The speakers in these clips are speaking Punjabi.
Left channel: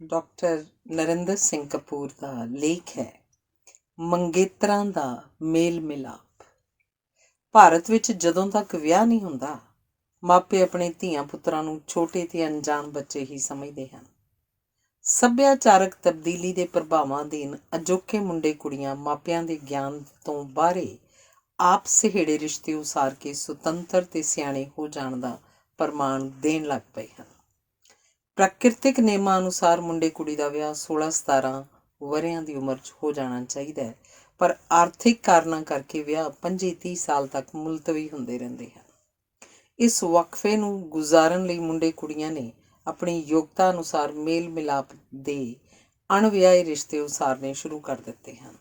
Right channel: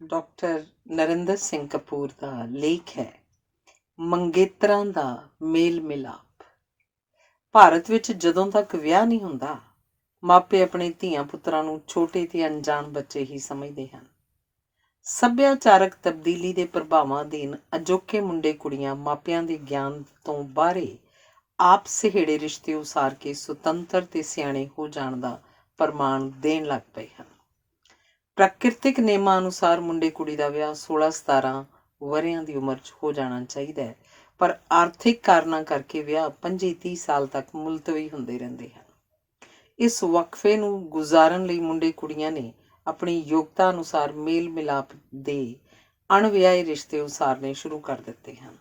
ਡਾਕਟਰ ਨਰਿੰਦਰ ਸਿੰਘ ਕਪੂਰ ਦਾ ਲੇਖ ਹੈ ਮੰਗੇਤਰਾਂ ਦਾ ਮੇਲ ਮਿਲਾਪ। ਭਾਰਤ ਵਿੱਚ ਜਦੋਂ ਤੱਕ ਵਿਆਹ ਨਹੀਂ ਹੁੰਦਾ, ਮਾਪੇ ਆਪਣੇ ਧੀਆਂ ਪੁੱਤਰਾਂ ਨੂੰ ਛੋਟੇ ਤੇ ਅਣਜਾਣ ਬੱਚੇ ਹੀ ਸਮਝਦੇ ਹਨ। ਸੱਭਿਆਚਾਰਕ ਤਬਦੀਲੀ ਦੇ ਪ੍ਰਭਾਵਾਂ ਅਧੀਨ ਅਜੋਕੇ ਮੁੰਡੇ ਕੁੜੀਆਂ ਮਾਪਿਆਂ ਦੇ ਗਿਆਨ ਤੋਂ ਬਾਹਰੇ ਆਪ ਸਹੇੜੇ ਰਿਸ਼ਤੇ ਉਸਾਰ ਕੇ ਸੁਤੰਤਰ ਤੇ ਸਿਆਣੇ ਹੋ ਜਾਣ ਦਾ ਪ੍ਰਮਾਣ ਦੇਣ ਲੱਗ ਪਏ ਹਨ। ਪ੍ਰਾਕਿਰਤਿਕ ਨਿਯਮਾਂ ਅਨੁਸਾਰ ਮੁੰਡੇ ਕੁੜੀ ਦਾ ਵਿਆਹ 16-17 ਵਰ੍ਹਿਆਂ ਦੀ ਉਮਰ 'ਚ ਹੋ ਜਾਣਾ ਚਾਹੀਦਾ ਹੈ, ਪਰ ਆਰਥਿਕ ਕਾਰਨਾਂ ਕਰਕੇ ਵਿਆਹ 25-30 ਸਾਲ ਤੱਕ ਮੁਲਤਵੀ ਹੁੰਦੇ ਰਹਿੰਦੇ ਹਨ। ਇਸ ਵਕਫੇ ਨੂੰ ਗੁਜ਼ਾਰਨ ਲਈ ਮੁੰਡੇ ਕੁੜੀਆਂ ਨੇ ਆਪਣੀ ਯੋਗਤਾ ਅਨੁਸਾਰ ਮੇਲ ਮਿਲਾਪ ਦੇ ਅਣਵਿਆਹੇ ਰਿਸ਼ਤੇ ਉਸਾਰਨੇ ਸ਼ੁਰੂ ਕਰ ਦਿੱਤੇ ਹਨ।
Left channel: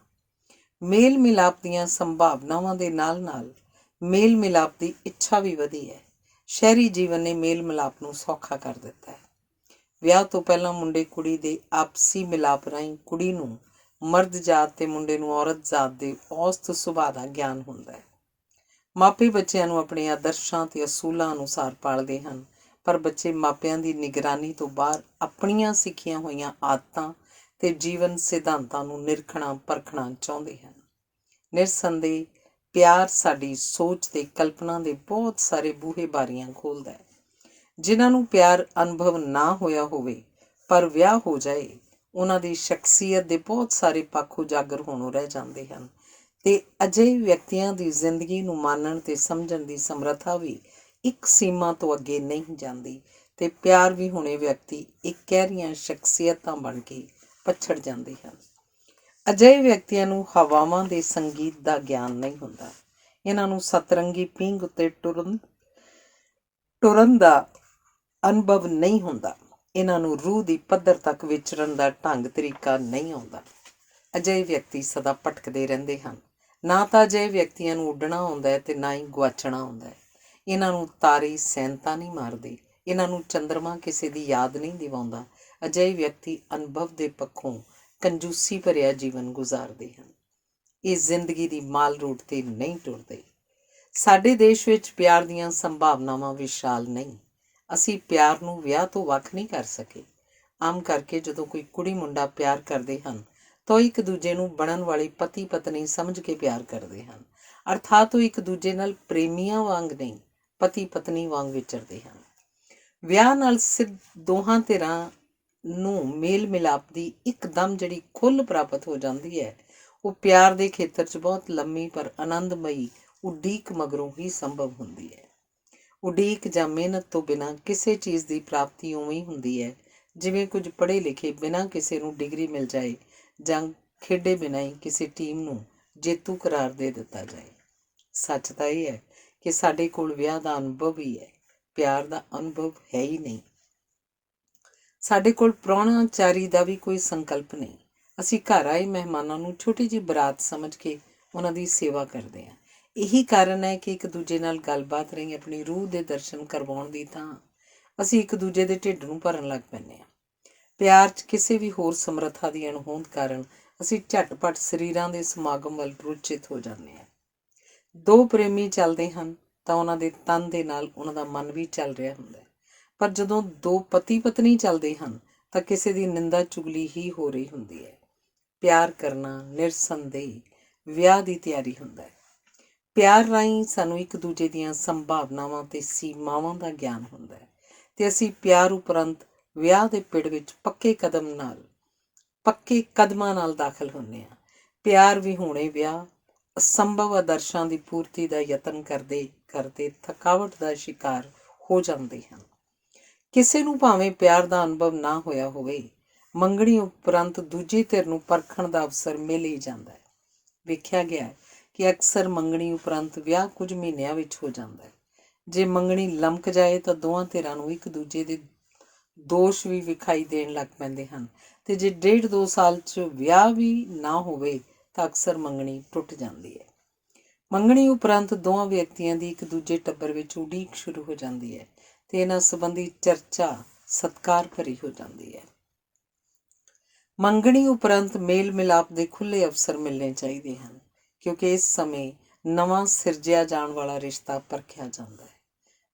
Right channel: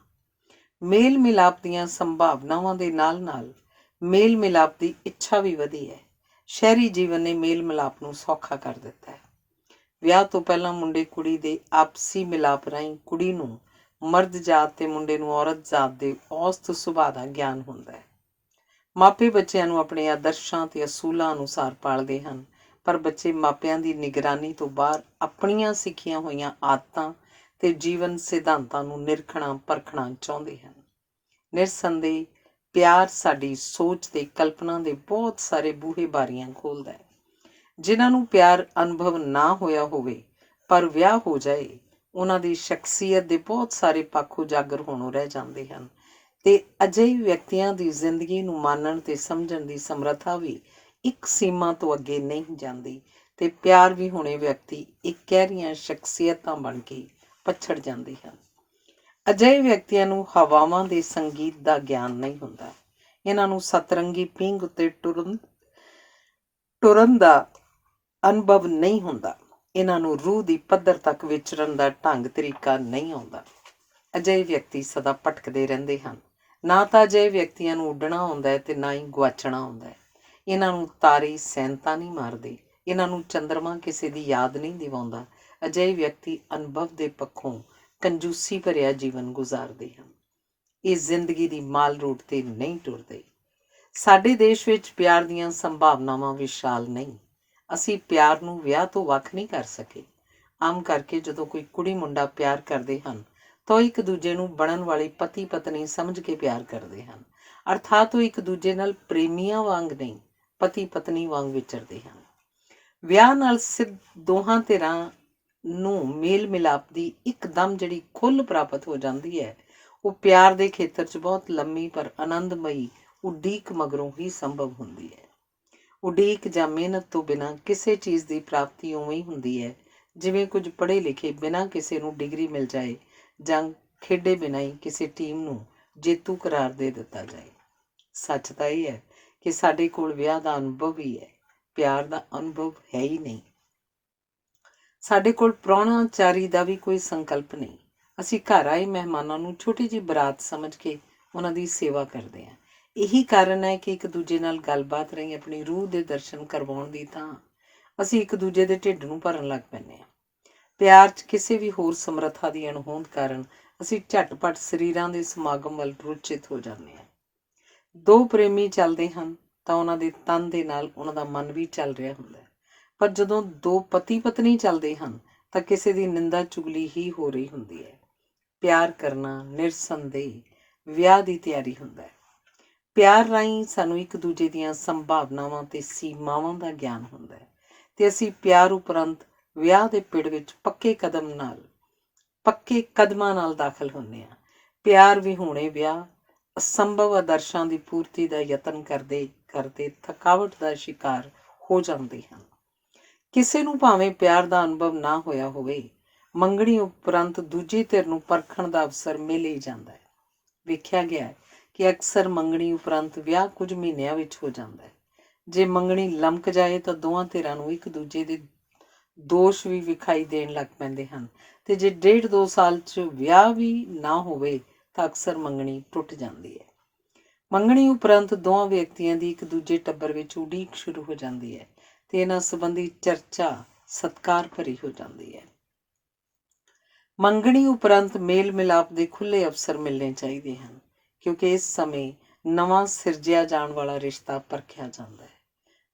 ਮੇਲ ਮਿਲਾਪ ਦੀਆਂ ਸੰਭਾਵਨਾਵਾਂ ਦੇ ਨਾਲ ਨਾਲ ਮੇਲ ਮਿਲਾਪ ਦੀ ਇੱਛਾ ਵੀ ਵਧੀ ਹੈ। ਸ਼ਹਿਰੀ ਜੀਵਨ ਨੇ ਮੇਲ ਮਿਲਾਪ ਨੂੰ ਸੌਖਾ ਕਰ ਦਿੱਤਾ ਹੈ। ਵਿਆਹ ਤੋਂ ਪਹਿਲਾਂ ਮੁੰਡੇ ਕੁੜੀ ਦੇ ਆਪਸੀ ਮਿਲਾਪ ਰਾਹੀਂ ਕੁੜੀ ਨੂੰ ਮਰਦ ਜਾਤ ਤੇ ਮੁੰਡੇ ਨੂੰ ਔਰਤ ਜਾਤ ਦੇ ਔਸਤ ਸੁਭਾਅ ਦਾ ਗਿਆਨ ਹੁੰਦਾ ਹੈ। ਮਾਪੇ ਬੱਚਿਆਂ ਨੂੰ ਆਪਣੇ ਆਦਰਸ਼ਾਂ ਤੇ ਅਸੂਲਾਂ ਅਨੁਸਾਰ ਪਾਲਦੇ ਹਨ, ਪਰ ਬੱਚੇ ਮਾਪਿਆਂ ਦੀ ਨਿਗਰਾਨੀ ਤੋਂ ਬਾਹਰ ਆਪਣੀਆਂ ਸਿੱਖੀਆਂ ਹੋਈਆਂ ਆਦਤਾਂ ਤੇ ਜੀਵਨ ਸਿਧਾਂਤਾਂ ਨੂੰ ਨਿਰਖਣਾ ਪਰਖਣਾ ਚਾਹੁੰਦੇ ਹਨ। ਨਿਰਸੰਦੇਹ ਪਿਆਰ ਸਾਡੀ ਸੋਚ ਤੇ ਕਲਪਨਾ ਦੇ ਬਹੁਤ ਸਾਰੇ ਬੂਹੇ ਬਾਰੀਆਂ ਖੋਲ੍ਹਦਾ ਹੈ। ਜਿਨ੍ਹਾਂ ਨੂੰ ਪਿਆਰ ਅਨੁਭਵ ਨਾ ਹੋਇਆ ਹੋਵੇ ਪਰ ਵਿਆਹ ਹੋ ਜਾਏ, ਉਹਨਾਂ ਦੀ ਸ਼ਖਸੀਅਤ ਦੇ ਬਹੁਤ ਸਾਰੇ ਪੱਖ ਉਜਾਗਰ ਹੋਣੋਂ ਰਹਿ ਜਾਂਦੇ ਹਨ ਤੇ ਅਜਿਹੇ ਵਿਅਕਤੀਆਂ ਦੀ ਜ਼ਿੰਦਗੀ ਨੂੰ ਮਾਨਣ ਤੇ ਸਮਝਣ ਦੀ ਸਮਰੱਥਾ ਵੀ ਇੱਕ ਸੀਮਾ ਤੋਂ ਅੱਗੇ ਨਹੀਂ ਜਾਂਦੀ ਤੇ ਪਿਆਰ ਵੀ ਹੋਣੇ ਵਿਅਕਤੀ ਇੱਕ ਗਹਿਰੀਆਂ ਸ਼ਖਸੀਅਤਾਂ ਬਣ ਕੇ ਪਛੜ ਜਾਂਦੇ ਹਨ। ਅਜਿਹੇ ਵਿਅਕਤੀਆਂ ਨੂੰ ਹਵਾਵਾਂ ਦੇ ਸੰਗੀਤ ਦਾ ਗਿਆਨ ਨਹੀਂ ਹੁੰਦਾ। ਇਹਨਾਂ ਨੂੰ ਸਤਰੰਗੀ ਪੀਂਘ ਉੱਤੇ ਟੁਰਨ ਦਾ ਅਨੁਭਵ ਨਹੀਂ ਹੁੰਦਾ। ਇਹਨਾਂ ਨੂੰ ਰੂਹ ਦੀ ਪੱਧਰ ਤੱਕ ਵਿਚਰਨ ਦਾ ਢੰਗ ਤਰੀਕਾ ਨਹੀਂ ਆਉਂਦਾ। ਅਜਿਹੇ ਵਿਅਕਤੀ ਸਦਾ ਭਟਕਦੇ ਰਹਿੰਦੇ ਹਨ। ਨਾ ਤਾਂ ਅਜਿਹੇ ਵਿਅਕਤੀਆਂ ਨੂੰ ਉੱਡਣਾ ਆਉਂਦਾ ਹੈ ਤੇ ਨਾ ਹੀ ਗੁਆਚਣਾ ਆਉਂਦਾ ਹੈ। ਇਹਨਾਂ ਨੂੰ ਤਾਰੇ ਸੈਨਤਾ ਨਹੀਂ ਮਾਰਦੇ। ਇਹਨਾਂ ਨੂੰ ਚੰਦਰਮਾ ਕਿਸੇ ਦੀ ਯਾਦ ਨਹੀਂ ਦਿਵਾਉਂਦਾ। ਅਜਿਹੇ ਵਿਅਕਤੀ ਅਨੁਭਵ ਦੇ ਪੱਖੋਂ ਕੰਜੂਸੀ ਭਰਿਆ ਜੀਵਨ ਗੁਜ਼ਾਰਦੇ ਹਨ। ਇਹ ਜ਼ਿੰਦਗੀ ਦੀ ਮਾਲ ਰੂਟ ਤੇ ਨਹੀਂ ਟੁਰਦੇ। ਸਾਡੇ ਦੇਸ਼ ਵਿੱਚ ਪਿਆਰ ਦੀਆਂ ਸੰਭਾਵਨਾਵਾਂ ਵਿਸ਼ਾਲ ਨਹੀਂ। ਅਸੀਂ ਪਿਆਰ ਨੂੰ ਵਿਆਹ ਤੋਂ ਵੱਖ ਨਹੀਂ ਕਰ ਸਕੇ। ਆਮ ਕਰਕੇ ਜਦੋਂ ਕੋਈ ਕੁੜੀ ਮੁੰਡਾ ਪਿਆਰ ਕਰਦੇ ਹਨ ਤਾਂ ਉਹ ਇੱਕ ਦੂਜੇ ਨੂੰ ਬਣਨ ਵਾਲੀ ਪਤੀ ਪਤਨੀ ਸਮਝ ਕੇ ਪਿਆਰ ਕਰਦੇ ਹਨ, ਅਰਥਾਤ ਉਹ ਇੱਕ ਦੂਜੇ ਨਾਲ ਪ੍ਰੇਮੀਆਂ ਵਾਂਗ ਨਹੀਂ, ਪਤੀ ਪਤਨੀ ਵਾਂਗ ਵਿਚਰਦੇ ਹਨ। ਵਿਆਹ ਨਾਲ ਸਿੱਧ ਦੋਹਾਂ ਧਿਰਾਂ ਨੂੰ ਮੇਲ ਮਿਲਾਪ ਦੀ ਇੱਕਦਮ ਜਿਹੜੀ ਖੁੱਲ੍ਹ ਪ੍ਰਾਪਤ ਹੋ ਜਾਂਦੀ ਹੈ, ਉਹ ਪਿਆਰ ਦੇ ਖੇਤਰ 'ਚ ਬਹੁਤ ਲੰਮੀ ਪਰ ਆਨੰਦਮਈ ਉਡੀਕ ਮਗਰੋਂ ਹੀ ਸੰਭਵ ਹੁੰਦੀ ਹੈ। ਉਡੀਕ ਜਾਂ ਮਿਹਨਤ ਤੋਂ ਬਿਨਾਂ ਕਿਸੇ ਚੀਜ਼ ਦੀ ਪ੍ਰਾਪਤੀ ਉਵੇਂ ਹੀ ਹੁੰਦੀ ਹੈ ਜਿਵੇਂ ਕੁਝ ਪੜ੍ਹੇ ਲਿਖੇ ਬਿਨਾਂ ਕਿਸੇ ਨੂੰ ਡਿਗਰੀ ਮਿਲ ਜਾਏ ਜਾਂ ਖੇਡੇ ਬਿਨਾਂ ਹੀ ਕਿਸੇ ਟੀਮ ਨੂੰ ਜੇਤੂ ਕਰਾਰ ਦੇ ਦਿੱਤਾ ਜਾਏ। ਸੱਚ ਤਾਂ ਇਹ ਹੈ ਕਿ ਸਾਡੇ ਕੋਲ ਵਿਆਹ ਦਾ ਅਨੁਭਵ ਹੀ ਹੈ, ਪਿਆਰ ਦਾ ਅਨੁਭਵ ਹੈ ਹੀ ਨਹੀਂ। ਸਾਡੇ ਕੋਲ ਪ੍ਰਾਹੁਣਾਚਾਰੀ ਦਾ ਵੀ ਕੋਈ ਸੰਕਲਪ ਨਹੀਂ। ਅਸੀਂ ਘਰ ਆਏ ਮਹਿਮਾਨਾਂ ਨੂੰ ਛੋਟੀ ਜਿਹੀ ਬਰਾਤ ਸਮਝ ਕੇ ਉਹਨਾਂ ਦੀ ਸੇਵਾ ਕਰਦੇ ਹਾਂ। ਇਹੀ ਕਾਰਨ ਹੈ ਕਿ ਇੱਕ ਦੂਜੇ ਨਾਲ ਗੱਲਬਾਤ ਰਾਹੀਂ ਆਪਣੀ ਰੂਹ ਦੇ ਦਰਸ਼ਨ ਕਰਵਾਉਣ ਦੀ ਥਾਂ ਅਸੀਂ ਇੱਕ ਦੂਜੇ ਦੇ ਢਿੱਡ ਨੂੰ ਭਰਨ ਲੱਗ ਪੈਂਦੇ ਹਾਂ। ਪਿਆਰ 'ਚ ਕਿਸੇ ਵੀ ਹੋਰ ਸਮਰੱਥਾ ਦੀ ਅਣਹੋਂਦ ਕਾਰਨ ਅਸੀਂ ਝਟਪਟ ਸਰੀਰਾਂ ਦੇ ਸਮਾਗਮ ਵੱਲ ਰੁਚਿਤ ਹੋ ਜਾਂਦੇ ਹਾਂ। ਦੋ ਪ੍ਰੇਮੀ ਚੱਲਦੇ ਹਨ ਤਾਂ ਉਹਨਾਂ ਦੇ ਤਨ ਦੇ ਨਾਲ ਉਹਨਾਂ ਦਾ ਮਨ ਵੀ ਚੱਲ ਰਿਹਾ ਹੁੰਦਾ ਹੈ, ਪਰ ਜਦੋਂ ਦੋ ਪਤੀ ਪਤਨੀ ਚੱਲਦੇ ਹਨ ਤਾਂ ਕਿਸੇ ਦੀ ਨਿੰਦਾ ਚੁਗਲੀ ਹੀ ਹੋ ਰਹੀ ਹੁੰਦੀ ਹੈ। ਪਿਆਰ ਕਰਨਾ ਨਿਰਸੰਦੇਹ ਵਿਆਹ ਦੀ ਤਿਆਰੀ ਹੁੰਦਾ ਹੈ। ਪਿਆਰ ਰਾਹੀਂ ਸਾਨੂੰ ਇੱਕ ਦੂਜੇ ਦੀਆਂ ਸੰਭਾਵਨਾਵਾਂ ਤੇ ਸੀਮਾਵਾਂ ਦਾ ਗਿਆਨ ਹੁੰਦਾ ਹੈ ਤੇ ਅਸੀਂ ਪਿਆਰ ਉਪਰੰਤ ਵਿਆਹ ਦੇ ਪਿੜ ਵਿੱਚ ਪੱਕੇ ਕਦਮਾਂ ਨਾਲ ਦਾਖਲ ਹੁੰਦੇ ਹਾਂ। ਪਿਆਰ ਵਿਹੂਣੇ ਵਿਆਹ ਅਸੰਭਵ ਆਦਰਸ਼ਾਂ ਦੀ ਪੂਰਤੀ ਦਾ ਯਤਨ ਕਰਦੇ ਕਰਦੇ ਥਕਾਵਟ ਦਾ ਸ਼ਿਕਾਰ ਹੋ ਜਾਂਦੇ ਹਨ। ਕਿਸੇ ਨੂੰ ਭਾਵੇਂ ਪਿਆਰ ਦਾ ਅਨੁਭਵ ਨਾ ਹੋਇਆ ਹੋਵੇ, ਮੰਗਣੀ ਉਪਰੰਤ ਦੂਜੀ ਧਿਰ ਨੂੰ ਪਰਖਣ ਦਾ ਅਵਸਰ ਮਿਲ ਹੀ ਜਾਂਦਾ ਹੈ। ਵੇਖਿਆ ਗਿਆ ਹੈ ਕਿ ਅਕਸਰ ਮੰਗਣੀ ਉਪਰੰਤ ਵਿਆਹ ਕੁਝ ਮਹੀਨਿਆਂ ਵਿੱਚ ਹੋ ਜਾਂਦਾ ਹੈ। ਜੇ ਮੰਗਣੀ ਲਮਕ ਜਾਏ ਤਾਂ ਦੋਵਾਂ ਧਿਰਾਂ ਨੂੰ ਇੱਕ ਦੂਜੇ ਦੇ ਦੋਸ਼ ਵੀ ਵਿਖਾਈ ਦੇਣ ਲੱਗ ਪੈਂਦੇ ਹਨ ਤੇ ਜੇ 1.5-2 ਸਾਲ 'ਚ ਵਿਆਹ ਵੀ ਨਾ ਹੋਵੇ ਤਾਂ ਅਕਸਰ ਮੰਗਣੀ ਟੁੱਟ ਜਾਂਦੀ ਹੈ। ਮੰਗਣੀ ਉਪਰੰਤ ਦੋਵਾਂ ਵਿਅਕਤੀਆਂ ਦੀ ਇੱਕ ਦੂਜੇ ਟੱਬਰ ਵਿੱਚ ਉਡੀਕ ਸ਼ੁਰੂ ਹੋ ਜਾਂਦੀ ਹੈ ਤੇ ਇਹਨਾਂ ਸੰਬੰਧੀ ਚਰਚਾ ਸਤਿਕਾਰ ਭਰੀ ਹੋ ਜਾਂਦੀ ਹੈ। ਮੰਗਣੀ ਉਪਰੰਤ ਮੇਲ ਮਿਲਾਪ ਦੇ ਖੁੱਲ੍ਹੇ ਅਵਸਰ ਮਿਲਣੇ ਚਾਹੀਦੇ ਹਨ, ਕਿਉਂਕਿ ਇਸ ਸਮੇਂ ਨਵਾਂ ਸਿਰਜਿਆ ਜਾਣ ਵਾਲਾ ਰਿਸ਼ਤਾ ਪਰਖਿਆ ਜਾਂਦਾ ਹੈ।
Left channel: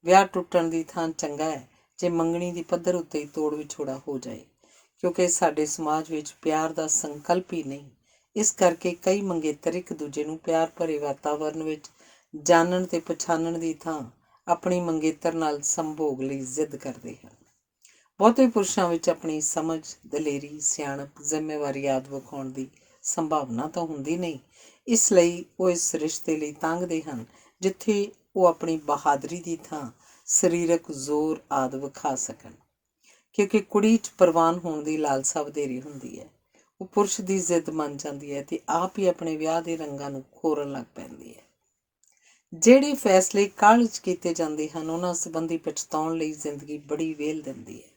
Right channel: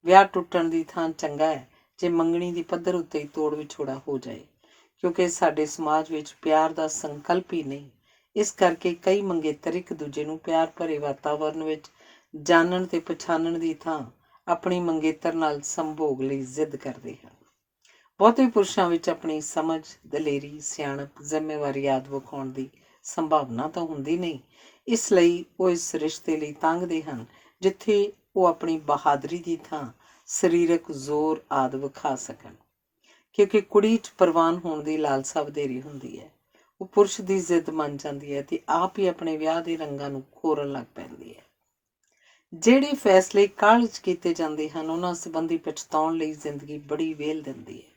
ਵਿਆਹ ਟੁੱਟਣ ਦੀ ਥਾਂ ਚੰਗਾ ਹੈ ਜੇ ਮੰਗਣੀ ਦੀ ਪੱਧਰ ਉੱਤੇ ਹੀ ਤੋੜ ਵਿਛੋੜਾ ਹੋ ਜਾਏ, ਕਿਉਂਕਿ ਸਾਡੇ ਸਮਾਜ ਵਿੱਚ ਪਿਆਰ ਦਾ ਸੰਕਲਪ ਹੀ ਨਹੀਂ। ਇਸ ਕਰਕੇ ਕਈ ਮੰਗੇਤਰ ਇੱਕ ਦੂਜੇ ਨੂੰ ਪਿਆਰ ਭਰੇ ਵਾਤਾਵਰਨ ਵਿੱਚ ਜਾਣਨ ਤੇ ਪਛਾਣਨ ਦੀ ਥਾਂ ਆਪਣੀ ਮੰਗੇਤਰ ਨਾਲ ਸੰਭੋਗ ਲਈ ਜ਼ਿੱਦ ਕਰਦੇ ਹਨ। ਬਹੁਤੇ ਪੁਰਸ਼ਾਂ ਵਿੱਚ ਆਪਣੀ ਸਮਝ, ਦਲੇਰੀ, ਸਿਆਣਪ, ਜ਼ਿੰਮੇਵਾਰੀ ਆਦਿ ਵਿਖਾਉਣ ਦੀ ਸੰਭਾਵਨਾ ਤਾਂ ਹੁੰਦੀ ਨਹੀਂ। ਇਸ ਲਈ ਉਹ ਇਸ ਰਿਸ਼ਤੇ ਲਈ ਤਾਂਘਦੇ ਹਨ ਜਿੱਥੇ ਉਹ ਆਪਣੀ ਬਹਾਦਰੀ ਦੀ ਥਾਂ ਸਰੀਰਕ ਜ਼ੋਰ ਆਦਿ ਵਿਖਾ ਸਕਣ। ਕਿਉਂਕਿ ਕੁੜੀ 'ਚ ਪ੍ਰਵਾਨ ਹੋਣ ਦੀ ਲਾਲਸਾ ਵਧੇਰੀ ਹੁੰਦੀ ਹੈ। ਉਹ ਪੁਰਸ਼ ਦੀ ਜ਼ਿੱਦ ਮੰਨ ਜਾਂਦੀ ਹੈ ਤੇ ਆਪ ਹੀ ਆਪਣੇ ਵਿਆਹ ਦੇ ਰੰਗਾਂ ਨੂੰ ਖੋਰਨ ਲੱਗ ਪੈਂਦੀ ਹੈ। ਜਿਹੜੇ ਫੈਸਲੇ ਕਾਹਲ 'ਚ ਕੀਤੇ ਜਾਂਦੇ ਹਨ ਉਹਨਾਂ ਸੰਬੰਧੀ ਪਛਤਾਉਣ ਲਈ ਜ਼ਿੰਦਗੀ ਬੜੀ ਵਿਹਲ ਦਿੰਦੀ ਹੈ।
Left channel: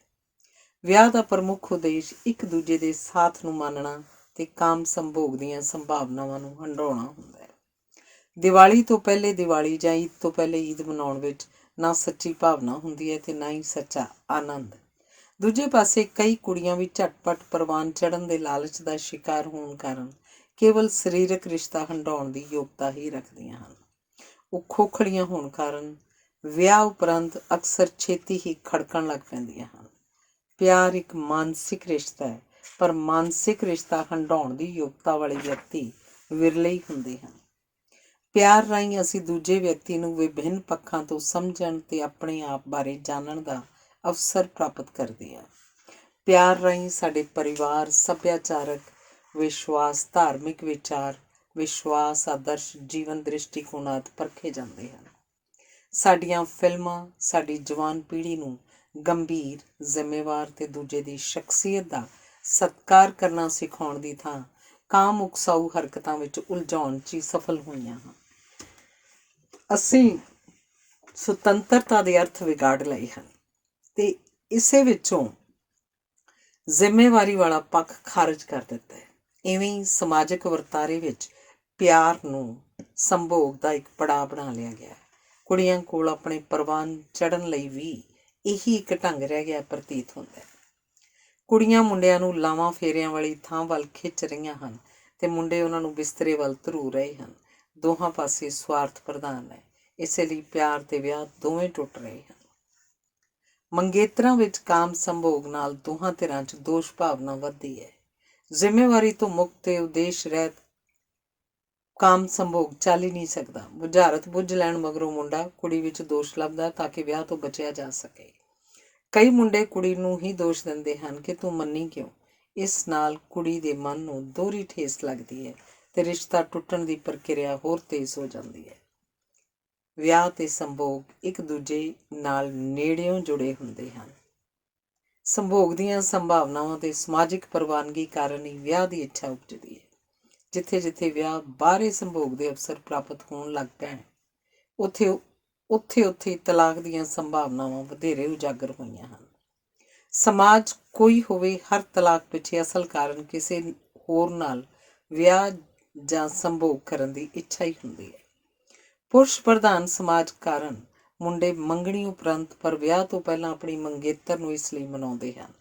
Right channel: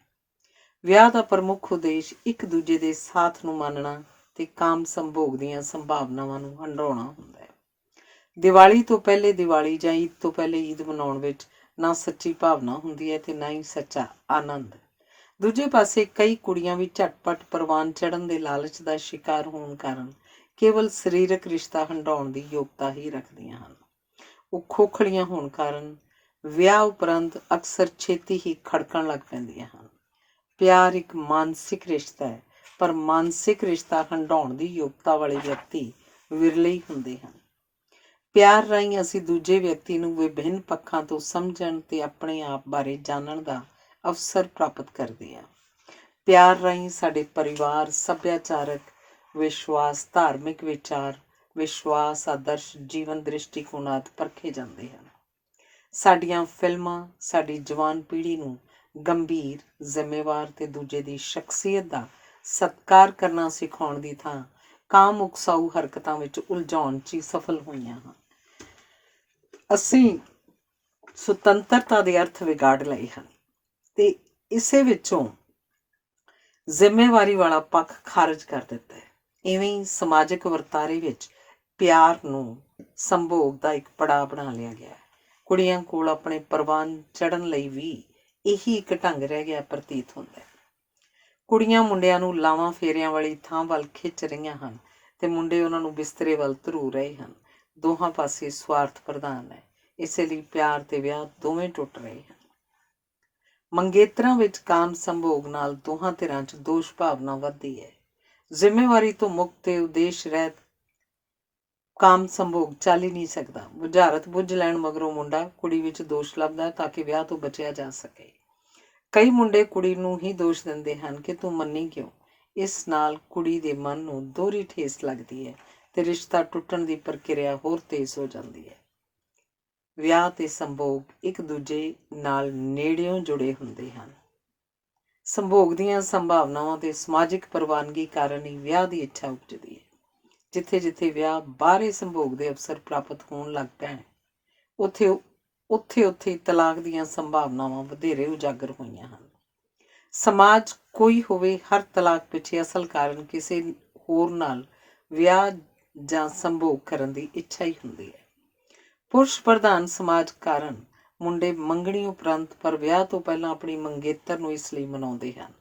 ਵਿਆਹ ਦਾ ਪ੍ਰਮੁੱਖ ਉਦੇਸ਼ ਇੱਕ ਦੂਜੇ ਦੇ ਸਾਥ ਨੂੰ ਮੰਨਣਾ ਤੇ ਕਾਮ ਸੰਭੋਗ ਦੀਆਂ ਸੰਭਾਵਨਾਵਾਂ ਨੂੰ ਹੰਢਾਉਣਾ ਹੁੰਦਾ ਹੈ। ਦੀਵਾਲੀ ਤੋਂ ਪਹਿਲੇ ਦੀਵਾਲੀ ਜਾਂ ਈਦ ਤੋਂ ਪਹਿਲੇ ਈਦ ਮਨਾਉਣ ਵਿੱਚ ਨਾ ਸੱਚੀ ਭਾਵਨਾ ਹੁੰਦੀ ਹੈ ਤੇ ਨਾ ਹੀ ਸੱਚਾ ਆਨੰਦ। ਦੂਜੇ ਪਾਸੇ ਕਈ ਕੁੜੀਆਂ ਵੀ ਝਟਪਟ ਪ੍ਰਵਾਨ ਚੜ੍ਹਨ ਦੇ ਲਾਲਚ ਦਾ ਸ਼ਿਕਾਰ ਹੋਣ ਕਾਰਨ ਕੇਵਲ ਸਰੀਰਕ ਰਿਸ਼ਤਾ ਹੰਢਾਉਣ ਦੀ ਯੋਗਤਾ ਹੀ ਰੱਖਦੀਆਂ ਹਨ। ਉਹ ਖੋਖਲੀਆਂ ਹੋਣ ਕਾਰਨ ਵਿਆਹ ਉਪਰੰਤ ਅਕਸਰ ਛੇਤੀ ਹੀ ਖੜਕਣ ਲੱਗ ਪੈਂਦੀਆਂ ਹਨ। ਪਿਆਰ ਇੱਕ ਮਾਨਸਿਕ ਰਿਸ਼ਤਾ ਹੈ, ਪਰ ਮਾਨਸਿਕ ਰਿਸ਼ਤਾ ਹੰਢਾਉਣ ਦੀ ਯੋਗਤਾ ਵਾਲੇ ਵਿਅਕਤੀ ਵਿਰਲੇ ਹੀ ਹੁੰਦੇ ਹਨ। ਪਿਆਰ ਰਾਹੀਂ ਅਸੀਂ ਦੂਜੇ ਵਿਅਕਤੀ ਨੂੰ ਵਿਭਿੰਨ ਪੱਖਾਂ ਤੋਂ ਸਮਝਣ ਤੇ ਆਪਣੇ ਆਪ ਬਾਰੇ ਜਾਣਨ ਦਾ ਅਵਸਰ ਪ੍ਰਾਪਤ ਕਰਦੇ ਹਾਂ। ਪਿਆਰ ਰਾਹੀਂ ਸਾਡੇ ਪਰਿਵਾਰ, ਸੱਭਿਆਚਾਰਕ ਵਿਸ਼ਵਾਸ, ਧਾਰਮਿਕ ਵਿਚਾਰ, ਵਿਸ਼ਵਾਸ, ਆਦਰਸ਼, ਜੀਵਨ ਦ੍ਰਿਸ਼ਟੀਕੋਣ ਆਦਿ ਪਰਖੇ ਜਾਂਦੇ ਹਨ। ਸਾਡੀਆਂ ਫਿਲਮਾਂ ਸਾਡੀ ਜਵਾਨ ਪੀੜ੍ਹੀ ਨੂੰ ਗੰਭੀਰ, ਜ਼ਿੰਮੇਵਾਰ ਤੇ ਦੂਜੇ ਦੀ ਸ਼ਖਸੀਅਤ ਦਾ ਸਤਿਕਾਰ ਕਰਨਾ ਸਿਖਾਉਣ ਦੀ ਥਾਂ ਕਾਮ ਉਕਸਾਊ ਹਰਕਤਾਂ ਵਿੱਚ ਉਲਝਾਉਣ 'ਚ ਹੀ ਸਫਲ ਹੋਈਆਂ ਹਨ। ਅਸੀਂ ਸੁਤੰਤਰਤਾ ਦੇ ਅਰਥ ਵਿਗਾੜ ਲਏ ਹਨ ਤੇ ਇਸੇ ਵਿੱਚੋਂ ਜ਼ਿੰਮੇਵਾਰੀ ਵਾਲਾ ਪੱਖ ਖਾਰਜ ਕਰ ਦਿੱਤਾ ਹੈ। ਇਵੇਂ ਹੀ ਸਮਾਜਿਕ ਵਰਤਾਰੇ ਵਿੱਚ ਪਿਆਰ ਨੂੰ ਸੰਭੋਗ ਦਾ ਇੱਕ ਪੜਾਅ ਬਣਾ ਲਿਆ ਗਿਆ ਹੈ। ਕੁੜੀਆਂ ਕੋਲ ਆਪਣੇ ਪ੍ਰਵਾਨ ਚੜ੍ਹਨ ਲਈ ਵੀ ਇਹੀ ਇੱਕ ਢੰਗ ਰਹਿ ਗਿਆ ਪ੍ਰਤੀਤ ਹੁੰਦਾ ਹੈ। ਕੁੜੀਆਂ ਮੁੰਡਿਆਂ ਨੂੰ ਲਾਵਾਂ ਫੇਰਿਆਂ ਵਾਲੀ ਥਾਂ ਵੱਲ ਖਿੱਚ ਰਹੀਆਂ ਹਨ ਤੇ ਮੁੰਡੇ ਉਹਨਾਂ ਨੂੰ ਬਿਸਤਰੇ ਵੱਲ ਧਰੂ ਰਹੇ ਹਨ। ਦੋਹਾਂ ਪਾਸੇ ਸਵਾਰਥ ਪ੍ਰਧਾਨ ਹੈ। ਇਸੇ ਲਈ ਪਿਆਰ ਤੇ ਵਿਆਹ ਦੋਵੇਂ ਟੁੱਟ ਰਹੇ ਹਨ। ਮੰਗੇਤਰਾਂ ਵਿੱਚ ਕਾਮ ਸੰਭੋਗ ਨਾਲ ਦੋਹਾਂ ਧਿਰਾਂ 'ਚ ਦੋਸ਼ ਭਾਵਨਾ ਵੱਧਦੀ ਹੈ। ਜ਼ਿੰਮੇਵਾਰੀ ਤੋਂ ਮੁਕਤ ਤੇ ਉਦੇਸ਼ ਰਹਿਤ ਕਾਮ ਸੰਭੋਗ ਚੱਲ ਹੀ ਨਹੀਂ ਸਕਦਾ। ਬੁਝਾਰਤ ਬੁੱਝ ਲੈਣ ਮਗਰੋਂ ਮੁੰਡਾ ਕੁੜੀ ਵਿੱਚ ਦੋਸ਼ ਲੱਭਦਾ ਤਾਂ ਕਿ ਵਿਆਹ ਤੋਂ ਬਚਿਆ ਜਾ ਸਕੇ। ਕਈ ਮੁੰਡੇ ਕੁੜੀ ਨੂੰ ਹੀ ਦੋਸ਼ ਦਿੰਦੇ ਹਨ ਕਿ ਤੂੰ ਮੰਨੀ ਕਿਉਂ। ਇਸ ਨਾਲ ਕੁੜੀ ਦੇ ਮਨ ਨੂੰ ਦੋਹਰੀ ਠੇਸ ਲੱਗਦੀ ਹੈ ਤੇ ਰਿਸ਼ਤਾ ਟੁੱਟਣ ਦੀ ਪ੍ਰਕਿਰਿਆ ਹੋਰ ਤੇਜ਼ ਹੋ ਜਾਂਦੀ ਹੈ। ਵਿਆਹ ਤੇ ਸੰਭੋਗ ਇੱਕ ਦੂਜੇ ਨਾਲ ਨੇੜਿਓਂ ਜੁੜੇ ਹੁੰਦੇ ਹਨ। ਸੰਭੋਗ ਦੀਆਂ ਸੰਭਾਵਨਾਵਾਂ ਤੇ ਸਮਾਜਿਕ ਪ੍ਰਵਾਨਗੀ ਕਾਰਨ ਹੀ ਵਿਆਹ ਦੀ ਇੱਛਾ ਉਪਜਦੀ ਹੈ। ਜਿੱਥੇ ਜਿੱਥੇ ਵਿਆਹ ਬਾਹਰੇ ਸੰਭੋਗ ਦੇ ਅਵਸਰ ਪ੍ਰਾਪਤ ਹੋਣ ਲੱਗ ਪੈਣ ਉੱਥੇ ਤਲਾਕ ਦੀਆਂ ਸੰਭਾਵਨਾਵਾਂ ਵਧੇਰੇ ਉਜਾਗਰ ਹੋਈਆਂ ਹਨ। ਸਮਾਜ ਕੋਈ ਹੋਵੇ, ਹਰ ਤਲਾਕ ਪਿੱਛੇ ਅਸਲ ਕਾਰਨ ਕਿਸੇ ਹੋਰ ਨਾਲ ਵਿਆਹ ਜਾਂ ਸੰਭੋਗ ਕਰਨ ਦੀ ਇੱਛਾ ਹੀ ਹੁੰਦੀ ਹੈ। ਪੁਰਸ਼ ਪ੍ਰਧਾਨ ਸਮਾਜ ਕਾਰਨ ਮੁੰਡੇ ਮੰਗਣੀ ਉਪਰੰਤ ਪਰ ਵਿਆਹ ਤੋਂ ਪਹਿਲਾਂ ਆਪਣੀ ਮੰਗੇਤਰ ਨੂੰ ਇਸ ਲਈ ਮਨਾਉਂਦੇ ਹਨ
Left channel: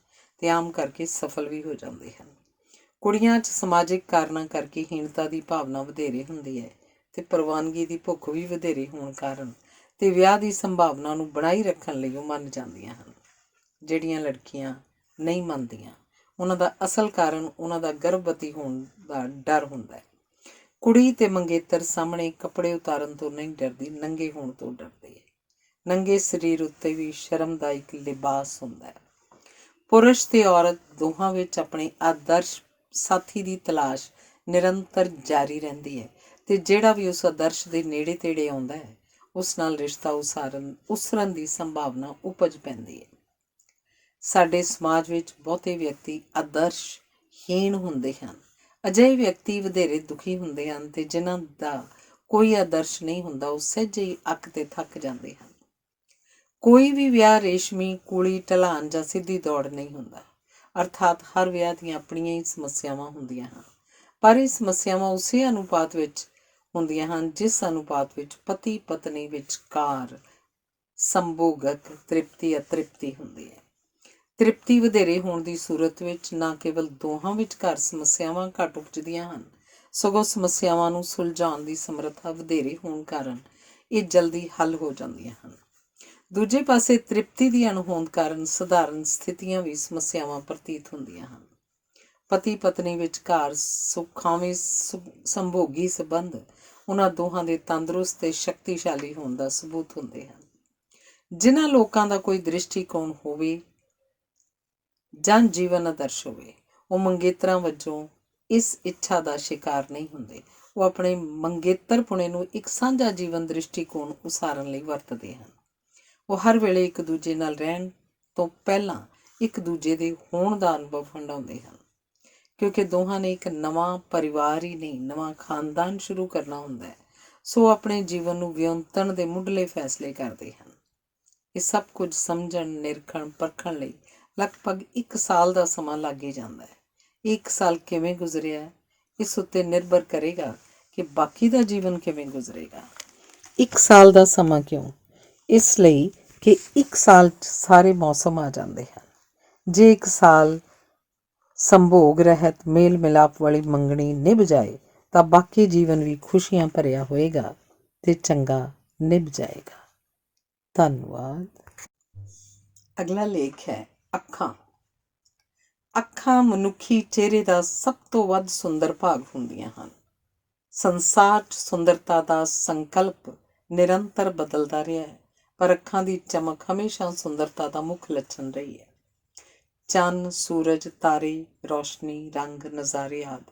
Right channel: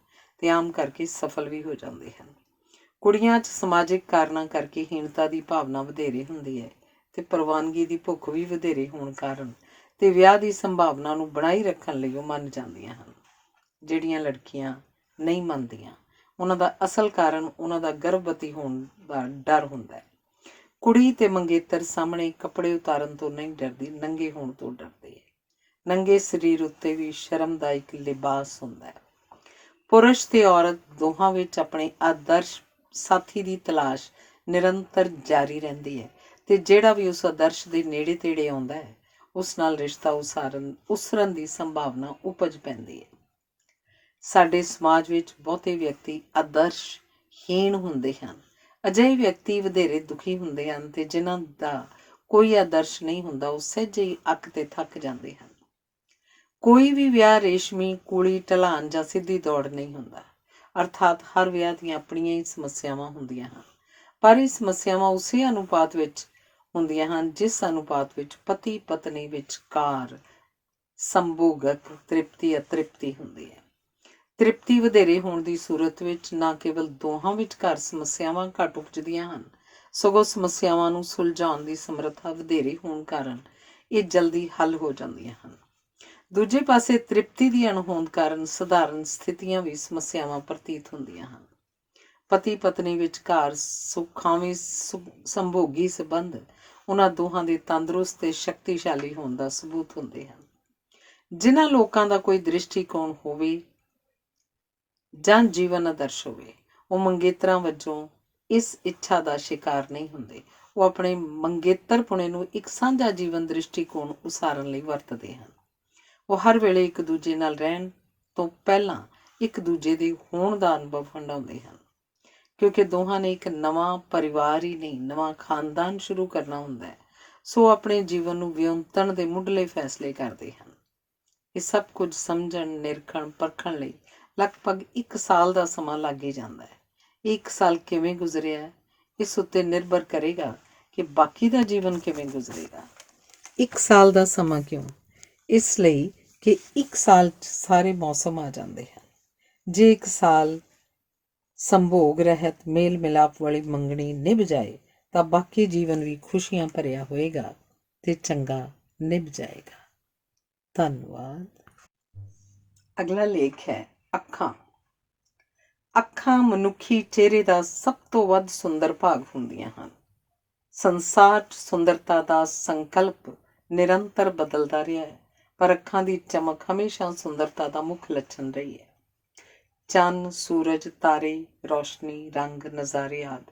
ਤੇ ਆਮ ਕਰਕੇ ਸਫਲ ਵੀ ਹੋ ਜਾਂਦੇ ਹਨ। ਕੁੜੀਆਂ 'ਚ ਸਮਾਜਿਕ ਕਾਰਨਾਂ ਕਰਕੇ ਹੀਣਤਾ ਦੀ ਭਾਵਨਾ ਵਧੇਰੇ ਹੁੰਦੀ ਹੈ ਤੇ ਪ੍ਰਵਾਨਗੀ ਦੀ ਭੁੱਖ ਵੀ ਵਧੇਰੇ ਹੋਣ ਕਾਰਨ ਤੇ ਵਿਆਹ ਦੀ ਸੰਭਾਵਨਾ ਨੂੰ ਬਣਾਈ ਰੱਖਣ ਲਈ ਉਹ ਮੰਨ ਜਾਂਦੀਆਂ ਹਨ। ਜਿਹੜੀਆਂ ਲੜਕੀਆਂ ਨਹੀਂ ਮੰਨਦੀਆਂ ਉਹਨਾਂ ਦਾ ਅਸਲ ਕਾਰਨ ਉਹਨਾਂ ਦਾ ਗਰਭਵਤੀ ਹੋਣ ਦਾ ਡਰ ਹੁੰਦਾ ਹੈ। ਕੁੜੀ ਤੇ ਮੰਗੇਤਰ ਸਾਹਮਣੇ ਕੱਪੜੇ ਉਤਾਰਨ ਤੋਂ ਨਹੀਂ ਡਰਦੀ, ਨੰਗੇ ਹੋਣ ਤੋਂ ਡਰਦੀ ਹੈ। ਨੰਗੇ ਸਰੀਰ ਉੱਤੇ ਵੀ ਸ਼ਰਮ ਦਾ ਇੱਕ ਲਿਬਾਸ ਹੁੰਦਾ ਹੈ। ਪੁਰਸ਼ ਤੇ ਔਰਤ ਦੋਹਾਂ ਵਿੱਚ ਆਪਣੇ ਆਦਰਸ਼ ਸਾਥੀ ਦੀ ਤਲਾਸ਼ ਨਿਰੰਤਰ ਜਾਰੀ ਰਹਿੰਦੀ ਹੈ ਤੇ ਜਿਹੜਾ ਵੀ ਉਸ ਆਦਰਸ਼ ਦੇ ਨੇੜੇ ਤੇੜੇ ਆਉਂਦਾ ਹੈ ਉਸ ਨਾਲ ਰਿਸ਼ਤਾ ਉਸਰਨ ਦੀ ਸੰਭਾਵਨਾ ਉਪਜ ਪੈਂਦੀ ਹੈ। ਸਾਡੇ ਸਮਾਜ ਵਿੱਚ ਬਹੁਤੇ ਵਿਅਕਤੀ ਆਦਰਸ਼ਹੀਣ ਹੁੰਦੇ ਹਨ। ਅਜਿਹੇ ਵਿਅਕਤੀ ਵਧੇਰੇ ਦੁਖੀ ਹੁੰਦੇ ਹਨ ਤੇ ਜਿਨ੍ਹਾਂ ਦਾ ਕੋਈ ਆਦਰਸ਼ ਨਹੀਂ ਹੁੰਦਾ ਉਹ ਸਹਿਜੇ ਹੀ ਅੱਕ ਤੇ ਥੱਕ ਜਾਂਦੇ ਹਨ। ਕੋਈ ਵੀ ਵਿਆਹ ਰੇਸ਼ਮੀ, ਕੂਲੀ, ਢਲਾਨ ਜਾਂ ਸਿੱਧੀ ਦੌੜ ਨਹੀਂ ਹੁੰਦਾ। ਅਰਥਾਤ ਹਰ ਵਿਆਹ ਦੀਆਂ ਆਪਣੀਆਂ ਹੀ ਸਮੱਸਿਆਵਾਂ ਹੁੰਦੀਆਂ ਹਨ, ਪਰ ਇਹ ਸਮੱਸਿਆਵਾਂ ਉਸੇ ਅਨੁਪਾਤ ਵਿੱਚ ਹੁੰਦੀਆਂ ਹਨ ਜਿਸ ਅਨੁਪਾਤ ਵਿੱਚ ਪਤੀ ਪਤਨੀ ਵਿਚਕਾਰ ਸੰਭੋਗਕ ਤ੍ਰਿਪਤੀ ਅਤ੍ਰਿਪਤੀ ਹੁੰਦੀ ਹੈ। ਤ੍ਰਿਪਤੀ ਵਧੇਰੇ ਹੋਣ ਦੀ ਸੂਰਤ ਵਿੱਚ ਨਾ ਕੇਵਲ ਦੋਹਾਂ ਵਿਚਕਾਰ ਸਮੱਸਿਆਵਾਂ ਘੱਟ ਉਪਜਦੀਆਂ ਹਨ, ਸਗੋਂ ਸਮੱਸਿਆਵਾਂ ਨੂੰ ਸੁਲਝਾਉਣ ਦੀ ਸਮਰੱਥਾ ਵਧੇਰੇ ਹੋਣ ਕਾਰਨ ਇਹ ਜਲਦੀ ਹੱਲ ਹੋ ਜਾਂਦੀਆਂ ਹਨ। ਦੂਜੇ ਪਾਸੇ ਤ੍ਰਿਪਤੀ ਦੀ ਅਣਹੋਂਦ ਕਾਰਨ ਸਧਾਰਨ ਸਥਿਤੀਆਂ ਵੀ ਸਮੱਸਿਆਵਾਂ ਪ੍ਰਤੀਤ ਹੁੰਦੀਆਂ ਹਨ। ਪਤੀ ਪਤਨੀ ਵਿਚਕਾਰ ਸੁਖਾਵੇਂ ਸੰਭੋਗੀ ਸੰਬੰਧ ਉਹਨਾਂ ਦੋਹਾਂ ਦੇ ਤੰਦਰੁਸਤ ਤੇ ਸ਼ਕਤੀਸ਼ਾਲੀ ਹੋਣ ਦਾ ਸਬੂਤ ਹੁੰਦੇ ਹਨ। ਜਿਨ੍ਹਾਂ ਲੋਕਾਂ ਦਾ ਕੋਈ ਦ੍ਰਿਸ਼ਟੀਕੋਣ ਹੋਵੇ ਜਾਂ ਜੀਵਨ ਆਦਰਸ਼ ਹੋਵੇ, ਉਹ ਮੰਗੇਤਰਾਂ ਵਜੋਂ ਇਸ ਇੱਛਾ ਦਾ ਸ਼ਿਕਾਰ ਨਹੀਂ ਹੁੰਦੇ। ਉਹ ਆਪਣੇ ਮੰਗੇਤਰਪੁਣੇ ਨੂੰ ਇੱਕ ਸਾਂਝਾ ਜੀਵਨ ਦ੍ਰਿਸ਼ਟੀਕੋਣ ਉਸਾਰਨ ਲਈ ਵਰਤਦੇ ਹਨ। ਉਹ ਹਰ ਵੇਲੇ ਇੱਕ ਦੂਜੇ ਨਾਲ ਰਹਿਣ ਤੋਂ ਪਹਿਲਾਂ ਇੱਕ ਦੂਜੇ ਦੇ ਹੋਣ ਦਾ ਅਨੁਭਵ ਹੰਢਾਉਂਦੇ ਹਨ, ਕਿਉਂਕਿ ਦੋਹਾਂ ਨੇ ਇੱਕ ਨਵਾਂ ਪਰਿਵਾਰ ਹੀ ਨਹੀਂ, ਨਵਾਂ ਖਾਨਦਾਨ ਸ਼ੁਰੂ ਕਰਨਾ ਹੁੰਦਾ ਹੈ। ਸੋ ਆਪਣੇ ਜੀਵਨ ਨੂੰ ਵਿਉਂਤਣ ਦੇ ਮੁੱਢਲੇ ਫੈਸਲੇ ਕਰਦੇ ਹਨ। ਇਹ ਸਭ ਕੁਝ ਸਮਝਣ, ਨਿਰਖਣ, ਪਰਖਣ ਲਈ ਲਗਭਗ 1 ਸਾਲ ਦਾ ਸਮਾਂ ਲੱਗ ਹੀ ਜਾਂਦਾ ਹੈ। 1 ਸਾਲ ਕਿਵੇਂ ਗੁਜ਼ਰਿਆ ਇਸ ਉੱਤੇ ਨਿਰਭਰ ਕਰੇਗਾ ਕਿ ਬਾਕੀ ਦਾ ਜੀਵਨ ਕਿਵੇਂ ਗੁਜ਼ਰੇਗਾ। 1 ਸਾਲ ਦਾ ਸਮਾਂ ਕਿਉਂ? ਇਸ ਲਈ ਕਿ 1 ਸਾਲ 'ਚ ਸਾਰੇ ਮੌਸਮ ਆ ਜਾਂਦੇ ਹਨ। ਜੇ 1 ਸਾਲ ਸੰਭੋਗ ਰਹਿਤ ਮੇਲ ਮਿਲਾਪ ਵਾਲੀ ਮੰਗਣੀ ਨਿਭ ਜਾਏ ਤਾਂ ਬਾਕੀ ਜੀਵਨ ਵੀ ਖੁਸ਼ੀਆਂ ਭਰਿਆ ਹੋਏਗਾ ਤੇ ਚੰਗਾ ਨਿਭ ਜਾਏਗਾ। ਧੰਨਵਾਦ। ਅਗਲਾ ਲੇਖ ਹੈ ਅੱਖਾਂ। ਅੱਖਾਂ ਮਨੁੱਖੀ ਚਿਹਰੇ ਦਾ ਸਭ ਤੋਂ ਵੱਧ ਸੁੰਦਰ ਭਾਗ ਹੁੰਦੀਆਂ ਹਨ। ਸੰਸਾਰ 'ਚ ਸੁੰਦਰਤਾ ਦਾ ਸੰਕਲਪ ਨਿਰੰਤਰ ਬਦਲਦਾ ਰਿਹਾ ਹੈ, ਪਰ ਅੱਖਾਂ ਦੀ ਚਮਕ ਹਮੇਸ਼ਾ ਸੁੰਦਰਤਾ ਦਾ ਮੁੱਖ ਲੱਛਣ ਰਹੀ ਹੈ। ਚੰਨ, ਸੂਰਜ, ਤਾਰੇ, ਰੌਸ਼ਨੀ, ਰੰਗ, ਨਜ਼ਾਰੇ ਆਦਿ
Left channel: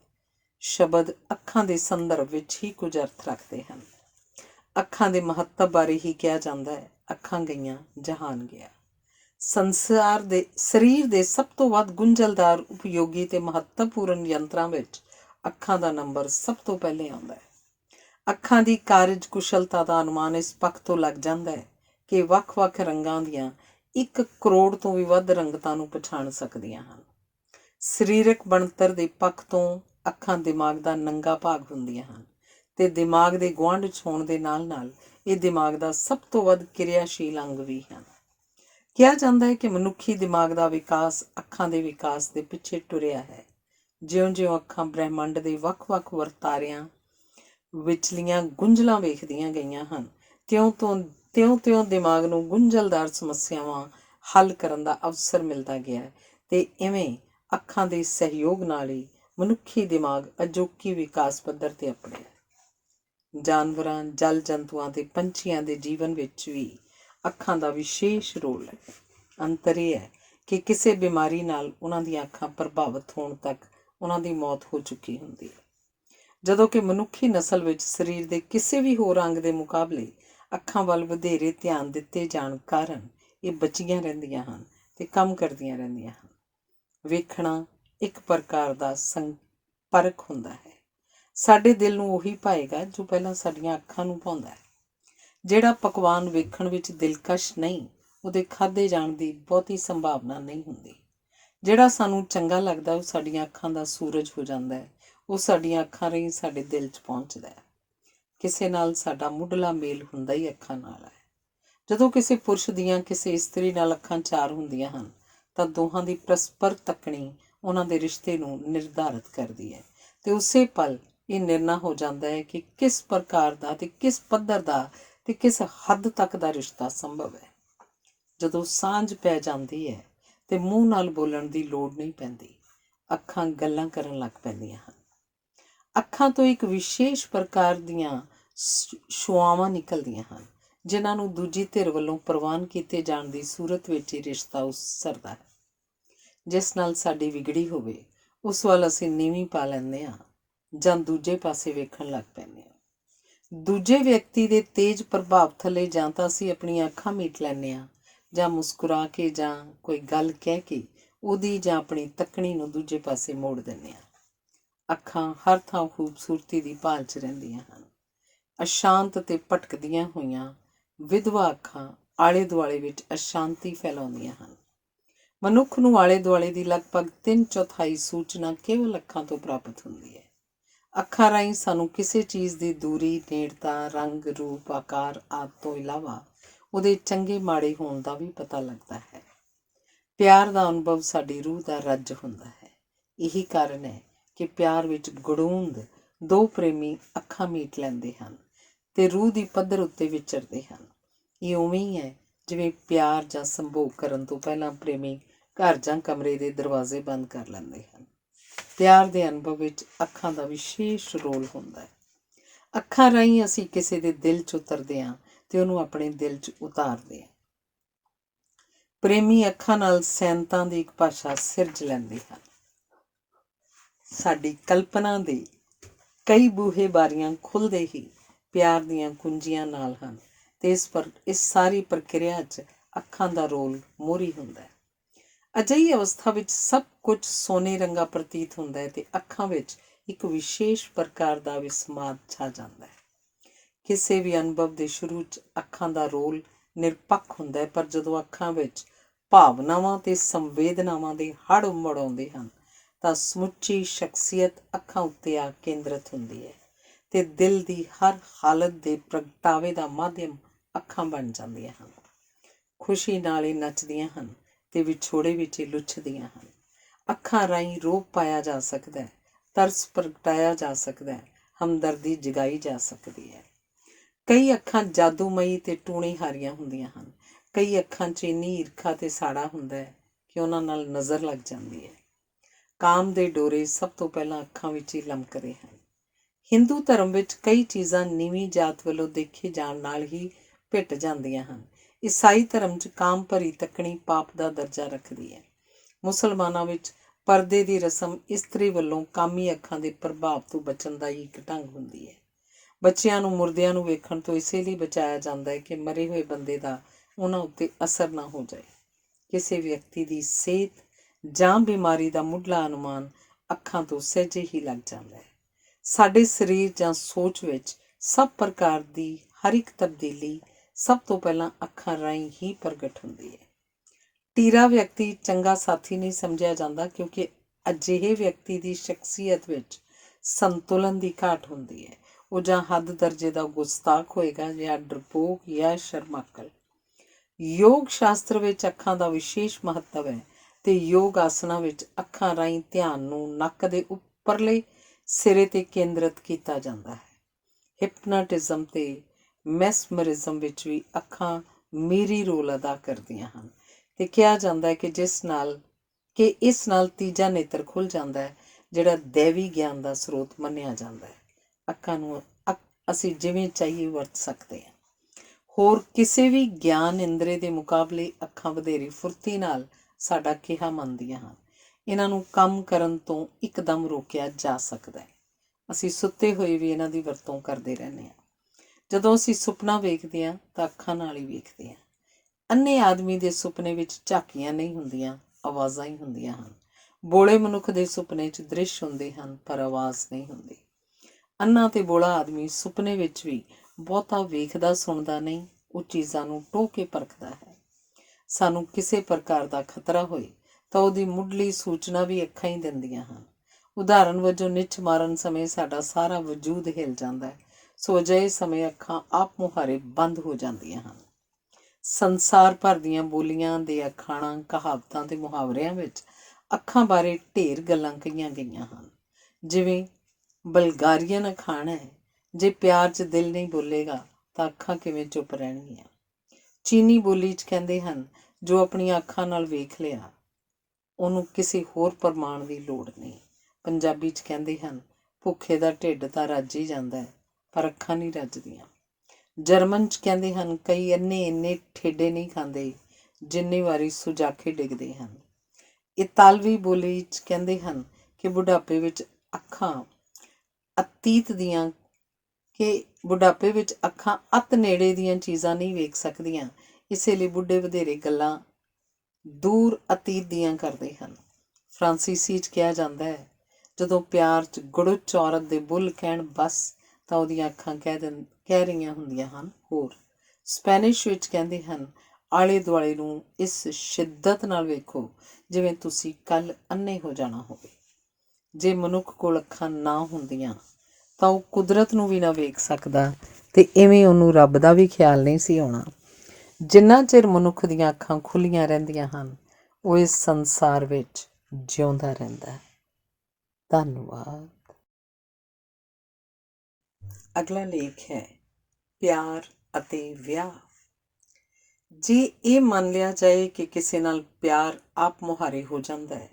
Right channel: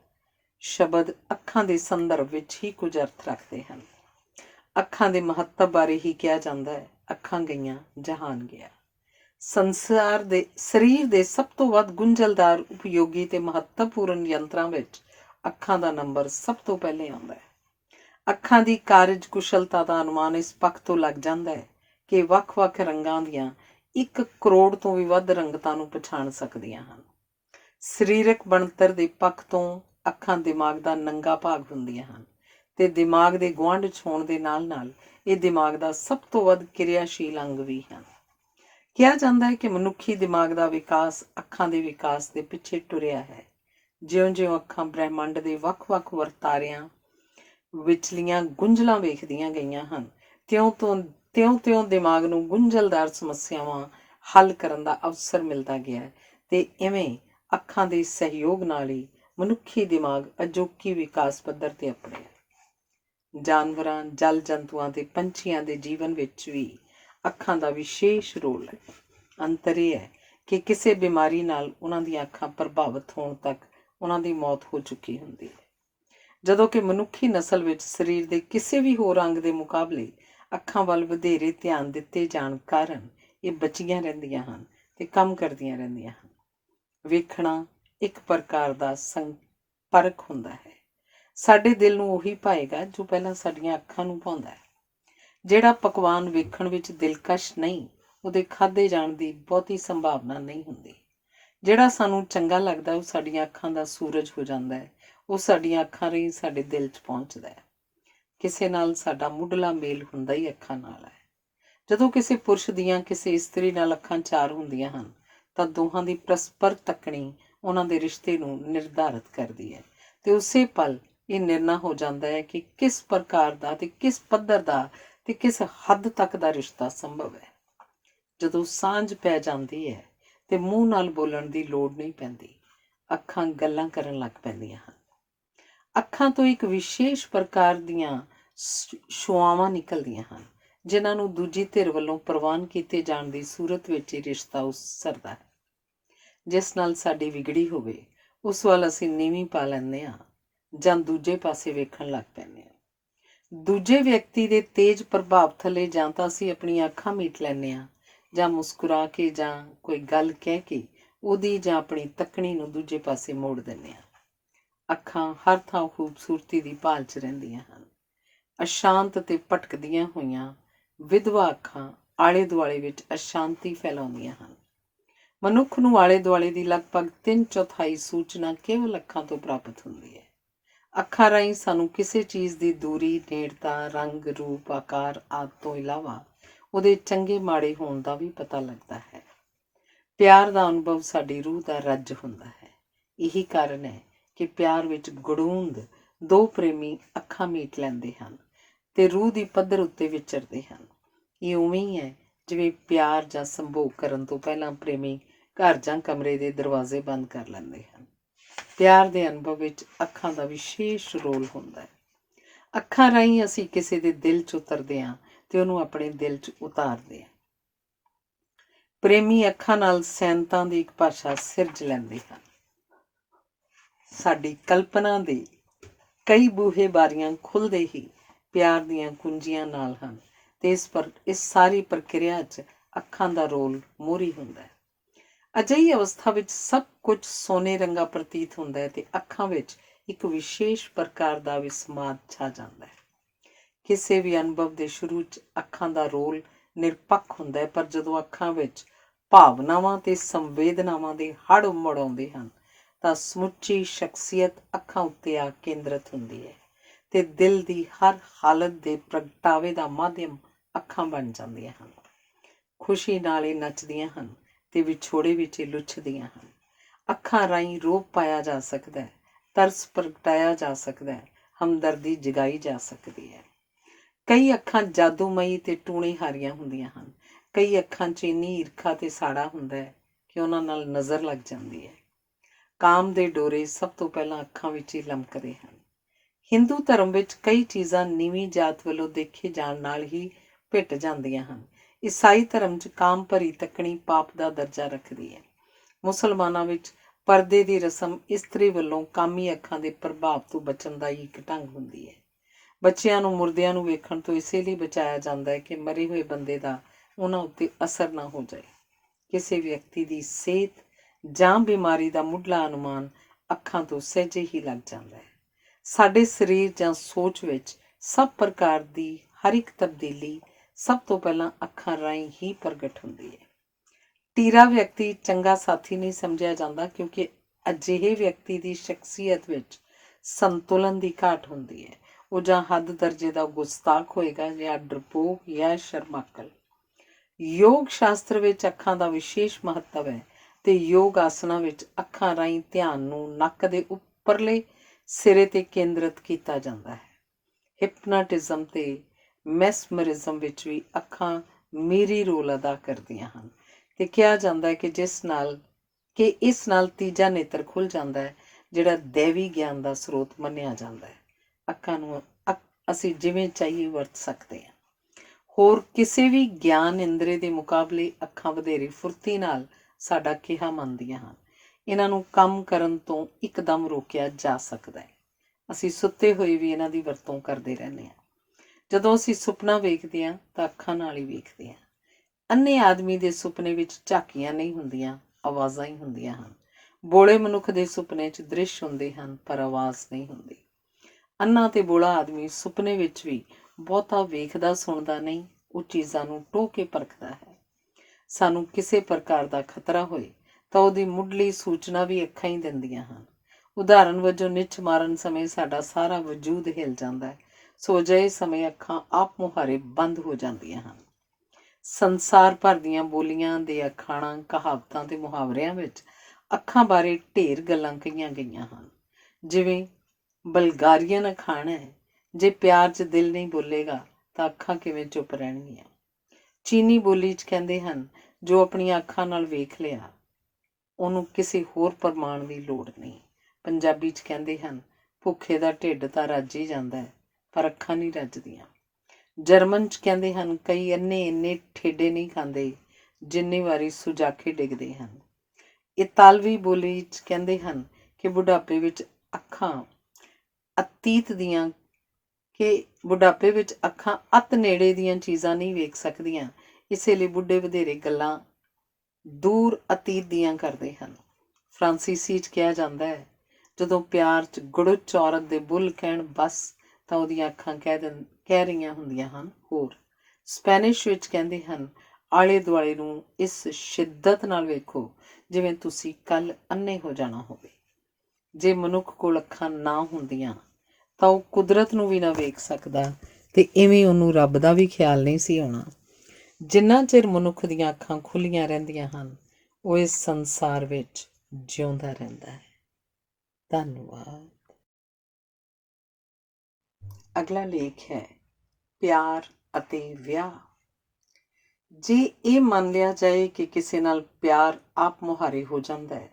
ਸ਼ਬਦ ਅੱਖਾਂ ਦੇ ਸੰਦਰਭ ਵਿੱਚ ਹੀ ਕੁਝ ਅਰਥ ਰੱਖਦੇ ਹਨ। ਅੱਖਾਂ ਦੇ ਮਹੱਤਵ ਬਾਰੇ ਹੀ ਕਿਹਾ ਜਾਂਦਾ ਹੈ, ਅੱਖਾਂ ਗਈਆਂ ਜਹਾਨ ਗਿਆ। ਸਰੀਰ ਦੇ ਸਭ ਤੋਂ ਵੱਧ ਗੁੰਝਲਦਾਰ, ਉਪਯੋਗੀ ਤੇ ਮਹੱਤਵਪੂਰਨ ਯੰਤਰਾਂ ਵਿੱਚ ਅੱਖਾਂ ਦਾ ਨੰਬਰ ਸਭ ਤੋਂ ਪਹਿਲੇ ਆਉਂਦਾ ਹੈ। ਅੱਖਾਂ ਦੀ ਕਾਰਜ ਕੁਸ਼ਲਤਾ ਦਾ ਅਨੁਮਾਨ ਇਸ ਪੱਖ ਤੋਂ ਲੱਗ ਜਾਂਦਾ ਹੈ ਕਿ ਵੱਖ-ਵੱਖ ਰੰਗਾਂ ਦੀਆਂ 1 ਕਰੋੜ ਤੋਂ ਵੀ ਵੱਧ ਰੰਗਤਾਂ ਨੂੰ ਪਛਾਣ ਸਕਦੀਆਂ ਹਨ। ਸਰੀਰਕ ਬਣਤਰ ਦੇ ਪੱਖ ਤੋਂ ਅੱਖਾਂ ਦਿਮਾਗ ਦਾ ਨੰਗਾ ਭਾਗ ਹੁੰਦੀਆਂ ਹਨ ਤੇ ਦਿਮਾਗ ਦੇ ਗੁਆਂਢ 'ਚ ਹੋਣ ਦੇ ਨਾਲ-ਨਾਲ ਇਹ ਦਿਮਾਗ ਦਾ ਸਭ ਤੋਂ ਵੱਧ ਕਿਰਿਆਸ਼ੀਲ ਅੰਗ ਵੀ ਹਨ। ਕਿਹਾ ਜਾਂਦਾ ਹੈ ਕਿ ਮਨੁੱਖੀ ਦਿਮਾਗ ਦਾ ਵਿਕਾਸ ਅੱਖਾਂ ਦੇ ਵਿਕਾਸ ਦੇ ਪਿੱਛੇ ਟੁਰਿਆ ਹੈ। ਜਿਉਂ-ਜਿਉਂ ਅੱਖਾਂ ਬ੍ਰਹਿਮੰਡ ਦੇ ਵੱਖ-ਵੱਖ ਵਰਤਾਰਿਆਂ ਵਿਚਲੀਆਂ ਗੁੰਝਲਾਂ ਵੇਖਦੀਆਂ ਗਈਆਂ ਹਨ, ਤਿਉਂ-ਤਿਉਂ ਦਿਮਾਗ ਨੂੰ ਗੁੰਝਲਦਾਰ ਸਮੱਸਿਆਵਾਂ ਹੱਲ ਕਰਨ ਦਾ ਅਵਸਰ ਮਿਲਦਾ ਗਿਆ ਤੇ ਇਵੇਂ ਅੱਖਾਂ ਦੇ ਸਹਿਯੋਗ ਨਾਲ ਹੀ ਮਨੁੱਖੀ ਦਿਮਾਗ ਅਜੋਕੀ ਵਿਕਾਸ ਪੱਧਰ 'ਤੇ ਅੱਪੜਿਆ। ਜਾਨਵਰਾਂ, ਜਲ ਜੰਤੂਆਂ ਤੇ ਪੰਛੀਆਂ ਦੇ ਜੀਵਨ ਵਿੱਚ ਵੀ ਅੱਖਾਂ ਦਾ ਵਿਸ਼ੇਸ਼ ਰੋਲ ਹੈ। ਅੰਤਰ ਇਹ ਹੈ ਕਿ ਕਿਸੇ ਬਿਮਾਰੀ ਨਾਲ ਉਹਨਾਂ ਦੀਆਂ ਅੱਖਾਂ ਪ੍ਰਭਾਵਿਤ ਹੋਣ ਤੱਕ ਉਹਨਾਂ ਦੀ ਮੌਤ ਹੋ ਚੁੱਕੀ ਹੁੰਦੀ ਹੈ, ਜਦੋਂ ਕਿ ਮਨੁੱਖੀ ਨਸਲ ਵਿੱਚ ਸਰੀਰ ਦੇ ਕਿਸੇ ਵੀ ਹੋਰ ਅੰਗ ਦੇ ਮੁਕਾਬਲੇ ਅੱਖਾਂ ਵੱਲ ਵਧੇਰੇ ਧਿਆਨ ਦਿੱਤੇ ਜਾਣ ਕਾਰਨ ਇਹ ਬਚੀਆਂ ਰਹਿੰਦੀਆਂ ਹਨ ਤੇ ਕੰਮ ਕਰਦੀਆਂ ਰਹਿੰਦੀਆਂ ਹਨ। ਵੇਖਣਾ ਇੱਕ ਪ੍ਰਕਾਰ ਦਾ ਸੰਪਰਕ ਹੁੰਦਾ ਹੈ। ਸਾਡੇ ਦਿਲ ਨੂੰ ਉਹੀ ਭਾਏਗਾ ਜੋ ਪਹਿਲਾਂ ਸਾਡੀਆਂ ਅੱਖਾਂ ਨੂੰ ਭਾਉਂਦਾ ਹੈ। ਜਿਹੜਾ ਪਕਵਾਨ ਵੇਖਣ ਵਿੱਚ ਦਿਲਕਸ਼ ਨਹੀਂ, ਉਹਦੇ ਖਾਧੇ ਜਾਣ ਦੀ ਬਹੁਤੀ ਸੰਭਾਵਨਾ ਨਹੀਂ ਹੁੰਦੀ। ਜਿਹੜਾ ਸਾਨੂੰ ਚੰਗਾ ਲੱਗਦਾ ਉਹ ਸਾਡੀਆਂ ਅੱਖਾਂ ਦਾ ਸੂਰਜ ਹੋ ਜਾਂਦਾ ਹੈ। ਉਹ ਸਾਡੀਆਂ ਅੱਖਾਂ ਰਾਹੀਂ ਸਾਡੇ ਦਿਲ 'ਚ ਪਹੁੰਚਦਾ ਹੈ। ਕਿਸੇ ਨਾਲ ਸਾਡਾ ਮੁੱਢਲਾ ਮੇਲ ਹੁੰਦਾ ਹੀ ਅੱਖਾਂ ਨਾਲ ਹੈ। ਜਦੋਂ ਕਿਸੇ ਪੁਰਸ਼ ਦੀਆਂ ਕਿਸੇ ਇਸਤਰੀ ਨਾਲ ਅੱਖਾਂ ਚਾਰ ਹੁੰਦੀਆਂ ਹਨ ਤਾਂ ਦੋਹਾਂ ਦੀ ਪਰਸਪਰ ਤੱਕਣੀ ਉਹਨਾਂ ਦੇ ਰਿਸ਼ਤੇ ਨੂੰ ਨਿਰਧਾਰਤ ਕਰਦੀ ਹੈ ਤੇ ਉਸੇ ਪਲ ਇਹ ਨਿਰਣਾ ਹੋ ਜਾਂਦਾ ਹੈ ਕਿ ਕਿਸ ਪ੍ਰਕਾਰ ਦਾ ਤੇ ਕਿਸ ਪੱਧਰ ਦਾ ਤੇ ਕਿਸ ਹੱਦ ਤੱਕ ਦਾ ਰਿਸ਼ਤਾ ਸੰਭਵ ਹੈ। ਜਦੋਂ ਸਾਂਝ ਪੈ ਜਾਂਦੀ ਹੈ ਤੇ ਮੂੰਹ ਨਾਲ ਬੋਲਣ ਦੀ ਲੋੜ ਨਹੀਂ ਪੈਂਦੀ, ਅੱਖਾਂ ਗੱਲਾਂ ਕਰਨ ਲੱਗ ਪੈਂਦੀਆਂ ਹਨ। ਅੱਖਾਂ ਤੋਂ ਇੱਕ ਵਿਸ਼ੇਸ਼ ਪ੍ਰਕਾਰ ਦੀਆਂ ਛੁਆਵਾਂ ਨਿਕਲਦੀਆਂ ਹਨ, ਜਿਨ੍ਹਾਂ ਨੂੰ ਦੂਜੀ ਧਿਰ ਵੱਲੋਂ ਪ੍ਰਵਾਨ ਕੀਤੇ ਜਾਣ ਦੀ ਸੂਰਤ ਵਿੱਚ ਹੀ ਰਿਸ਼ਤਾ ਉਸਰਦਾ ਹੈ। ਜਿਸ ਨਾਲ ਸਾਡੀ ਵਿਗੜੀ ਹੋਵੇ ਉਸ ਵੱਲ ਅਸੀਂ ਨੀਵੀਂ ਪਾ ਲੈਂਦੇ ਹਾਂ ਜਾਂ ਦੂਜੇ ਪਾਸੇ ਵੇਖਣ ਲੱਗ ਪੈਂਦੇ ਹਾਂ। ਦੂਜੇ ਵਿਅਕਤੀ ਦੇ ਤੇਜ਼ ਪ੍ਰਭਾਵ ਥੱਲੇ ਜਾਂ ਤਾਂ ਅਸੀਂ ਆਪਣੀਆਂ ਅੱਖਾਂ ਮੀਟ ਲੈਂਦੇ ਹਾਂ ਜਾਂ ਮੁਸਕਰਾ ਕੇ ਜਾਂ ਕੋਈ ਗੱਲ ਕਹਿ ਕੇ ਉਹਦੀ ਜਾਂ ਆਪਣੀ ਤੱਕਣੀ ਨੂੰ ਦੂਜੇ ਪਾਸੇ ਮੋੜ ਦਿੰਦੇ ਹਾਂ। ਅੱਖਾਂ ਹਰ ਥਾਂ ਖੂਬਸੂਰਤੀ ਦੀ ਭਾਲ 'ਚ ਰਹਿੰਦੀਆਂ ਹਨ। ਅਸ਼ਾਂਤ ਤੇ ਭਟਕਦੀਆਂ ਹੋਈਆਂ ਵਿਧਵਾ ਅੱਖਾਂ ਆਲੇ ਦੁਆਲੇ ਵਿੱਚ ਅਸ਼ਾਂਤੀ ਫੈਲਾਉਂਦੀਆਂ ਹਨ। ਮਨੁੱਖ ਨੂੰ ਆਲੇ ਦੁਆਲੇ ਦੀ ਲਗਭਗ 3/4 ਸੂਚਨਾ ਕੇਵਲ ਅੱਖਾਂ ਤੋਂ ਪ੍ਰਾਪਤ ਹੁੰਦੀ ਹੈ। ਅੱਖਾਂ ਰਾਹੀਂ ਸਾਨੂੰ ਕਿਸੇ ਚੀਜ਼ ਦੀ ਦੂਰੀ, ਨੇੜਤਾ, ਰੰਗ, ਰੂਪ, ਆਕਾਰ ਆਦਿ ਤੋਂ ਇਲਾਵਾ ਉਹਦੇ ਚੰਗੇ ਮਾੜੇ ਹੋਣ ਦਾ ਵੀ ਪਤਾ ਲੱਗਦਾ ਹੈ। ਪਿਆਰ ਦਾ ਅਨੁਭਵ ਸਾਡੀ ਰੂਹ ਦਾ ਰੱਜ ਹੁੰਦਾ ਹੈ। ਇਹੀ ਕਾਰਨ ਹੈ ਕਿ ਪਿਆਰ ਵਿੱਚ ਗੜੂੰਦ 2 ਪ੍ਰੇਮੀ ਅੱਖਾਂ ਮੀਟ ਲੈਂਦੇ ਹਨ ਤੇ ਰੂਹ ਦੀ ਪੱਧਰ ਉੱਤੇ ਵਿਚਰਦੇ ਹਨ। ਇਹ ਉਵੇਂ ਹੀ ਹੈ ਜਿਵੇਂ ਪਿਆਰ ਜਾਂ ਸੰਭੋਗ ਕਰਨ ਤੋਂ ਪਹਿਲਾਂ ਪ੍ਰੇਮੀ ਘਰ ਜਾਂ ਕਮਰੇ ਦੇ ਦਰਵਾਜ਼ੇ ਬੰਦ ਕਰ ਲੈਂਦੇ ਹਨ। ਪਿਆਰ ਦੇ ਅਨੁਭਵ ਵਿੱਚ ਅੱਖਾਂ ਦਾ ਵਿਸ਼ੇਸ਼ ਰੋਲ ਹੁੰਦਾ ਹੈ। ਅੱਖਾਂ ਰਾਹੀਂ ਅਸੀਂ ਕਿਸੇ ਦੇ ਦਿਲ 'ਚ ਉਤਰਦੇ ਹਾਂ ਤੇ ਉਹਨੂੰ ਆਪਣੇ ਦਿਲ 'ਚ ਉਤਾਰਦੇ ਹਾਂ। ਪ੍ਰੇਮੀ ਅੱਖਾਂ ਨਾਲ ਸੈਨਤਾਂ ਦੀ ਇੱਕ ਭਾਸ਼ਾ ਸਿਰਜ ਲੈਂਦੇ ਹਨ। ਸਾਡੀ ਕਲਪਨਾ ਦੇ ਕਈ ਬੂਹੇ ਬਾਰੀਆਂ ਖੁੱਲ੍ਹਦੇ ਹੀ ਪਿਆਰ ਦੀਆਂ ਕੁੰਜੀਆਂ ਨਾਲ ਹਨ ਤੇ ਇਸ ਸਾਰੀ ਪ੍ਰਕਿਰਿਆ 'ਚ ਅੱਖਾਂ ਦਾ ਰੋਲ ਮੋਹਰੀ ਹੁੰਦਾ ਹੈ। ਅਜਿਹੀ ਅਵਸਥਾ ਵਿੱਚ ਸਭ ਕੁਝ ਸੋਨੇ ਰੰਗਾ ਪ੍ਰਤੀਤ ਹੁੰਦਾ ਹੈ ਤੇ ਅੱਖਾਂ ਵਿੱਚ ਇੱਕ ਵਿਸ਼ੇਸ਼ ਪ੍ਰਕਾਰ ਦਾ ਵਿਸਮਾਦ ਛਾ ਜਾਂਦਾ ਹੈ। ਕਿਸੇ ਵੀ ਅਨੁਭਵ ਦੇ ਸ਼ੁਰੂ 'ਚ ਅੱਖਾਂ ਦਾ ਰੋਲ ਨਿਰਪੱਖ ਹੁੰਦਾ ਹੈ, ਪਰ ਜਦੋਂ ਅੱਖਾਂ ਵਿੱਚ ਭਾਵਨਾਵਾਂ ਤੇ ਸੰਵੇਦਨਾਵਾਂ ਦੇ ਹੜ ਉਮੜ ਆਉਂਦੇ ਹਨ ਤਾਂ ਸਮੁੱਚੀ ਸ਼ਖਸੀਅਤ ਅੱਖਾਂ ਉੱਤੇ ਆ ਕੇਂਦਰਿਤ ਹੁੰਦੀ ਹੈ ਤੇ ਦਿਲ ਦੀ ਹਰ ਹਾਲਤ ਦੇ ਪ੍ਰਗਟਾਵੇ ਦਾ ਮਾਧਿਅਮ ਅੱਖਾਂ ਬਣ ਜਾਂਦੀਆਂ ਹਨ। ਖੁਸ਼ੀ ਨਾਲ ਇਹ ਨੱਚਦੀਆਂ ਹਨ ਤੇ ਵਿਛੋੜੇ ਵਿੱਚ ਇਹ ਲੁੱਛਦੀਆਂ ਹਨ। ਅੱਖਾਂ ਰਾਹੀਂ ਰੋਹ ਪਾਇਆ ਜਾ ਸਕਦਾ ਹੈ, ਤਰਸ ਪ੍ਰਗਟਾਇਆ ਜਾ ਸਕਦਾ ਹੈ, ਹਮਦਰਦੀ ਜਗਾਈ ਜਾ ਸਕਦੀ ਹੈ। ਕਈ ਅੱਖਾਂ ਜਾਦੂਮਈ ਤੇ ਟੂਣੇ ਹਾਰੀਆਂ ਹੁੰਦੀਆਂ ਹਨ। ਕਈ ਅੱਖਾਂ 'ਚ ਇੰਨੀ ਈਰਖਾ ਤੇ ਸਾੜਾ ਹੁੰਦਾ ਹੈ ਕਿ ਉਹਨਾਂ ਨਾਲ ਨਜ਼ਰ ਲੱਗ ਜਾਂਦੀ ਹੈ। ਕਾਮ ਦੇ ਡੋਰੇ ਸਭ ਤੋਂ ਪਹਿਲਾਂ ਅੱਖਾਂ ਵਿੱਚ ਹੀ ਲਮਕਦੇ ਹਨ। ਹਿੰਦੂ ਧਰਮ ਵਿੱਚ ਕਈ ਚੀਜ਼ਾਂ ਨੀਵੀਂ ਜਾਤ ਵੱਲੋਂ ਦੇਖੇ ਜਾਣ ਨਾਲ ਹੀ ਭਿੱਟ ਜਾਂਦੀਆਂ ਹਨ। ਈਸਾਈ ਧਰਮ 'ਚ ਕਾਮ ਭਰੀ ਤੱਕਣੀ ਪਾਪ ਦਾ ਦਰਜਾ ਰੱਖਦੀ ਹੈ। ਮੁਸਲਮਾਨਾਂ ਵਿੱਚ ਪਰਦੇ ਦੀ ਰਸਮ ਇਸਤਰੀ ਵੱਲੋਂ ਕਾਮੀ ਅੱਖਾਂ ਦੇ ਪ੍ਰਭਾਵ ਤੋਂ ਬਚਣ ਦਾ ਹੀ ਇੱਕ ਢੰਗ ਹੁੰਦੀ ਹੈ। ਬੱਚਿਆਂ ਨੂੰ ਮੁਰਦਿਆਂ ਨੂੰ ਵੇਖਣ ਤੋਂ ਇਸੇ ਲਈ ਬਚਾਇਆ ਜਾਂਦਾ ਹੈ ਕਿ ਮਰੇ ਹੋਏ ਬੰਦੇ ਦਾ ਉਹਨਾਂ ਉੱਤੇ ਅਸਰ ਨਾ ਹੋ ਜਾਏ। ਕਿਸੇ ਵਿਅਕਤੀ ਦੀ ਸਿਹਤ ਜਾਂ ਬਿਮਾਰੀ ਦਾ ਮੁੱਢਲਾ ਅਨੁਮਾਨ ਅੱਖਾਂ ਤੋਂ ਸਹਿਜੇ ਹੀ ਲੱਗ ਜਾਂਦਾ ਹੈ। ਸਾਡੇ ਸਰੀਰ ਜਾਂ ਸੋਚ ਵਿੱਚ ਸਭ ਪ੍ਰਕਾਰ ਦੀ ਹਰ ਇੱਕ ਤਬਦੀਲੀ ਸਭ ਤੋਂ ਪਹਿਲਾਂ ਅੱਖਾਂ ਰਾਹੀਂ ਹੀ ਪ੍ਰਗਟ ਹੁੰਦੀ ਹੈ। ਟੀਰਾ ਵਿਅਕਤੀ ਚੰਗਾ ਸਾਥੀ ਨਹੀਂ ਸਮਝਿਆ ਜਾਂਦਾ ਕਿਉਂਕਿ ਅਜਿਹੇ ਵਿਅਕਤੀ ਦੀ ਸ਼ਖਸੀਅਤ ਵਿੱਚ ਸੰਤੁਲਨ ਦੀ ਘਾਟ ਹੁੰਦੀ ਹੈ। ਉਹ ਜਾਂ ਹੱਦ ਦਰਜੇ ਦਾ ਗੁਸਤਾਖ ਹੋਏਗਾ ਜਾਂ ਡਰਪੋਕ ਜਾਂ ਸ਼ਰਮਾਕਲ। ਯੋਗ ਸ਼ਾਸਤਰ ਵਿੱਚ ਅੱਖਾਂ ਦਾ ਵਿਸ਼ੇਸ਼ ਮਹੱਤਵ ਹੈ ਤੇ ਯੋਗ ਆਸਨਾਂ ਵਿੱਚ ਅੱਖਾਂ ਰਾਹੀਂ ਧਿਆਨ ਨੂੰ ਨੱਕ ਦੇ ਉੱਪਰਲੇ ਸਿਰੇ ਤੇ ਕੇਂਦਰਿਤ ਕੀਤਾ ਜਾਂਦਾ ਹੈ। ਹਿਪਨਾਟਿਜ਼ਮ ਤੇ ਮੈਸਮਰਿਜ਼ਮ ਵਿੱਚ ਵੀ ਅੱਖਾਂ ਮੀਰੀ ਰੋਲ ਅਦਾ ਕਰਦੀਆਂ ਹਨ ਤੇ ਕਿਹਾ ਜਾਂਦਾ ਹੈ ਕਿ ਇਸ ਨਾਲ ਤੀਜਾ ਨੇਤਰ ਖੁੱਲ੍ਹ ਜਾਂਦਾ ਹੈ, ਜਿਹੜਾ ਦੈਵੀ ਗਿਆਨ ਦਾ ਸਰੋਤ ਮੰਨਿਆ ਜਾਂਦਾ ਹੈ। ਅੱਖਾਂ ਨੂੰ ਅਸੀਂ ਜਿਵੇਂ ਚਾਹੀਏ ਵਰਤ ਸਕਦੇ ਹਾਂ। ਹੋਰ ਕਿਸੇ ਵੀ ਗਿਆਨ ਇੰਦਰੇ ਦੇ ਮੁਕਾਬਲੇ ਅੱਖਾਂ ਵਧੇਰੇ ਫੁਰਤੀ ਨਾਲ ਸਾਡਾ ਕਿਹਾ ਮੰਨਦੀਆਂ ਹਨ। ਇਹਨਾਂ ਨੂੰ ਕੰਮ ਕਰਨ ਤੋਂ ਇੱਕਦਮ ਰੋਕਿਆ ਜਾ ਸਕਦਾ ਹੈ। ਅਸੀਂ ਸੁੱਤੇ ਹੋਏ ਵੀ ਇਹਨਾਂ ਦੀ ਵਰਤੋਂ ਕਰਦੇ ਰਹਿੰਦੇ ਹਾਂ। ਜਦੋਂ ਅਸੀਂ ਸੁਪਨਾ ਵੇਖਦੇ ਹਾਂ ਤਾਂ ਅੱਖਾਂ ਨਾਲ ਹੀ ਵੇਖਦੇ ਹਾਂ। ਅੰਨੇ ਆਦਮੀ ਦੇ ਸੁਪਨੇ ਵਿੱਚ ਝਾਕੀਆਂ ਨਹੀਂ ਹੁੰਦੀਆਂ, ਆਵਾਜ਼ਾਂ ਹੀ ਹੁੰਦੀਆਂ ਹਨ। ਬੋਲੇ ਮਨੁੱਖ ਦੇ ਸੁਪਨੇ 'ਚ ਦ੍ਰਿਸ਼ ਹੁੰਦੇ ਹਨ ਪਰ ਆਵਾਜ਼ ਨਹੀਂ ਹੁੰਦੀ। ਅੰਨਾ ਤੇ ਬੋਲਾ ਆਦਮੀ ਸੁਪਨੇ ਵਿੱਚ ਵੀ ਬਹੁਤਾ ਵੇਖਦਾ ਸੁਣਦਾ ਨਹੀਂ, ਉਹ ਚੀਜ਼ਾਂ ਨੂੰ ਟੋਹ ਕੇ ਪਰਖਦਾ ਹੈ। ਸਾਨੂੰ ਕਿਸੇ ਪ੍ਰਕਾਰ ਦਾ ਖਤਰਾ ਹੋਏ ਤਾਂ ਉਹਦੀ ਮੁੱਢਲੀ ਸੂਚਨਾ ਵੀ ਅੱਖਾਂ ਹੀ ਦਿੰਦੀਆਂ ਹਨ। ਉਦਾਹਰਨ ਵਜੋਂ ਨਿੱਛ ਮਾਰਨ ਸਮੇਂ ਸਾਡਾ ਸਾਰਾ ਵਜੂਦ ਹਿੱਲ ਜਾਂਦਾ ਹੈ, ਸੋ ਅਜਿਹੇ ਸਮੇਂ ਅੱਖਾਂ ਆਪ ਮੁਹਾਰੇ ਬੰਦ ਹੋ ਜਾਂਦੀਆਂ ਹਨ। ਸੰਸਾਰ ਭਰ ਦੀਆਂ ਬੋਲੀਆਂ ਦੇ ਅਖਾਣਾਂ, ਕਹਾਵਤਾਂ ਤੇ ਮੁਹਾਵਰਿਆਂ ਵਿੱਚ ਅੱਖਾਂ ਬਾਰੇ ਢੇਰ ਗੱਲਾਂ ਕਹੀਆਂ ਗਈਆਂ ਹਨ। ਜਿਵੇਂ ਬਲਗਾਰੀਅਨ ਅਖਾਣ ਹੈ, ਜੇ ਪਿਆਰ 'ਚ ਦਿਲ ਨਹੀਂ ਬੋਲੇਗਾ ਤਾਂ ਅੱਖਾਂ ਕਿਵੇਂ ਚੁੱਪ ਰਹਿਣਗੀਆਂ। ਚੀਨੀ ਬੋਲੀ 'ਚ ਕਹਿੰਦੇ ਹਨ, ਜੋ ਆਪਣੀਆਂ ਅੱਖਾਂ ਨਾਲ ਵੇਖ ਲਿਆ ਉਹਨੂੰ ਕਿਸੇ ਹੋਰ ਪ੍ਰਮਾਣ ਦੀ ਲੋੜ ਨਹੀਂ। ਪੰਜਾਬੀ 'ਚ ਕਹਿੰਦੇ ਹਨ, ਭੁੱਖੇ ਦਾ ਢਿੱਡ ਤਾਂ ਰੱਜ ਹੀ ਜਾਂਦਾ ਹੈ ਪਰ ਅੱਖਾਂ ਨਹੀਂ ਰੱਜਦੀਆਂ। ਜਰਮਨ 'ਚ ਕਹਿੰਦੇ ਹਨ, ਕਈ ਅੰਨੇ ਇੰਨੇ ਠੇਡੇ ਨਹੀਂ ਖਾਂਦੇ ਜਿੰਨੀ ਵਾਰੀ ਸੁਜਾਖੇ ਡਿੱਗਦੇ ਹਨ। ਇਤਾਲਵੀ ਬੋਲੀ 'ਚ ਕਹਿੰਦੇ ਹਨ ਕਿ ਬੁਢਾਪੇ ਵਿੱਚ ਅੱਖਾਂ ਅਤ ਨੇੜੇ ਦੀਆਂ ਚੀਜ਼ਾਂ ਨਹੀਂ ਵੇਖ ਸਕਦੀਆਂ, ਇਸੇ ਲਈ ਬੁੱਢੇ ਵਧੇਰੇ ਗੱਲਾਂ ਦੂਰ ਅਤੀਤ ਦੀਆਂ ਕਰਦੇ ਹਨ। ਫਰਾਂਸੀਸੀ 'ਚ ਕਿਹਾ ਜਾਂਦਾ ਹੈ, ਜਦੋਂ ਪਿਆਰ 'ਚ ਗੁੜੁਚ ਔਰਤ ਦੇ ਬੁੱਲ ਕਹਿਣ ਬਸ ਤਾਂ ਉਹਦੀਆਂ ਅੱਖਾਂ ਕਹਿ ਰਹੀਆਂ ਹੁੰਦੀਆਂ ਹਨ ਹੋਰ। ਸਪੈਨਿਸ਼ ਵਿੱਚ ਕਹਿੰਦੇ ਹਨ, ਆਲੇ ਦੁਆਲੇ ਨੂੰ ਇਸ ਸ਼ਿੱਦਤ ਨਾਲ ਵੇਖੋ ਜਿਵੇਂ ਤੁਸੀਂ ਕੱਲ੍ਹ ਅੰਨੇ ਹੋ ਜਾਣਾ ਹੋਵੇ। ਜੇ ਮਨੁੱਖ ਕੋਲ ਅੱਖਾਂ ਨਾ ਹੁੰਦੀਆਂ ਤਾਂ ਉਹ ਕੁਦਰਤ ਨੂੰ ਵੀ ਨਾ ਵੇਖ ਸਕਦਾ ਤੇ ਇਵੇਂ ਉਹਨੂੰ ਰੱਬ ਦਾ ਵੀ ਖਿਆਲ ਨਹੀਂ ਸੀ ਆਉਣਾ। ਜਿੰਨਾ ਚਿਰ ਮਨੁੱਖ ਦੀਆਂ ਅੱਖਾਂ ਖੁੱਲ੍ਹੀਆਂ ਰਹਿੰਦੀਆਂ ਹਨ, ਉਹ ਇਸ ਸੰਸਾਰ ਵਿੱਚ ਜਿਉਂਦਾ ਰਹਿੰਦਾ ਹੈ। ਧੰਨਵਾਦ। ਅਗਲਾ ਲੇਖ ਹੈ ਪਿਆਰ ਅਤੇ ਵਿਆਹ। ਜੇ ਇਹ ਮੰਨ ਲਿਆ ਜਾਏ ਕਿ ਕਿਸੇ ਨਾਲ ਪਿਆਰ ਆਪ ਮੁਹਾਰੇ ਹੋ ਜਾਂਦਾ ਹੈ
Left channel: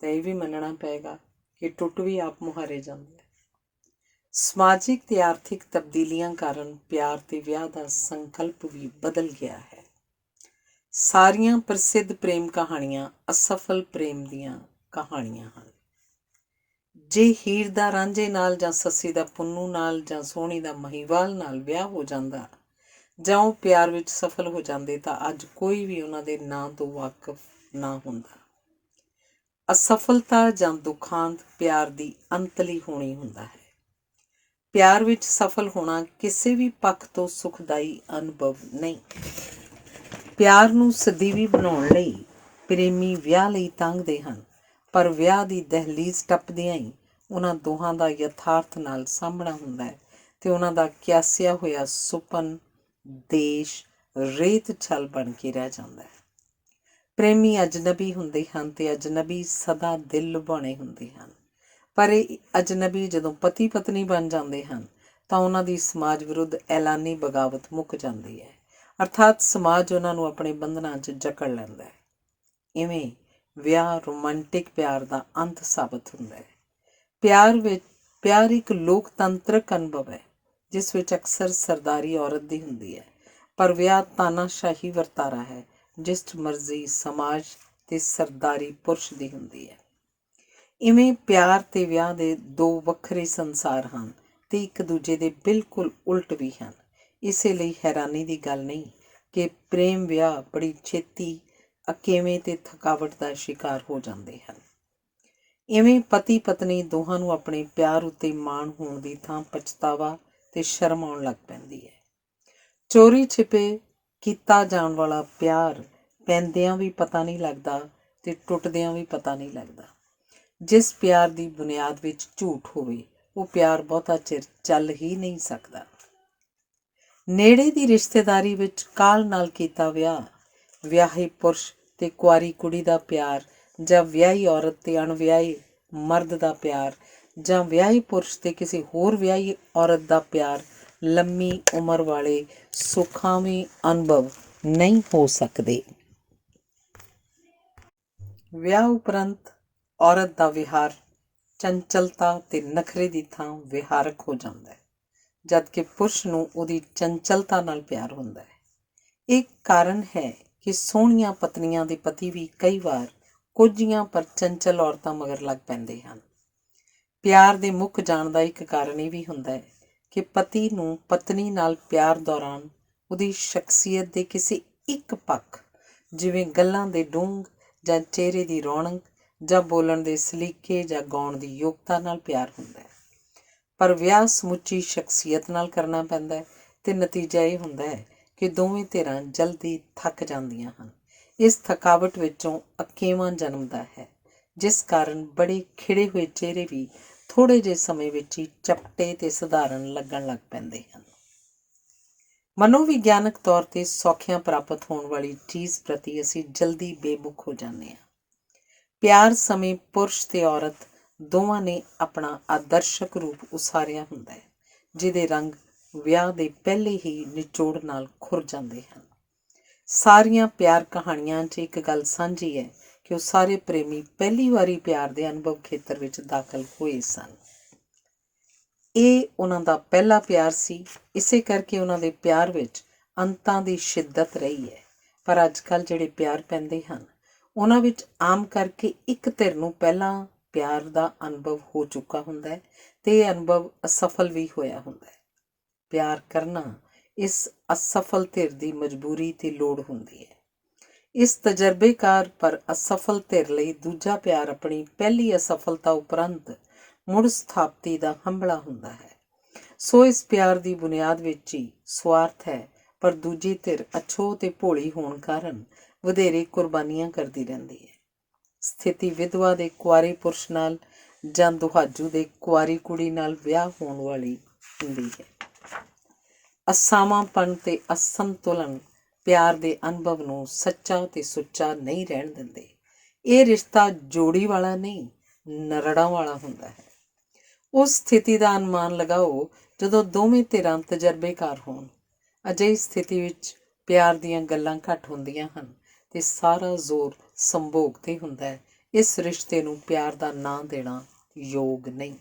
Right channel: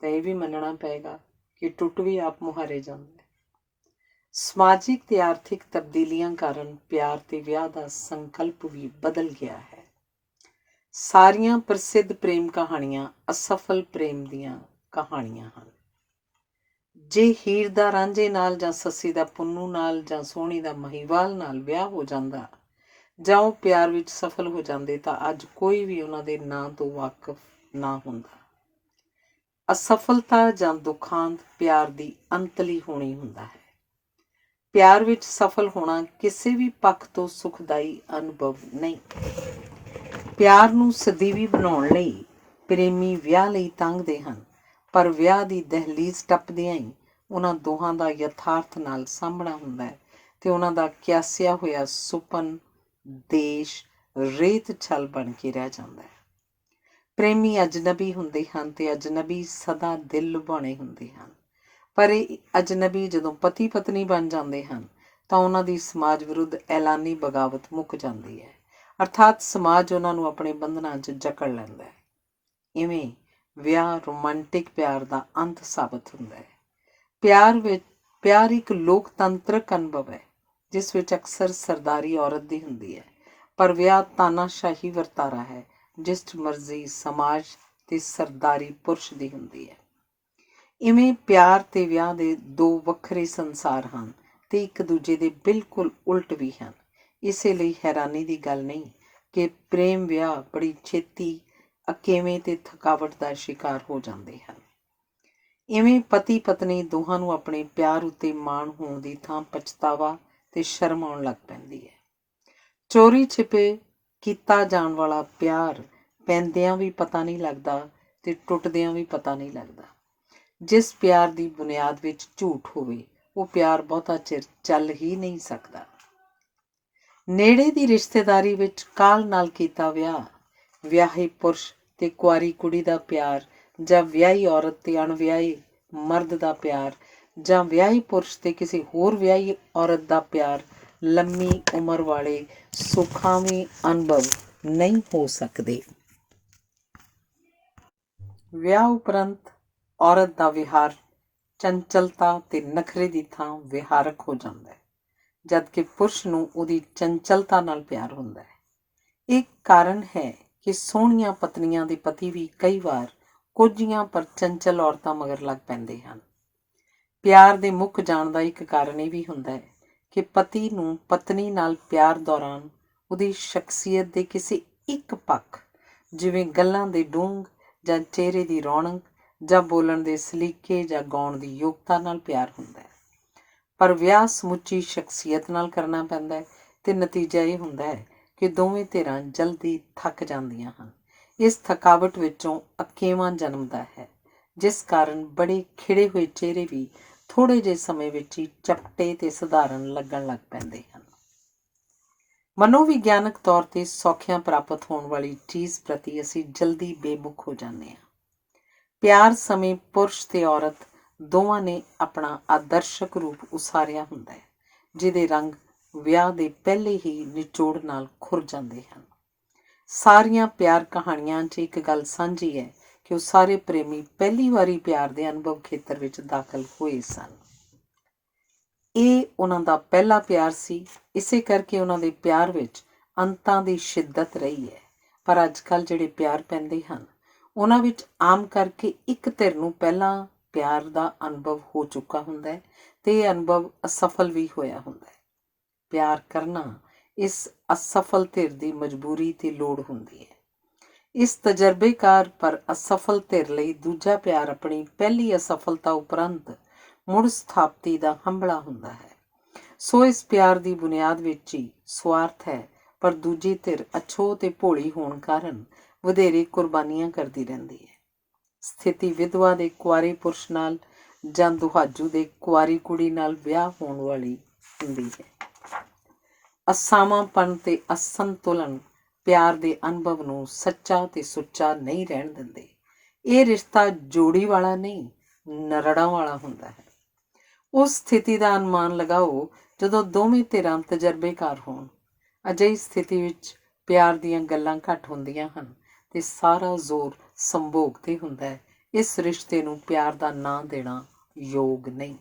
ਤਾਂ ਇਹ ਵੀ ਮੰਨਣਾ ਪਏਗਾ ਕਿ ਟੁੱਟ ਵੀ ਆਪ ਮੁਹਾਰੇ ਜਾਂਦਾ ਹੈ। ਸਮਾਜਿਕ ਤੇ ਆਰਥਿਕ ਤਬਦੀਲੀਆਂ ਕਾਰਨ ਪਿਆਰ ਤੇ ਵਿਆਹ ਦਾ ਸੰਕਲਪ ਵੀ ਬਦਲ ਗਿਆ ਹੈ। ਸਾਰੀਆਂ ਪ੍ਰਸਿੱਧ ਪ੍ਰੇਮ ਕਹਾਣੀਆਂ ਅਸਫਲ ਪ੍ਰੇਮ ਦੀਆਂ ਕਹਾਣੀਆਂ ਹਨ। ਜੇ ਹੀਰ ਦਾ ਰਾਂਝੇ ਨਾਲ ਜਾਂ ਸੱਸੀ ਦਾ ਪੁੰਨੂ ਨਾਲ ਜਾਂ ਸੋਹਣੀ ਦਾ ਮਹੀਵਾਲ ਨਾਲ ਵਿਆਹ ਹੋ ਜਾਂਦਾ ਜਾਂ ਉਹ ਪਿਆਰ ਵਿੱਚ ਸਫਲ ਹੋ ਜਾਂਦੇ ਤਾਂ ਅੱਜ ਕੋਈ ਵੀ ਉਹਨਾਂ ਦੇ ਨਾਂ ਤੋਂ ਵਾਕਿਫ ਨਾ ਹੁੰਦਾ। ਅਸਫਲਤਾ ਜਾਂ ਦੁਖਾਂਤ ਪਿਆਰ ਦੀ ਅੰਤਲੀ ਹੋਣੀ ਹੁੰਦਾ ਹੈ। ਪਿਆਰ ਵਿੱਚ ਸਫਲ ਹੋਣਾ ਕਿਸੇ ਵੀ ਪੱਖ ਤੋਂ ਸੁਖਦਾਈ ਅਨੁਭਵ ਨਹੀਂ। ਪਿਆਰ ਨੂੰ ਸਦੀਵੀ ਬਣਾਉਣ ਲਈ ਪ੍ਰੇਮੀ ਵਿਆਹ ਲਈ ਤੰਗਦੇ ਹਨ, ਪਰ ਵਿਆਹ ਦੀ ਦਹਿਲੀਜ਼ ਟੱਪਦਿਆਂ ਹੀ ਉਹਨਾਂ ਦੋਹਾਂ ਦਾ ਯਥਾਰਥ ਨਾਲ ਸਾਹਮਣਾ ਹੁੰਦਾ ਹੈ ਤੇ ਉਹਨਾਂ ਦਾ ਕਿਆਸਿਆ ਹੋਇਆ ਸੁਪਨ ਦੇਸ਼ ਰੇਤ ਛਲ ਬਣ ਕੇ ਰਹਿ ਜਾਂਦਾ ਹੈ। ਪ੍ਰੇਮੀ ਅਜਨਬੀ ਹੁੰਦੇ ਹਨ ਤੇ ਅਜਨਬੀ ਸਦਾ ਦਿਲ ਲੁਭਾਉਣੇ ਹੁੰਦੇ ਹਨ, ਪਰ ਇਹ ਅਜਨਬੀ ਜਦੋਂ ਪਤੀ ਪਤਨੀ ਬਣ ਜਾਂਦੇ ਹਨ ਤਾਂ ਉਹਨਾਂ ਦੀ ਸਮਾਜ ਵਿਰੁੱਧ ਐਲਾਨੀ ਬਗਾਵਤ ਮੁੱਕ ਜਾਂਦੀ ਹੈ, ਅਰਥਾਤ ਸਮਾਜ ਉਹਨਾਂ ਨੂੰ ਆਪਣੇ ਬੰਧਨਾਂ 'ਚ ਜਕੜ ਲੈਂਦਾ ਹੈ। ਇਵੇਂ ਵਿਆਹ ਰੋਮਾਂਟਿਕ ਪਿਆਰ ਦਾ ਅੰਤ ਸਾਬਤ ਹੁੰਦਾ ਹੈ। ਪਿਆਰ ਇੱਕ ਲੋਕਤੰਤਰਕ ਅਨੁਭਵ ਹੈ ਜਿਸ ਵਿੱਚ ਅਕਸਰ ਸਰਦਾਰੀ ਔਰਤ ਦੀ ਹੁੰਦੀ ਹੈ, ਪਰ ਵਿਆਹ ਤਾਨਾਸ਼ਾਹੀ ਵਰਤਾਰਾ ਹੈ ਜਿਸ 'ਚ ਮਰਜ਼ੀ ਸਮਾਜ ਤੇ ਸਰਦਾਰੀ ਪੁਰਸ਼ ਦੀ ਹੁੰਦੀ ਹੈ। ਇਵੇਂ ਪਿਆਰ ਤੇ ਵਿਆਹ ਦੇ ਦੋ ਵੱਖਰੇ ਸੰਸਾਰ ਹਨ ਤੇ ਇੱਕ ਦੂਜੇ ਦੇ ਬਿਲਕੁਲ ਉਲਟ ਵੀ ਹਨ। ਇਸੇ ਲਈ ਹੈਰਾਨੀ ਦੀ ਗੱਲ ਨਹੀਂ ਕਿ ਪ੍ਰੇਮ ਵਿਆਹ ਬੜੀ ਛੇਤੀ ਅਕੇਵੇਂ ਤੇ ਥਕਾਵਟ ਦਾ ਸ਼ਿਕਾਰ ਹੋ ਜਾਂਦੇ ਹਨ। ਇਵੇਂ ਪਤੀ ਪਤਨੀ ਦੋਹਾਂ ਨੂੰ ਆਪਣੇ ਪਿਆਰ ਉੱਤੇ ਮਾਣ ਹੋਣ ਦੀ ਥਾਂ ਪਛਤਾਵਾ ਤੇ ਸ਼ਰਮ ਆਉਣ ਲੱਗ ਪੈਂਦੀ ਹੈ। ਚੋਰੀ ਛਿਪੇ ਕੀਤਾ ਜਾਣ ਵਾਲਾ ਪਿਆਰ ਪੈਂਦਿਆਂ ਵੀ ਪਤਾ ਨਹੀਂ ਲੱਗਦਾ ਤੇ ਟੁੱਟਦਿਆਂ ਵੀ ਪਤਾ ਨਹੀਂ ਲੱਗਦਾ। ਜਿਸ ਪਿਆਰ ਦੀ ਬੁਨਿਆਦ ਵਿੱਚ ਝੂਠ ਹੋਵੇ ਉਹ ਪਿਆਰ ਬਹੁਤਾ ਚਿਰ ਚੱਲ ਹੀ ਨਹੀਂ ਸਕਦਾ। ਨੇੜੇ ਦੀ ਰਿਸ਼ਤੇਦਾਰੀ ਵਿੱਚ ਕਾਹਲ ਨਾਲ ਕੀਤਾ ਵਿਆਹ, ਵਿਆਹੇ ਪੁਰਸ਼ ਤੇ ਕੁਆਰੀ ਕੁੜੀ ਦਾ ਪਿਆਰ, ਜਾਂ ਵਿਆਹੀ ਔਰਤ ਤੇ ਅਣਵਿਆਹੇ ਮਰਦ ਦਾ ਪਿਆਰ, ਜਾਂ ਵਿਆਹੀ ਪੁਰਸ਼ ਤੇ ਕਿਸੇ ਹੋਰ ਵਿਆਹੀ ਔਰਤ ਦਾ ਪਿਆਰ ਲੰਮੀ ਉਮਰ ਵਾਲੇ ਸੁਖਾਵੇਂ ਅਨੁਭਵ ਨਹੀਂ ਹੋ ਸਕਦੇ। ਵਿਆਹ ਉਪਰੰਤ ਔਰਤ ਦਾ ਵਿਹਾਰ ਚੰਚਲਤਾ ਤੇ ਨਖਰੇ ਦੀ ਥਾਂ ਵਿਹਾਰਕ ਹੋ ਜਾਂਦਾ ਹੈ, ਜਦਕਿ ਪੁਰਸ਼ ਨੂੰ ਉਹਦੀ ਚੰਚਲਤਾ ਨਾਲ ਪਿਆਰ ਹੁੰਦਾ ਹੈ। ਇਹ ਕਾਰਨ ਹੈ ਕਿ ਸੋਹਣੀਆਂ ਪਤਨੀਆਂ ਦੇ ਪਤੀ ਵੀ ਕਈ ਵਾਰ ਕੋਝੀਆਂ ਪਰ ਚੰਚਲ ਔਰਤਾਂ ਮਗਰ ਲੱਗ ਪੈਂਦੇ ਹਨ। ਪਿਆਰ ਦੇ ਮੁੱਕ ਜਾਣ ਦਾ ਇੱਕ ਕਾਰਨ ਇਹ ਵੀ ਹੁੰਦਾ ਹੈ ਕਿ ਪਤੀ ਨੂੰ ਪਤਨੀ ਨਾਲ ਪਿਆਰ ਦੌਰਾਨ ਉਹਦੀ ਸ਼ਖਸੀਅਤ ਦੇ ਕਿਸੇ ਇੱਕ ਪੱਖ, ਜਿਵੇਂ ਗੱਲਾਂ ਦੇ ਡੂੰਘ ਜਾਂ ਚਿਹਰੇ ਦੀ ਰੌਣਕ ਜਾਂ ਬੋਲਣ ਦੇ ਸਲੀਕੇ ਜਾਂ ਗਾਉਣ ਦੀ ਯੋਗਤਾ ਨਾਲ ਪਿਆਰ ਹੁੰਦਾ ਹੈ। ਪਰ ਵਿਆਹ ਸਮੁੱਚੀ ਸ਼ਖਸੀਅਤ ਨਾਲ ਕਰਨਾ ਪੈਂਦਾ ਹੈ ਤੇ ਨਤੀਜਾ ਇਹ ਹੁੰਦਾ ਹੈ ਕਿ ਦੋਵੇਂ ਧਿਰਾਂ ਜਲਦੀ ਥੱਕ ਜਾਂਦੀਆਂ ਹਨ। ਇਸ ਥਕਾਵਟ ਵਿੱਚੋਂ ਅਕੇਵਾਂ ਜਨਮਦਾ ਹੈ, ਜਿਸ ਕਾਰਨ ਬੜੇ ਖਿੜੇ ਹੋਏ ਚਿਹਰੇ ਵੀ ਥੋੜ੍ਹੇ ਜਿਹੇ ਸਮੇਂ ਵਿੱਚ ਹੀ ਚਪਟੇ ਤੇ ਸਧਾਰਨ ਲੱਗਣ ਲੱਗ ਪੈਂਦੇ ਹਨ। ਮਨੋਵਿਗਿਆਨਕ ਤੌਰ ਤੇ ਸੌਖਿਆਂ ਪ੍ਰਾਪਤ ਹੋਣ ਵਾਲੀ ਚੀਜ਼ ਪ੍ਰਤੀ ਅਸੀਂ ਜਲਦੀ ਬੇਮੁਖ ਹੋ ਜਾਂਦੇ ਹਾਂ। ਪਿਆਰ ਸਮੇਂ ਪੁਰਸ਼ ਤੇ ਔਰਤ ਦੋਵਾਂ ਨੇ ਆਪਣਾ ਆਦਰਸ਼ਕ ਰੂਪ ਉਸਾਰਿਆ ਹੁੰਦਾ ਹੈ, ਜਿਹਦੇ ਰੰਗ ਵਿਆਹ ਦੇ ਪਹਿਲੇ ਹੀ ਨਿਚੋੜ ਨਾਲ ਖੁਰ ਜਾਂਦੇ ਹਨ। ਸਾਰੀਆਂ ਪਿਆਰ ਕਹਾਣੀਆਂ 'ਚ ਇੱਕ ਗੱਲ ਸਾਂਝੀ ਹੈ ਕਿ ਉਹ ਸਾਰੇ ਪ੍ਰੇਮੀ ਪਹਿਲੀ ਵਾਰੀ ਪਿਆਰ ਦੇ ਅਨੁਭਵ ਖੇਤਰ ਵਿੱਚ ਦਾਖਲ ਹੋਏ ਸਨ। ਇਹ ਉਹਨਾਂ ਦਾ ਪਹਿਲਾ ਪਿਆਰ ਸੀ, ਇਸੇ ਕਰਕੇ ਉਹਨਾਂ ਦੇ ਪਿਆਰ ਵਿੱਚ ਅੰਤਾਂ ਦੀ ਸ਼ਿੱਦਤ ਰਹੀ ਹੈ। ਪਰ ਅੱਜ ਕੱਲ੍ਹ ਜਿਹੜੇ ਪਿਆਰ ਪੈਂਦੇ ਹਨ ਉਹਨਾਂ ਵਿੱਚ ਆਮ ਕਰਕੇ ਇੱਕ ਧਿਰ ਨੂੰ ਪਹਿਲਾਂ ਪਿਆਰ ਦਾ ਅਨੁਭਵ ਹੋ ਚੁੱਕਾ ਹੁੰਦਾ ਹੈ ਤੇ ਇਹ ਅਨੁਭਵ ਅਸਫਲ ਵੀ ਹੋਇਆ ਹੁੰਦਾ ਹੈ। ਪਿਆਰ ਕਰਨਾ ਇਸ ਅਸਫਲ ਧਿਰ ਦੀ ਮਜਬੂਰੀ ਤੇ ਲੋੜ ਹੁੰਦੀ ਹੈ। ਇਸ ਤਜਰਬੇਕਾਰ ਪਰ ਅਸਫਲ ਧਿਰ ਲਈ ਦੂਜਾ ਪਿਆਰ ਆਪਣੀ ਪਹਿਲੀ ਅਸਫਲਤਾ ਉਪਰੰਤ ਮੁੜ ਸਥਾਪਤੀ ਦਾ ਹੰਭਲਾ ਹੁੰਦਾ ਹੈ। ਸੋ ਇਸ ਪਿਆਰ ਦੀ ਬੁਨਿਆਦ ਵਿੱਚ ਹੀ ਸੁਆਰਥ ਹੈ, ਪਰ ਦੂਜੀ ਧਿਰ ਅਛੋਹ ਤੇ ਭੋਲੀ ਹੋਣ ਕਾਰਨ ਵਧੇਰੇ ਕੁਰਬਾਨੀਆਂ ਕਰਦੀ ਰਹਿੰਦੀ ਹੈ। ਸਥਿਤੀ ਵਿਧਵਾ ਦੇ ਕੁਆਰੇ ਪੁਰਸ਼ ਨਾਲ ਜਾਂ ਦੁਹਾਜੂ ਦੇ ਕੁਆਰੀ ਕੁੜੀ ਨਾਲ ਵਿਆਹ ਹੋਣ ਵਾਲੀ ਹੁੰਦੀ ਹੈ। ਅਸਾਵਾਂਪਣ ਤੇ ਅਸੰਤੁਲਨ ਪਿਆਰ ਦੇ ਅਨੁਭਵ ਨੂੰ ਸੱਚਾ ਤੇ ਸੁੱਚਾ ਨਹੀਂ ਰਹਿਣ ਦਿੰਦੇ। ਇਹ ਰਿਸ਼ਤਾ ਜੋੜੀ ਵਾਲਾ ਨਹੀਂ, ਨਰੜਾਂ ਵਾਲਾ ਹੁੰਦਾ ਹੈ। ਉਸ ਸਥਿਤੀ ਦਾ ਅਨੁਮਾਨ ਲਗਾਓ ਜਦੋਂ ਦੋਵੇਂ ਧਿਰਾਂ ਤਜਰਬੇਕਾਰ ਹੋਣ। ਅਜਿਹੀ ਸਥਿਤੀ ਵਿੱਚ ਪਿਆਰ ਦੀਆਂ ਗੱਲਾਂ ਘੱਟ ਹੁੰਦੀਆਂ ਹਨ ਤੇ ਸਾਰਾ ਜ਼ੋਰ ਸੰਭੋਗ 'ਤੇ ਹੁੰਦਾ ਹੈ। ਇਸ ਰਿਸ਼ਤੇ ਨੂੰ ਪਿਆਰ ਦਾ ਨਾਂ ਦੇਣਾ ਯੋਗ ਨਹੀਂ,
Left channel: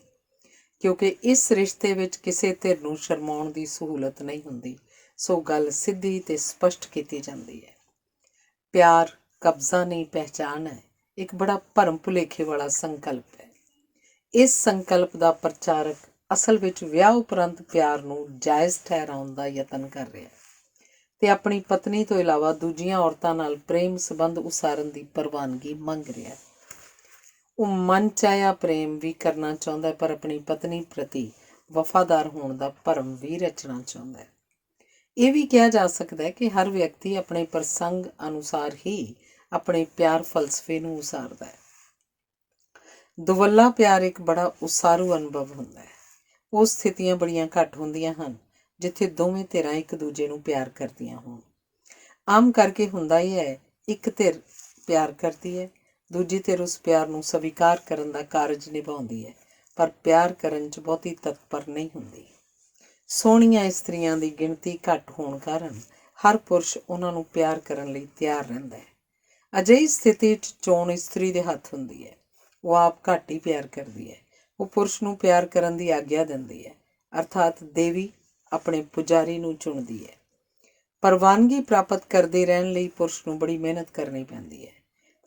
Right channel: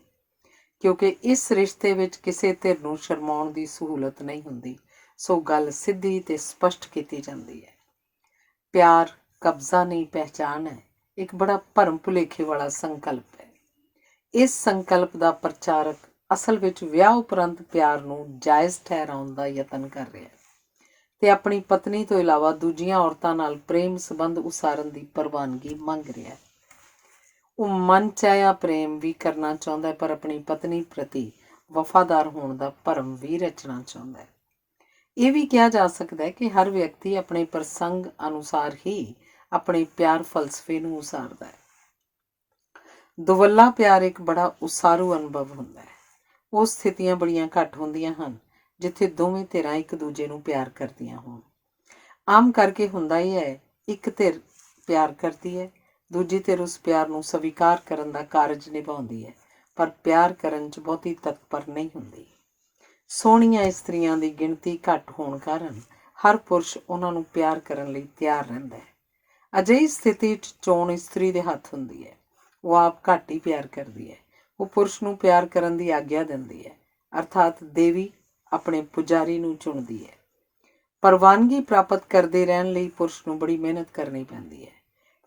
ਕਿਉਂਕਿ ਇਸ ਰਿਸ਼ਤੇ ਵਿੱਚ ਕਿਸੇ ਧਿਰ ਨੂੰ ਸ਼ਰਮਾਉਣ ਦੀ ਸਹੂਲਤ ਨਹੀਂ ਹੁੰਦੀ। ਸੋ ਗੱਲ ਸਿੱਧੀ ਤੇ ਸਪਸ਼ਟ ਕੀਤੀ ਜਾਂਦੀ ਹੈ। ਪਿਆਰ ਕਬਜ਼ਾ ਨਹੀਂ, ਪਹਿਚਾਨ ਹੈ। ਇੱਕ ਬੜਾ ਭਰਮ ਭੁਲੇਖੇ ਵਾਲਾ ਸੰਕਲਪ ਹੈ। ਇਸ ਸੰਕਲਪ ਦਾ ਪ੍ਰਚਾਰਕ ਅਸਲ ਵਿੱਚ ਵਿਆਹ ਉਪਰੰਤ ਪਿਆਰ ਨੂੰ ਜਾਇਜ਼ ਠਹਿਰਾਉਣ ਦਾ ਯਤਨ ਕਰ ਰਿਹਾ ਹੈ ਤੇ ਆਪਣੀ ਪਤਨੀ ਤੋਂ ਇਲਾਵਾ ਦੂਜੀਆਂ ਔਰਤਾਂ ਨਾਲ ਪ੍ਰੇਮ ਸੰਬੰਧ ਉਸਾਰਨ ਦੀ ਪ੍ਰਵਾਨਗੀ ਮੰਗ ਰਿਹਾ ਹੈ। ਉਹ ਮਨਚਾਹਿਆ ਪ੍ਰੇਮ ਵੀ ਕਰਨਾ ਚਾਹੁੰਦਾ ਹੈ, ਪਰ ਆਪਣੀ ਪਤਨੀ ਪ੍ਰਤੀ ਵਫਾਦਾਰ ਹੋਣ ਦਾ ਭਰਮ ਵੀ ਰਚਣਾ ਚਾਹੁੰਦਾ ਹੈ। ਇਹ ਵੀ ਕਿਹਾ ਜਾ ਸਕਦਾ ਹੈ ਕਿ ਹਰ ਵਿਅਕਤੀ ਆਪਣੇ ਪ੍ਰਸੰਗ ਅਨੁਸਾਰ ਹੀ ਆਪਣੇ ਪਿਆਰ ਫਲਸਫੇ ਨੂੰ ਉਸਾਰਦਾ ਹੈ। ਦੁਵੱਲਾ ਪਿਆਰ ਇੱਕ ਬੜਾ ਉਸਾਰੂ ਅਨੁਭਵ ਹੁੰਦਾ ਹੈ। ਉਹ ਸਥਿਤੀਆਂ ਬੜੀਆਂ ਘੱਟ ਹੁੰਦੀਆਂ ਹਨ ਜਿੱਥੇ ਦੋਵੇਂ ਧਿਰਾਂ ਇੱਕ ਦੂਜੇ ਨੂੰ ਪਿਆਰ ਕਰਦੀਆਂ ਹੋਣ। ਆਮ ਕਰਕੇ ਹੁੰਦਾ ਹੀ ਹੈ, ਇੱਕ ਧਿਰ ਪਿਆਰ ਕਰਦੀ ਹੈ, ਦੂਜੀ ਧਿਰ ਉਸ ਪਿਆਰ ਨੂੰ ਸਵੀਕਾਰ ਕਰਨ ਦਾ ਕਾਰਜ ਨਿਭਾਉਂਦੀ ਹੈ, ਪਰ ਪਿਆਰ ਕਰਨ 'ਚ ਬਹੁਤੀ ਤਤਪਰ ਨਹੀਂ ਹੁੰਦੀ। ਸੋਹਣੀਆਂ ਇਸਤਰੀਆਂ ਦੀ ਗਿਣਤੀ ਘੱਟ ਹੋਣ ਕਾਰਨ ਹਰ ਪੁਰਸ਼ ਉਹਨਾਂ ਨੂੰ ਪਿਆਰ ਕਰਨ ਲਈ ਤਿਆਰ ਰਹਿੰਦਾ ਹੈ। ਅਜਿਹੀ ਸਥਿਤੀ 'ਚ ਚੋਣ ਇਸਤਰੀ ਦੇ ਹੱਥ ਹੁੰਦੀ ਹੈ। ਉਹ ਆਪ ਘੱਟ ਹੀ ਪਿਆਰ ਕਰਦੀ ਹੈ। ਉਹ ਪੁਰਸ਼ ਨੂੰ ਪਿਆਰ ਕਰਨ ਦੀ ਆਗਿਆ ਦਿੰਦੀ ਹੈ, ਅਰਥਾਤ ਦੇਵੀ ਆਪਣੇ ਪੁਜਾਰੀ ਨੂੰ ਚੁਣਦੀ ਹੈ। ਪ੍ਰਵਾਨਗੀ ਪ੍ਰਾਪਤ ਕਰਦੇ ਰਹਿਣ ਲਈ ਪੁਰਸ਼ ਨੂੰ ਬੜੀ ਮਿਹਨਤ ਕਰਨੀ ਪੈਂਦੀ ਹੈ।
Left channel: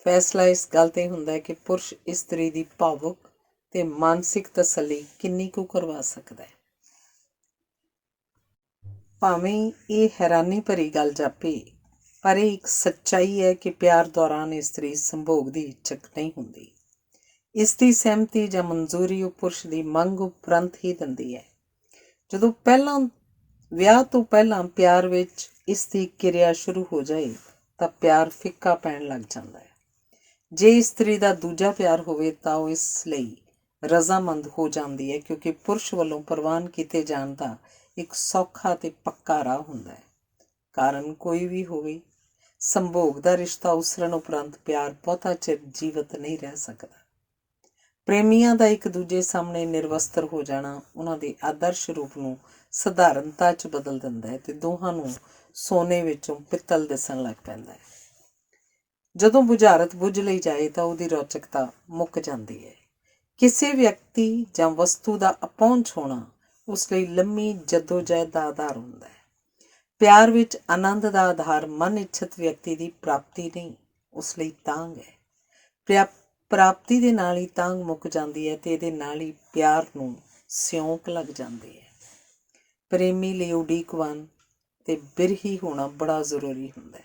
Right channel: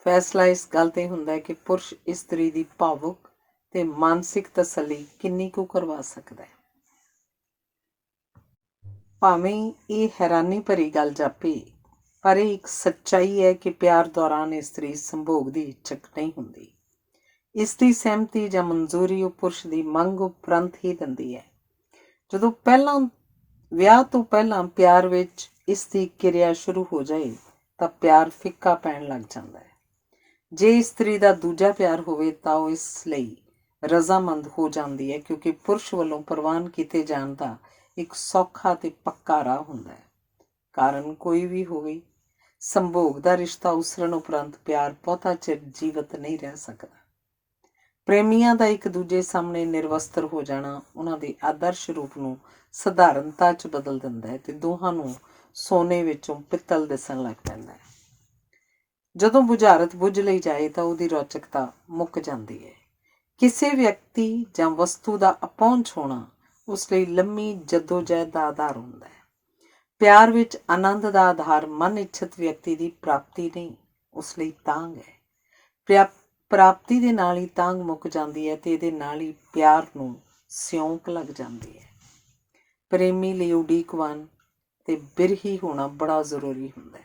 ਫੈਸਲਾ ਇਸ ਗੱਲ 'ਤੇ ਹੁੰਦਾ ਹੈ ਕਿ ਪੁਰਸ਼ ਇਸਤਰੀ ਦੀ ਭਾਵੁਕ ਤੇ ਮਾਨਸਿਕ ਤਸੱਲੀ ਕਿੰਨੀ ਕੁ ਕਰਵਾ ਸਕਦਾ ਹੈ। ਭਾਵੇਂ ਇਹ ਹੈਰਾਨੀ ਭਰੀ ਗੱਲ ਜਾਪੇ, ਪਰ ਇਹ ਇੱਕ ਸੱਚਾਈ ਹੈ ਕਿ ਪਿਆਰ ਦੌਰਾਨ ਇਸਤਰੀ ਸੰਭੋਗ ਦੀ ਇੱਛਕ ਨਹੀਂ ਹੁੰਦੀ। ਇਸ ਦੀ ਸਹਿਮਤੀ ਜਾਂ ਮਨਜ਼ੂਰੀ ਉਹ ਪੁਰਸ਼ ਦੀ ਮੰਗ ਉਪਰੰਤ ਹੀ ਦਿੰਦੀ ਹੈ। ਜਦੋਂ ਵਿਆਹ ਤੋਂ ਪਹਿਲਾਂ ਪਿਆਰ ਵਿੱਚ ਇਸ ਦੀ ਕਿਰਿਆ ਸ਼ੁਰੂ ਹੋ ਜਾਏ ਤਾਂ ਪਿਆਰ ਫਿੱਕਾ ਪੈਣ ਲੱਗ ਜਾਂਦਾ ਹੈ। ਜੇ ਇਸਤਰੀ ਦਾ ਦੂਜਾ ਪਿਆਰ ਹੋਵੇ ਤਾਂ ਉਹ ਇਸ ਲਈ ਰਜ਼ਾਮੰਦ ਹੋ ਜਾਂਦੀ ਹੈ, ਕਿਉਂਕਿ ਪੁਰਸ਼ ਵੱਲੋਂ ਪ੍ਰਵਾਨ ਕੀਤੇ ਜਾਣ ਦਾ ਇੱਕ ਸੌਖਾ ਤੇ ਪੱਕਾ ਰਾਹ ਹੁੰਦਾ ਹੈ। ਕਾਰਨ ਕੋਈ ਵੀ ਹੋਵੇ, ਸੰਭੋਗ ਦਾ ਰਿਸ਼ਤਾ ਉਸਰਨ ਉਪਰੰਤ ਪਿਆਰ ਬਹੁਤਾ ਚਿਰ ਜੀਵਤ ਨਹੀਂ ਰਹਿ ਸਕਦਾ। ਪ੍ਰੇਮੀਆਂ ਦਾ ਇੱਕ ਦੂਜੇ ਸਾਹਮਣੇ ਨਿਰਵਸਤਰ ਹੋ ਜਾਣਾ ਉਹਨਾਂ ਦੇ ਆਦਰਸ਼ ਰੂਪ ਨੂੰ ਸਧਾਰਨਤਾ 'ਚ ਬਦਲ ਦਿੰਦਾ ਹੈ ਤੇ ਦੋਹਾਂ ਨੂੰ ਸੋਨੇ ਵਿੱਚੋਂ ਪਿੱਤਲ ਦਿਸਣ ਲੱਗ ਪੈਂਦਾ ਹੈ। ਜਦੋਂ ਬੁਝਾਰਤ ਬੁੱਝ ਲਈ ਜਾਏ ਤਾਂ ਉਹਦੀ ਰੌਚਕਤਾ ਮੁੱਕ ਜਾਂਦੀ ਹੈ। ਕਿਸੇ ਵਿਅਕਤੀ ਜਾਂ ਵਸਤੂ ਦਾ ਅਪਹੁੰਚ ਹੋਣਾ ਉਸ ਲਈ ਲੰਮੀ ਜੱਦੋ-ਜਹਿਦ ਦਾ ਆਧਾਰ ਹੁੰਦਾ ਹੈ। ਪਿਆਰ ਵਿੱਚ ਆਨੰਦ ਦਾ ਆਧਾਰ ਮਨ ਇੱਛਤ ਵਿਅਕਤੀ ਦੀ ਪ੍ਰਾਪਤੀ ਨਹੀਂ, ਉਸ ਲਈ ਤਾਂਘ ਹੈ। ਪ੍ਰਾਪਤੀ ਦੇ ਨਾਲ ਹੀ ਤਾਂਘ ਮੁੱਕ ਜਾਂਦੀ ਹੈ ਤੇ ਇਹਦੇ ਨਾਲ ਹੀ ਪਿਆਰ ਨੂੰ ਸਿਉਂਕ ਲੱਗ ਜਾਂਦੀ ਹੈ। ਪ੍ਰੇਮੀ ਲਈ ਉਡੀਕਵਾਨ ਤੇ ਬਿਰਹੀ ਹੋਣਾ ਬੜਾ ਜ਼ਰੂਰੀ ਹੁੰਦਾ ਹੈ।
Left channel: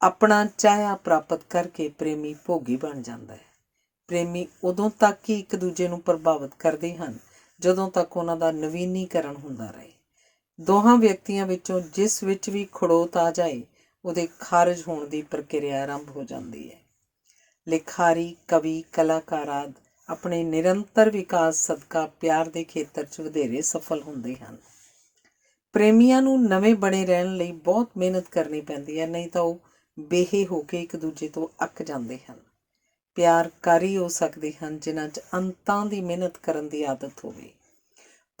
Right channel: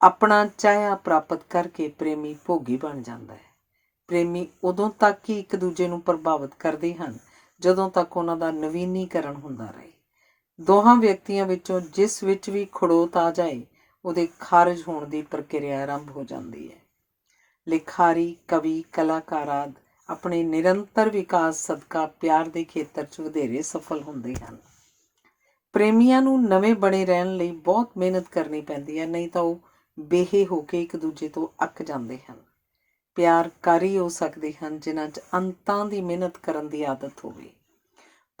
ਆਪਣਾ ਚਾਹਿਆ ਪ੍ਰਾਪਤ ਕਰਕੇ ਪ੍ਰੇਮੀ ਭੋਗੀ ਬਣ ਜਾਂਦਾ ਹੈ। ਪ੍ਰੇਮੀ ਉਦੋਂ ਤੱਕ ਹੀ ਇੱਕ ਦੂਜੇ ਨੂੰ ਪ੍ਰਭਾਵਿਤ ਕਰਦੇ ਹਨ ਜਦੋਂ ਤੱਕ ਉਹਨਾਂ ਦਾ ਨਵੀਨੀਕਰਨ ਹੁੰਦਾ ਰਹੇ। ਦੋਹਾਂ ਵਿਅਕਤੀਆਂ ਵਿੱਚੋਂ ਜਿਸ ਵਿੱਚ ਵੀ ਖੜੋਤ ਆ ਜਾਏ, ਉਹਦੇ ਖਾਰਜ ਹੋਣ ਦੀ ਪ੍ਰਕਿਰਿਆ ਆਰੰਭ ਹੋ ਜਾਂਦੀ ਹੈ। ਲਿਖਾਰੀ, ਕਵੀ, ਕਲਾਕਾਰ ਆਦਿ ਆਪਣੇ ਨਿਰੰਤਰ ਵਿਕਾਸ ਸਦਕਾ ਪਿਆਰ ਦੇ ਖੇਤਰ 'ਚ ਵਧੇਰੇ ਸਫਲ ਹੁੰਦੇ ਹਨ। ਪ੍ਰੇਮੀਆਂ ਨੂੰ ਨਵੇਂ ਬਣੇ ਰਹਿਣ ਲਈ ਬਹੁਤ ਮਿਹਨਤ ਕਰਨੀ ਪੈਂਦੀ ਹੈ, ਨਹੀਂ ਤਾਂ ਉਹ ਬੇਹੇ ਹੋ ਕੇ ਇੱਕ ਦੂਜੇ ਤੋਂ ਅੱਕ ਜਾਂਦੇ ਹਨ। ਪਿਆਰਕਾਰੀ ਹੋ ਸਕਦੇ ਹਨ ਜਿਨ੍ਹਾਂ 'ਚ ਅੰਤਾਂ ਦੀ ਮਿਹਨਤ ਕਰਨ ਦੀ ਆਦਤ ਹੋਵੇ,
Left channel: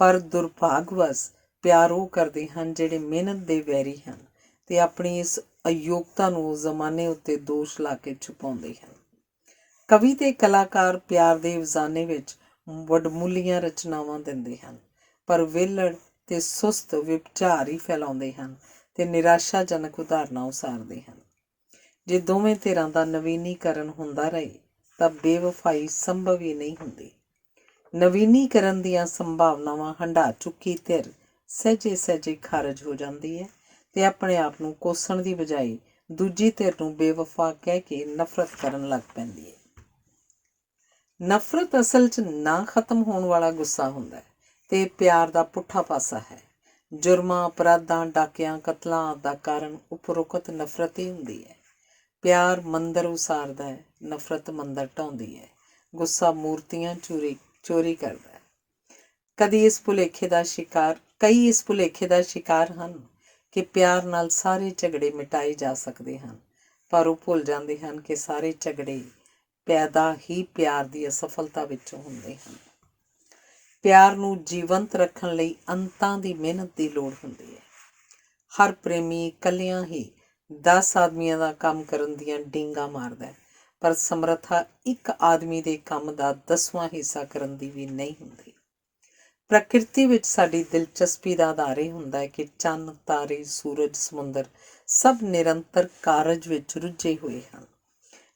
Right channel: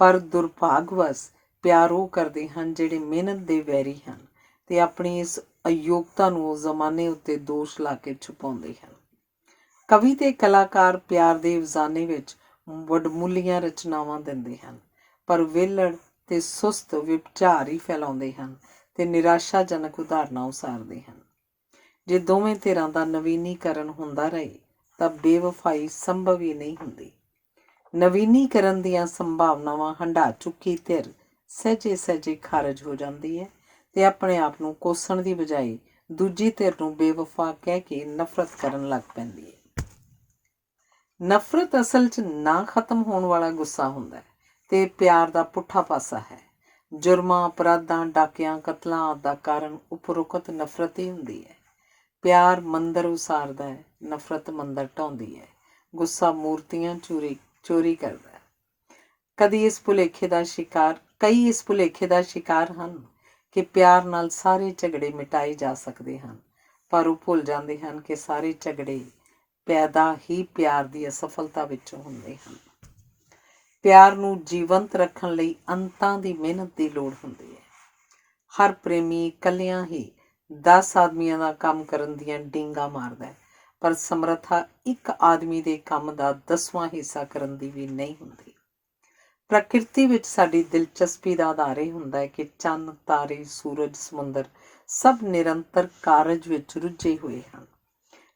ਪਰ ਦੁਰਭਾਗਵਸ਼ ਪਿਆਰ ਉਹ ਕਰਦੇ ਹਨ ਜਿਹੜੇ ਮਿਹਨਤ ਦੇ ਵੈਰੀ ਹਨ ਤੇ ਆਪਣੀ ਇਸ ਅਯੋਗਤਾ ਨੂੰ ਉਹ ਜ਼ਮਾਨੇ ਉੱਤੇ ਦੋਸ਼ ਲਾ ਕੇ ਛੁਪਾਉਂਦੇ ਹਨ। ਕਵੀ ਤੇ ਕਲਾਕਾਰ ਪਿਆਰ ਦੇ ਅਫਜ਼ਾਨੇ ਵਿੱਚ ਵਡਮੁੱਲੀਆਂ ਰਚਨਾਵਾਂ ਦਿੰਦੇ ਹਨ, ਪਰ ਵਿਹਲੜ ਤੇ ਸੁਸਤ ਵਿਚਾਰ ਹੀ ਫੈਲਾਉਂਦੇ ਹਨ ਤੇ ਨਿਰਾਸ਼ਾਜਨਕ ਉਦਾਹਰਨਾਂ ਉਸਾਰਦੇ ਹਨ। ਜੇ ਦੋਵੇਂ ਧਿਰਾਂ ਦਾ ਨਵੀਨੀਕਰਨ ਹੁੰਦਾ ਰਹੇ ਤਾਂ ਬੇਵਫਾਈ ਸੰਭਵ ਹੀ ਨਹੀਂ ਹੁੰਦੀ। ਨਵੀਨੀਕਰਨ ਦੀਆਂ ਸੰਭਾਵਨਾਵਾਂ ਹੰਢਾ ਚੁੱਕੀ ਧਿਰ ਸਹਿਜੇ ਖਾਰਜ ਹੋ ਜਾਂਦੀ ਹੈ ਤੇ ਆਪਣੇ ਆਪ ਨੂੰ ਕੋਸਣ ਦੀ ਬਜਾਏ ਦੂਜੀ ਧਿਰ ਨੂੰ ਬੇਵਫਾ ਕਹਿ ਕੇ ਨਫ਼ਰਤ ਕਰਨ ਲੱਗ ਪੈਂਦੀ ਹੈ। ਨਫ਼ਰਤ ਅਸਲ 'ਚ ਨਾ ਖਤਮ ਹੋਣ ਵਾਲਾ ਗੁੱਸਾ ਹੁੰਦਾ ਹੈ ਤੇ ਪਿਆਰ ਦਾ ਪੁੱਠਾ ਪਾਸਾ ਹੈ। ਜੁਰਮਾਂ, ਅਪਰਾਧਾਂ, ਡਾਕਿਆਂ, ਕਤਲਾਂ ਆਦਿ ਦਾ ਕਾਰਨ ਉਪਰੋਕਤ ਨਫ਼ਰਤ ਹੀ ਹੁੰਦੀ ਹੈ। ਪਿਆਰ ਮੰਦਰ ਉਸਾਰਦਾ ਹੈ, ਨਫ਼ਰਤ ਮੰਦਰ ਢਾਉਂਦੀ ਹੈ। ਗੁੱਸਾ ਮੂਰਤੀਆਂ ਚੋਰੀ ਕਰਦਾ ਹੈ। ਕਈ ਇਸ ਭੁਲੇਖੇ ਦਾ ਸ਼ਿਕਾਰ ਹਨ ਕਿ ਪਿਆਰ ਨਾਲ ਸਾਰੇ ਝਗੜੇ ਮਿਟਾਏ ਜਾ ਸਕਦੇ ਹਨ, ਪਰ ਉਹ ਭੁੱਲ ਜਾਂਦੇ ਹਨ ਕਿ ਸਾਰੇ ਝਗੜੇ ਪੈਦਾ ਹੀ ਪਿਆਰ ਦੀ ਅਸਫਲਤਾ ਵਿੱਚੋਂ ਹੁੰਦੇ ਹਨ। ਪਿਆਰ ਨੂੰ ਜੀਵੰਤ ਰੱਖਣ ਲਈ ਅੰਤਾਂ ਦੀ ਮਿਹਨਤ ਦੀ ਲੋੜ ਹੁੰਦੀ ਹੈ। ਹਰ ਪ੍ਰੇਮੀ ਇਕੱਲਿਆਂ ਹੀ 10 ਆਦਮੀਆਂ ਦਾ ਕੰਮ ਕਰਨ ਦੀਆਂ ਡਿੰਗਾਂ ਮਾਰਦਾ ਹੈ, ਪਰ ਸਮਰੱਥਾ ਇੱਕ ਆਦਮੀ ਦੇ ਕੰਮ ਦਾ 10ਵਾਂ ਹਿੱਸਾ ਕਰਨ ਦੀ ਵੀ ਨਹੀਂ ਹੁੰਦੀ। ਪ੍ਰਕਿਰਤੀ ਵਿੱਚ ਸਾਡੀ ਦਿਲਚਸਪੀ ਦਾ ਆਧਾਰ ਇਹ ਹੁੰਦਾ ਹੈ ਕਿ ਚੰਨ, ਤਾਰੇ, ਸੂਰਜ, ਸਮੁੰਦਰ ਸਭ ਨਿਰੰਤਰ ਕਾਰਜ ਵਿੱਚ ਰੁੱਝੇ ਹੋਏ ਹਨ।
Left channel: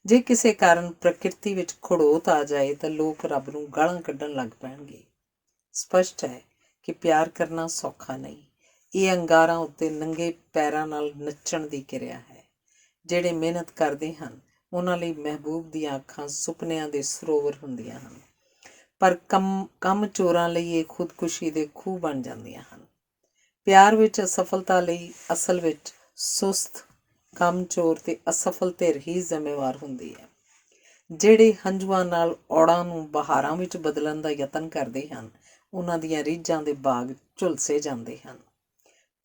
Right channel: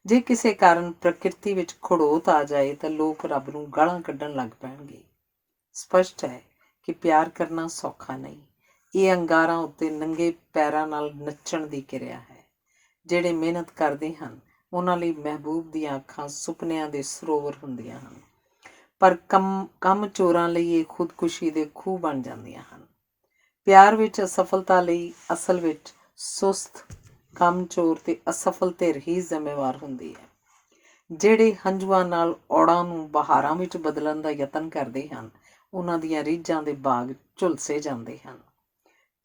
ਜੇ ਕਿਸੇ ਕਾਰਨ ਪ੍ਰਕਿਰਤੀ ਵਿੱਚ ਖੜੋਤ ਆ ਜਾਏ ਤਾਂ ਲੋਕ ਰੱਬ ਨੂੰ ਗਾਲਾਂ ਕੱਢਣ ਲੱਗ ਪੈਣਗੇ। ਸਪਸ਼ਟ ਹੈ ਕਿ ਪਿਆਰ ਕਰਨਾ ਸੌਖਾ ਨਹੀਂ। ਇਹ ਅੰਗਾਰਾਂ ਉੱਤੇ ਨੰਗੇ ਪੈਰਾਂ ਨਾਲ ਨੱਚਣ ਦੀ ਕਿਰਿਆ ਹੈ। ਜਿਹੜੇ ਮਿਹਨਤ ਕਰਦੇ ਹਨ ਉਹਨਾਂ ਲਈ ਮਹਿਬੂਬ ਦੀਆਂ ਅੱਖਾਂ ਸੁਪਨਿਆਂ ਦੇ ਸਰੋਵਰ ਹੁੰਦੀਆਂ ਹਨ, ਪਰ ਕੰਮ ਚੋਰਾਂ ਲਈ ਇਹ ਖੁਦਕੁਸ਼ੀ ਦੇ ਖੂਹ ਬਣ ਜਾਂਦੀਆਂ ਹਨ। ਪਿਆਰ ਵਿੱਚ ਅਸਫਲਤਾ ਲਈ ਅਸਲ ਵਿੱਚ ਸੁਸਤ, ਕੰਮ ਚੋਰ ਤੇ ਅਸਫਲ ਧਿਰ ਹੀ ਜ਼ਿੰਮੇਵਾਰ ਹੁੰਦੀ ਹੈ। ਜਿਹੜੇ ਹੰਝੂਆਂ ਨਾਲ ਔੜਾਂ ਨੂੰ ਬਹਾਰਾਂ ਵਿੱਚ ਬਦਲਣ ਦਾ ਯਤਨ ਕਰਦੇ ਹਨ ਉਹਨਾਂ ਦੀਆਂ ਰੀਝਾਂ ਦੇ ਬਾਗ ਝੁਲਸੇ ਜਾਂਦੇ ਹਨ।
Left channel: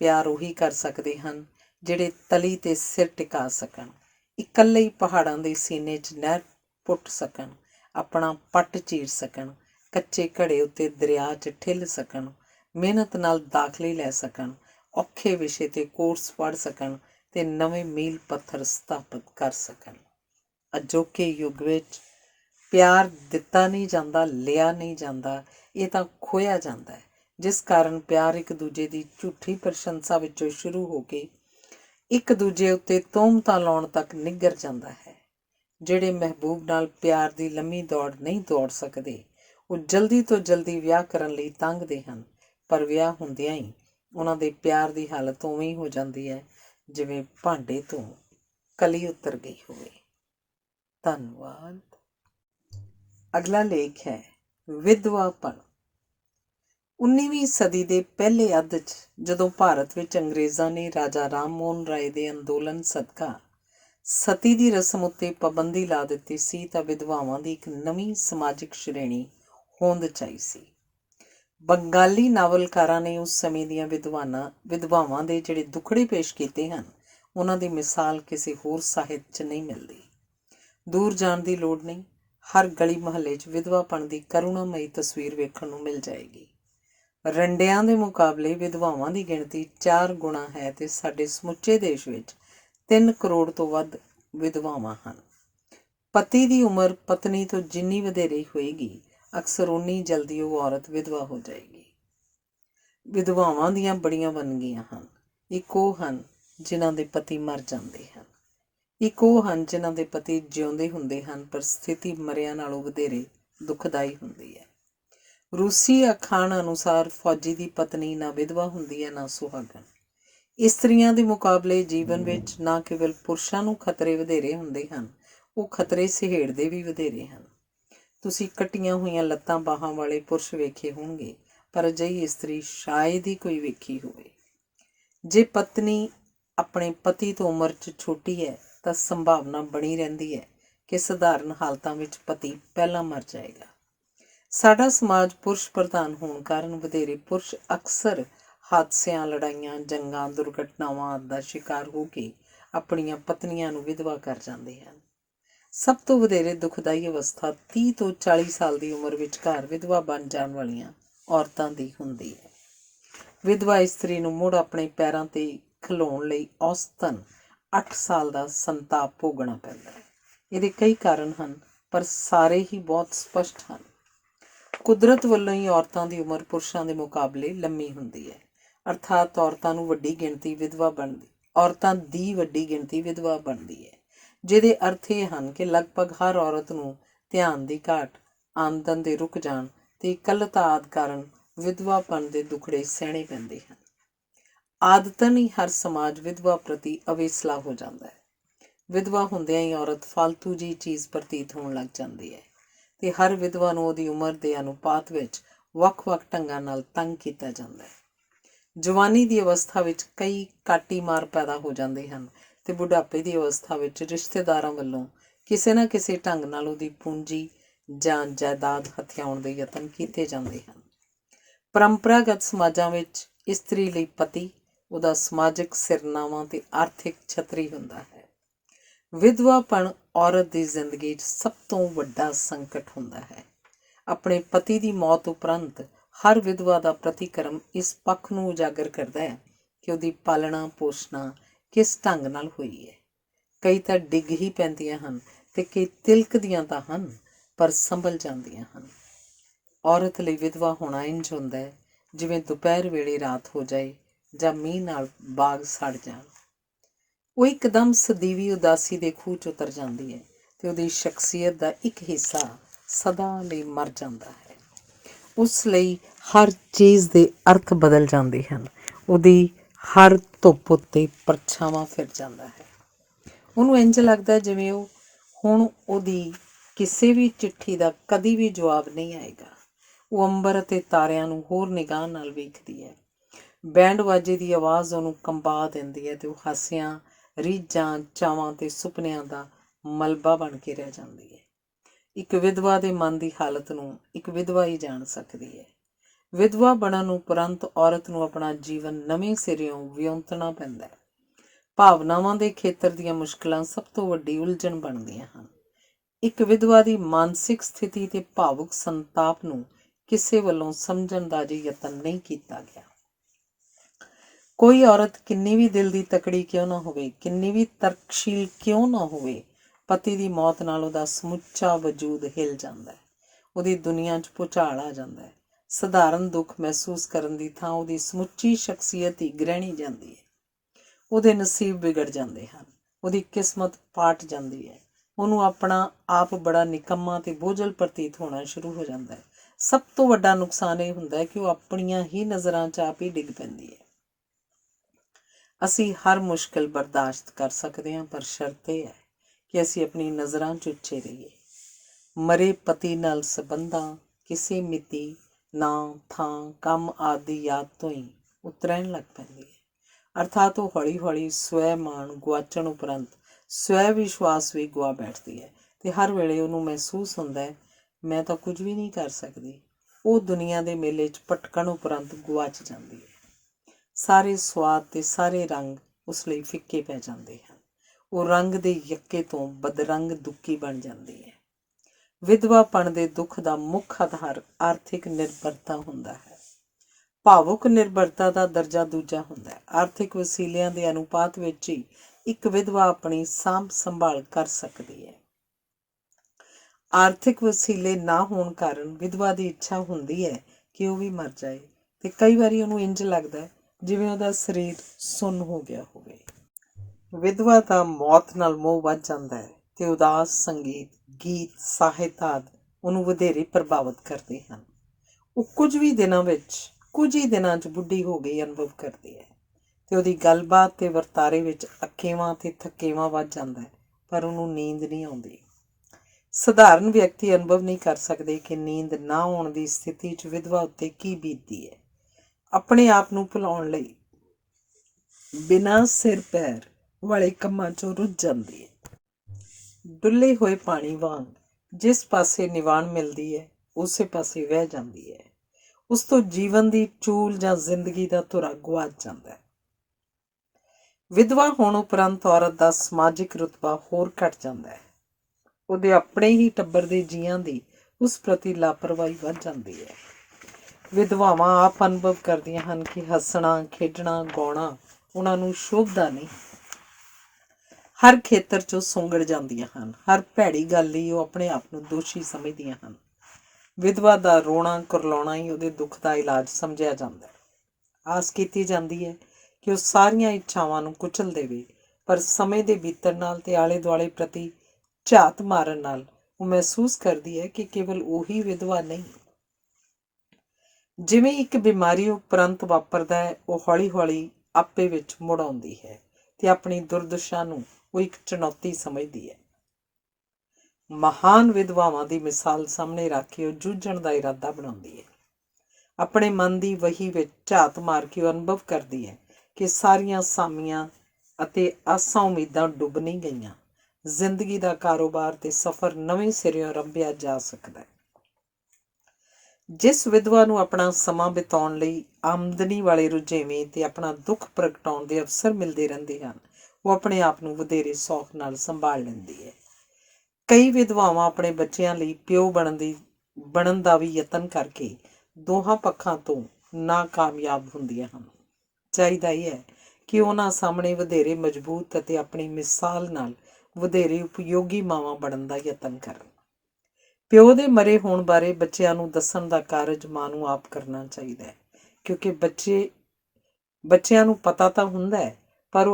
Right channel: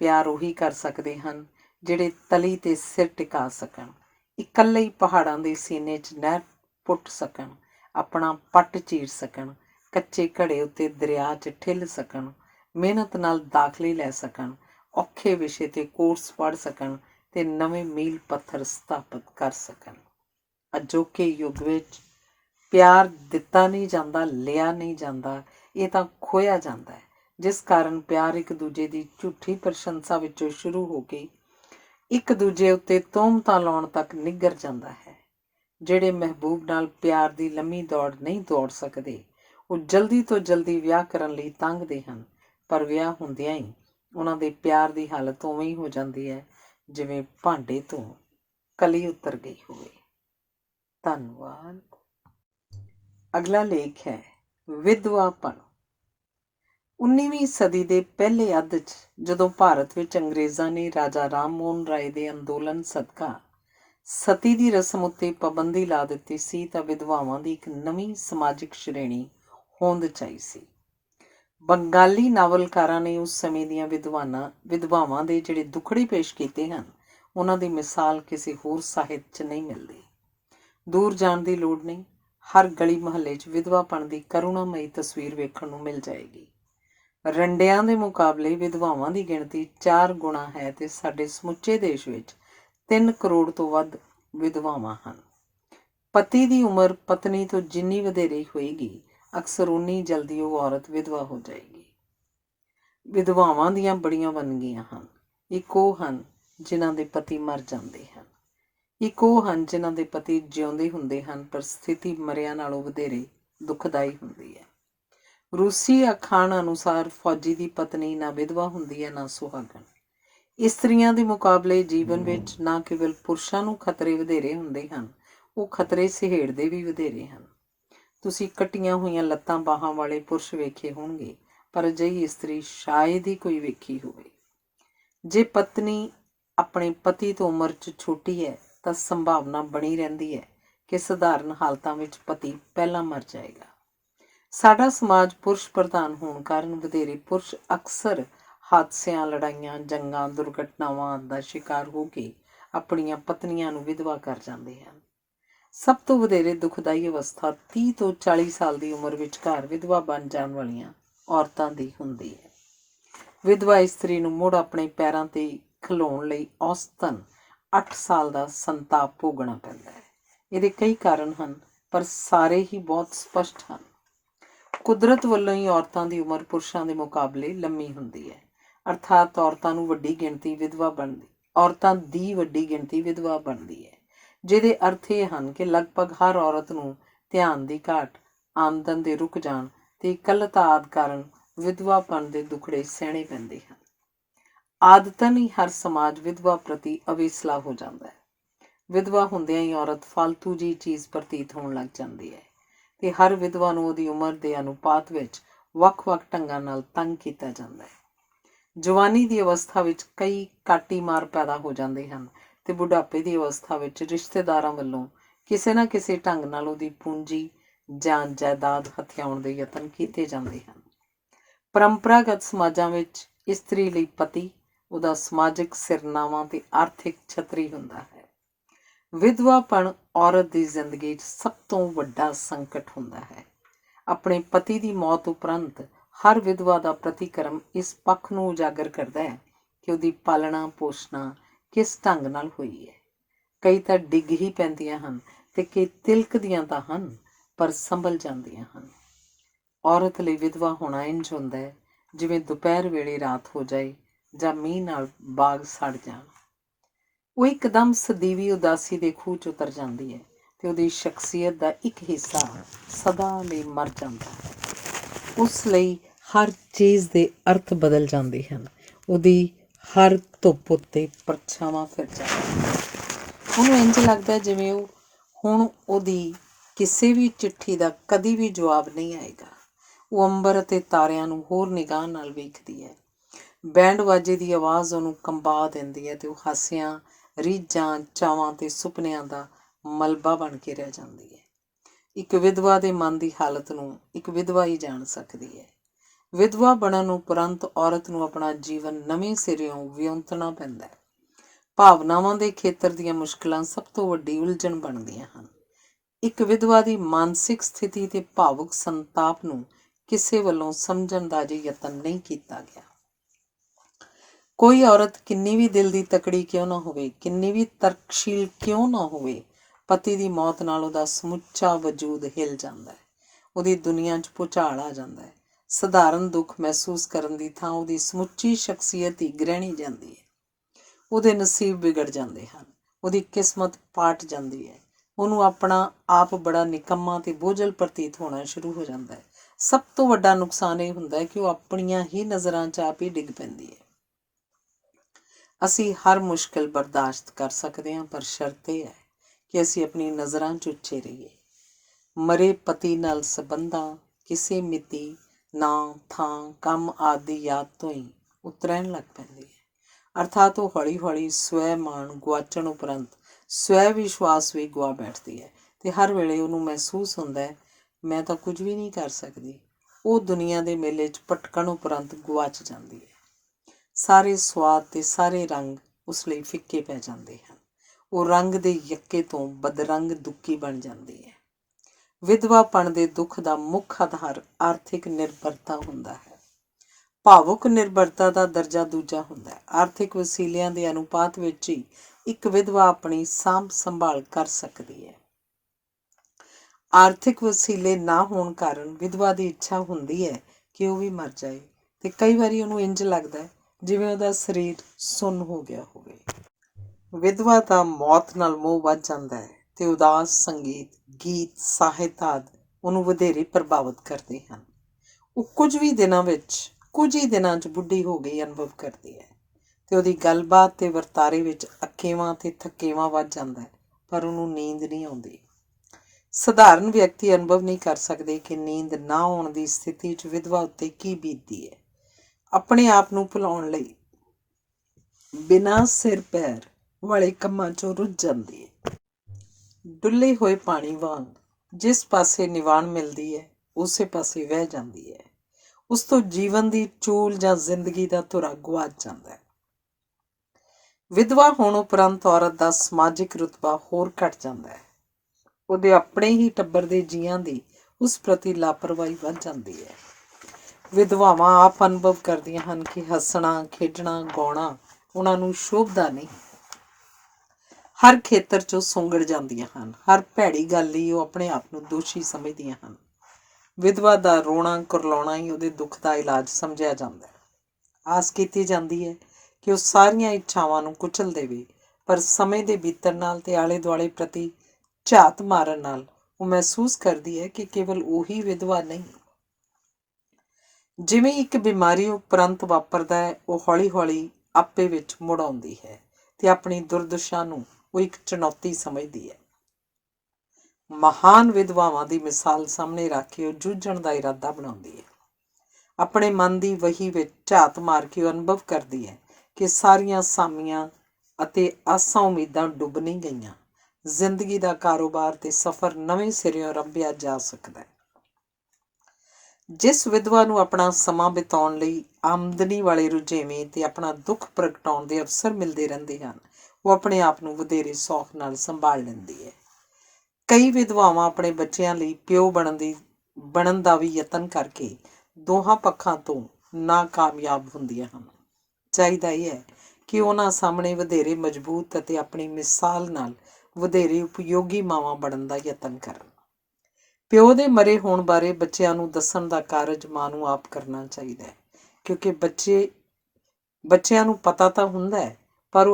ਪਿਆਰ ਉਹੀ ਕਰ ਸਕਦੇ ਹਨ ਜਿਹੜੇ ਤਲੀ 'ਤੇ ਸਿਰ ਟਿਕਾ ਸਕਣ, ਇਕੱਲੇ ਹੀ ਪਹਾੜਾਂ ਦੇ ਸੀਨੇ 'ਚ ਨਹਿਰ ਪੁੱਟ ਸਕਣ, ਆਪਣਾ ਪੱਟ ਚੀਰ ਸਕਣ, ਕੱਚੇ ਘੜੇ ਉੱਤੇ ਦਰਿਆ 'ਚ ਠਿੱਲ ਸਕਣ, ਮਿਹਨਤ ਨਾਲ ਦਾਖਲੇ ਲੈ ਸਕਣ, ਔਖੇ ਵਿਸ਼ੇ 'ਤੇ ਕੋਰਸ ਪੜ੍ਹ ਸਕਣ ਤੇ ਨਵੇਂ ਮੀਲ ਪੱਥਰ ਸਥਾਪਿਤ ਕਰ ਸਕਣ। ਅਜੋਕੇ ਯੁੱਗ ਵਿੱਚ ਪਿਆਰ ਦਿੱਤਾ ਨਹੀਂ ਜਾਂਦਾ, ਲਿਆ ਨਹੀਂ ਜਾਂਦਾ, ਇਹ ਤਾਂ ਖੋਇਆ ਜਾਂਦਾ ਹੈ, ਜਿਸ ਕਾਰਨ ਪਿਆਰ ਇੱਕ ਦੂਜੇ ਦੀ ਝੂਠੀ ਪ੍ਰਸ਼ੰਸਾ ਵਿੱਚੋਂ ਸ਼ੁਰੂ ਹੋ ਕੇ ਇੱਕ ਦੂਜੇ ਉੱਤੇ ਤੋਹਮਤਾਂ ਲਾਉਣ ਤੱਕ ਨਿੱਘਰ ਜਾਂਦਾ ਹੈ। ਜਿਹੜੇ ਮਹਿਬੂਬ ਨਾਲ ਪਿਆਰ ਦੀ ਲੰਮੀ ਦੌੜ ਨਹੀਂ ਦੌੜ ਸਕਦੇ ਉਹ ਜਲਦੀ ਤੋਂ ਜਲਦੀ ਵਿਆਹ ਕਰਨ ਲਈ ਤੰਗਦੇ ਹਨ, ਪਰ ਵਿਆਹ ਹੁੰਦਿਆਂ ਹੀ ਉਹਨਾਂ ਦੇ ਪਿਆਰ ਦੀ ਹਾਲਤ ਉਵੇਂ ਹੀ ਹੋ ਜਾਂਦੀ ਹੈ ਜਿਵੇਂ ਭਾਂਡੇ ਤੋਂ ਕਲੀ ਉਤਰ ਗਈ ਹੋਵੇ। ਧੰਨਵਾਦ। ਅਗਲਾ ਲੇਖ ਹੈ ਵਿਧਵਾਪਣ। 19ਵੀਂ ਸਦੀ ਦੇ ਪਹਿਲੇ ਅੱਧ 'ਚ ਜਦੋਂ ਭਾਰਤ ਵਿੱਚ ਅੰਗਰੇਜ਼ਾਂ ਨੇ ਰਾਜਾ ਰਾਮ ਮੋਹਨ ਰਾਏ ਦੇ ਅੰਦੋਲਨ ਸਦਕਾ ਸਤੀ ਦੀ ਰਸਮ ਉੱਤੇ ਪਾਬੰਦੀ ਲਾ ਦਿੱਤੀ ਸੀ ਤਾਂ ਵਿਧਵਾਵਾਂ ਦੀ ਇੱਕ ਨਵੀਂ ਸਮਾਜਿਕ ਸ਼੍ਰੇਣੀ ਹੋਂਦ 'ਚ ਆਈ ਸੀ। ਬੰਗਾਲੀ ਨਾਵਲਕਾਰਾਂ ਨੇ ਉਸ ਸਮੇਂ ਦੀਆਂ ਵਿਧਵਾਵਾਂ ਦੇ ਜਿਹੜੇ ਦੁੱਖੜੇ ਪੇਸ਼ ਕੀਤੇ ਹਨ ਉਹਨਾਂ ਦੀ ਮਿਸਾਲ ਕਿਸੇ ਹੋਰ ਸਾਹਿਤ 'ਚ ਨਹੀਂ ਮਿਲਦੀ। ਦੂਰ ਜਾਣ ਦੀ ਲੋੜ ਨਹੀਂ, ਹਰ ਗਲੀ ਮੁਹੱਲੇ 'ਚ ਵਿਧਵਾਪਣ ਦੀ ਕਰੁਣਾਮਈ ਤਸਵੀਰ ਵੇਖਣ ਨੂੰ ਮਿਲ ਜਾਏਗੀ। ਰੰਡਿਆਂ ਦੇ ਮੁਕਾਬਲੇ ਵਿਧਵਾਵਾਂ ਦੀ ਗਿਣਤੀ 4 ਗੁਣਾ ਹੈ ਤੇ ਸਾਡੇ ਸਮੁੱਚੇ ਦੇਸ਼ ਵਿੱਚ 3 ਕਰੋੜ ਤੋਂ ਵੱਧ ਵਿਧਵਾਵਾਂ ਹਨ। ਪਤੀ ਦੀ ਉਮਰ ਪਤਨੀ ਤੋਂ ਜਿੰਨੀ ਵਧੇਰੇ ਹੋਏਗੀ ਅਕਸਰ ਓਨੀ ਜਲਦੀ ਉਹ ਔਰਤ ਵਿਧਵਾ ਹੋ ਜਾਏਗੀ। ਵਿਧਵਾਵਾਂ ਦੀਆਂ ਬੜੀਆਂ ਵੰਨਗੀਆਂ ਹਨ। ਇੱਕ ਉਹ ਹਨ ਜਿਨ੍ਹਾਂ ਦੇ ਪਤੀ ਮਰ ਜਾਂਦੇ ਹਨ, ਇੱਕ ਉਹ ਹਨ ਜਿਨ੍ਹਾਂ ਦੇ ਪਤੀ ਜਿਉਂਦੇ ਹੁੰਦੇ ਹਨ ਪਰ ਸਥਿਤੀ ਮਰਿਆਂ ਨਾਲੋਂ ਵਧੇਰੇ ਦੁਖਦਾਈ ਹੁੰਦੀ ਹੈ। ਰੂਸੀ ਅਖਾਣ ਅਨੁਸਾਰ ਫੌਜੀ ਦੀ ਪਤਨੀ ਨਾ ਵਿਧਵਾ ਹੁੰਦੀ ਹੈ ਨਾ ਸੁਹਾਗਣ। ਇਸਤਰੀਆਂ ਦੇ ਮੁਕਾਬਲੇ ਜੀਵਨ ਵਿੱਚ ਨਾ ਕੇਵਲ ਪੁਰਸ਼ਾਂ ਨੂੰ ਖਤਰੇ ਵਧੇਰੇ ਹੁੰਦੇ ਹਨ, ਉਹ ਖਤਰੇ ਸਹੇੜਦੇ ਵੀ ਵਧੇਰੇ ਹਨ। ਤੁਸੀਂ ਕੱਟੀਆਂ ਹੋਈਆਂ ਲੱਤਾਂ ਬਾਹਾਂ ਵਾਲੇ ਪੁਰਸ਼ ਵੇਖੇ ਹੋਣਗੇ ਪਰ ਅਜਿਹੀ ਇਸਤਰੀ ਸ਼ਾਇਦ ਹੀ ਕੋਈ ਵੇਖੀ ਹੋਵੇ। ਜੇ ਪਤਨੀ ਆਪਣੇ ਪਤੀ ਤੋਂ ਉਮਰ 'ਚ ਛੋਟੀ ਹੈ ਤਾਂ ਸੰਭਾਵਨਾ ਬਣੀ ਰਹਿੰਦੀ ਹੈ ਕਿ ਸਧਾਰਨ ਹਾਲਤਾਂ ਵਿੱਚ ਪਤੀ ਪਹਿਲਾਂ ਮਰ ਜਾਏਗਾ। ਸਾਡਾ ਸਮਾਜ ਪੁਰਸ਼ ਪ੍ਰਧਾਨ ਹੋਣ ਕਾਰਨ ਵਧੇਰੇ ਪੁਰਸ਼ ਅਕਸਰ ਹਾਦਸਿਆਂ, ਲੜਾਈਆਂ, ਜੰਗਾਂ, ਦੁਰਘਟਨਾਵਾਂ ਦਾ ਸ਼ਿਕਾਰ ਹੋ ਕੇ ਆਪਣੀਆਂ ਪਤਨੀਆਂ ਨੂੰ ਵਿਧਵਾ ਕਰ ਜਾਂਦੇ ਹਨ। ਸਭ ਤੋਂ ਵਧੇਰੇ ਦੁਖਦਾਈ ਅਵਸਥਾ 30 ਤੋਂ 40 ਸਾਲ ਦੀ ਉਮਰ ਵਿਚਕਾਰ ਵਿਧਵਾ ਬਣ ਜਾਣ ਵਾਲੀਆਂ ਔਰਤਾਂ ਦੀ ਹੁੰਦੀ ਹੈ। ਵਿਧਵਾ ਇਸਤਰੀ ਨੂੰ ਮੁੜ ਆਪਣੇ ਪੈਰਾਂ 'ਤੇ ਖਲੋਣ ਲਈ ਔਸਤਨ 8 ਸਾਲ ਦਾ ਸੰਤਾਪ ਭੋਗਣਾ ਪੈਂਦਾ ਹੈ। ਇਹਦੇ ਕਈ ਕਾਰਨ ਹਨ ਪਰ ਸਾਰੇ ਹੀ ਬਹੁਤ ਸਪਸ਼ਟ ਹਨ। ਕੁਦਰਤ ਵੱਲੋਂ ਹੀ ਔਰਤਾਂ ਦੀ ਉਮਰ ਪੁਰਸ਼ਾਂ ਦੇ ਮੁਕਾਬਲੇ ਲੰਮੀ ਹੁੰਦੀ ਹੈ, ਅਰਥਾਤ ਔਰਤਾਂ ਦੀ ਵੱਡੀ ਗਿਣਤੀ ਵਿਧਵਾ ਬਣਦੀ ਹੈ, ਜਿਹਦੇ ਅਰਥ ਇਹ ਹਨ ਕਿ ਲਗਭਗ ਹਰ ਔਰਤ ਨੂੰ ਧਿਆਨ ਦੀ ਘਾਟ, ਆਮਦਨ ਦੇ ਰੁਕ ਜਾਣ ਤੇ ਇਕੱਲਤਾ ਆਦਿ ਕਾਰਨ ਵਿਧਵਾਪਣ ਦੇ ਦੁਖੜੇ ਸਹਿਣੇ ਪੈਂਦੇ ਹਨ। ਆਦਤਨ ਹੀ ਹਰ ਸਮਾਜ ਵਿਧਵਾ ਪ੍ਰਤੀ ਅਵੇਸਲਾ ਹੋ ਜਾਂਦਾ ਹੈ। ਵਿਧਵਾ ਹੁੰਦਿਆਂ ਹੀ ਔਰਤ ਫਾਲਤੂ ਜਿਹੀ ਚੀਜ਼ ਪ੍ਰਤੀਤ ਹੋਣ ਲੱਗ ਜਾਂਦੀ ਹੈ ਤੇ ਹਰ ਵਿਧਵਾ ਨੂੰ ਉਹਦੀ ਉਮਰ ਦੇ ਅਨੁਪਾਤ ਵਿੱਚ ਵੱਖ-ਵੱਖ ਢੰਗਾਂ ਨਾਲ ਤੰਗ ਕੀਤਾ ਜਾਂਦਾ ਹੈ। ਜਵਾਨੀ ਦੀ ਅਵਸਥਾ ਵਿੱਚ ਕਈ ਕਾਟੀ ਮਾਰ ਪੈਦਾ ਹੋ ਜਾਂਦੇ ਹਨ ਤੇ ਬੁਢਾਪੇ ਦੀ ਅਵਸਥਾ ਵਿੱਚ ਰਿਸ਼ਤੇਦਾਰਾਂ ਵੱਲੋਂ ਕਿਸੇ ਨਾ ਕਿਸੇ ਢੰਗ ਨਾਲ ਉਹਦੀ ਪੂੰਜੀ ਜਾਂ ਜਾਇਦਾਦ ਹਥਿਆਉਣ ਦੇ ਯਤਨ ਕੀਤੇ ਜਾਂਦੇ ਹਨ। ਪਰੰਪਰਾਗਤ ਸਮਾਜਾਂ ਵਿੱਚ ਇਸਤਰੀ ਲਈ ਪਤੀ ਉਹਦਾ ਸਮਾਜਿਕ ਸਿਰਨਾਵਾਂ ਤੇ ਆਰਥਿਕ ਛਤਰੀ ਹੁੰਦਾ ਹੈ। ਵਿਧਵਾਪਣ ਔਰਤ ਦੀ ਜ਼ਿੰਦਗੀ 'ਚ ਸਭ ਤੋਂ ਵੱਡਾ ਸੰਕਟ ਹੁੰਦਾ ਹੈ। ਆਪਣੇ ਪਤੀ ਦੀ ਮੌਤ ਉਪਰੰਤ ਹਰ ਵਿਧਵਾ ਦਾ ਪ੍ਰਤੀਕਰਮ ਇਸ ਪੱਖ ਨੂੰ ਉਜਾਗਰ ਕਰਦਾ ਹੈ ਕਿ ਉਹਦੀ ਪਾਲਣਾ ਪੋਸ਼ਣਾ ਕਿਸ ਢੰਗ ਨਾਲ ਹੋਈ ਹੈ। ਕਈ ਤਾਂ ਡਿੱਗ ਹੀ ਪੈਂਦੀਆਂ ਹਨ ਅਤੇ ਕਈ ਤਿਲਕਦੀਆਂ ਤਾਂ ਹਨ ਪਰ ਸੰਭਲ ਜਾਂਦੀਆਂ ਹਨ। ਔਰਤ ਲਈ ਵਿਧਵਾ ਹੋਣਾ ਇੰਝ ਹੁੰਦਾ ਹੈ ਜਿਵੇਂ ਦੁਪਹਿਰ ਵੇਲੇ ਰਾਤ ਹੋ ਜਾਏ ਜਾਂ ਮੀਂਹ ਨਾਲ ਬਾਗ ਸੜ ਜਾਣ। ਉਹ ਇੱਕਦਮ ਸਦੀਵੀ ਉਦਾਸੀ ਦੇ ਖੂਹ 'ਚ ਉਤਰ ਜਾਂਦੀ ਹੈ ਅਤੇ ਉਹਦੀ ਸ਼ਖਸੀਅਤ ਦਾ ਇੱਕ ਹਿੱਸਾ ਸਦਾ ਲਈ ਮਰ ਜਾਂਦਾ ਹੈ। ਉਸ ਲਈ ਹਰ ਚੀਜ਼ ਦੇ ਅਰਥ ਬਦਲ ਜਾਂਦੇ ਹਨ। ਉਹਦੀ ਹਰ ਧੁੱਪ ਉੱਤੇ ਪਰਛਾਵਾਂ ਫਿਰ ਜਾਂਦੀਆਂ। ਉਹਨੂੰ ਇੰਝ ਲੱਗਦਾ ਜਿਵੇਂ ਹੁਣ ਉਹਦੀ ਕਿਸੇ ਵੀ ਚਿੱਠੀ ਦਾ ਕਦੀ ਵੀ ਜਵਾਬ ਨਹੀਂ ਆਏਗਾ। ਉਹ ਅੰਬਰ ਅਤੇ ਤਾਰਿਆਂ ਨੂੰ ਹੋਰ ਨਿਗਾਹ ਨਾਲ ਵੇਖਦੀ ਹੈ। ਬੈਂਡ ਵਾਜੇ ਦੀ ਆਵਾਜ਼ ਉਹਨੂੰ ਕੰਬਾ ਦਿੰਦੀ ਹੈ ਅਤੇ ਉਹ ਹਾਸਿਆਂ, ਰੀਝਾਂ, ਚਾਵਾਂ ਅਤੇ ਸੁਪਨਿਆਂ ਦਾ ਮਲਬਾ ਬਣ ਕੇ ਰਹਿ ਜਾਂਦੀ ਹੈ। ਇੱਕ ਵਿਧਵਾ ਦੇ ਮਨ ਦੀ ਹਾਲਤ ਨੂੰ ਇੱਕ ਵਿਧਵਾ ਹੀ ਜਾਣ ਸਕਦੀ ਹੈ। ਵਿਧਵਾ ਬਣਨ ਉਪਰੰਤ ਔਰਤ ਨੂੰ ਆਪਣਾ ਜੀਵਨ ਨਵੇਂ ਸਿਰਿਓਂ ਵਿਉਂਤਣਾ ਪੈਂਦਾ ਹੈ। ਭਾਵਨਾਵਾਂ ਦੇ ਖੇਤਰ ਦੀਆਂ ਮੁਸ਼ਕਿਲਾਂ ਸਭ ਤੋਂ ਵੱਡੀ ਉਲਝਣ ਬਣਦੀਆਂ ਹਨ। ਇੱਕ ਵਿਧਵਾ ਦੀ ਮਾਨਸਿਕ ਸਥਿਤੀ ਤੇ ਭਾਵੁਕ ਸੰਤਾਪ ਨੂੰ ਕਿਸੇ ਵੱਲੋਂ ਸਮਝਣ ਦਾ ਅਜੇ ਯਤਨ ਨਹੀਂ ਕੀਤਾ ਗਿਆ। ਕੋਈ ਔਰਤ ਕਿੰਨੀ ਵੀ ਦਿਲ ਦੀ ਤਕੜੀ ਕਿਉਂ ਨਾ ਹੋਵੇ, ਕਿੰਨੀ ਵੀ ਤਰਕਸ਼ੀਲ ਕਿਉਂ ਨਾ ਹੋਵੇ, ਪਤੀ ਦੀ ਮੌਤ ਨਾਲ ਉਹਦਾ ਸਮੁੱਚਾ ਵਜੂਦ ਹਿੱਲ ਜਾਂਦਾ ਹੈ। ਉਹਦੀ ਦੁਨੀਆ 'ਚ ਭੁਚਾਲ ਆ ਜਾਂਦਾ ਹੈ। ਸਧਾਰਨ ਦੁੱਖ ਮਹਿਸੂਸ ਕਰਨ ਦੀ ਥਾਂ ਉਹਦੀ ਸਮੁੱਚੀ ਸ਼ਖਸੀਅਤ ਹੀ ਗ੍ਰਹਿਣੀ ਜਾਂਦੀ ਹੈ। ਉਹਦੇ ਨਸੀਬ ਵਿਗੜ ਜਾਂਦੇ ਹਨ। ਉਹਦੀ ਕਿਸਮਤ ਪਾਟ ਜਾਂਦੀ ਹੈ। ਉਹਨੂੰ ਆਪਣਾ ਆਪ ਬੜਾ ਨਿਕੰਮਾ ਅਤੇ ਬੋਝਲ ਪ੍ਰਤੀਤ ਹੋਣਾ ਸ਼ੁਰੂ ਹੋ ਜਾਂਦਾ ਹੈ। ਸਭ ਤੋਂ ਵੱਡਾ ਨੁਕਸਾਨ ਇਹ ਹੁੰਦਾ ਹੈ ਕਿ ਉਹ ਆਪਣੀਆਂ ਹੀ ਨਜ਼ਰਾਂ 'ਚ ਆਪ ਹੀ ਡਿੱਗ ਪੈਂਦੀ ਹੈ। ਅਸੀਂ ਹਰ ਮੁਸ਼ਕਿਲ ਬਰਦਾਸ਼ਤ ਕਰ ਸਕਦੇ ਹਾਂ, ਪਰ ਸ਼ਰਤ ਇਹ ਹੈ ਕਿ ਅਸੀਂ ਆਪਣੀ ਨਜ਼ਰਾਂ 'ਚ ਉੱਚੇ ਰਹੀਏ। ਮਰੇ ਪਤੀ ਨਾਲ ਸੰਬੰਧਾਂ ਕਿਸੇ ਮਿਤੀ, ਨਾਂ, ਥਾਂ, ਕੰਮ ਆਦਿ ਦੀ ਯਾਦ ਤੋਂ ਹੀ ਉਤਰਣ ਲੱਗ ਪੈਂਦੀ ਹੈ। ਅਰਥਾਤ ਉਹ ਹੌਲੀ ਹੌਲੀ ਸਵੈ ਮਾਣ ਗੁਆਚਣ ਉਪਰੰਤ ਸਵੈ ਵਿਸ਼ਵਾਸ ਵੀ ਗੁਆ ਬੈਠਦੀ ਹੈ ਅਤੇ ਹਰ ਵੇਲੇ ਉਹਨੂੰ ਮਹਿਸੂਸ ਹੁੰਦਾ ਹੈ, ਮੈਂ ਤਾਂ ਕੁਝ ਵੀ ਨਹੀਂ ਕਰ ਸਕਦੀ। ਉਹ ਦੁਨੀਆ ਦੇ ਮੇਲੇ 'ਚ ਭਟਕਣ ਉਪਰੰਤ ਗੁਆਚ ਜਾਂਦੀ ਹੈ। ਸਾਰੇ ਸਵਾਦ ਅਤੇ ਸਾਰੇ ਰੰਗ ਉਸ ਲਈ ਫਿੱਕੇ ਪੈ ਜਾਂਦੇ ਹਨ। ਉਹ ਰੰਗ ਦੇ ਯੱਕੇ ਤੋਂ ਬਦਰੰਗ ਦੁੱਕੀ ਬਣ ਜਾਂਦੀ ਹੈ। ਵਿਧਵਾਪਣ ਦੇ ਦੁੱਖ ਦਾ ਮੁੱਖ ਆਧਾਰ ਆਰਥਿਕ ਨਿਰਭਰਤਾ ਹੁੰਦਾ ਹੈ। ਭਾਵੁਕ ਨਿਰਭਰਤਾ ਦਾ ਦਰਜਾ ਦੂਜਾ ਹੁੰਦਾ ਹੈ। ਆਰਥਿਕ ਵਸੀਲਿਆਂ ਦੇ ਅਨੁਪਾਤ ਵਿੱਚ ਹੀ ਇੱਕ ਵਿਧਵਾ ਆਪਣੀ ਸਾਂਭ ਸੰਭਾਲ ਕਰ ਸਕਦੀ ਹੈ। ਆਰਥਿਕ ਵਸੀਲੇ ਨਾ ਹੋਣ ਕਾਰਨ ਵਿਧਵਾ ਦੀ ਇੱਛਾ ਹੁੰਦੀ ਹੈ ਕਿ ਉਹ ਵੀ ਮਰ ਜਾਏ ਅਤੇ ਕਈ ਵਾਰੀ ਉਹਨੂੰ ਇੰਝ ਲੱਗਦਾ ਹੈ ਜਿਵੇਂ ਉਹਦਾ ਸਰੀਰ ਸੁੰਨ ਹੋ ਗਿਆ ਹੋਵੇ। ਵਿਧਵਾ ਦਾ ਮੌਤ ਨਾਲ ਮੋਹ ਵੱਧ ਜਾਂਦਾ ਹੈ ਅਤੇ ਉਦਾਸ ਸੰਗੀਤ, ਗੀਤ, ਸਾਹਿਤ ਆਦਿ ਉਹਨੂੰ ਵਧੇਰੇ ਪ੍ਰਭਾਵਿਤ ਕਰਦੇ ਹਨ। ਉਹ ਕੁਝ ਹੀ ਦਿਨਾਂ 'ਚ ਬੁੱਢੀ ਹੋ ਗਈ ਅਨੁਭਵ ਕਰਦੀ ਹੈ ਅਤੇ ਉਹਦੀ ਗੱਲਬਾਤ ਅਤੇ ਵਰਤਾਰੇ ਵਿੱਚ ਅਕੇਵਾਂ ਅਤੇ ਥਕੇਵਾਂ ਵੱਧ ਜਾਂਦਾ ਹੈ, ਪਰ ਉਹਨੂੰ ਨੀਂਦ ਨਹੀਂ ਆਉਂਦੀ। ਸਧਾਰਨ ਵਿਅਕਤੀ ਅਨੁਭਵ ਨਹੀਂ ਕਰ ਸਕਦੇ ਕਿ ਨੀਂਦ ਨਾ ਆਉਣ ਦੀ ਸਥਿਤੀ 'ਚ ਵਿਧਵਾ ਉੱਤੇ ਕੀ ਬੀਤਦੀ ਹੈ। ਆਪਣੇ ਆਪ ਨੂੰ ਭੁਲਾਉਣ ਲਈ ਬਿਨਾਂ ਸਿਰ ਪੈਰ ਵਾਲੇ ਕੰਮਾਂ 'ਚੋਂ ਰੁੱਝ ਜਾਂਦੀ ਹੈ। ਡੁੱਲੇ ਹੋਏ ਪਾਣੀ ਵਾਂਗ ਜਿਸ ਪਾਸੇ ਨਿਵਾਣ ਮਿਲਦੀ ਹੈ ਉਸੇ ਪਾਸੇ ਵਹਿ ਜਾਂਦੀ ਹੈ। ਉਸ ਤੋਂ ਜੀਵਨ ਦੀ ਚੂਲ ਜਾਂ ਜ਼ਿੰਦਗੀ ਦਾ ਧੁਰਾ ਗੁਆਚ ਜਾਂਦਾ ਹੈ। ਵਿਧਵਾ ਹੋਣ ਉਪਰੰਤ ਔਰਤ ਦਾ ਸਮਾਜਿਕ ਰੁਤਬਾ ਹੋਰ ਘਟ ਜਾਂਦਾ ਹੈ। ਉਹਦੇ ਆਪਣੇ ਹੀ ਟੱਬਰ ਦੇ ਜੀਆਂ ਦੀ ਉਸ ਪ੍ਰਤੀ ਲਾਪਰਵਾਹੀ ਵੱਧ ਜਾਂਦੀ ਹੈ। ਵਿਧਵਾਵਾਂ ਆਪ ਅਨੁਭਵ ਕਰਦੀਆਂ ਹਨ ਕਿ ਹੱਸਣਾ, ਖੇਡਣਾ, ਗਾਉਣਾ ਉਹਨਾਂ ਨੂੰ ਸ਼ੋਭਦਾ ਨਹੀਂ। ਹਰ ਖੇਤਰ 'ਚੋਂ ਸੁੰਗੜ ਜਾਂਦੀਆਂ ਹਨ। ਹਰ ਭੈੜੀ ਗੱਲ ਲਈ ਉਹ ਆਪਣੇ ਆਪ ਨੂੰ ਦੋਸ਼ੀ ਸਮਝਦੀਆਂ ਹਨ। ਵਿਧਵਾ ਦਾ ਰੋਣਾ ਕੁਰਲਾਉਣਾ ਹੀ ਉਹਦੇ ਦੁੱਖ ਦਾ ਇਲਾਜ ਸਮਝਿਆ ਜਾਂਦਾ ਹੈ। ਆਸ ਕੀਤੀ ਜਾਂਦੀ ਹੈ ਕਿ ਉਹ ਸਾਰੀਆਂ ਇੱਛਾਵਾਂ ਨੂੰ ਕੁਚਲ ਦੇਵੇ, ਪਰ ਸਮੇਂ ਦੇ ਬੀਤਣ ਨਾਲ ਅਤੇ ਆਲੇ ਦੁਆਲੇ ਪ੍ਰਤੀ ਝਾਤ ਮਾਰਨ ਨਾਲ ਉਹ ਮਹਿਸੂਸ ਕਰਦੀ ਹੈ ਕਿ ਕੇਵਲ ਉਹੀ ਵਿਧਵਾ ਨਹੀਂ। ਜਿਵੇਂ ਇੱਕ ਬਿਮਾਰੀ ਉਪਰੰਤ ਵਾਪਰਦਾ ਹੈ, ਉਹ ਹੌਲੀ ਹੌਲੀ ਆਪੇ ਵਿੱਚ ਮੁੜ ਆਉਂਦੀ ਹੈ ਅਤੇ ਆਪਣੀ ਦੁਰਦਸ਼ਾ ਨੂੰ ਉਹ ਇੱਕ ਚੁਣੌਤੀ ਸਮਝਦੀ ਹੈ। ਮਹਾਨ ਵਿਧਵਾਵਾਂ ਦੀ ਮਿਸਾਲ ਸਾਹਮਣੇ ਰੱਖ ਕੇ ਉਹ ਜੂਝਣ ਦਾ ਇਰਾਦਾ ਬਣਾਉਂਦੀ ਹੈ। ਆਪਣੇ ਮਨ ਦੀ ਵਹੀ ਵਿੱਚ ਝਾਤ ਮਾਰ ਕੇ ਉਹ ਅਨੁਭਵ ਕਰਦੀ ਹੈ ਕਿ ਸਾਰੀਆਂ ਸਾਮੀਆਂ ਅਤੇ ਆਸਾਂ ਉਮੀਦਾਂ ਡੁੱਬ ਨਹੀਂ ਗਈਆਂ। ਜ਼ਿੰਦਗੀ ਦਾ ਕਾਰੋਬਾਰ ਅਤੇ ਸਫ਼ਰ ਨਵੇਂ ਸਿਰਿਓਂ ਆਰੰਭਿਆ ਜਾ ਸਕਦਾ ਹੈ। ਜਿਸ ਵਿਧਵਾ ਨੂੰ ਆਪਣਾ ਸਮਾਂ ਬਿਤਾਉਣ ਲਈ ਆਮਦਨੀ ਵਾਲੇ ਰੁਝੇਵੇਂ ਅਤੇ ਆਪਣਾ ਦੁੱਖ ਪ੍ਰਗਟਾਉਣ ਦੇ ਅਵਸਰ ਮਿਲਦੇ ਰਹਿੰਦੇ ਹਨ, ਉਹ ਆਪਣੇ ਆਪ ਨੂੰ ਵਧੇਰੇ ਸੌਖ ਨਾਲ ਸੰਭਾਲ ਲੈਂਦੀ ਹੈ। ਕਈ ਵਿਧਵਾਵਾਂ ਆਪਣੇ ਬੱਚਿਆਂ ਲਈ ਪਿਓ ਬਣਨ ਦਾ ਵੀ ਯਤਨ ਕਰਕੇ ਦੋਹਾਂ ਪੱਖਾਂ ਤੋਂ ਨਾਕਾਮਯਾਬ ਹੁੰਦੀਆਂ ਹਨ। ਚਾਹੀਦਾ ਇਹ ਹੈ ਕਿ ਉਹਨਾਂ ਸਾਹਮਣੇ ਵਧੇਰੇ ਮਜ਼ਬੂਤ ਅਤੇ ਆਪਣੀ ਮਿਸਾਲ ਨਾਲ ਵਧੇਰੇ ਉਪਯੋਗੀ ਮਾਵਾਂ ਬਣਨ ਦਾ ਯਤਨ ਕਰਨ। ਪਿਓ ਦੇ ਮਰੇ ਹੋਣ ਬਾਰੇ ਬੱਚਿਆਂ ਨੂੰ ਦੱਸਣ ਦਾ ਕਾਰਜ ਮਾਂ ਨੂੰ ਆਪ ਕਰਨਾ ਚਾਹੀਦਾ ਹੈ, ਕਿਉਂਕਿ ਬੱਚਿਆਂ ਨੂੰ ਪਤਾ ਤਾਂ ਹੁੰਦਾ ਹੈ, ਪਰ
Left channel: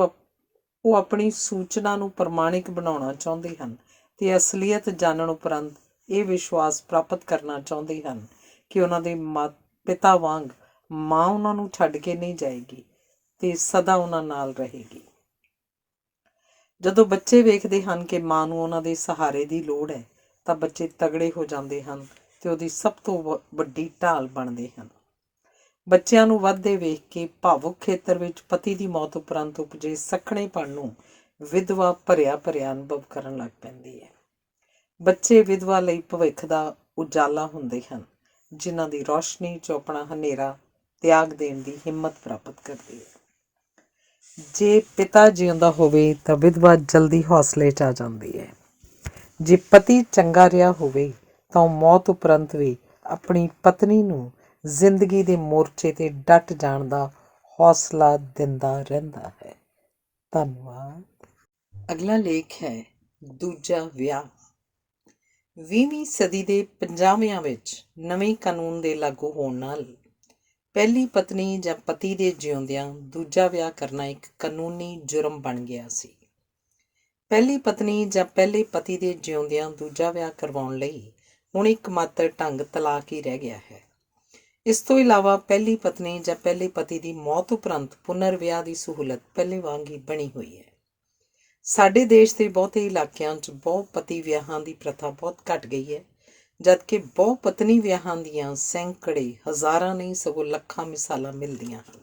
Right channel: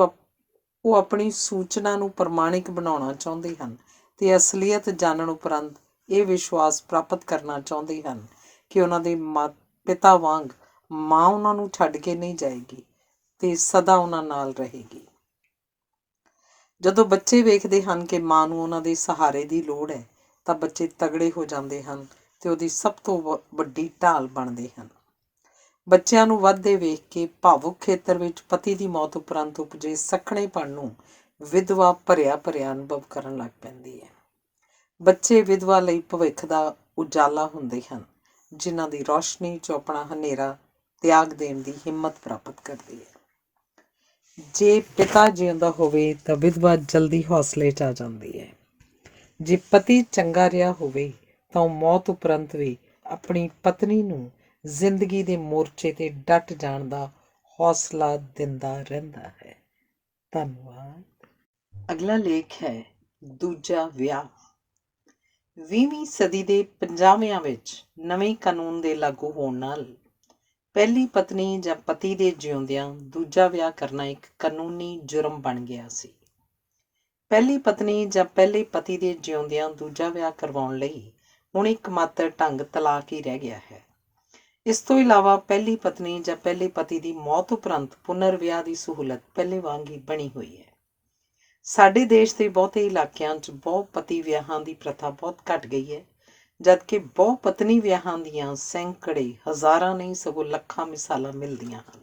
ਉਹ ਆਪਣੀ ਸੂਚਨਾ ਨੂੰ ਪ੍ਰਮਾਣਿਕ ਬਣਾਉਣਾ ਚਾਹੁੰਦੇ ਹਨ ਤੇ ਅਸਲੀਅਤ ਜਾਣਨ ਉਪਰੰਤ ਇਹ ਵਿਸ਼ਵਾਸ ਪ੍ਰਾਪਤ ਕਰਨਾ ਚਾਹੁੰਦੇ ਹਨ ਕਿ ਉਹਨਾਂ ਦੇ ਪਿਤਾ ਵਾਂਗ ਮਾਂ ਉਹਨਾਂ ਨੂੰ ਛੱਡ ਕੇ ਨਹੀਂ ਜਾਏਗੀ ਤੇ ਸਦਾ ਉਹਨਾਂ ਨਾਲ ਰਹੇਗੀ। ਜਦੋਂ ਬੱਚੇ ਵੇਖਦੇ ਹਨ ਕਿ ਮਾਂ ਨੂੰ ਉਹਨਾਂ ਦੇ ਸਹਾਰੇ ਦੀ ਲੋੜ ਹੈ ਤਾਂ ਬੱਚੇ ਤਗੜੇ ਹੋ ਜਾਂਦੇ ਹਨ ਤੇ ਉਹਦੀ ਸਭ ਤੋਂ ਵੱਡੀ ਢਾਲ ਬਣਦੇ ਹਨ। ਬੱਚਿਆਂ ਨੂੰ ਵੱਧਦੇ ਵੇਖ ਕੇ ਭਾਵੁਕ ਖੇਤਰ ਵਿੱਚ ਪਤੀ ਦੀ ਮੌਤ ਉਪਰੰਤ ਉਪਜੇ ਸੱਖਣੇਪਣ ਨੂੰ ਵਿਧਵਾ ਭਰਿਆ ਅਨੁਭਵ ਕਰਨ ਲੱਗ ਪੈਂਦੀ ਹੈ। ਬੱਚੇ ਵਿਧਵਾ ਲਈ ਭਵਿੱਖ ਦਾ ਉਜਾਲਾ ਹੁੰਦੇ ਹਨ, ਜਿਨ੍ਹਾਂ ਦੀ ਰੌਸ਼ਨੀ 'ਚੋਂ ਆਪਣਾ ਹਨੇਰਾ ਤਿਆਗ ਦੇਣ ਦੀ ਹਿੰਮਤ ਪ੍ਰਾਪਤ ਕਰਦੀ ਹੈ। ਜੇ ਪਿਤਾ ਜਿਉਂਦਾ ਹੋਵੇ ਤਾਂ ਵਿਧਵਾ ਜਲਦੀ ਹੌਸਲੇ 'ਚ ਆ ਜਾਂਦੀ ਹੈ। ਜੇ ਪਤੀ ਚੰਗਾ ਰਿਹਾ ਹੋਵੇ ਤਾਂ ਉਹ ਮੌਤ ਉਪਰੰਤ ਵੀ ਆਪਣੀ ਪਤਨੀ ਨੂੰ ਜ਼ਿੰਦਗੀ ਦੇ ਮੋਰਚੇ 'ਤੇ ਡਟ ਜਾਣ ਦਾ ਹੌਸਲਾ ਦਿੰਦਾ ਰਹਿੰਦਾ ਹੈ। ਧੰਨਵਾਦ। ਅਗਲਾ ਲੇਖ ਹੈ ਦੂਜਾ ਵਿਆਹ। 20ਵੀਂ ਸਦੀ ਦੇ 50ਵਿਆਂ ਵਿੱਚ ਨਵੇਂ ਕਾਨੂੰਨ ਦੇ ਲਾਗੂ ਹੋਣ ਨਾਲ ਪਹਿਲੀ ਪਤਨੀ ਜਾਂ ਪਤੀ ਦੇ ਜਿਉਂਦਿਆਂ ਦੂਜਾ ਵਿਆਹ ਕਰਨਾ ਇੱਕ ਕਾਨੂੰਨੀ ਜੁਰਮ ਬਣ ਗਿਆ ਸੀ। ਪਹਿਲੀ ਪਤਨੀ ਜਾਂ ਪਹਿਲੇ ਪਤੀ ਦੇ ਜਿਉਂਦਿਆਂ ਦੂਜਾ ਵਿਆਹ ਕਰਵਾਉਣ ਲਈ ਹੁਣ ਇੱਕਮਾਤਰ ਢੰਗ ਤਲਾਕ ਹੀ ਰਹਿ ਗਿਆ ਹੈ। ਇਸ ਤੋਂ ਇਲਾਵਾ ਪਹਿਲੀ ਪਤਨੀ ਜਾਂ ਪਹਿਲੇ ਪਤੀ ਦੀ ਮੌਤ ਉਪਰੰਤ ਪੁਨਰ ਵਿਆਹ ਦੀ ਸਹੂਲਤ ਪਹਿਲੇ ਵਾਂਗ ਹੀ ਬਣੀ ਹੋਈ ਹੈ। ਸਾਡੇ ਦੇਸ਼ ਦੇ ਬਹੁਤੇ ਇਲਾਕਿਆਂ 'ਚ ਬਹੁਪਤੀ ਵਿਆਹਾਂ ਦੀ ਪ੍ਰਥਾ ਬਹੁਤ ਘੱਟ ਗਈ ਹੈ, ਜਦਕਿ ਬਹੁਪਤਨੀ ਵਿਆਹਾਂ ਦੀਆਂ ਸੈਂਕੜੇ, ਹਜ਼ਾਰਾਂ ਨਹੀਂ ਸਗੋਂ ਲੱਖਾਂ ਮਿਸਾਲਾਂ ਮਿਲਦੀਆਂ ਹਨ।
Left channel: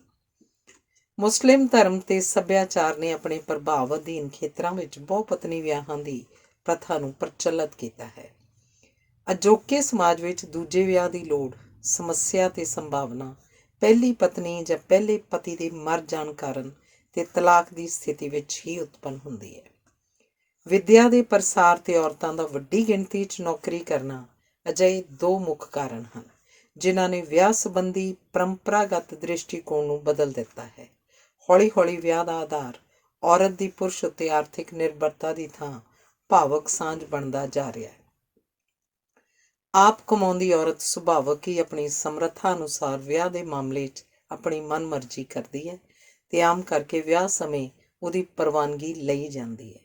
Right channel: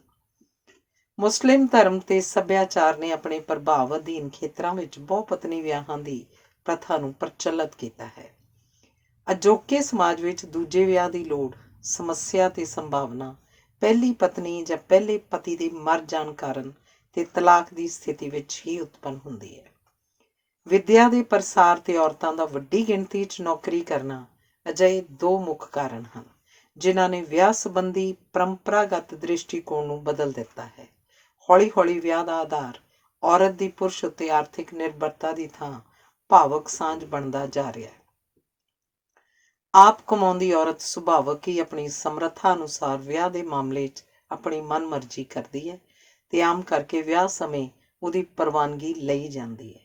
ਮੁਸਲਿਮ ਧਰਮ ਤੇ ਸੱਭਿਆਚਾਰ ਨੇ ਆਪਣੇ ਪ੍ਰਭਾਵ ਅਧੀਨ ਖੇਤਰਾਂ ਵਿੱਚ ਬਹੁਪਤਨੀ ਵਿਆਹਾਂ ਦੀ ਪ੍ਰਥਾ ਨੂੰ ਪ੍ਰਚਲਿਤ ਕੀਤਾ ਹੈ। ਅਜੋਕੇ ਸਮਾਜ ਵਿੱਚ ਦੂਜੇ ਵਿਆਹ ਦੀ ਲੋੜ, ਸਮੱਸਿਆ ਤੇ ਸੰਭਾਵਨਾ ਪਹਿਲੀ ਪਤਨੀ ਜਾਂ ਪਹਿਲੇ ਪਤੀ ਦੇ ਮਰ ਜਾਣ ਕਾਰਨ ਤੇ ਤਲਾਕ ਦੀ ਸਥਿਤੀ ਵਿੱਚ ਹੀ ਉਤਪੰਨ ਹੁੰਦੀ ਹੈ। ਵਿੱਦਿਆ ਦੇ ਪ੍ਰਸਾਰ ਤੇ ਔਰਤਾਂ ਦਾ ਵੱਡੀ ਗਿਣਤੀ 'ਚ ਨੌਕਰੀ ਕਰਨਾ ਅਜਿਹੇ ਦੋ ਮੁੱਖ ਕਾਰਨ ਹਨ, ਜਿਨ੍ਹਾਂ ਨੇ ਵਿਆਹ ਸੰਬੰਧੀ ਪਰੰਪਰਾਗਤ ਦ੍ਰਿਸ਼ਟੀਕੋਣ ਨੂੰ ਬਦਲ ਦਿੱਤਾ ਹੈ। ਹੌਲੀ-ਹੌਲੀ ਵਿਆਹ ਦਾ ਆਧਾਰ ਔਰਤ ਦੀ ਪੁਰਸ਼ ਉੱਤੇ ਆਰਥਿਕ ਨਿਰਭਰਤਾ ਦੀ ਥਾਂ ਭਾਵਕ ਸਾਂਝ ਬਣਦਾ ਜਾ ਰਿਹਾ ਹੈ। ਆਪ ਕਮਾਉਂਦੀ ਔਰਤ ਸੁਭਾਵਕ ਹੀ ਆਪਣੀ ਸਮਰੱਥਾ ਅਨੁਸਾਰ ਵਿਆਹ ਦੇ ਮਾਮਲੇ 'ਚ ਆਪਣੀ ਮਨਮਰਜ਼ੀ ਕਰਦੀ ਹੈ ਤੇ ਆਮ ਕਰਕੇ ਵਿਆਹ ਸਮੇਂ ਉਹਦੀ ਪ੍ਰਵਾਨਗੀ ਲਈ ਜਾਂਦੀ ਹੈ।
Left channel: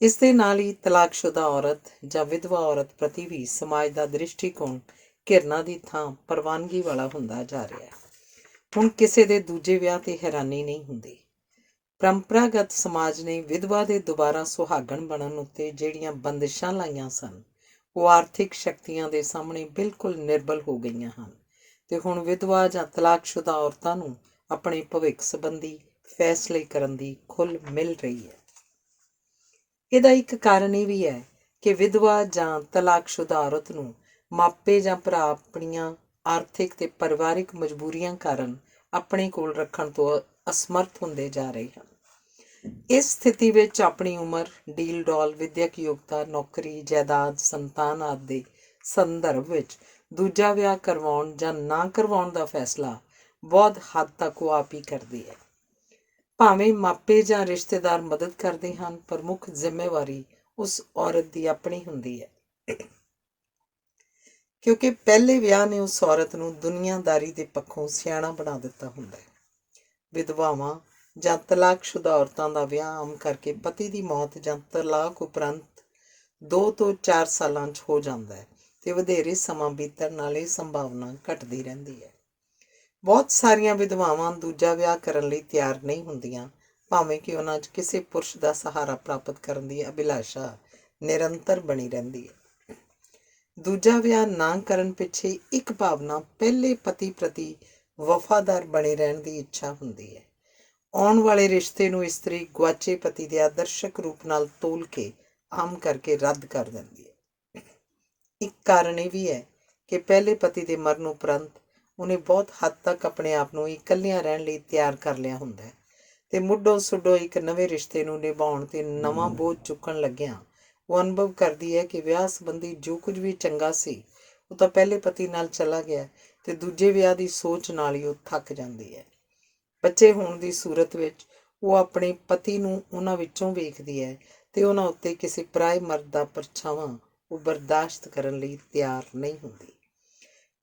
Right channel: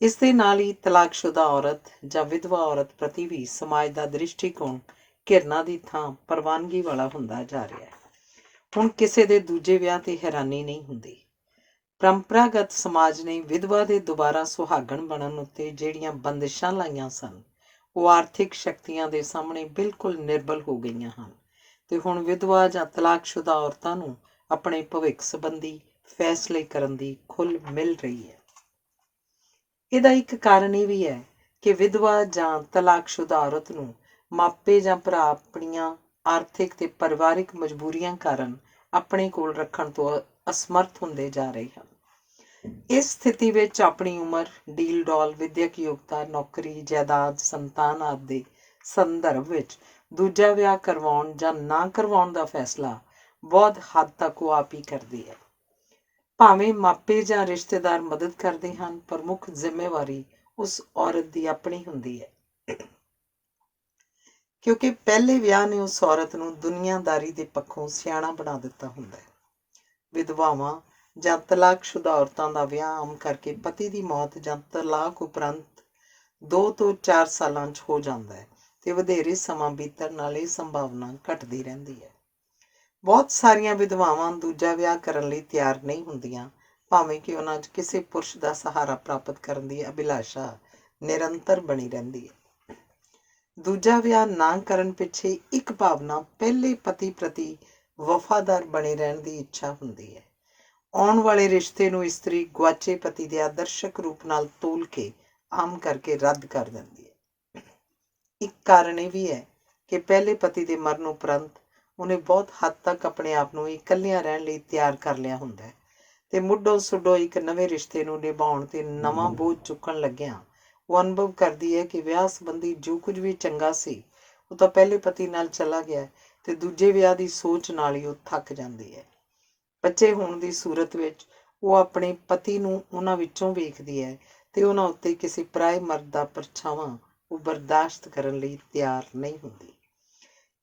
ਇਸ ਦੇ ਨਾਲ ਹੀ ਤਲਾਕਸ਼ੁਦਾ ਔਰਤ ਜਾਂ ਵਿਧਵਾ ਔਰਤ ਪ੍ਰਤੀ ਵੀ ਸਮਾਜ ਦਾ ਦ੍ਰਿਸ਼ਟੀਕੋਣ ਘਿਰਨਾ ਦੀ ਥਾਂ ਪ੍ਰਵਾਨਗੀ ਵਾਲਾ ਹੁੰਦਾ ਜਾ ਰਿਹਾ ਹੈ। ਹੁਣ ਕਿਸੇ ਦੇ ਦੂਜੇ ਵਿਆਹ ਤੇ ਹੈਰਾਨੀ ਨਹੀਂ ਹੁੰਦੀ। ਪਰੰਪਰਾਗਤ ਸਮਾਜ ਨੇ ਵਿਧਵਾ ਦੇ ਦੁਬਾਰਾ ਸੁਹਾਗਣ ਬਣਨ ਉੱਤੇ ਜਿਹੜੀਆਂ ਬੰਦਿਸ਼ਾਂ ਲਾਈਆਂ ਸਨ, ਉਹ ਆਰਥਿਕ ਸ਼ਕਤੀਆਂ ਦੇ ਸਾਹਮਣੇ ਬਿਲਕੁਲ ਨਿਰਬਲ ਹੋ ਗਈਆਂ ਹਨ ਤੇ ਹੁਣ ਵਿਧਵਾ ਜਾਂ ਤਲਾਕਸ਼ੁਦਾ ਔਰਤਾਂ ਨੂੰ ਆਪਣੇ ਭਵਿੱਖ ਸੰਬੰਧੀ ਫੈਸਲੇ ਕਰਨ ਦੀ ਖੁੱਲ੍ਹ ਮਿਲ ਰਹੀ ਹੈ। ਇਹਦਾ ਇੱਕ ਕਾਰਨ ਇਹ ਵੀ ਹੈ ਕਿ ਵਿਧਵਾ ਜਾਂ ਤਲਾਕਸ਼ੁਦਾ ਔਰਤ ਨੂੰ ਮਾਪੇ ਜਾਂ ਭਰਾ ਆਪਣੀਆਂ ਆਰਥਿਕ ਤੇ ਪਰਿਵਾਰਿਕ ਮਜਬੂਰੀਆਂ ਕਾਰਨ ਆਪਣੇ ਕੋਲ ਰੱਖਣ ਤੋਂ ਅਸਮਰਥ ਹੁੰਦੇ ਜਾ ਰਹੇ ਹਨ। ਇਸ ਸਥਿਤੀ ਵਿੱਚ ਆਪਣੀ ਉਮਰ, ਡੀਲ ਡੌਲ, ਵਿੱਦਿਅਕ ਯੋਗਤਾ, ਨੌਕਰੀ, ਜਾਇਦਾਦ, ਸੰਤਾਨ ਆਦਿ ਦੇ ਸੰਦਰਭ ਵਿੱਚ ਦੂਜਾ ਵਿਆਹ ਕਰਵਾਉਣ ਜਾਂ ਨਾ ਕਰਵਾਉਣ ਦਾ ਫੈਸਲਾ ਬਹੁਤ ਹੱਦ ਤੱਕ ਉਹ ਆਪ ਹੀ ਕਰਦੀ ਹੈ। ਭਾਵੇਂ ਮਾਪੇ ਜਾਂ ਰਿਸ਼ਤੇਦਾਰ ਮਦਦ ਕਰਦੇ ਹਨ, ਪਰ ਮੁੱਖ ਜ਼ਿੰਮੇਵਾਰੀ ਉਸ ਔਰਤ ਦੀ ਆਪਣੀ ਹੁੰਦੀ ਹੈ, ਕਿਉਂਕਿ ਪਹਿਲੇ ਵਿਆਹ ਨੇ ਉਸ ਔਰਤ ਨੂੰ ਦੁਨੀਆਦਾਰੀ ਦੇ ਪੱਖੋਂ ਸਿਆਣਾ ਬਣਾ ਦਿੱਤਾ ਹੁੰਦਾ ਹੈ। ਵਿਧਵਾਵਾਂ ਜਾਂ ਤਲਾਕਸ਼ੁਦਾ ਔਰਤਾਂ ਦਾ ਵਿਆਹ ਆਮ ਕਰਕੇ ਪਤੀ ਦੀ ਮੌਤ ਜਾਂ ਤਲਾਕ ਉਪਰੰਤ 2 ਤੋਂ 4 ਸਾਲਾਂ 'ਚ ਹੋ ਜਾਂਦਾ ਹੈ ਤੇ ਵਧੇਰੇ ਸਮਾਂ ਬੀਤਣ ਨਾਲ ਇਹ ਸੰਭਾਵਨਾ ਘਟਦੀ ਰਹਿੰਦੀ ਹੈ। ਬਹੁਤ ਸਾਰੀਆਂ ਵਿਧਵਾਵਾਂ ਦੂਜਾ ਵਿਆਹ ਕਰਨ ਲਈ ਤਿਆਰ ਨਹੀਂ ਹੁੰਦੀਆਂ, ਭਾਵੇਂ ਕਿ ਉਹਨਾਂ 'ਚ ਕਿਸੇ ਪੁਰਸ਼ ਦਾ ਸਹਾਰਾ ਪ੍ਰਾਪਤ ਕਰਨ ਦੀ ਅਭਿਲਾਸ਼ਾ ਨਿਰੰਤਰ ਬਣੀ ਰਹਿੰਦੀ ਹੈ। ਦੂਜਾ ਵਿਆਹ ਨਾ ਕਰਨ ਪਿੱਛੇ ਇੱਕ ਭਾਵਨਾ ਪਹਿਲੇ ਪਤੀ ਪ੍ਰਤੀ ਵਫਾਦਾਰ ਬਣੇ ਰਹਿਣ ਦੀ ਇੱਛਾ ਹੁੰਦੀ ਹੈ। ਆਉਣ ਵਾਲੇ ਰਿਸ਼ਤੇ ਨੂੰ ਇਸਤਰੀ ਗੁਆਚੇ ਪਤੀ ਦੇ ਆਦਰਸ਼ਕ ਰੂਪ ਨਾਲ ਤੋਲ ਕੇ ਆਮ ਕਰਕੇ ਰੱਦ ਕਰ ਦਿੰਦੀ ਹੈ। ਇੱਕ ਕਾਰਨ ਇਹ ਵੀ ਹੈ ਕਿ ਪਹਿਲੇ ਪਤੀ ਦੇ ਮਰਨ ਉਪਰੰਤ ਉਹਨੇ ਬਹੁਤ ਹੱਦ ਤੱਕ ਆਪਣੇ ਆਪ ਨੂੰ ਇਕੱਲਿਆਂ ਰਹਿਣ ਲਈ ਤਿਆਰ ਕਰ ਲਿਆ ਹੁੰਦਾ ਹੈ ਤੇ ਮੁੱਢੋਂ ਸੁੱਢੋਂ ਇੱਕ ਨਵੇਂ ਰਿਸ਼ਤੇ ਨੂੰ ਨਿਭਾਉਣ ਤੇ ਨਵਾਂ ਬੋਝ ਚੁੱਕਣ ਲੱਗਿਆਂ ਉਹ ਅਨੁਭਵ ਕਰਦੀ ਹੈ ਕਿ ਵਿਆਹ ਸੰਬੰਧੀ ਜੋ ਕੁਝ ਵੀ ਚੰਗਾ ਸੀ ਉਹ ਤਾਂ ਪਹਿਲੇ ਪਤੀ ਨਾਲ ਚਲਾ ਗਿਆ ਤੇ ਦੂਜੇ ਵਿਆਹ ਦੀ ਸੋਚ ਨਾਲ ਹੀ ਉਹ ਥੱਕ ਜਾਂਦੀ ਹੈ। ਬੱਚੇ ਹੋਣ ਦੀ ਸੂਰਤ ਵਿੱਚ ਉਹ ਆਪਣੇ ਪਤੀ ਨੂੰ ਉਹਨਾਂ ਵਿੱਚੋਂ ਵੇਖਦੀ ਹੈ ਤੇ ਉਹਨਾਂ ਉੱਤੇ ਕਿਸੇ ਪਰਾਏ ਮਰਦ ਦਾ ਪਰਛਾਵਾਂ ਉਹ ਬਰਦਾਸ਼ਤ ਕਰਨ ਲਈ ਤਿਆਰ ਨਹੀਂ ਹੁੰਦੀ।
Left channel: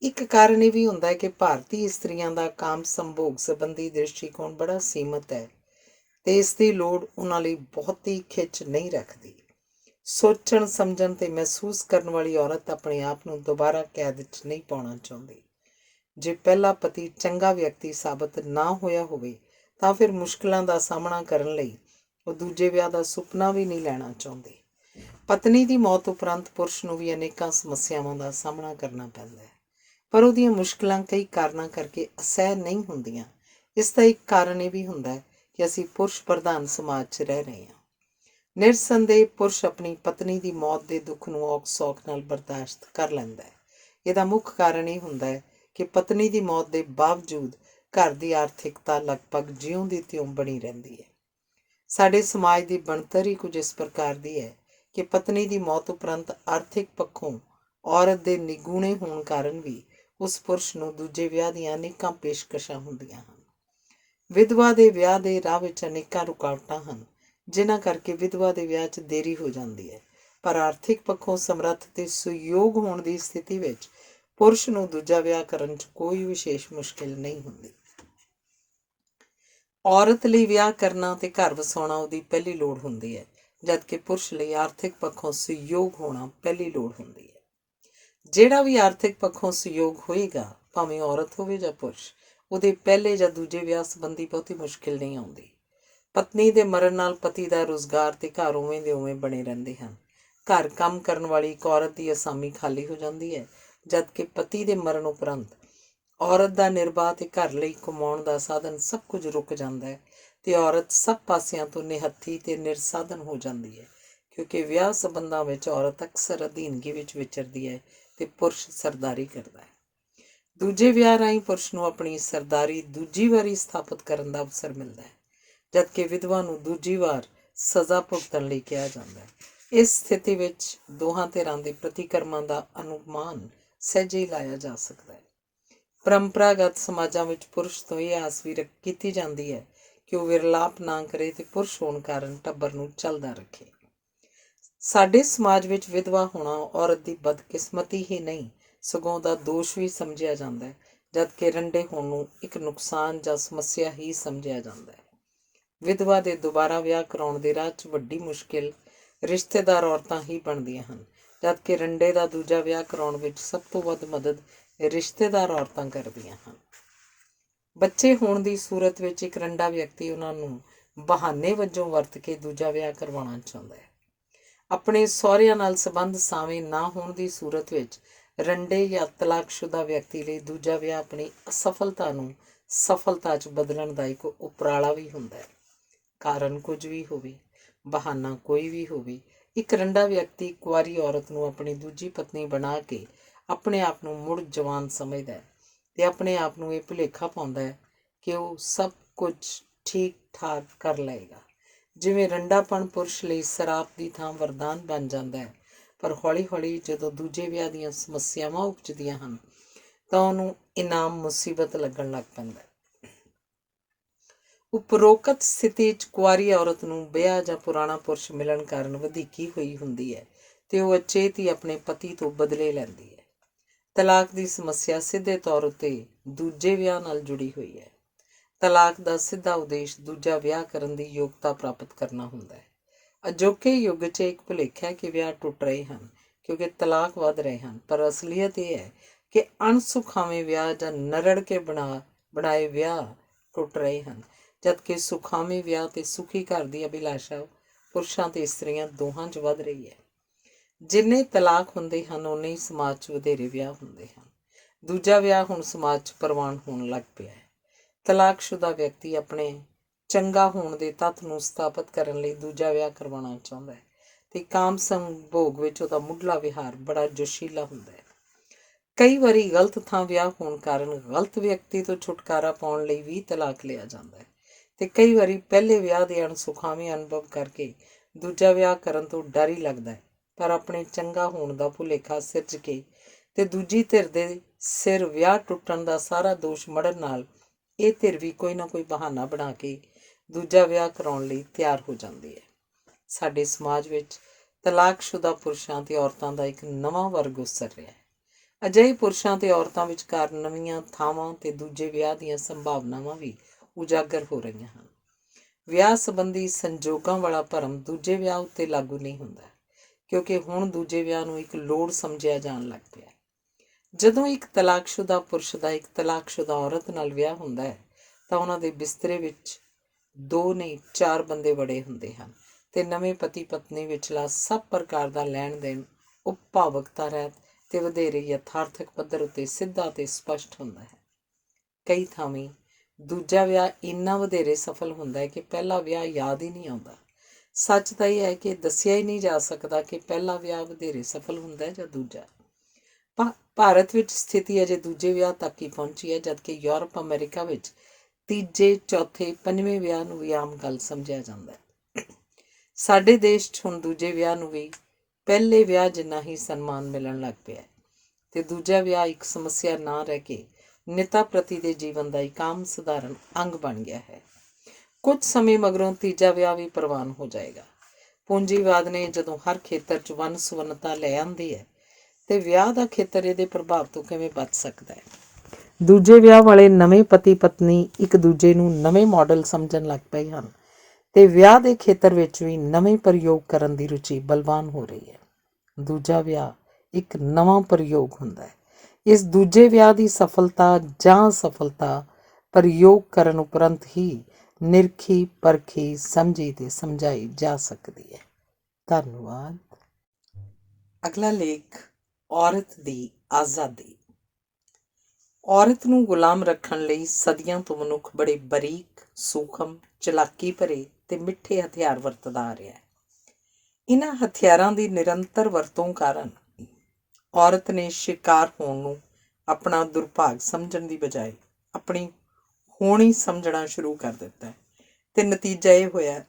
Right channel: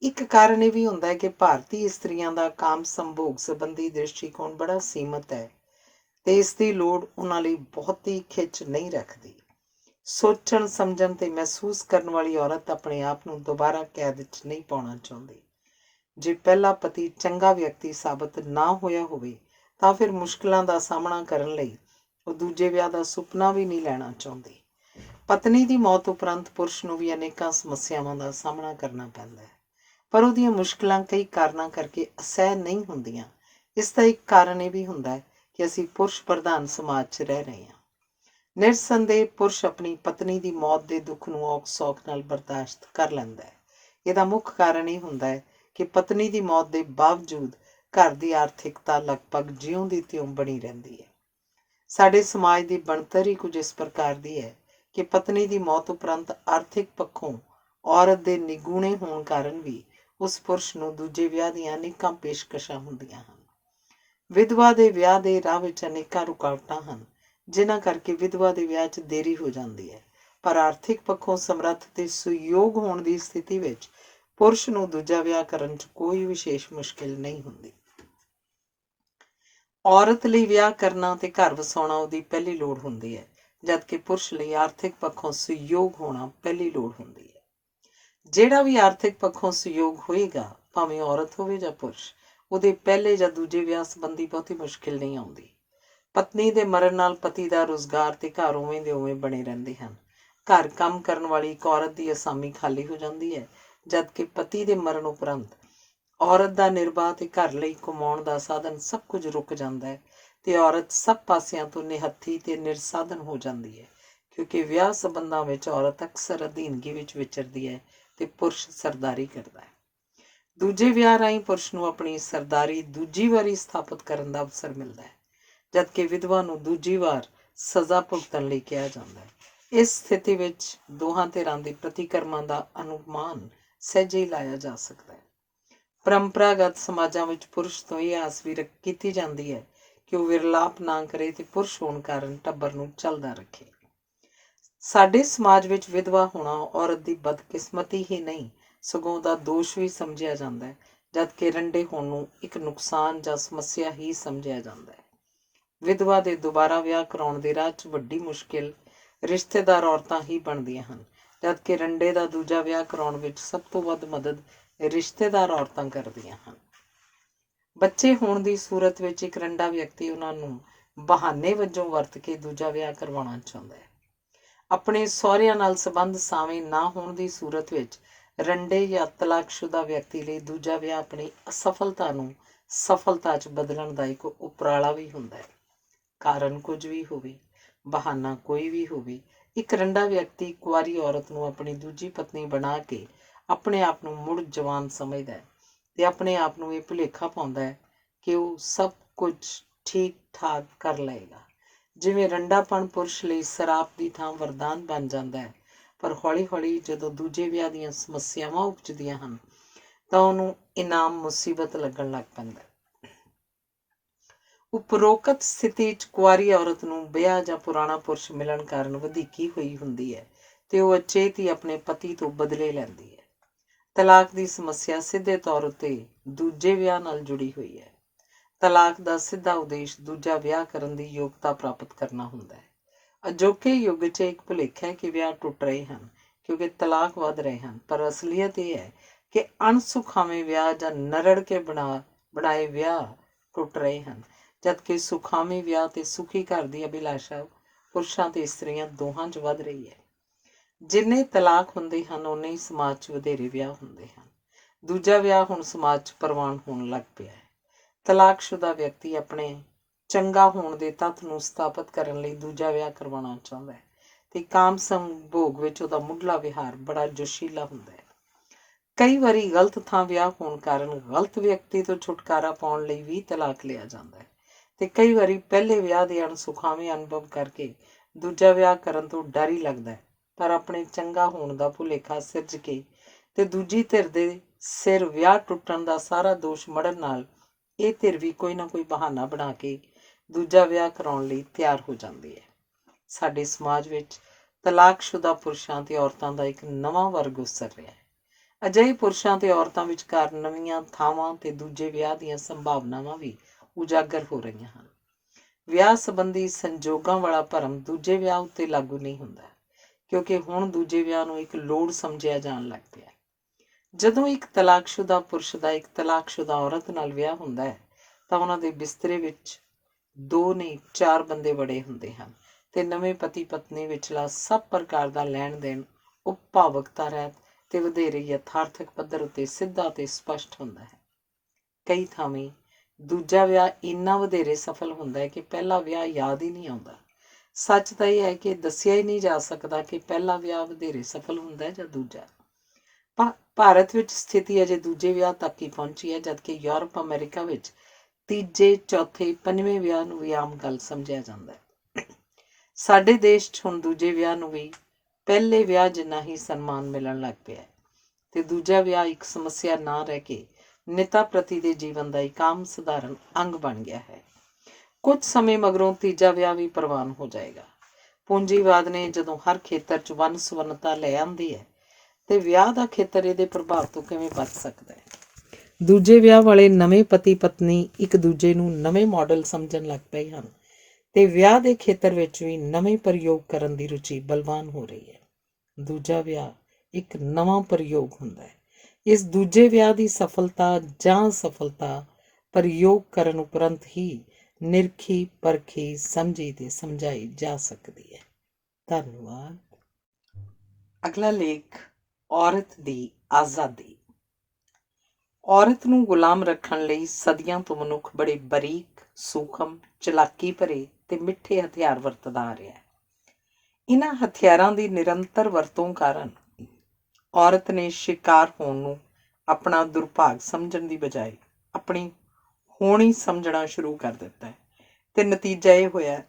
ਇੱਕ ਕਾਰਨ ਇਹ ਵੀ ਹੁੰਦਾ ਹੈ ਕਿ ਭਾਰਤੀ ਇਸਤਰੀਆਂ ਦਾ ਕਾਮ ਸੰਭੋਗ ਸੰਬੰਧੀ ਦ੍ਰਿਸ਼ਟੀਕੋਣ ਬੜਾ ਸੀਮਤ ਹੈ ਤੇ ਇਸ ਦੀ ਲੋੜ ਉਹਨਾਂ ਲਈ ਬਹੁਤੀ ਖਿੱਚ ਨਹੀਂ ਰੱਖਦੀ। ਸੋਚਣ ਸਮਝਣ ਤੇ ਮਹਿਸੂਸ ਕਰਨ ਵਾਲੀ ਔਰਤ ਆਪਣੇ ਆਪ ਨੂੰ ਦੁਬਾਰਾ ਕੈਦ ਵਿੱਚ ਨਹੀਂ ਪਾਉਣਾ ਚਾਹੁੰਦੀ। ਜੇ ਪਹਿਲਾ ਪਤੀ ਚੰਗਾ ਵਿਅਕਤੀ ਸਾਬਤ ਨਾ ਹੋਇਆ ਹੋਵੇ ਤਾਂ ਫਿਰ ਮੁਸ਼ਕਲਾਂ ਦਾ ਸਾਹਮਣਾ ਕਰਨ ਲਈ ਉਹ ਦੂਜੇ ਵਿਆਹ ਦਾ ਸੁਪਨਾ ਵੀ ਨਹੀਂ ਲੈਣਾ ਚਾਹੁੰਦੀ। ਪਤਨੀ ਦੀ ਮੌਤ ਉਪਰੰਤ ਪੁਰਸ਼ ਨੂੰ ਵੀ ਅਨੇਕਾਂ ਸਮੱਸਿਆਵਾਂ ਦਾ ਸਾਹਮਣਾ ਕਰਨਾ ਪੈਂਦਾ ਹੈ, ਪਰ ਉਹਦੀਆਂ ਮੁਸ਼ਕਲਾਂ ਕਈ ਕਾਰਨਾਂ ਕਰਕੇ ਅਸਹਿ ਨਹੀਂ ਹੁੰਦੀਆਂ। ਇਸ ਦਾ ਇੱਕ ਕਾਰਨ ਇਹ ਵੀ ਹੁੰਦਾ ਹੈ ਕਿ ਅਸੀਂ ਪੁਰਸ਼ ਪ੍ਰਧਾਨ ਸਮਾਜ 'ਚ ਰਹਿ ਰਹੇ ਹਾਂ। ਨਿਰਸੰਦੇਹ ਪੁਰਸ਼ ਆਪਣੀ ਪਤਨੀ ਦੀ ਮੌਤ ਦੇ ਦੁੱਖ ਨੂੰ ਔਖ ਸੌਖ ਨਾਲ ਬਰਦਾਸ਼ਤ ਕਰ ਲੈਂਦਾ ਹੈ। ਇਹਦਾ ਮੁੱਖ ਕਾਰਨ ਇਹ ਹੁੰਦਾ ਹੈ ਕਿ ਪਤਨੀ ਦੀ ਮੌਤ ਦੇ ਬਾਵਜੂਦ ਘਰ ਦੀ ਆਰਥਿਕਤਾ ਲਗਭਗ ਜਿਉਂ ਦੀ ਤਿਉਂ ਬਣੀ ਰਹਿੰਦੀ ਹੈ। ਸਾਡੇ ਸਮਾਜ ਦੀ ਬਣਤਰ ਹੀ ਕੁਝ ਇਸ ਪ੍ਰਕਾਰ ਦੀ ਹੈ ਕਿ ਪਤਨੀ ਦੀ ਮੌਤ ਉਪਰੰਤ ਆਰਥਿਕ ਪੱਖੋਂ ਔਰਤ ਦੇ ਨਿਗੂਣੇ ਹੋਣ ਕਾਰਨ ਵੀ ਉਸ ਪੁਰਸ਼ ਨੂੰ ਦੂਜੇ ਵਿਆਹ ਦੀਆਂ ਅਨੇਕਾਂ ਪੇਸ਼ਕਸ਼ਾਂ ਹੁੰਦੀਆਂ ਹਨ। ਵਿਧਵਾ ਦੇ ਵਿਆਹ ਦੇ ਰਾਹ ਵਿੱਚ ਅਨੇਕਾਂ ਰੁਕਾਵਟਾਂ ਹਨ, ਜਿਨ੍ਹਾਂ ਕਰਕੇ ਵਿਧਵਾ ਦੇ ਵਿਆਹ 'ਚ ਦੇਰੀ ਹੋ ਜਾਂਦੀ ਹੈ, ਪਰ ਆਰਥਿਕ ਪੱਖੋਂ ਸਮਰੱਥ ਤੇ ਸੁਯੋਗ ਹੋਣ ਦੀ ਸਥਿਤੀ ਵਿੱਚ ਪੁਰਸ਼ ਨੂੰ ਦੂਜਾ ਵਿਆਹ ਕਰਨ 'ਚ ਕੋਈ ਵਿਸ਼ੇਸ਼ ਮੁਸ਼ਕਿਲ ਨਹੀਂ ਹੁੰਦੀ। ਔਰਤ ਲਈ ਵਿਆਹ ਕਰਨਾ ਤੇ ਘਰ ਵਸਾਉਣਾ ਉਹਦੀ ਪਹਿਲੀ ਲੋੜ ਹੁੰਦੀ ਹੈ, ਜਦਕਿ ਪੁਰਸ਼ ਲਈ ਆਰਥਿਕ ਪੱਖੋਂ ਸੁਯੋਗ ਹੋਣਾ ਪਹਿਲੀ ਲੋੜ ਹੁੰਦੀ ਹੈ। ਜਿਹੜਾ ਵੀ ਆਰਥਿਕ ਪੱਖੋਂ ਸੁਯੋਗ ਹੋਏਗਾ, ਭਾਵੇਂ ਔਰਤ ਹੋਵੇ ਜਾਂ ਪੁਰਸ਼, ਉਹਦੇ ਪਹਿਲੇ ਜਾਂ ਦੂਜੇ ਵਿਆਹ ਸੰਬੰਧੀ ਬਹੁਤੀ ਮੁਸ਼ਕਿਲ ਨਹੀਂ ਆਉਂਦੀ। ਪਤਨੀ ਦੇ ਮਰਨ ਨਾਲ ਪਤੀ ਦਾ ਰੁਜ਼ਗਾਰ ਤੇ ਘਰ ਉਵੇਂ ਦੇ ਉਵੇਂ ਬਣੇ ਰਹਿੰਦੇ ਹਨ। ਘਰ ਕੰਮ ਕਰਨ ਵਾਲੀ ਇੱਕ ਔਰਤ ਦੀ ਅਸਾਮੀ ਖਾਲੀ ਹੋ ਜਾਂਦੀ ਹੈ, ਜਦਕਿ ਪਤੀ ਦੇ ਮਰਨ ਉਪਰੰਤ ਔਰਤ ਦਾ ਨਿਰਬਾਹ ਤੇ ਘਰ ਲਈ ਕਮਾਉਣ ਦਾ ਸਾਧਨ ਸਭ ਕੁਝ ਰੁਕ ਜਾਂਦਾ ਹੈ ਤੇ ਔਰਤ ਸਭ ਪਾਸਿਆਂ ਤੋਂ ਨਿਹੱਥੀ ਤੇ ਨਿਰਸਾਧਨ ਹੋ ਜਾਂਦੀ ਹੈ, ਕਿਉਂਕਿ ਵਿਆਹ ਸੰਬੰਧਾਂ ਵਿੱਚ ਔਰਤ ਅਕਸਰ ਅਧੀਨਗੀ ਵਿੱਚ ਵਿਚਰਦੀ ਹੈ ਤੇ ਪੁਰਸ਼ ਸਰਦਾਰੀ ਕਰਦਾ ਹੈ। ਦੂਜੇ ਵਿਆਹ ਰਾਹੀਂ ਪੁਰਸ਼ ਨੂੰ ਆਪਣੀ ਸਰਦਾਰੀ ਦੂਜੀ ਵਾਰੀ ਸਥਾਪਿਤ ਕਰਨ ਦਾ ਅਵਸਰ ਮਿਲਦਾ ਹੈ, ਜਦਕਿ ਵਿਧਵਾ ਨੂੰ ਦੂਜੀ ਵਾਰ ਸਜ਼ਾ ਭੁਗਤਣ ਲਈ ਕਿਹਾ ਜਾਂਦਾ ਹੈ। ਇਸ ਸਥਿਤੀ ਵਿੱਚ ਦੋਹਾਂ ਧਿਰਾਂ ਦੇ ਪ੍ਰਤੀਕਰਮਾਂ ਦਾ ਅਨੁਮਾਨ ਸਹਿਜੇ ਹੀ ਲਾਇਆ ਜਾ ਸਕਦਾ ਹੈ। ਪਰੰਪਰਾਗਤ ਸਮਾਜਾਂ ਵਿੱਚ ਪੁਰਸ਼ ਤੋਂ ਇਹ ਆਸ ਵੀ ਕੀਤੀ ਜਾਂਦੀ ਹੈ ਕਿ ਉਹ ਵਿਰਲਾਪ ਨਾ ਕਰੇ ਤੇ ਪੁਰਸ਼ ਹੋਣ ਕਾਰਨ ਟੱਬਰ ਨੂੰ ਚੱਲਦਾ ਰੱਖੇ। ਸਾਡੇ ਸਮਾਜ ਵਿੱਚ ਵਿਧਵਾ ਹੋਣਾ ਔਰਤ ਦੀ ਬਦਕਿਸਮਤੀ ਹੀ ਨਹੀਂ, ਸਗੋਂ ਉਹਦਾ ਦੋਸ਼ ਵੀ ਸਮਝਿਆ ਜਾਂਦਾ ਹੈ, ਜਦਕਿ ਰੰਡੇ ਹੋਣ ਨੂੰ ਇੱਕ ਨੁਕਸਾਨ ਜਾਂ ਸਮੱਸਿਆ ਹੀ ਸਮਝਿਆ ਜਾਂਦਾ ਹੈ। ਵਿਧਵਾ ਦੇ ਦੁਬਾਰਾ ਵਿਆਹ ਕਰਾਉਣ ਦੇ ਰਾਹ 'ਚ ਵੱਡੀ ਮੁਸ਼ਕਿਲ ਰਿਸ਼ਤੇਦਾਰ ਔਰਤਾਂ ਹੀ ਬਣਦੀਆਂ ਹਨ, ਜਦਕਿ ਰੰਡੇ ਦਾ ਦੂਜਾ ਵਿਆਹ ਕਰਾਉਣ ਵਿੱਚ ਸਭ ਤੋਂ ਵੱਧ ਮਦਦ ਰਿਸ਼ਤੇਦਾਰ ਔਰਤਾਂ ਕਰਦੀਆਂ ਹਨ। ਬੱਚੇ ਹੋਣ ਦੀ ਸੂਰਤ ਵਿੱਚ ਇੱਕ ਰੰਡਾ ਵਿਅਕਤੀ ਉਹਨਾਂ ਨੂੰ ਬਹਾਨੇ ਵਜੋਂ ਵਰਤ ਕੇ ਦੂਜਾ ਵਿਆਹ ਕਰਵਾਉਣਾ ਚਾਹੁੰਦਾ ਹੈ। ਆਪਣੇ ਸਹੁਰਿਆਂ ਨਾਲ ਸੰਬੰਧ ਸਾਵੇਂ ਨਾ ਹੋਣ ਦੀ ਸੂਰਤ ਵਿੱਚ ਰੰਡੇ ਜਾਂ ਤਲਾਕਸ਼ੁਦਾ ਵਿਅਕਤੀ ਲਈ ਦੂਜਾ ਵਿਆਹ ਆਪਣੀ ਅਸਫਲਤਾ ਨੂੰ ਸਫਲਤਾ 'ਚ ਬਦਲਣ ਦਾ ਇੱਕ ਉਪਰਾਲਾ ਵੀ ਹੁੰਦਾ ਹੈ। ਕਾਰਨ ਕੁਝ ਵੀ ਹੋਵੇ, ਬਹਾਨਾ ਕੋਈ ਵੀ ਹੋਵੇ, ਇੱਕ ਰੰਡਾ ਵਿਅਕਤੀ ਕੁਆਰੀ ਔਰਤ ਨੂੰ ਆਪਣੀ ਦੂਜੀ ਪਤਨੀ ਬਣਾ ਕੇ ਆਪਣੇ ਆਪ ਨੂੰ ਮੁੜ ਜਵਾਨ ਸਮਝਦਾ ਹੈ ਤੇ ਆਪਣੇ ਆਪ ਨੂੰ ਇਹ ਭੁਲੇਖਾ ਪਾਉਂਦਾ ਹੈ ਕਿ ਉਹ ਸਭ ਕੁਝ ਠੀਕ ਠਾਕ ਕਰ ਲਏਗਾ। ਜਿਵੇਂ ਰੰਡਾਪਣ ਪੁਰਸ਼ ਲਈ ਸਰਾਪ ਦੀ ਥਾਂ ਵਰਦਾਨ ਬਣ ਜਾਂਦਾ ਹੈ, ਪਰ ਹੌਲੀ ਹੌਲੀ ਜਦੋਂ ਦੂਜੇ ਵਿਆਹ ਦੀਆਂ ਸਮੱਸਿਆਵਾਂ ਉਪਜਦੀਆਂ ਹਨ ਤਾਂ ਉਹਨੂੰ ਇਨਾਮ ਮੁਸੀਬਤ ਲੱਗਣ ਲੱਗ ਪੈਂਦਾ ਹੈ। ਉਪਰੋਕਤ ਸਥਿਤੀ 'ਚ ਕੁਆਰੀ ਔਰਤ ਨੂੰ ਵਿਆਹ ਜਾਂ ਪੁਰਾਣਾ ਪੁਰਸ਼ ਮਿਲਣ ਕਾਰਨ ਵਧੀਕੀ ਹੋਈ ਹੁੰਦੀ ਹੈ ਤੇ ਉਹ ਅਚੇਤ ਹੀ ਆਪਣੇ ਪਤੀ ਤੋਂ ਬਦਲੇ ਲੈਂਦੀ ਹੈ। ਤਲਾਕ ਦੀ ਸਮੱਸਿਆ ਸਿੱਧੇ ਤੌਰ ਉੱਤੇ ਦੂਜੇ ਵਿਆਹ ਨਾਲ ਜੁੜੀ ਹੋਈ ਹੈ। ਤਲਾਕ ਦਾ ਸਿੱਧਾ ਉਦੇਸ਼ ਦੂਜਾ ਵਿਆਹ ਕਰਨ ਦੀ ਯੋਗਤਾ ਪ੍ਰਾਪਤ ਕਰਨਾ ਹੁੰਦਾ ਹੈ। ਅਜੋਕੇ ਯੁੱਗ 'ਚ ਇੱਕ ਭੁਲੇਖਾ ਹੈ ਕਿ ਵਿਆਹ ਟੁੱਟ ਰਹੇ ਹਨ ਕਿਉਂਕਿ ਤਲਾਕ ਵੱਧ ਰਹੇ ਹਨ, ਪਰ ਅਸਲੀਅਤ ਇਹ ਹੈ ਕਿ ਅਣਸੁਖਾਵੇਂ ਵਿਆਹ ਜਾਂ ਨਰੜ ਕੇ ਬਣਾਏ ਵਿਆਹ ਟੁੱਟ ਰਹੇ ਹਨ, ਜਦਕਿ ਸੁਖਾਵੇਂ ਵਿਆਹ ਤੇ ਸੁਖੀ ਘਰ ਦੀ ਅਭਿਲਾਸ਼ਾ ਪੁਰਸ਼ਾਂ ਤੇ ਇਸਤਰੀਆਂ ਦੋਹਾਂ 'ਚ ਵੱਧ ਰਹੀ ਹੈ। ਜਿੰਨੇ ਤਲਾਕ ਹੁੰਦੇ ਹਨ ਓਨੇ ਹੀ ਸਮਾਜ 'ਚ ਵਧੇਰੇ ਵਿਆਹ ਹੁੰਦੇ ਹਨ। ਦੂਜਾ ਵਿਆਹ ਹੁਣ ਸਮਾਜ 'ਚ ਪ੍ਰਵਾਨ ਹੋਣ ਲੱਗ ਪਿਆ ਹੈ। ਤਲਾਕਸ਼ੁਦਾ ਵਿਅਕਤੀ ਆਪਣੇ ਚੰਗਾ ਹੋਣ ਦੇ ਤੱਥ ਨੂੰ ਸਥਾਪਿਤ ਕਰਨ ਲਈ ਦੂਜਾ ਵਿਆਹ ਕਰਵਾਉਣਾ ਚਾਹੁੰਦਾ ਹੈ ਤੇ ਕਾਮ ਸੰਭੋਗ ਵਿੱਚ ਉਹਦਾ ਮੁੱਢਲਾ ਵਿਹਾਰ ਬੜਾ ਜੋਸ਼ੀਲਾ ਹੁੰਦਾ ਹੈ। ਕਈ ਵਾਰੀ ਗਲਤ ਥਾਂ ਵਿਆਹ ਹੋਣ ਕਾਰਨ ਗਲਤ ਵਿਅਕਤੀ ਤੋਂ ਛੁਟਕਾਰਾ ਪਾਉਣ ਲਈ ਵੀ ਤਲਾਕ ਲਿਆ ਜਾਂਦਾ ਹੈ ਤੇ ਕਈ ਵਾਰੀ ਪਹਿਲੇ ਵਿਆਹ ਦੇ ਅਣਸੁਖਾਵੇਂ ਅਨੁਭਵ ਕਰਕੇ ਦੂਜਾ ਵਿਆਹ ਕਰਨ ਤੋਂ ਡਰ ਹੀ ਲੱਗਦਾ ਹੈ, ਪਰ ਆਪਣੇ ਚੰਗਾ ਹੋਣ ਦਾ ਭੁਲੇਖਾ ਸਿਰਜ ਕੇ ਤੇ ਦੂਜੀ ਧਿਰ ਦੇ ਸਿਰ ਵਿਆਹ ਟੁੱਟਣ ਦਾ ਸਾਰਾ ਦੋਸ਼ ਮੜਨ ਨਾਲ ਇਹ ਧਿਰ ਵੀ ਕੋਈ ਨਾ ਕੋਈ ਬਹਾਨਾ ਬਣਾ ਕੇ ਦੂਜਾ ਵਿਆਹ ਕਰਾਉਣ ਲਈ ਤਿਆਰ ਹੋ ਜਾਂਦੀ ਹੈ। ਸਾਡੇ ਸਮਾਜ ਵਿੱਚ ਤਲਾਕਸ਼ੁਦਾ ਪੁਰਸ਼ਾਂ ਤੇ ਔਰਤਾਂ ਦਾ ਇੱਕ ਨਵਾਂ ਵਰਗ ਉਸਰ ਰਿਹਾ ਹੈ। ਅਜਿਹੇ ਪੁਰਸ਼ਾਂ ਤੇ ਔਰਤਾਂ ਵਿਚਕਾਰ ਨਵੀਆਂ ਥਾਵਾਂ ਤੇ ਦੂਜੇ ਵਿਆਹ ਦੀਆਂ ਸੰਭਾਵਨਾਵਾਂ ਵੀ ਉਜਾਗਰ ਹੋ ਰਹੀਆਂ ਹਨ। ਵਿਆਹ ਸੰਬੰਧੀ ਸੰਜੋਗਾਂ ਵਾਲਾ ਭਰਮ ਦੂਜੇ ਵਿਆਹ ਉੱਤੇ ਲਾਗੂ ਨਹੀਂ ਹੁੰਦਾ, ਕਿਉਂਕਿ ਹੁਣ ਦੂਜੇ ਵਿਆਹ ਨੂੰ ਇੱਕ ਲੋੜ ਸਮਝਿਆ ਜਾਣ ਲੱਗ ਪਿਆ। ਜਦੋਂ ਇੱਕ ਤਲਾਕਸ਼ੁਦਾ ਪੁਰਸ਼ ਦਾ ਇੱਕ ਤਲਾਕਸ਼ੁਦਾ ਔਰਤ ਨਾਲ ਵਿਆਹ ਹੁੰਦਾ ਹੈ ਤਾਂ ਉਹਨਾਂ ਦੇ ਬਿਸਤਰੇ ਵਿੱਚ 2 ਨਹੀਂ 4 ਬੰਦੇ ਵੜੇ ਹੁੰਦੇ ਹਨ ਤੇ ਨਵੇਂ ਪਤੀ ਪਤਨੀ ਵਿਚਲਾ ਸਭ ਪ੍ਰਕਾਰ ਦਾ ਲੈਣ ਦੇਣ ਉਪਭਾਵਕਤਾ ਰਹਿਤ ਤੇ ਵਧੇਰੇ ਯਥਾਰਥਕ ਪੱਧਰ ਉੱਤੇ ਸਿੱਧਾ ਤੇ ਸਪਸ਼ਟ ਹੁੰਦਾ ਹੈ। ਕਈ ਥਾਵੇਂ ਦੂਜਾ ਵਿਆਹ ਇੰਨਾ ਵਧੇਰੇ ਸਫਲ ਹੁੰਦਾ ਹੈ ਕਿ ਪਹਿਲਾ ਵਿਆਹ ਯਾਦ ਹੀ ਨਹੀਂ ਆਉਂਦਾ। ਸੱਚ ਤਾਂ ਇਹ ਹੈ ਕਿ ਦੱਸਿਆ ਹੀ ਨਹੀਂ ਜਾ ਸਕਦਾ ਕਿ ਪਹਿਲਾ ਵਿਆਹ ਵਧੇਰੇ ਸਫਲ ਹੁੰਦਾ ਹੈ ਜਾਂ ਦੂਜਾ। ਭਾਰਤ ਵਿੱਚ ਸਥਿਤੀ ਅਜੇ ਦੂਜੇ ਵਿਆਹ ਤੱਕ ਹੀ ਪਹੁੰਚੀ ਹੈ, ਜਦਕਿ ਯੂਰਪ ਅਮਰੀਕਾ ਵਿੱਚ ਤੀਜੇ ਚੌਥੇ ਪੰਜਵੇਂ ਵਿਆਹ ਨੂੰ ਵੀ ਆਮ ਗੱਲ ਸਮਝਿਆ ਜਾਂਦਾ ਹੈ। ਸਾਡੇ ਦੇਸ਼ 'ਚ ਹੁਣ ਦੂਜੇ ਵਿਆਹ ਨੂੰ ਵੀ ਪਹਿਲੇ ਵਿਆਹ ਜਿੰਨਾ ਹੀ ਸਨਮਾਨ ਮਿਲਣ ਲੱਗ ਪਿਆ ਤੇ ਦੂਜਾ ਵਿਆਹ ਇੱਕ ਸਮੱਸਿਆ ਨਾ ਰਹਿ ਕੇ ਨਿਤਾ ਪ੍ਰਤੀ ਦੇ ਜੀਵਨ ਦਾ ਇੱਕ ਆਮ ਸਧਾਰਨ ਅੰਗ ਬਣ ਗਿਆ ਹੈ। ਕੁਝ ਸਮੇਂ ਮਗਰੋਂ ਤੀਜਾ ਵਿਆਹ ਵੀ ਪ੍ਰਵਾਨ ਹੋ ਜਾਏਗਾ। ਪੂੰਜੀਵਾਦ ਨੇ ਜਦੋਂ ਹਰ ਖੇਤਰ 'ਚ ਵੰਨ ਸੁਵੰਨਤਾ ਲੈ ਆਂਦੀ ਹੈ ਤੇ ਵਿਆਹ ਦਾ ਖੇਤਰ ਇਹਦੇ ਪ੍ਰਭਾਵ ਤੋਂ ਕਿਵੇਂ ਬਚ ਸਕਦਾ ਹੈ। ਦੂਜੇ ਵਿਆਹ ਵਾਲੇ ਨਵੇਂ ਪਤੀ ਪਤਨੀ ਇੱਕ ਦੂਜੇ ਨੂੰ ਨਵੇਂ ਮਾਡਲ ਸਮਝਣ ਲੱਗ ਪਏ ਹਨ ਤੇ ਵਿਆਹ ਦੇ ਖੇਤਰ ਵਿੱਚ ਵੀ ਨਵੇਂ ਪ੍ਰਯੋਗ ਕਰਨ ਦੀ ਰੁਚੀ ਬਲਵਾਨ ਹੋ ਰਹੀ ਹੈ। ਦੂਜਾ ਵਿਆਹ ਇੱਕ ਨਵਾਂ ਪ੍ਰਯੋਗ ਹੁੰਦਾ ਹੈ। ਇਸ ਦੂਜੇ ਵਿਆਹ ਦੀ ਸਫਲਤਾ ਜਾਂ ਅਸਫਲਤਾ ਪ੍ਰਯੋਗ ਕਰਨ ਉਪਰੰਤ ਹੀ ਨਿਰਖੀ ਪਰਖੀ ਸਮਝੀ ਤੇ ਸਮਝਾਈ ਜਾ ਸਕਦੀ ਹੈ। ਧੰਨਵਾਦ। ਅਗਲਾ ਲੇਖ, ਔਰਤ ਦੀ ਆਜ਼ਾਦੀ। ਔਰਤ ਨੂੰ ਗੁਲਾਮ ਰੱਖਣ ਲਈ ਸਦੀਆਂ ਤੋਂ ਮਨੁੱਖ ਬੜੇ ਬਰੀਕ, ਸੂਖਮ, ਚਲਾਕੀ ਭਰੇ ਤੇ ਮਿੱਠੇ ਹਥਿਆਰ ਵਰਤਦਾ ਆ ਰਿਹਾ ਹੈ। ਇਹਨਾਂ ਹਥਿਆਰਾਂ ਦੀ ਨਿਰੰਤਰ ਵਰਤੋਂ ਕਾਰਨ ਔਰਤ ਨੇ ਸ਼ਿਕਾਰ ਹੋਣ ਨੂੰ ਆਪਣਾ ਦੁਰਭਾਗ ਸਮਝਣ ਦੀ ਬਜਾਏ ਆਪਣੀ ਹੋਣੀ ਸਮਝਣਾ ਸ਼ੁਰੂ ਕਰ ਦਿੱਤਾ ਹੈ ਤੇ ਨਤੀਜਾ ਇਹ ਹੋਇਆ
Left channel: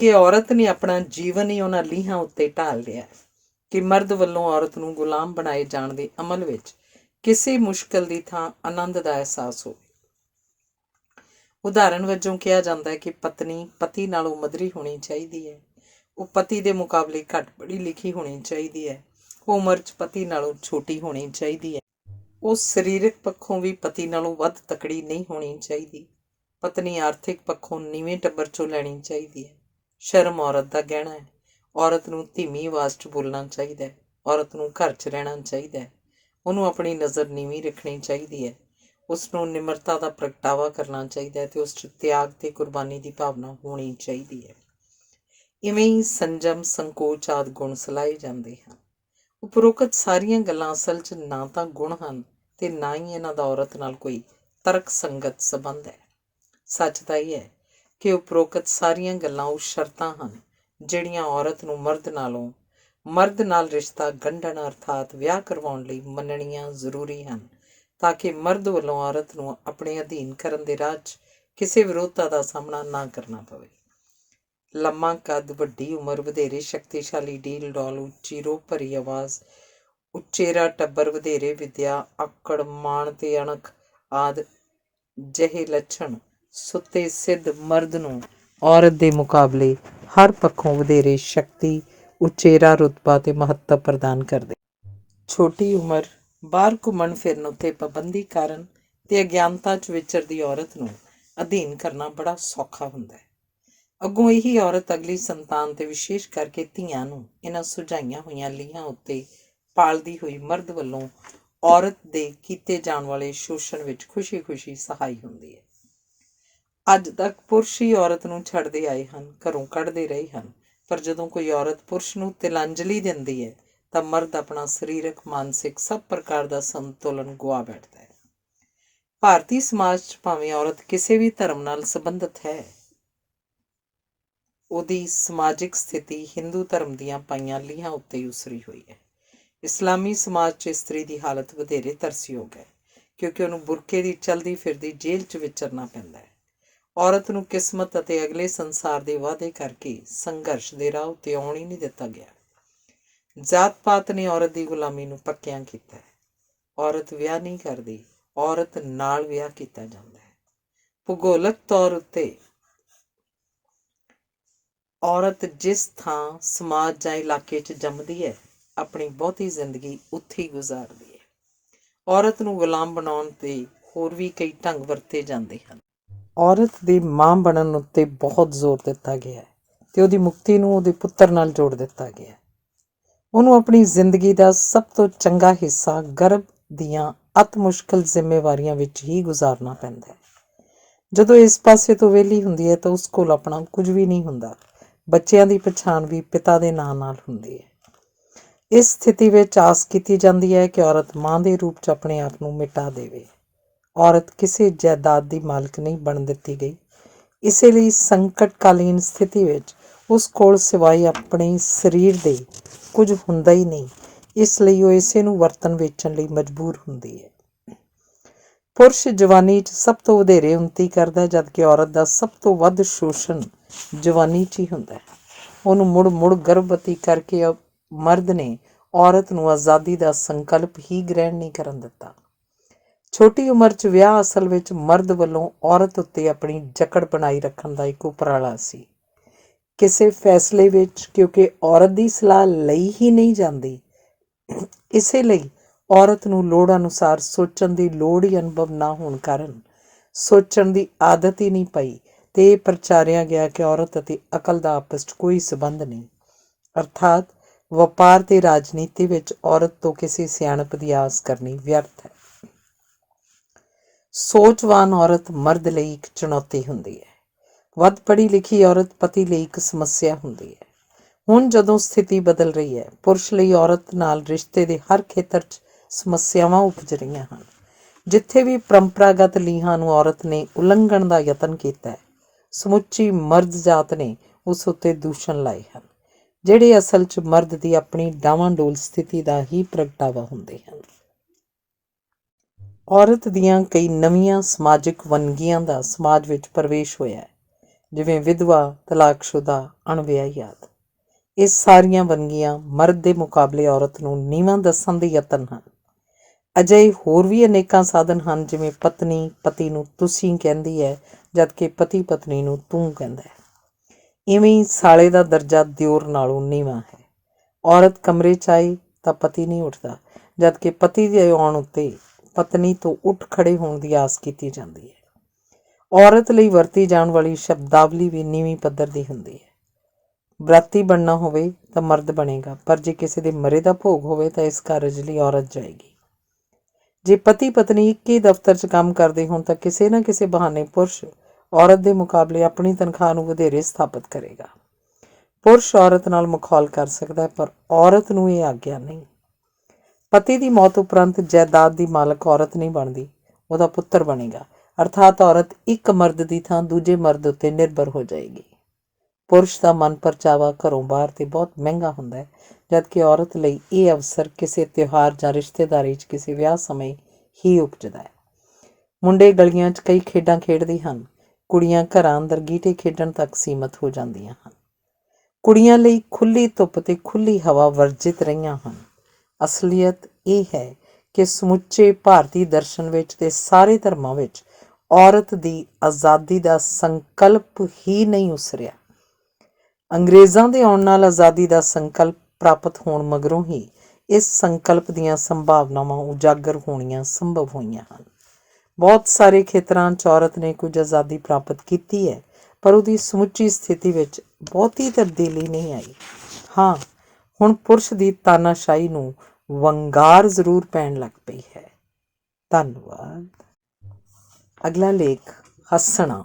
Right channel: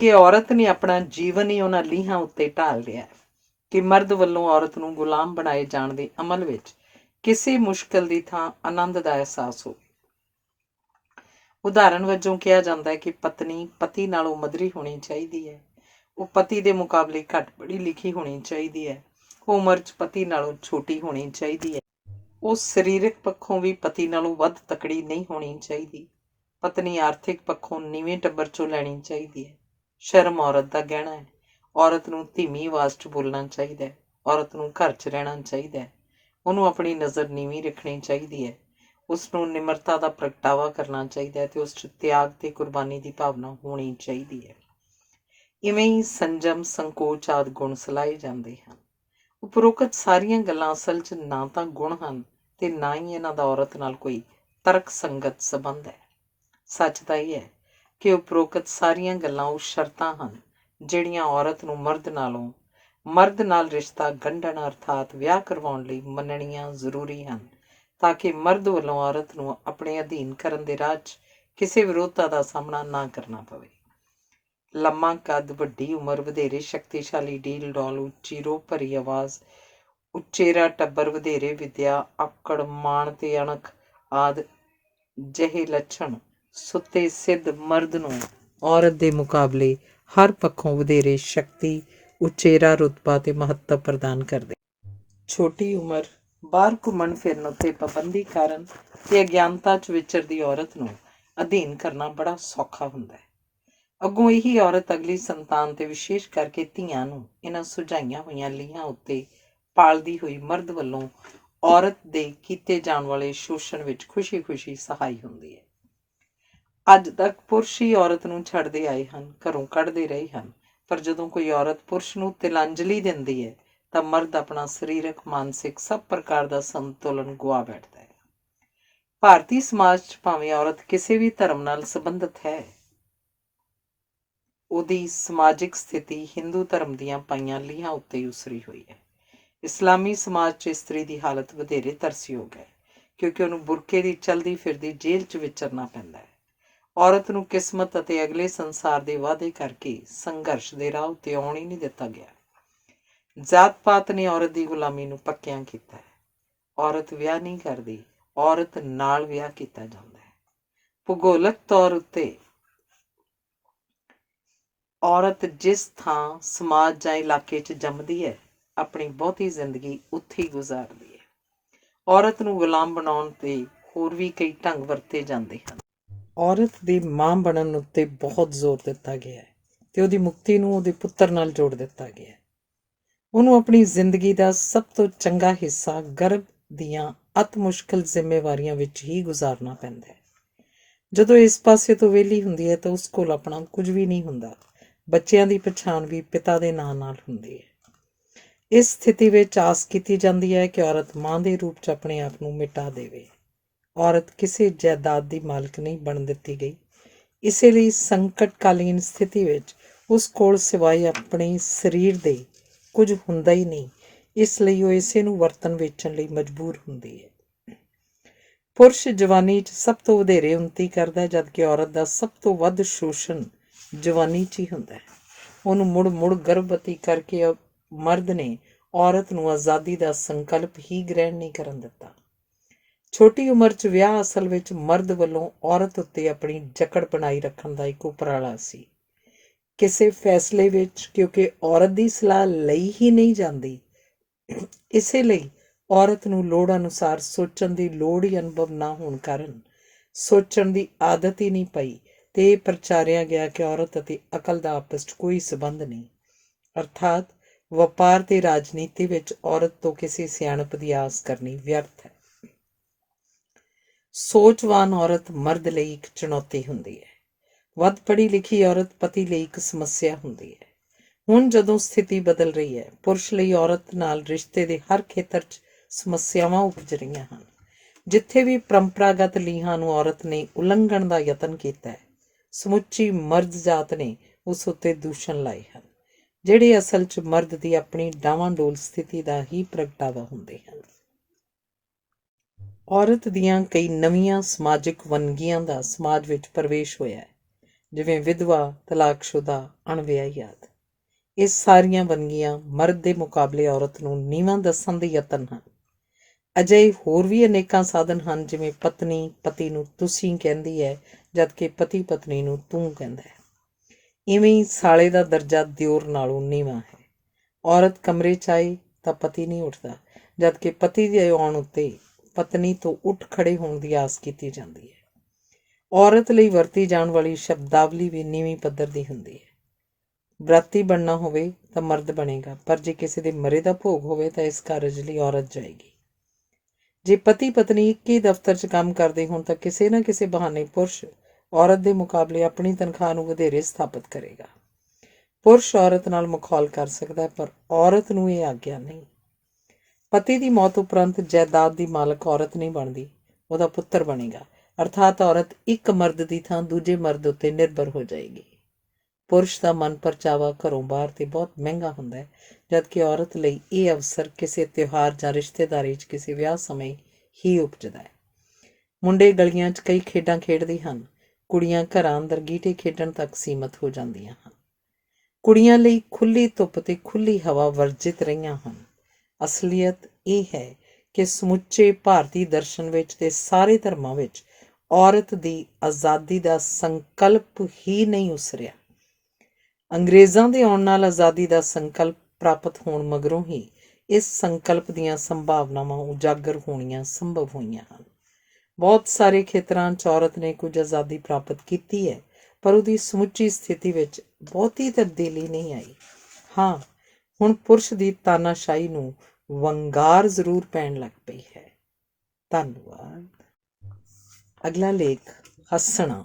ਕਿ ਔਰਤ ਨੇ ਆਪਣਾ ਜੀਵਨ ਹੀ ਉਹਨਾਂ ਲੀਹਾਂ ਉੱਤੇ ਢਾਲ ਲਿਆ ਕਿ ਮਰਦ ਵੱਲੋਂ ਔਰਤ ਨੂੰ ਗੁਲਾਮ ਬਣਾਏ ਜਾਣ ਦੇ ਅਮਲ ਵਿੱਚ ਕਿਸੇ ਮੁਸ਼ਕਲ ਦੀ ਥਾਂ ਆਨੰਦ ਦਾ ਅਹਿਸਾਸ ਹੋਵੇ। ਉਦਾਹਰਨ ਵਜੋਂ ਕਿਹਾ ਜਾਂਦਾ ਹੈ ਕਿ ਪਤਨੀ ਪਤੀ ਨਾਲੋਂ ਮਧਰੀ ਹੋਣੀ ਚਾਹੀਦੀ ਹੈ, ਉਹ ਪਤੀ ਦੇ ਮੁਕਾਬਲੇ ਘੱਟ ਪੜ੍ਹੀ ਲਿਖੀ ਹੋਣੀ ਚਾਹੀਦੀ ਹੈ, ਉਹ ਉਮਰ 'ਚ ਪਤੀ ਨਾਲੋਂ ਛੋਟੀ ਹੋਣੀ ਚਾਹੀਦੀ ਹੈ, ਉਹ ਸਰੀਰਕ ਪੱਖੋਂ ਵੀ ਪਤੀ ਨਾਲੋਂ ਵੱਧ ਤਕੜੀ ਨਹੀਂ ਹੋਣੀ ਚਾਹੀਦੀ, ਪਤਨੀ ਆਰਥਿਕ ਪੱਖੋਂ ਨੀਵੇਂ ਟੱਬਰ 'ਚੋਂ ਲੈਣੀ ਚਾਹੀਦੀ ਹੈ। ਸ਼ਰਮ ਔਰਤ ਦਾ ਗਹਿਣਾ ਹੈ। ਔਰਤ ਨੂੰ ਧੀਮੀ ਆਵਾਜ਼ 'ਚ ਬੋਲਣਾ ਚਾਹੀਦਾ ਹੈ। ਔਰਤ ਨੂੰ ਘਰ 'ਚ ਰਹਿਣਾ ਚਾਹੀਦਾ ਹੈ। ਉਹਨੂੰ ਆਪਣੀ ਨਜ਼ਰ ਨੀਵੀਂ ਰੱਖਣੀ ਚਾਹੀਦੀ ਹੈ। ਉਸ ਨੂੰ ਨਿਮਰਤਾ ਦਾ ਪ੍ਰਗਟਾਵਾ ਕਰਨਾ ਚਾਹੀਦਾ ਹੈ ਤੇ ਉਸ 'ਚ ਤਿਆਗ ਤੇ ਕੁਰਬਾਨੀ ਦੀ ਭਾਵਨਾ ਹੋਣੀ ਚਾਹੀਦੀ ਹੈ। ਇਵੇਂ ਹੀ ਸੰਜਮ, ਸੰਕੋਚ ਆਦਿ ਗੁਣ ਸਲਾਹੇ ਜਾਂਦੇ ਹਨ। ਉਪਰੋਕਤ ਸਾਰੀਆਂ ਗੱਲਾਂ ਅਸਲ 'ਚ ਨਾ ਤਾਂ ਗੁਣ ਹਨ ਤੇ ਨਾ ਹੀ ਇਹਨਾਂ ਦਾ ਔਰਤ ਨਾਲ ਕੋਈ ਤਰਕ ਸੰਗਤ ਸੰਬੰਧ ਹੈ। ਸੱਚ ਤਾਂ ਇਹ ਹੈ ਕਿ ਉਪਰੋਕਤ ਸਾਰੀਆਂ ਗੱਲਾਂ ਉਹ ਸ਼ਰਤਾਂ ਹਨ ਜਿਹੜੀਆਂ ਔਰਤ ਨੂੰ ਮਰਦ ਨਾਲ ਰਿਸ਼ਤਾ ਗੰਢਣ ਅਰਥਾਤ ਵਿਆਹ ਕਰਵਾਉਣ ਲਈ ਮੰਨਣੀਆਂ ਜ਼ਰੂਰੀ ਹਨ, ਤਾਂ ਕਿ ਮਰਦ ਵੱਲੋਂ ਔਰਤ ਨੂੰ ਆਪਣੇ ਅਧੀਨ ਕਰਨ ਦੇ ਰਾਹ 'ਚ ਕਿਸੇ ਵਿਰੋਧਤਾ ਦਾ ਸਾਹਮਣਾ ਨਾ ਕਰਨਾ ਪਵੇ। ਲੰਮਾ ਕੱਦ, ਵੱਡੀ ਉਮਰ, ਵਧੇਰੇ ਸ਼ਕਤੀਸ਼ਾਲੀ ਡੀਲ ਡੌਲ, ਉੱਚੀ ਰੋਹ ਭਰੀ ਆਵਾਜ਼, ਉਚੇਰਾ ਟੱਬਰ, ਵਧੇਰੇ ਵਿੱਦਿਆ, ਆਕੜ, ਮਾਣ ਤੇ ਅਣਖ ਆਦਿ ਜਿਹੇ ਲੱਛਣ ਸੁੱਤੇ ਸਿੱਧ ਮਰਦ ਨੂੰ ਔਰਤ ਦੇ ਮੁਕਾਬਲੇ ਹਰ ਪੱਖੋਂ ਵਧੇਰੇ ਸ਼ਕਤੀ, ਉਚੇਰਾ ਰੁਤਬਾ ਤੇ ਮਹੱਤਵ ਪ੍ਰਦਾਨ ਕਰਦੇ। ਛੋਟੀ ਉਮਰ, ਬਾਹਰ ਘੁੰਮਣ ਫਿਰਨ ਉੱਤੇ ਪਾਬੰਦੀ ਕਾਰਨ ਤੇ ਅਗਿਆਨਤਾ 'ਚ ਵਿਚਰਦੀ ਔਰਤ ਨੂੰ ਅਧੀਨ ਕਰਨਾ ਬੜਾ ਸੌਖਾ ਹੁੰਦਾ ਹੈ। ਅੱਗੋਂ ਇਹੀ ਔਰਤ ਅਗਲੀ ਸੰਤਾਨ ਤੇ ਵਿਸ਼ੇਸ਼ ਕਰਕੇ ਧੀਆਂ ਨੂੰ ਇਹਨਾਂ ਸੁਝਾਈਆਂ ਹੋਈਆਂ ਲੀਹਾਂ ਉੱਤੇ ਪਾਲਦੀ ਹੋਈ ਮਰਦ ਵੱਲੋਂ ਔਰਤ ਦੇ ਕੀਤੇ ਜਾਣ ਵਾਲੇ ਸ਼ੋਸ਼ਣ ਵਿੱਚ ਖੁਸ਼ੀ-ਖੁਸ਼ੀ ਸਹਾਈ ਹੁੰਦੀ ਹੈ। ਅੱਜ ਤੱਕ ਪੁਰਸ਼ ਹੀ ਔਰਤ ਨੂੰ ਛੱਡਦੇ ਆਏ ਹਨ, ਘਰੋਂ ਕੱਢਦੇ ਰਹੇ ਹਨ, ਪਰ ਜਦੋਂ ਕੋਈ ਔਰਤ ਪੁਰਸ਼ ਨੂੰ ਤਿਲਾਂਜਲੀ ਦਿੰਦੀ ਹੈ ਤਾਂ ਮਰਦ ਆਪਣਾ ਸਰੀਰਕ, ਮਾਨਸਿਕ ਸਭ ਪ੍ਰਕਾਰ ਦਾ ਸੰਤੁਲਨ ਗੁਆ ਬੈਠਦਾ ਹੈ। ਭਾਰਤੀ ਸਮਾਜ 'ਚ ਭਾਵੇਂ ਔਰਤ ਕਿਸੇ ਵੀ ਧਰਮ ਨਾਲ ਸੰਬੰਧਿਤ ਹੈ, ਉਹਦੀ ਸਮਾਜਿਕ ਸਥਿਤੀ ਹਿੰਦੂ ਧਰਮ ਦੀਆਂ ਪਾਈਆਂ ਲੀਹਾਂ ਉੱਤੇ ਹੀ ਉਸਰੀ ਹੋਈ ਹੈ। ਇਸਲਾਮੀ ਸਮਾਜ 'ਚ ਇਸਤਰੀ ਦੀ ਹਾਲਤ ਵਧੇਰੇ ਤਰਸਯੋਗ ਹੈ, ਕਿਉਂਕਿ ਉਹਨੂੰ ਬੁਰਕੇ ਦੀ ਚਲਦੀ ਫਿਰਦੀ ਜੇਲ੍ਹ 'ਚ ਵਿਚਰਨਾ ਪੈਂਦਾ ਹੈ। ਔਰਤ ਨੂੰ ਕਿਸਮਤ ਅਤੇ ਅਗਲੇ ਸੰਸਾਰ ਦੇ ਵਾਅਦੇ ਕਰਕੇ ਸੰਘਰਸ਼ ਦੇ ਰਾਹ ਉੱਤੇ ਆਉਣ ਹੀ ਨਹੀਂ ਦਿੱਤਾ ਗਿਆ। ਜਾਤ ਪਾਤ ਨੇ ਔਰਤ ਦੀ ਗੁਲਾਮੀ ਨੂੰ ਪੱਕਿਆਂ ਕੀਤਾ ਹੈ। ਔਰਤ ਵਿਆਹ ਨਹੀਂ ਕਰਦੀ, ਔਰਤ ਨਾਲ ਵਿਆਹ ਕੀਤਾ ਜਾਂਦਾ ਹੈ। ਭੂਗੋਲਿਕ ਤੌਰ ਉੱਤੇ ਔਰਤ ਜਿਸ ਥਾਂ ਸਮਾਜ ਜਾਂ ਇਲਾਕੇ 'ਚ ਜੰਮਦੀ ਹੈ, ਆਪਣੀ ਬਹੁਤੀ ਜ਼ਿੰਦਗੀ ਉੱਥੇ ਹੀ ਗੁਜ਼ਾਰਦੀ ਹੈ। ਔਰਤ ਨੂੰ ਗੁਲਾਮ ਬਣਾਉਣ 'ਤੇ ਹੋਰ ਵੀ ਕਈ ਢੰਗ ਵਰਤੇ ਜਾਂਦੇ ਹਨ। ਔਰਤ ਦੀ ਮਾਂ ਬਣਨ ਉੱਤੇ ਬਹੁਤ ਜ਼ੋਰ ਦਿੱਤਾ ਗਿਆ ਹੈ ਅਤੇ ਉਹਦੀ ਮੁਕਤੀ ਨੂੰ ਉਹਦੇ ਪੁੱਤਰ ਨਾਲ ਜੋੜ ਦਿੱਤਾ ਗਿਆ ਹੈ। ਉਹਨੂੰ ਆਪਣੀ ਜ਼ਿੰਦਗੀ ਦਾ ਸਭ ਤੋਂ ਚੰਗਾ ਹਿੱਸਾ ਗਰਭ ਦੀਆਂ ਅਤ ਮੁਸ਼ਕਿਲ ਜ਼ਿੰਮੇਵਾਰੀਆਂ ਵਿੱਚ ਹੀ ਗੁਜ਼ਾਰਨਾ ਪੈਂਦਾ ਹੈ। ਜਦੋਂ ਇਸ ਪਾਸੇ ਤੋਂ ਵਿਹਲੀ ਹੁੰਦੀ ਹੈ ਤਾਂ ਉਸ ਕੋਲ ਆਪਣਾ ਕੁਝ ਵੀ ਨਹੀਂ ਹੁੰਦਾ। ਬੱਚਿਆਂ ਦੀ ਪਛਾਣ ਵੀ ਪਿਤਾ ਦੇ ਨਾਂ ਨਾਲ ਹੁੰਦੀ ਹੈ। ਇਸ ਸਥਿਤੀ ਵਿੱਚ ਆਸ ਕੀਤੀ ਜਾਂਦੀ ਹੈ ਕਿ ਔਰਤ ਮਾਂ ਦੇ ਰੂਪ 'ਚ ਆਪਣੇ ਆਪ ਨੂੰ ਮਿਟਾ ਦੇਵੇ। ਔਰਤ ਕਿਸੇ ਜਾਇਦਾਦ ਦੀ ਮਾਲਕ ਨਹੀਂ ਬਣ ਦਿੱਤੀ ਗਈ। ਇਸੇ ਲਈ ਸੰਕਟਕਾਲੀਨ ਸਥਿਤੀ ਵਿੱਚ ਉਸ ਕੋਲ ਸਿਵਾਏ ਆਪਣੇ ਸਰੀਰ ਦੇ ਕੁਝ ਹੁੰਦਾ ਹੀ ਨਹੀਂ। ਇਸ ਲਈ ਉਹ ਇਸੇ ਨੂੰ ਵਰਤਣ ਵੇਚਣ ਲਈ ਮਜਬੂਰ ਹੁੰਦੀ ਹੈ। ਪੁਰਸ਼ ਜਵਾਨੀ 'ਚ ਸਭ ਤੋਂ ਵਧੇਰੇ ਉੱਨਤੀ ਕਰਦਾ, ਜਦਕਿ ਔਰਤ ਦਾ ਸਭ ਤੋਂ ਵੱਧ ਸ਼ੋਸ਼ਣ ਜਵਾਨੀ 'ਚ ਹੀ ਹੁੰਦਾ ਹੈ। ਉਹਨੂੰ ਮੁੜ ਮੁੜ ਗਰਭਵਤੀ ਕਰਕੇ ਮਰਦ ਨੇ ਔਰਤ ਨੂੰ ਆਜ਼ਾਦੀ ਦਾ ਸੰਕਲਪ ਹੀ ਗ੍ਰਹਿਣ ਨਹੀਂ ਕਰਨ ਦਿੱਤਾ। ਛੋਟੀ ਉਮਰ 'ਚ ਵਿਆਹ ਅਸਲ ਵਿੱਚ ਮਰਦ ਵੱਲੋਂ ਔਰਤ ਉੱਤੇ ਆਪਣੀ ਜਕੜ ਬਣਾਈ ਰੱਖਣ ਦਾ ਇੱਕ ਉਪਰਾਲਾ ਸੀ। ਕਿਸੇ ਫੈਸਲੇ ਵਿੱਚ ਕਿਉਂਕਿ ਔਰਤ ਦੀ ਸਲਾਹ ਲਈ ਹੀ ਨਹੀਂ ਜਾਂਦੀ, ਇਸੇ ਲਈ ਔਰਤ ਨੂੰ ਲੋੜ ਅਨੁਸਾਰ ਸੋਚਣ ਦੀ ਲੋੜ ਹੀ ਅਨੁਭਵ ਨਾ ਹੋਣ ਕਾਰਨ ਸੋਚਣ ਦੀ ਆਦਤ ਹੀ ਨਹੀਂ ਪਈ ਅਤੇ ਇਹ ਪ੍ਰਚਾਰਿਆ ਗਿਆ ਕਿ ਔਰਤ ਅਤੇ ਅਕਲ ਦਾ ਆਪਸ 'ਚ ਕੋਈ ਸੰਬੰਧ ਨਹੀਂ। ਅਰਥਾਤ ਵਪਾਰ ਤੇ ਰਾਜਨੀਤੀ ਵਿੱਚ ਔਰਤ ਤੋਂ ਕਿਸੇ ਸਿਆਣਪ ਦੀ ਆਸ ਕਰਨੀ ਵਿਅਰਥ ਹੈ। ਸੋਚਵਾਨ ਔਰਤ ਮਰਦ ਲਈ ਇੱਕ ਚੁਣੌਤੀ ਹੁੰਦੀ ਹੈ। ਵੱਧ ਪੜ੍ਹੀ ਲਿਖੀ ਔਰਤ ਪਤੀ ਲਈ ਇੱਕ ਸਮੱਸਿਆ ਹੁੰਦੀ ਹੈ। ਹੁਣ ਜਦੋਂ ਸਥਿਤੀ ਬਦਲ ਰਹੀ ਹੈ, ਪੁਰਸ਼ ਲਈ ਔਰਤ ਨਾਲ ਰਿਸ਼ਤੇ ਦੇ ਹਰ ਖੇਤਰ 'ਚ ਸਮੱਸਿਆਵਾਂ ਉਪਜ ਰਹੀਆਂ ਹਨ। ਜਿੱਥੇ ਵੀ ਪਰੰਪਰਾਗਤ ਲੀਹਾਂ ਨੂੰ ਔਰਤ ਨੇ ਉਲੰਘਣ ਦਾ ਯਤਨ ਕੀਤਾ ਹੈ, ਸਮੁੱਚੀ ਮਰਦ ਜਾਤ ਨੇ ਉਸ ਉੱਤੇ ਦੂਸ਼ਣ ਲਾਏ ਹਨ, ਜਿਹੜੇ ਅਸਲ 'ਚ ਮਰਦ ਦੀ ਆਪਣੀ ਡਾਵਾਂਡੋਲ ਸਥਿਤੀ ਦਾ ਹੀ ਪ੍ਰਗਟਾਵਾ ਹੁੰਦੇ ਹਨ। ਔਰਤ ਦੀਆਂ ਕਈ ਨਵੀਆਂ ਸਮਾਜਿਕ ਵੰਨਗੀਆਂ ਦਾ ਸਮਾਜ ਵਿੱਚ ਪ੍ਰਵੇਸ਼ ਹੋਇਆ ਹੈ, ਜਿਵੇਂ ਵਿਧਵਾ, ਤਲਾਕਸ਼ੁਦਾ, ਅਣਵਿਆਹੀ ਆਦਿ। ਇਹ ਸਾਰੀਆਂ ਵੰਨਗੀਆਂ ਮਰਦ ਦੇ ਮੁਕਾਬਲੇ ਔਰਤ ਨੂੰ ਨੀਵਾਂ ਦੱਸਣ ਦੇ ਯਤਨ ਹਨ। ਅਜਿਹੇ ਹੋਰ ਵੀ ਅਨੇਕਾਂ ਸਾਧਨ ਹਨ, ਜਿਵੇਂ ਪਤਨੀ ਪਤੀ ਨੂੰ ਤੁਸੀਂ ਕਹਿੰਦੀ ਹੈ, ਜਦਕਿ ਪਤੀ ਪਤਨੀ ਨੂੰ ਤੂੰ ਕਹਿੰਦਾ ਹੈ। ਇਵੇਂ ਹੀ ਸਾਲੇ ਦਾ ਦਰਜਾ ਦਿਓਰ ਨਾਲੋਂ ਨੀਵਾਂ ਹੈ। ਔਰਤ ਕਮਰੇ 'ਚ ਆਏ ਤਾਂ ਪਤੀ ਨਹੀਂ ਉੱਠਦਾ, ਜਦਕਿ ਪਤੀ ਦੇ ਆਉਣ ਉੱਤੇ ਪਤਨੀ ਤੋਂ ਉੱਠ ਖੜੇ ਹੋਣ ਦੀ ਆਸ ਕੀਤੀ ਜਾਂਦੀ ਹੈ। ਔਰਤ ਲਈ ਵਰਤੀ ਜਾਣ ਵਾਲੀ ਸ਼ਬਦਾਵਲੀ ਵੀ ਨੀਵੀਂ ਪੱਧਰ ਦੀ ਹੁੰਦੀ ਹੈ। ਬਰਾਤੀ ਬਣਨਾ ਹੋਵੇ ਤਾਂ ਮਰਦ ਬਣੇਗਾ, ਪਰ ਜੇ ਕਿਸੇ ਦੇ ਮਰੇ ਦਾ ਭੋਗ ਹੋਵੇ ਤਾਂ ਇਸ ਕਾਰਜ ਲਈ ਔਰਤ ਜਾਏਗੀ। ਜੇ ਪਤੀ ਪਤਨੀ ਇੱਕ ਹੀ ਦਫ਼ਤਰ 'ਚ ਕੰਮ ਕਰਦੇ ਹੋਣ ਤਾਂ ਕਿਸੇ ਨਾ ਕਿਸੇ ਬਹਾਨੇ ਪੁਰਸ਼ ਔਰਤ ਦੇ ਮੁਕਾਬਲੇ ਆਪਣੀ ਤਨਖਾਹ ਨੂੰ ਵਧੇਰੇ ਸਥਾਪਿਤ ਕਰੇਗਾ। ਪੁਰਸ਼ ਔਰਤ ਨਾਲ ਮਖੌਲ ਕਰ ਸਕਦਾ ਹੈ, ਪਰ ਔਰਤ ਨੂੰ ਇਹ ਆਗਿਆ ਨਹੀਂ। ਪਤੀ ਦੀ ਮੌਤ ਉਪਰੰਤ ਜਾਇਦਾਦ ਦੀ ਮਾਲਕ ਔਰਤ ਨਹੀਂ ਬਣਦੀ, ਉਹਦਾ ਪੁੱਤਰ ਬਣੇਗਾ। ਅਰਥਾਤ ਔਰਤ ਇੱਕ ਮਰਦ ਦੀ ਥਾਂ ਦੂਜੇ ਮਰਦ ਉੱਤੇ ਨਿਰਭਰ ਹੋ ਜਾਏਗੀ। ਪੁਰਸ਼ ਦਾ ਮਨ ਪਰਚਾਵਾ ਘਰੋਂ ਬਾਹਰ ਤੇ ਬਹੁਤ ਮਹਿੰਗਾ ਹੁੰਦਾ ਹੈ, ਜਦਕਿ ਔਰਤ ਲਈ ਇਹ ਅਵਸਰ ਕਿਸੇ ਤਿਉਹਾਰ ਜਾਂ ਰਿਸ਼ਤੇਦਾਰੀ 'ਚ ਕਿਸੇ ਵਿਆਹ ਸਮੇਂ ਹੀ ਉਪਜਦਾ ਹੈ। ਮੁੰਡੇ ਗਲੀਆਂ 'ਚ ਕਈ ਖੇਡਾਂ ਖੇਡਦੇ ਹਨ, ਕੁੜੀਆਂ ਘਰਾਂ ਅੰਦਰ ਗੀਟੇ ਖੇਡਣ ਤੱਕ ਸੀਮਤ ਹੋ ਜਾਂਦੀਆਂ ਹਨ। ਕੁੜੀਆਂ ਲਈ ਖੁੱਲ੍ਹੀ ਧੁੱਪ ਤੇ ਖੁੱਲ੍ਹੀ ਹਵਾ ਵਰਜਿਤ ਰਹੀਆਂ ਹਨ। ਅਸਲੀਅਤ ਇਹ ਹੈ ਕਿ ਸਮੁੱਚੇ ਭਾਰਤੀ ਦਰਸ਼ਨ ਵਿੱਚ ਤੇ ਸਾਰੇ ਧਰਮਾਂ ਵਿੱਚ ਔਰਤ ਦੀ ਆਜ਼ਾਦੀ ਦਾ ਸੰਕਲਪ ਹੀ ਨਹੀਂ ਉਸਰਿਆ। ਅੰਗਰੇਜ਼ਾਂ ਦੇ ਆਉਣ ਨਾਲ ਆਜ਼ਾਦੀ ਦਾ ਸੰਕਲਪ ਪ੍ਰਾਪਤ ਹੋਣ ਮਗਰੋਂ ਹੀ ਇਸ ਸੰਕਲਪ ਦੀਆਂ ਸੰਭਾਵਨਾਵਾਂ ਉਜਾਗਰ ਹੋਣੀਆਂ ਸੰਭਵ ਹੋਈਆਂ ਹਨ। ਬਹੁਤ ਸਾਰੇ ਖੇਤਰਾਂ 'ਚ ਔਰਤ ਨੇ ਕੁਝ ਆਜ਼ਾਦੀ ਪ੍ਰਾਪਤ ਕੀਤੀ ਹੈ, ਪਰ ਉਹਦੀ ਸਮੁੱਚੀ ਸਥਿਤੀ ਵਿੱਚ ਬਹੁਤੀ ਤਬਦੀਲੀ ਨਹੀਂ ਆਈ। ਹਾਂ, ਹੁਣ ਪੁਰਸ਼ ਦੀ ਤਾਨਾਸ਼ਾਹੀ ਨੂੰ ਵੰਗਾਰ ਜ਼ਰੂਰ ਪੈਣ ਲੱਗ ਪਈ ਹੈ। ਧੰਨਵਾਦ। ਅਗਲਾ ਲੇਖ, ਹੱਸਣਾ।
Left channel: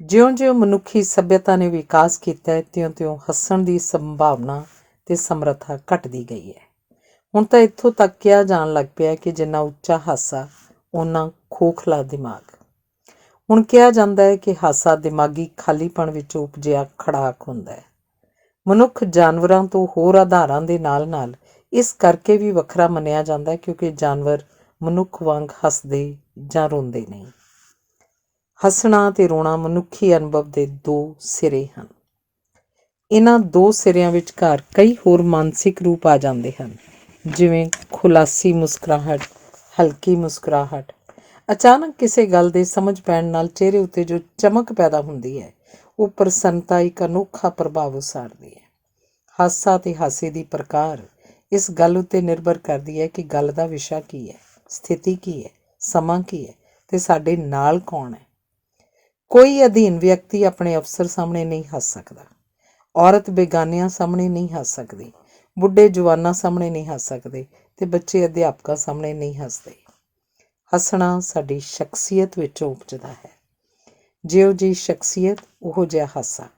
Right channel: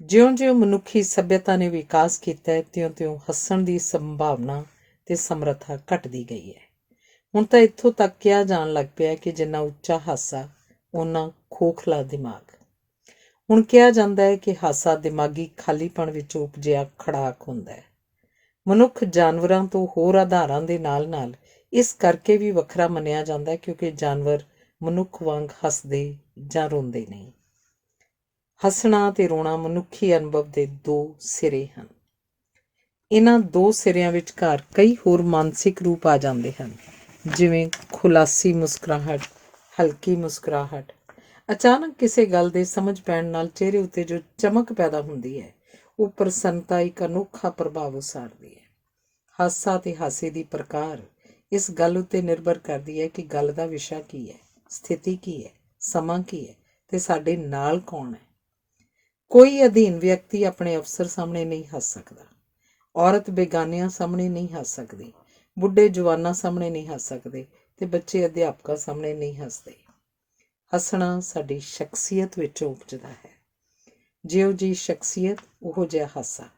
ਜਿਉਂ-ਜਿਉਂ ਮਨੁੱਖੀ ਸੱਭਿਅਤਾ ਨੇ ਵਿਕਾਸ ਕੀਤਾ ਹੈ, ਤਿਉਂ-ਤਿਉਂ ਹੱਸਣ ਦੀ ਸੰਭਾਵਨਾ ਤੇ ਸਮਰੱਥਾ ਘਟਦੀ ਗਈ ਹੈ। ਹੁਣ ਤਾਂ ਇੱਥੋਂ ਤੱਕ ਕਿਹਾ ਜਾਣ ਲੱਗ ਪਿਆ ਕਿ ਜਿੰਨਾ ਉੱਚਾ ਹਾਸਾ, ਓਨਾ ਖੋਖਲਾ ਦਿਮਾਗ। ਹੁਣ ਕਿਹਾ ਜਾਂਦਾ ਹੈ ਕਿ ਹਾਸਾ ਦਿਮਾਗੀ ਖਾਲੀਪਣ ਵਿੱਚੋਂ ਉਪਜਿਆ ਖੜਾਕ ਹੁੰਦਾ ਹੈ। ਮਨੁੱਖ ਜਾਨਵਰਾਂ ਤੋਂ ਹੋਰ ਆਧਾਰਾਂ ਦੇ ਨਾਲ-ਨਾਲ ਇਸ ਕਰਕੇ ਵੀ ਵੱਖਰਾ ਮੰਨਿਆ ਜਾਂਦਾ ਹੈ ਕਿਉਂਕਿ ਜਾਨਵਰ ਮਨੁੱਖ ਵਾਂਗ ਹੱਸਦੇ ਜਾਂ ਰੋਂਦੇ ਨਹੀਂ। ਹੱਸਣਾ ਅਤੇ ਰੋਣਾ ਮਨੁੱਖੀ ਅਨੁਭਵ ਦੇ ਦੋ ਸਿਰੇ ਹਨ। ਇਹਨਾਂ ਦੋ ਸਿਰਿਆਂ ਵਿਚਕਾਰ ਕਈ ਹੋਰ ਮਾਨਸਿਕ ਰੂਪ ਆ ਜਾਂਦੇ ਹਨ, ਜਿਵੇਂ ਖੁਲਾਸੀ ਮੁਸਕਰਾਹਟ, ਹਲਕੀ ਮੁਸਕਰਾਹਟ। ਅਚਾਨਕ ਕਿਸੇ ਗੱਲ ਦੇ ਸਮਝ ਪੈਣ ਨਾਲ ਚਿਹਰੇ ਉੱਤੇ ਜੋ ਚਮਕ ਪੈਦਾ ਹੁੰਦੀ ਹੈ, ਉਹ ਪ੍ਰਸੰਨਤਾ ਇੱਕ ਅਨੋਖਾ ਪ੍ਰਭਾਵ ਉਸਾਰਦੀ ਹੈ। ਹਾਸਾ ਅਤੇ ਹਾਸੇ ਦੀ ਪ੍ਰਕਾਰ ਇਸ ਗੱਲ ਉੱਤੇ ਨਿਰਭਰ ਕਰਦੀ ਹੈ ਕਿ ਗੱਲ ਦਾ ਵਿਸ਼ਾ ਕੀ ਹੈ, ਸਥਿਤੀ ਕੀ ਹੈ, ਸਮਾਂ ਕੀ ਹੈ ਅਤੇ ਸਾਡੇ ਨਾਲ ਕੌਣ ਹੈ। ਕੋਈ ਅਧੀਨ ਵਿਅਕਤੀ ਆਪਣੇ ਅਫਸਰ ਸਾਹਮਣੇ ਨਹੀਂ ਹੱਸ ਸਕਦਾ। ਔਰਤ ਬੇਗਾਨਿਆਂ ਸਾਹਮਣੇ ਨਹੀਂ ਹੱਸ ਸਕਦੀ। ਬੁੱਢੇ ਜਵਾਨਾਂ ਸਾਹਮਣੇ ਨਹੀਂ ਹੱਸ ਸਕਦੇ ਅਤੇ ਬੱਚੇ ਅਧਿਆਪਕਾਂ ਸਾਹਮਣੇ ਨਹੀਂ ਹੱਸਦੇ। ਹੱਸਣਾ ਸਾਡੀ ਸ਼ਖਸੀਅਤ ਵਿੱਚੋਂ ਉਪਜਦਾ ਹੈ। ਜਿਹੋ ਜਿਹੀ ਸ਼ਖਸੀਅਤ ਉਹੋ ਜਿਹਾ ਹਾਸਾ।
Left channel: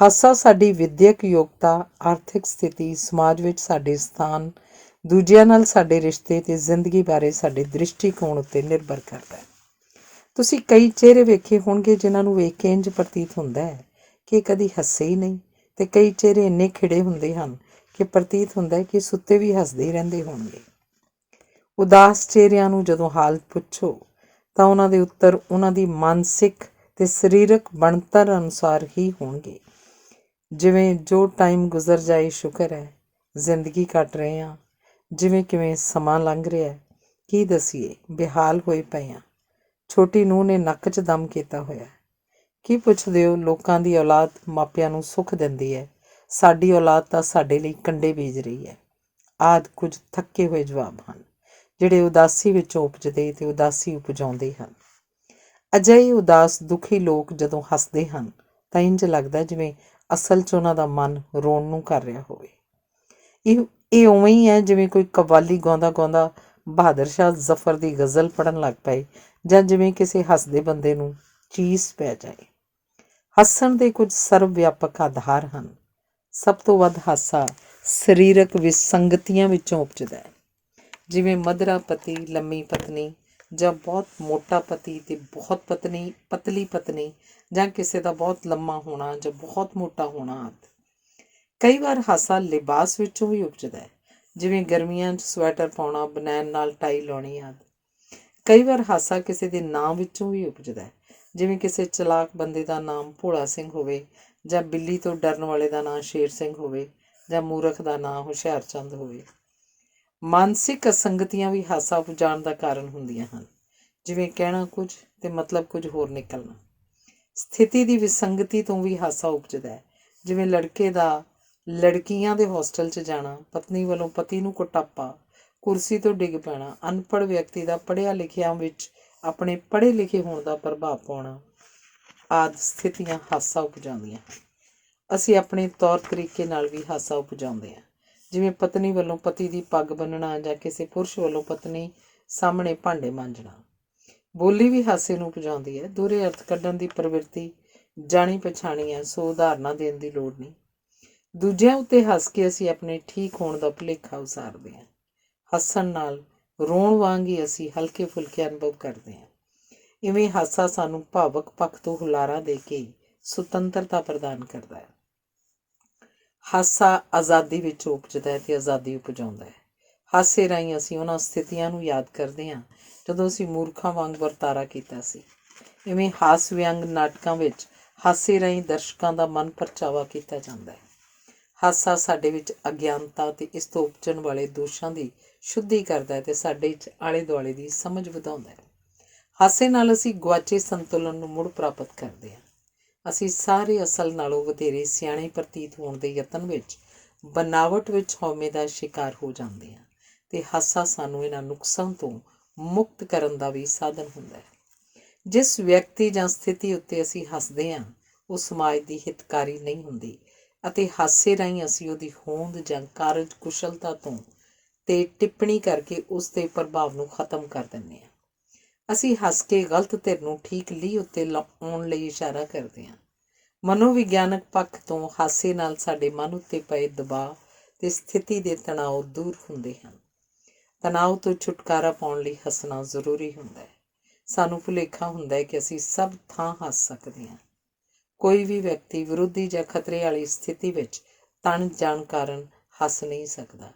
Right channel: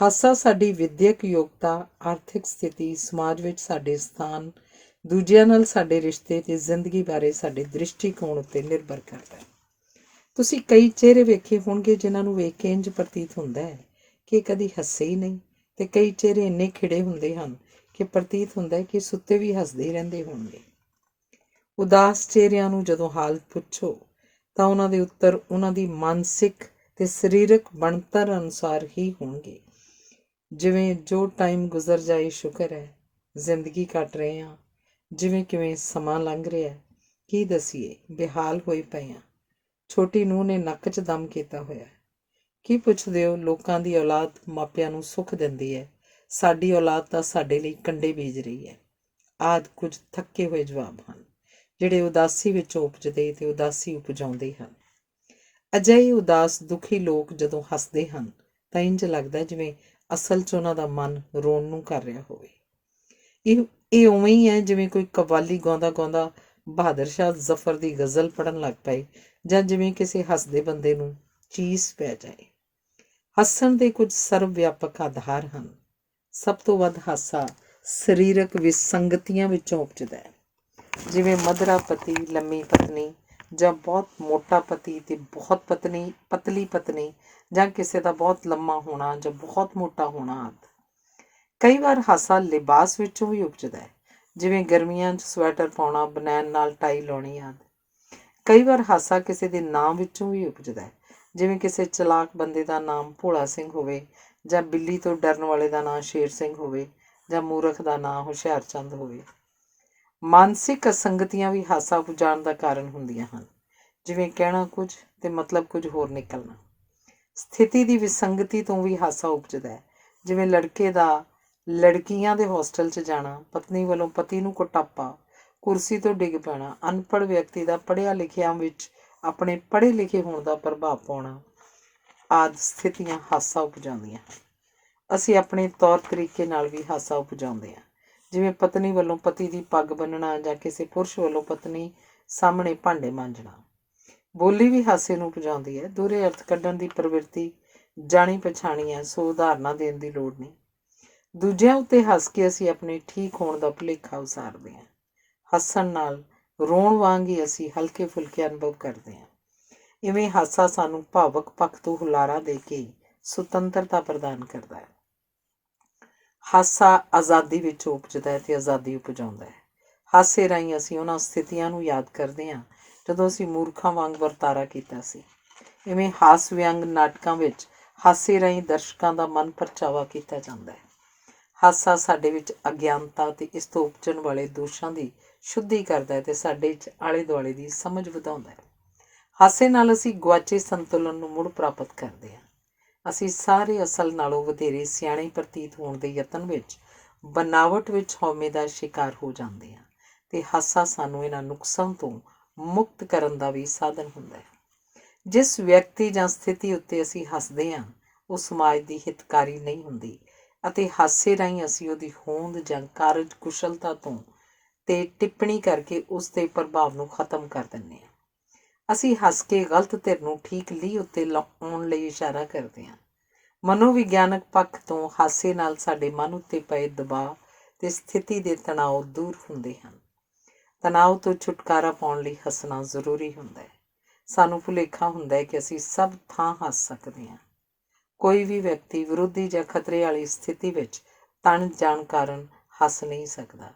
ਹਾਸਾ ਸਾਡੀ ਵਿੱਦਿਅਕ ਯੋਗਤਾ, ਆਰਥਿਕ ਸਥਿਤੀ, ਸਮਾਜ ਵਿੱਚ ਸਾਡੇ ਸਥਾਨ, ਦੂਜਿਆਂ ਨਾਲ ਸਾਡੇ ਰਿਸ਼ਤੇ ਅਤੇ ਜ਼ਿੰਦਗੀ ਬਾਰੇ ਸਾਡੇ ਦ੍ਰਿਸ਼ਟੀਕੋਣ ਉੱਤੇ ਨਿਰਭਰ ਕਰਦਾ ਹੈ। ਤੁਸੀਂ ਕਈ ਚਿਹਰੇ ਵੇਖੇ ਹੋਣਗੇ ਜਿਨ੍ਹਾਂ ਨੂੰ ਵੇਖ ਕੇ ਇੰਝ ਪ੍ਰਤੀਤ ਹੁੰਦਾ ਹੈ ਕਿ ਕਦੀ ਹੱਸੇ ਹੀ ਨਹੀਂ, ਅਤੇ ਕਈ ਚਿਹਰੇ ਇੰਨੇ ਖਿੜੇ ਹੁੰਦੇ ਹਨ ਕਿ ਪ੍ਰਤੀਤ ਹੁੰਦਾ ਹੈ ਕਿ ਸੁੱਤੇ ਵੀ ਹੱਸਦੇ ਹੀ ਰਹਿੰਦੇ ਹੋਣਗੇ। ਉਦਾਸ ਚਿਹਰਿਆਂ ਨੂੰ ਜਦੋਂ ਹਾਲ ਪੁੱਛੋ ਤਾਂ ਉਹਨਾਂ ਦੇ ਉੱਤਰ ਉਹਨਾਂ ਦੀ ਮਾਨਸਿਕ ਅਤੇ ਸਰੀਰਕ ਬਣਤਰ ਅਨੁਸਾਰ ਹੀ ਹੋਣਗੇ। ਜਿਵੇਂ ਜੋ ਟਾਈਮ ਗੁਜ਼ਰ ਜਾਏ ਸ਼ੁਕਰ ਹੈ, ਜ਼ਿੰਦਗੀ ਕੱਟ ਰਹੇ ਹਾਂ, ਜਿਵੇਂ ਕਿਵੇਂ ਸਮਾਂ ਲੰਘ ਰਿਹਾ, ਕੀ ਦਸੀਏ ਬੇਹਾਲ ਹੋਏ ਪਏ ਹਾਂ, ਛੋਟੀ ਨੂੰਹ ਨੇ ਨੱਕ 'ਚ ਦਮ ਕੀਤਾ ਹੋਇਆ, ਕੀ ਪੁੱਛਦੇ ਹੋ, ਲੋਕਾਂ ਦੀ ਔਲਾਦ ਮਾਪਿਆਂ ਨੂੰ ਸੁੱਖ ਦਿੰਦੀ ਹੈ, ਸਾਡੀ ਔਲਾਦ ਤਾਂ ਸਾਡੇ ਲਈ ਕੰਡੇ ਬੀਜ ਰਹੀ ਹੈ, ਆਦਿ ਕੁਝ ਥੱਕੇ ਹੋਏ ਜਵਾਬ ਹਨ ਜਿਹੜੇ ਉਦਾਸੀ ਵਿੱਚੋਂ ਉਪਜਦੇ ਅਤੇ ਉਦਾਸੀ ਉਪਜਾਉਂਦੇ ਹਨ। ਅਜਿਹੇ ਉਦਾਸ ਦੁਖੀ ਲੋਕ ਜਦੋਂ ਹੱਸਦੇ ਹਨ ਤਾਂ ਇੰਝ ਲੱਗਦਾ ਜਿਵੇਂ ਅਸਲ 'ਚ ਉਹਨਾਂ ਦਾ ਮਨ ਰੋਣ ਨੂੰ ਕਰ ਰਿਹਾ ਹੋਵੇ। ਇਹ ਉਵੇਂ ਹੀ ਹੈ ਜਿਵੇਂ ਕੋਈ ਕਵਾਲੀ ਗਾਉਂਦਾ ਗਾਉਂਦਾ ਬਹਾਦਰ ਸ਼ਾਹ ਜ਼ਫਰ ਦੀ ਗਜ਼ਲ ਪੜ੍ਹਨ ਲੱਗ ਪਏ, ਜਾਂ ਜਿਵੇਂ ਕਿਸੇ ਹੱਸਦੇ ਬੰਦੇ ਨੂੰ ਚੀਸ ਪੈ ਜਾਏ। ਹੱਸਣ ਦੇ ਕੁਝ ਸਰਵ ਵਿਆਪਕ ਆਧਾਰ ਹਨ। ਸਭ ਤੋਂ ਵੱਧ ਹਾਸਾ ਸਰੀਰਕ ਵਿਸੰਗਤੀਆਂ ਵਿੱਚੋਂ ਉਪਜਦਾ ਹੈ, ਜਿਵੇਂ ਮਧਰਾ ਪਤੀ, ਲੰਮੀ ਪਤਨੀ, ਜਾਂ ਬਹੁਤ ਮੋਟਾ ਪਤੀ ਅਤੇ ਬਹੁਤ ਪਤਲੀ ਪਤਨੀ, ਜਾਂ ਕਿਸੇ ਦਾ ਬਹੁਤ ਲੰਮਾ ਹੋਣਾ ਜਾਂ ਬਹੁਤ ਮੋਟਾ ਹੋਣਾ ਆਦਿ। ਕਈ ਵਾਰ ਹਾਸਾ ਲਿਬਾਸ ਵਿੱਚੋਂ ਵੀ ਉਪਜਦਾ ਹੈ, ਜਿਵੇਂ ਗਰਮੀਆਂ 'ਚ ਸਵੈਟਰ ਪਾਉਣਾ, ਬਨੈਣ ਨਾਲ ਟਾਈ ਲਾਉਣੀ ਆਦਿ। ਕਈ ਵਾਰ ਹਾਸਾ ਕਿਸੇ ਦੇ ਨਾਂ ਵਿੱਚੋਂ ਵੀ ਉਪਜਦਾ ਹੈ, ਜਿਵੇਂ ਕਿਸੇ ਚਲਾਕ ਬੰਦੇ ਦਾ ਨਾਮ ਭੋਲਾ ਸਿੰਘ ਹੋਵੇ, ਜਾਂ ਬਿੱਲੀ ਤੋਂ ਡਰਨ ਵਾਲੇ ਦਾ ਨਾਂ ਸ਼ੇਰ ਸਿੰਘ ਹੋਵੇ, ਜਾਂ ਮੂਰਖ ਦਾ ਨਾਂ ਹੁਸ਼ਿਆਰਚੰਦ ਹੋਵੇ। ਮਾਨਸਿਕ ਅਸੰਗਤੀਆਂ ਵੀ ਹਾਸਾ ਉਪਜਾਉਣ ਦਾ ਕਾਰਨ ਹੁੰਦੀਆਂ ਹਨ, ਜਿਵੇਂ ਕਹਿਣਾ ਕੁਝ ਅਤੇ ਮਤਲਬ ਕੁਝ ਹੋਰ ਨਿਕਲਣਾ। ਸਥਿਤੀ ਦੀ ਵਿਸੰਗਤੀ ਤੋਂ ਵੀ ਹਾਸਾ ਉਪਜਦਾ ਹੈ, ਜਿਵੇਂ ਲੜਕੇ ਦਾ ਲੜਕੀਆਂ ਦੇ ਹੋਸਟਲ 'ਚ ਜਾਣਾ, ਪਤਨੀ ਵੱਲੋਂ ਪਤੀ ਨੂੰ ਕੁਟਾਪਾ, ਕੁਰਸੀ ਤੋਂ ਡਿੱਗ ਪੈਣਾ, ਅਨਪੜ੍ਹ ਵਿਅਕਤੀ ਦਾ ਪੜ੍ਹਿਆ ਲਿਖਿਆਂ ਵਿੱਚ ਆਪਣੇ ਪੜ੍ਹੇ ਲਿਖੇ ਹੋਣ ਦਾ ਪ੍ਰਭਾਵ ਪਾਉਣਾ ਆਦਿ ਸਥਿਤੀਆਂ ਹਾਸਾ ਉਪਜਾਉਂਦੀਆਂ ਹਨ। ਅਸੀਂ ਆਪਣੇ ਤੌਰ ਤਰੀਕੇ ਨਾਲ ਵੀ ਹਾਸਾ ਉਪਜਾਉਂਦੇ ਹਾਂ, ਜਿਵੇਂ ਪਤਨੀ ਵੱਲੋਂ ਪਤੀ ਦੀ ਪੱਗ ਬੰਨ੍ਹਣਾ ਜਾਂ ਕਿਸੇ ਪੁਰਸ਼ ਵੱਲੋਂ ਪਤਨੀ ਸਾਹਮਣੇ ਭਾਂਡੇ ਮਾਂਜਣਾ। ਬੋਲੀ ਵੀ ਹਾਸੇ ਨੂੰ ਉਪਜਾਉਂਦੀ ਹੈ। ਦੂਹਰੇ ਅਰਥ ਕੱਢਣ ਦੀ ਪ੍ਰਵਿਰਤੀ ਜਾਣੀ ਪਛਾਣੀ ਹੈ, ਸੋ ਉਦਾਹਰਨਾਂ ਦੇਣ ਦੀ ਲੋੜ ਨਹੀਂ। ਦੂਜਿਆਂ ਉੱਤੇ ਹੱਸ ਕੇ ਅਸੀਂ ਆਪਣੇ ਠੀਕ ਹੋਣ ਦਾ ਭੁਲੇਖਾ ਉਸਾਰਦੇ ਹਾਂ। ਹੱਸਣ ਨਾਲ ਰੋਣ ਵਾਂਗ ਹੀ ਅਸੀਂ ਹਲਕੇ ਫੁਲਕੇ ਅਨੁਭਵ ਕਰਦੇ ਹਾਂ। ਇਵੇਂ ਹਾਸਾ ਸਾਨੂੰ ਭਾਵਕ ਪੱਖ ਤੋਂ ਹੁਲਾਰਾ ਦੇ ਕੇ ਸੁਤੰਤਰਤਾ ਪ੍ਰਦਾਨ ਕਰਦਾ ਹੈ। ਹਾਸਾ ਆਜ਼ਾਦੀ ਵਿੱਚ ਉਪਜਦਾ ਹੈ ਅਤੇ ਆਜ਼ਾਦੀ ਉਪਜਾਉਂਦਾ ਹੈ। ਹਾਸੇ ਰਾਹੀਂ ਅਸੀਂ ਉਹਨਾਂ ਸਥਿਤੀਆਂ ਨੂੰ ਯਾਦ ਕਰਦੇ ਹਾਂ ਜਦੋਂ ਅਸੀਂ ਮੂਰਖਾਂ ਵਾਂਗ ਵਰਤਾਰਾ ਕੀਤਾ ਸੀ। ਇਵੇਂ ਹਾਸ ਵਿਅੰਗ ਨਾਟਕਾਂ ਵਿੱਚ ਹਾਸੇ ਰਾਹੀਂ ਦਰਸ਼ਕਾਂ ਦਾ ਮਨ ਪਰਚਾਵਾ ਕੀਤਾ ਜਾਂਦਾ ਹੈ। ਹਾਸਾ ਸਾਡੇ ਵਿੱਚ ਅਗਿਆਨਤਾ ਅਤੇ ਇਸ ਤੋਂ ਉਪਜਣ ਵਾਲੇ ਦੋਸ਼ਾਂ ਦੀ ਸ਼ੁੱਧੀ ਕਰਦਾ ਹੈ ਅਤੇ ਸਾਡੇ 'ਚ ਆਲੇ ਦੁਆਲੇ ਦੀ ਸਮਝ ਵਧਾਉਂਦਾ ਹੈ। ਹਾਸੇ ਨਾਲ ਅਸੀਂ ਗੁਆਚੇ ਸੰਤੁਲਨ ਨੂੰ ਮੁੜ ਪ੍ਰਾਪਤ ਕਰਦੇ ਹਾਂ। ਅਸੀਂ ਸਾਰੇ ਅਸਲ ਨਾਲੋਂ ਵਧੇਰੇ ਸਿਆਣੇ ਪ੍ਰਤੀਤ ਹੋਣ ਦੇ ਯਤਨ ਵਿੱਚ ਬਨਾਵਟ ਵਿੱਚ ਹਉਮੈ ਦਾ ਸ਼ਿਕਾਰ ਹੋ ਜਾਂਦੇ ਹਾਂ, ਅਤੇ ਹਾਸਾ ਸਾਨੂੰ ਇਹਨਾਂ ਨੁਕਸਾਂ ਤੋਂ ਮੁਕਤ ਕਰਨ ਦਾ ਵੀ ਸਾਧਨ ਹੁੰਦਾ ਹੈ। ਜਿਸ ਵਿਅਕਤੀ ਜਾਂ ਸਥਿਤੀ ਉੱਤੇ ਅਸੀਂ ਹੱਸਦੇ ਹਾਂ ਉਹ ਸਮਾਜ ਦੀ ਹਿਤਕਾਰੀ ਨਹੀਂ ਹੁੰਦੀ, ਅਤੇ ਹਾਸੇ ਰਾਹੀਂ ਅਸੀਂ ਉਹਦੀ ਹੋਂਦ ਜਾਂ ਕਾਰਜ ਕੁਸ਼ਲਤਾ ਤੋਂ ਤੇ ਟਿੱਪਣੀ ਕਰਕੇ ਉਸ ਦੇ ਪ੍ਰਭਾਵ ਨੂੰ ਖਤਮ ਕਰ ਦਿੰਦੇ ਹਾਂ। ਅਸੀਂ ਹੱਸ ਕੇ ਗਲਤ ਧਿਰ ਨੂੰ ਠੀਕ ਲੀਹ ਉੱਤੇ ਲਾਉਣ ਲਈ ਇਸ਼ਾਰਾ ਕਰਦੇ ਹਾਂ। ਮਨੋਵਿਗਿਆਨਕ ਪੱਖ ਤੋਂ ਹਾਸੇ ਨਾਲ ਸਾਡੇ ਮਨ ਉੱਤੇ ਪਏ ਦਬਾਅ ਅਤੇ ਸਥਿਤੀ ਦੇ ਤਣਾਅ ਦੂਰ ਹੁੰਦੇ ਹਨ। ਤਣਾਅ ਤੋਂ ਛੁਟਕਾਰਾ ਪਾਉਣ ਲਈ ਹੱਸਣਾ ਜ਼ਰੂਰੀ ਹੁੰਦਾ ਹੈ। ਸਾਨੂੰ ਭੁਲੇਖਾ ਹੁੰਦਾ ਹੈ ਕਿ ਅਸੀਂ ਸਭ ਥਾਂ ਹੱਸ ਸਕਦੇ ਹਾਂ। ਕੋਈ ਵੀ ਵਿਅਕਤੀ ਵਿਰੋਧੀ ਜਾਂ ਖਤਰੇ ਵਾਲੀ ਸਥਿਤੀ ਵਿੱਚ ਤਣ ਜਾਣ ਕਾਰਨ ਹੱਸ ਨਹੀਂ ਸਕਦਾ।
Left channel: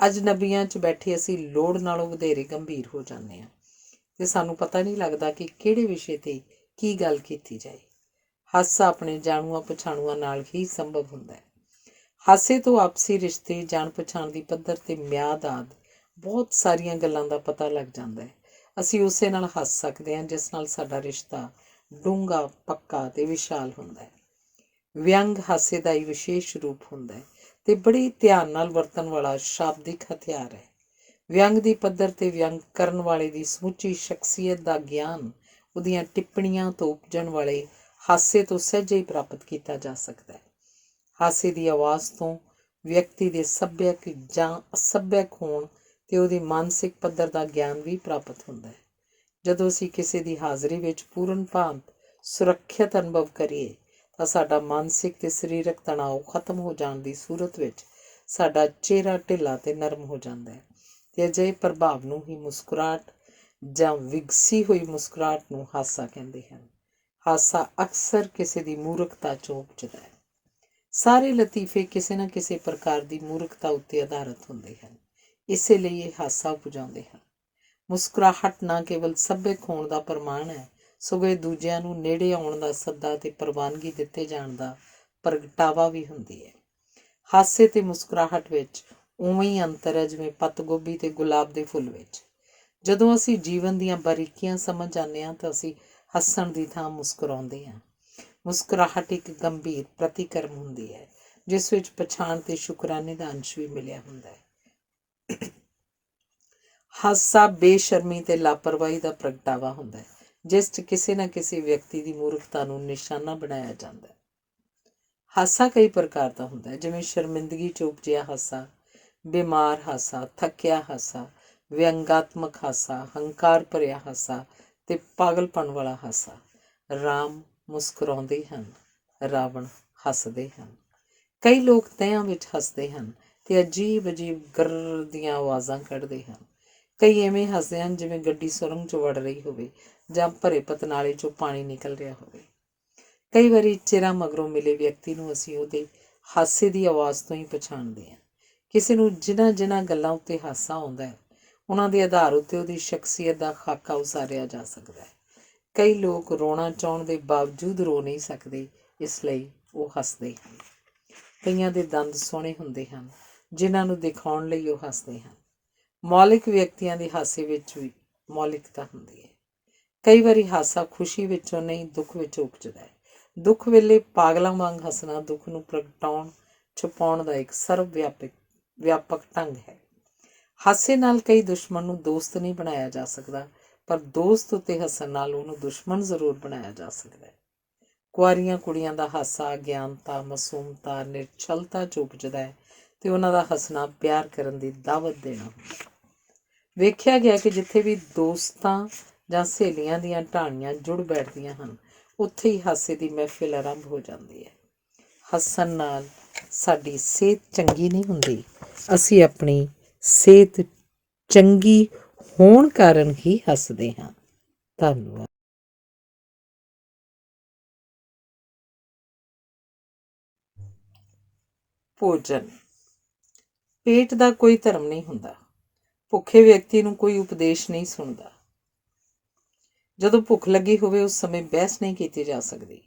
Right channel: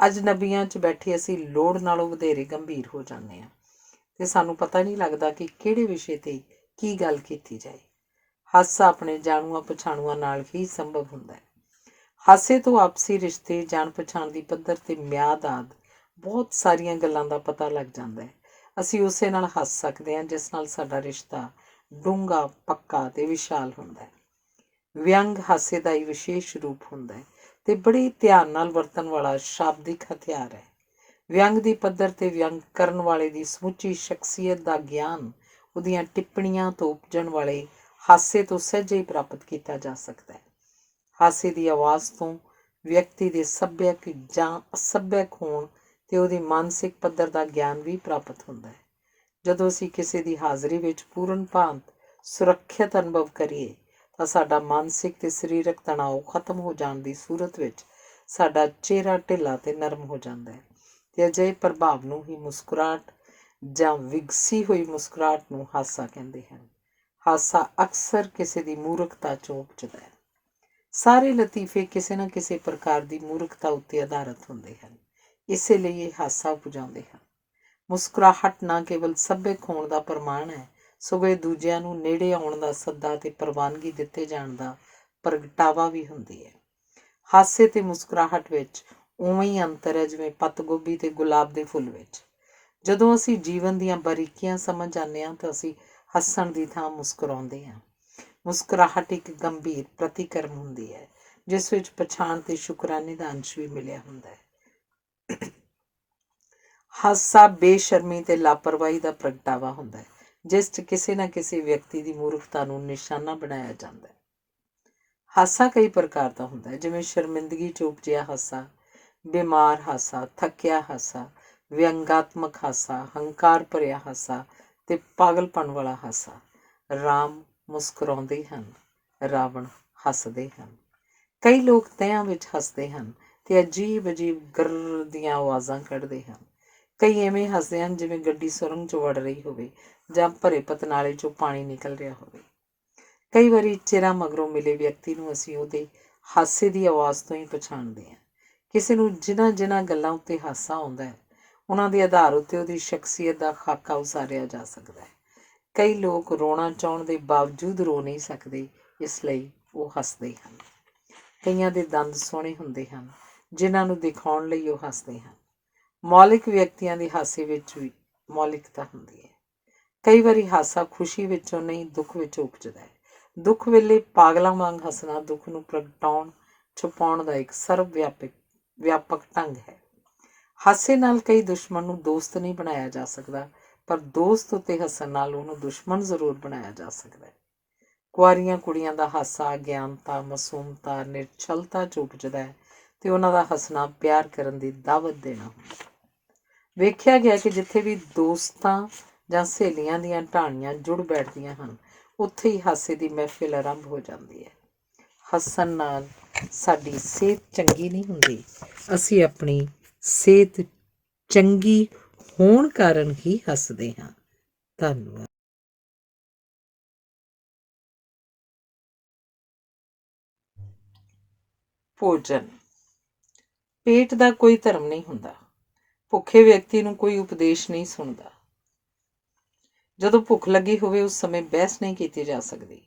ਅਜਨਬੀਆਂ 'ਚ ਬੈਠੇ ਅਸੀਂ ਲੋੜ ਨਾਲੋਂ ਵਧੇਰੇ ਗੰਭੀਰ ਹੋ ਜਾਂਦੇ ਹਾਂ ਅਤੇ ਸਾਨੂੰ ਪਤਾ ਨਹੀਂ ਲੱਗਦਾ ਕਿ ਕਿਹੜੇ ਵਿਸ਼ੇ 'ਤੇ ਕੀ ਗੱਲ ਕੀਤੀ ਜਾਏ। ਹਾਸਾ ਆਪਣੇ ਜਾਣੂਆਂ ਪਛਾਣੂਆਂ ਨਾਲ ਹੀ ਸੰਭਵ ਹੁੰਦਾ ਹੈ। ਹਾਸੇ ਤੋਂ ਆਪਸੀ ਰਿਸ਼ਤੇ, ਜਾਣ ਪਛਾਣ ਦੀ ਪੱਧਰ ਅਤੇ ਮਿਆਦ ਆਦਿ ਬਹੁਤ ਸਾਰੀਆਂ ਗੱਲਾਂ ਦਾ ਪਤਾ ਲੱਗ ਜਾਂਦਾ ਹੈ। ਅਸੀਂ ਉਸੇ ਨਾਲ ਹੱਸ ਸਕਦੇ ਹਾਂ ਜਿਸ ਨਾਲ ਸਾਡਾ ਰਿਸ਼ਤਾ ਡੂੰਘਾ, ਪੱਕਾ ਅਤੇ ਵਿਸ਼ਾਲ ਹੁੰਦਾ ਹੈ। ਵਿਅੰਗ ਹਾਸੇ ਦਾ ਹੀ ਵਿਸ਼ੇਸ਼ ਰੂਪ ਹੁੰਦਾ ਹੈ ਤੇ ਬੜੇ ਧਿਆਨ ਨਾਲ ਵਰਤਣ ਵਾਲਾ ਸ਼ਾਬਦਿਕ ਹਥਿਆਰ ਹੈ। ਵਿਅੰਗ ਦੀ ਪੱਧਰ ਤੇ ਵਿਅੰਗ ਕਰਨ ਵਾਲੇ ਦੀ ਸਮੁੱਚੀ ਸ਼ਖਸੀਅਤ ਦਾ ਗਿਆਨ ਉਹਦੀਆਂ ਟਿੱਪਣੀਆਂ ਤੋਂ ਉਪਜਣ ਵਾਲੇ ਹਾਸੇ ਤੋਂ ਸਹਿਜੇ ਹੀ ਪ੍ਰਾਪਤ ਕੀਤਾ ਜਾ ਸਕਦਾ ਹੈ। ਹਾਸੇ ਦੀ ਆਵਾਜ਼ ਤੋਂ ਵਿਅਕਤੀ ਦੇ ਸੱਭਿਅਕ ਜਾਂ ਅਸੱਭਿਅਕ ਹੋਣ ਤੇ ਉਹਦੀ ਮਾਨਸਿਕ ਪੱਧਰ ਦਾ ਗਿਆਨ ਵੀ ਪ੍ਰਾਪਤ ਹੁੰਦਾ ਹੈ। ਜਦੋਂ ਅਸੀਂ ਕਿਸੇ ਦੀ ਹਾਜ਼ਰੀ ਵਿੱਚ ਪੂਰਨ ਭਾਂਤ ਸੁਰੱਖਿਅਤ ਅਨੁਭਵ ਕਰੀਏ ਤਾਂ ਸਾਡਾ ਮਾਨਸਿਕ ਤੇ ਸਰੀਰਕ ਤਣਾਅ ਖਤਮ ਹੋ ਜਾਣ ਦੀ ਸੂਰਤ ਵਿੱਚ ਸਾਡਾ ਚਿਹਰਾ ਢਿੱਲਾ ਤੇ ਨਰਮ ਹੋ ਜਾਂਦਾ ਹੈ ਤੇ ਅਜਿਹੇ ਪ੍ਰਭਾਵ ਨੂੰ ਹੀ ਮੁਸਕਰਾਹਟ ਜਾਂ ਵਿਗਸੀ ਹੋਈ ਮੁਸਕਰਾਹਟ ਨੂੰ ਹਾਸਾ ਕਹਿੰਦੇ ਹਨ। ਹਾਸਾ ਅਕਸਰ ਕਿਸੇ ਦੀ ਮੂਰਖਤਾ 'ਚੋਂ ਉਪਜਦਾ ਹੈ। ਸਾਰੇ ਲਤੀਫੇ ਕਿਸੇ ਨਾ ਕਿਸੇ ਪ੍ਰਕਾਰ ਦੀ ਮੂਰਖਤਾ ਉੱਤੇ ਆਧਾਰਿਤ ਹੁੰਦੇ ਹਨ, ਇਸੇ ਲਈ ਇਹ ਹਾਸਾ ਉਪਜਾਉਂਦੇ ਹਨ। ਮੁਸਕਰਾਹਟ ਨਾ ਕੇਵਲ ਸੱਭਿਅਕ ਹੋਣ ਦਾ ਪ੍ਰਮਾਣ ਹੈ, ਸਗੋਂ ਇਹ ਦੂਜਿਆਂ ਨੂੰ ਨੇੜੇ ਆਉਣ ਦਾ ਸੱਦਾ ਤੇ ਪ੍ਰਵਾਨਗੀ ਦਿੱਤੇ ਜਾਣ ਦਾ ਪ੍ਰਗਟਾਵਾ ਵੀ ਹੁੰਦੀ ਹੈ। ਹਾਸੇ ਤੇ ਮੁਸਕਰਾਹਟ ਵਿੱਚ ਉਵੇਂ ਹੀ ਅੰਤਰ ਹੈ ਜਿਵੇਂ ਪੱਤ ਗੋਭੀ ਤੇ ਗੁਲਾਬ ਦੇ ਫੁੱਲ ਵਿੱਚ। ਜਦੋਂ ਅਸੀਂ ਜੀਵਨ ਦੀਆਂ ਬਾਰੀਕੀਆਂ ਸਮਝ ਜਾਂਦੇ ਹਾਂ ਤਾਂ ਅਸੀਂ ਹੱਸਣ ਦੀ ਥਾਂ ਮੁਸਕਰਾਉਂਦੇ ਹਾਂ। ਮੁਸਕਰਾਹਟ ਇੱਕ ਗੰਭੀਰ ਪ੍ਰਤੀਕਰਮ ਹੁੰਦੀ ਹੈ ਜਿਸ ਵਿੱਚ ਪਛਾਣ ਤੇ ਸ਼ੁਕਰਾਨੇ ਦਾ ਅੰਸ਼ ਵੀ ਮਿਲਿਆ ਹੁੰਦਾ ਹੈ। ਹਾਸਾ ਬੇਸ਼ਰਮੀ ਤੇ ਲਾਪਰਵਾਹੀ ਦਾ ਪ੍ਰਗਟਾਵਾ ਹੁੰਦਾ ਹੈ ਜਿਸ 'ਚ ਕਿਸੇ ਨਾ ਕਿਸੇ ਵਿਅਕਤੀ ਦੀ ਮੂਰਖਤਾ ਨੂੰ ਨਿਸ਼ਾਨਾ ਬਣਾਇਆ ਜਾਂਦਾ ਹੈ। ਹਾਸਾ ਕਈ ਪ੍ਰਕਾਰ ਦਾ ਹੁੰਦਾ ਹੈ, ਜਿਵੇਂ ਸ਼ਰਮਿੰਦਗੀ 'ਚ ਉਪਜਿਆ ਹਾਸਾ, ਬਿਮਾਰ ਹਾਸਾ, ਥੱਕਿਆ ਹਾਸਾ, ਵਿਅੰਗਾਤਮਕ ਹਾਸਾ, ਹੰਕਾਰ ਭਰਿਆ ਹਾਸਾ ਤੇ ਪਾਗਲਪਣ ਵਾਲਾ ਹਾਸਾ। ਰਾਮ ਮੁਸਕਰਾਉਂਦੇ ਹਨ, ਰਾਵਣ ਹੱਸਦੇ ਹਨ। ਕਈ ਲੋਕ ਤਹਿਆਂ ਵਿੱਚ ਹੱਸਦੇ ਹਨ ਤੇ ਅਜੀਬ ਅਜੀਬ ਗਰ ਦੀਆਂ ਆਵਾਜ਼ਾਂ ਕੱਢਦੇ ਹਨ। ਕਈ ਐਵੇਂ ਹੱਸਦੇ ਹਨ ਜਿਵੇਂ ਗੱਡੀ ਸੁਰੰਗ 'ਚ ਵੜ ਰਹੀ ਹੋਵੇ ਜਾਂ ਭਰੇ ਪਤਨਾਲੇ 'ਚੋਂ ਪਾਣੀ ਨਿਕਲ ਰਿਹਾ ਹੋਵੇ। ਕਈ ਵਾਰੀ ਚਿਰਾਂ ਮਗਰੋਂ ਮਿਲੇ ਵਿਅਕਤੀ ਨੂੰ ਅਸੀਂ ਉਹਦੇ ਹਾਸੇ ਦੀ ਆਵਾਜ਼ ਤੋਂ ਹੀ ਪਛਾਣਦੇ ਹਾਂ। ਕਿਸੇ ਨੂੰ ਜਿਨ੍ਹਾਂ ਗੱਲਾਂ ਉੱਤੇ ਹਾਸਾ ਆਉਂਦਾ ਹੈ ਉਹਨਾਂ ਦੇ ਆਧਾਰ ਉੱਤੇ ਉਹਦੀ ਸ਼ਖਸੀਅਤ ਦਾ ਖਾਕਾ ਉਸਾਰਿਆ ਜਾ ਸਕਦਾ ਹੈ। ਕਈ ਲੋਕ ਰੋਣਾ ਚਾਹੁਣ ਦੇ ਬਾਵਜੂਦ ਰੋ ਨਹੀਂ ਸਕਦੇ, ਇਸ ਲਈ ਉਹ ਹੱਸਦੇ ਹਨ। ਕਈਆਂ ਦੇ ਦੰਦ ਸੋਹਣੇ ਹੁੰਦੇ ਹਨ ਜਿਨ੍ਹਾਂ ਨੂੰ ਦਿਖਾਉਣ ਲਈ ਉਹ ਹੱਸਦੇ ਹਨ। ਮੌਲਿਕ ਵਿਅਕਤੀਆਂ ਦੇ ਹਾਸੇ ਵਿੱਚ ਵੀ ਮੌਲਿਕਤਾ ਹੁੰਦੀ ਹੈ। ਕਈ ਵਾਰੀ ਹਾਸਾ ਖੁਸ਼ੀ ਵਿੱਚੋਂ ਨਹੀਂ, ਦੁੱਖ ਵਿੱਚ ਉਪਜਦਾ ਹੈ। ਦੁੱਖ ਵੇਲੇ ਪਾਗਲਾਂ ਵਾਂਗ ਹੱਸਣਾ ਦੁੱਖ ਨੂੰ ਪ੍ਰਗਟਾਉਣ ਛੁਪਾਉਣ ਦਾ ਇੱਕ ਸਰਵ ਵਿਆਪਕ ਢੰਗ ਹੈ। ਹਾਸੇ ਨਾਲ ਕਈ ਦੁਸ਼ਮਣ ਨੂੰ ਦੋਸਤ ਨਹੀਂ ਬਣਾਇਆ ਜਾ ਸਕਦਾ, ਪਰ ਦੋਸਤ ਉੱਤੇ ਹੱਸਣ ਨਾਲ ਉਹਨੂੰ ਦੁਸ਼ਮਣ ਜ਼ਰੂਰ ਬਣਾਇਆ ਜਾ ਸਕਦਾ ਹੈ। ਕੁਆਰੀਆਂ ਕੁੜੀਆਂ ਦਾ ਹਾਸਾ ਅਗਿਆਨਤਾ, ਮਾਸੂਮਤਾ, ਨਿਰਛਲਤਾ 'ਚ ਉਪਜਦਾ ਹੈ ਤੇ ਉਹਨਾਂ ਦਾ ਹੱਸਣਾ ਪਿਆਰ ਕਰਨ ਦੀ ਦਾਵਤ ਦੇਣਾ ਹੁੰਦਾ। ਵੇਖਿਆ ਗਿਆ ਕਿ ਜਿੱਥੇ ਵੀ ਦੋਸਤਾਂ ਜਾਂ ਸਹੇਲੀਆਂ ਦੀਆਂ ਢਾਣੀਆਂ ਜੁੜ ਬੈਠਦੀਆਂ ਹਨ ਉੱਥੇ ਹੀ ਹਾਸੇ ਦੀ ਮਹਿਫਿਲ ਆਰੰਭ ਹੋ ਜਾਂਦੀ ਹੈ। ਹੱਸਣ ਨਾਲ ਸਾਡੀ ਸਿਹਤ ਚੰਗੀ ਨਹੀਂ ਹੁੰਦੀ, ਅਸੀਂ ਆਪਣੀ ਸਿਹਤ ਚੰਗੀ ਹੋਣ ਕਾਰਨ ਹੀ ਹੱਸਦੇ ਹਾਂ। ਧੰਨਵਾਦ। ਭੋਜਨ। ਪੇਟ ਦਾ ਕੋਈ ਧਰਮ ਨਹੀਂ ਹੁੰਦਾ। ਭੁੱਖੇ ਵਿਅਕਤੀ ਨੂੰ ਕੋਈ ਉਪਦੇਸ਼ ਨਹੀਂ ਸੁਣਦਾ। ਜਦੋਂ ਭੁੱਖ ਲੱਗੀ ਹੋਵੇ ਉਸ ਸਮੇਂ ਬਹਿਸ ਨਹੀਂ ਕੀਤੀ ਜਾ ਸਕਦੀ।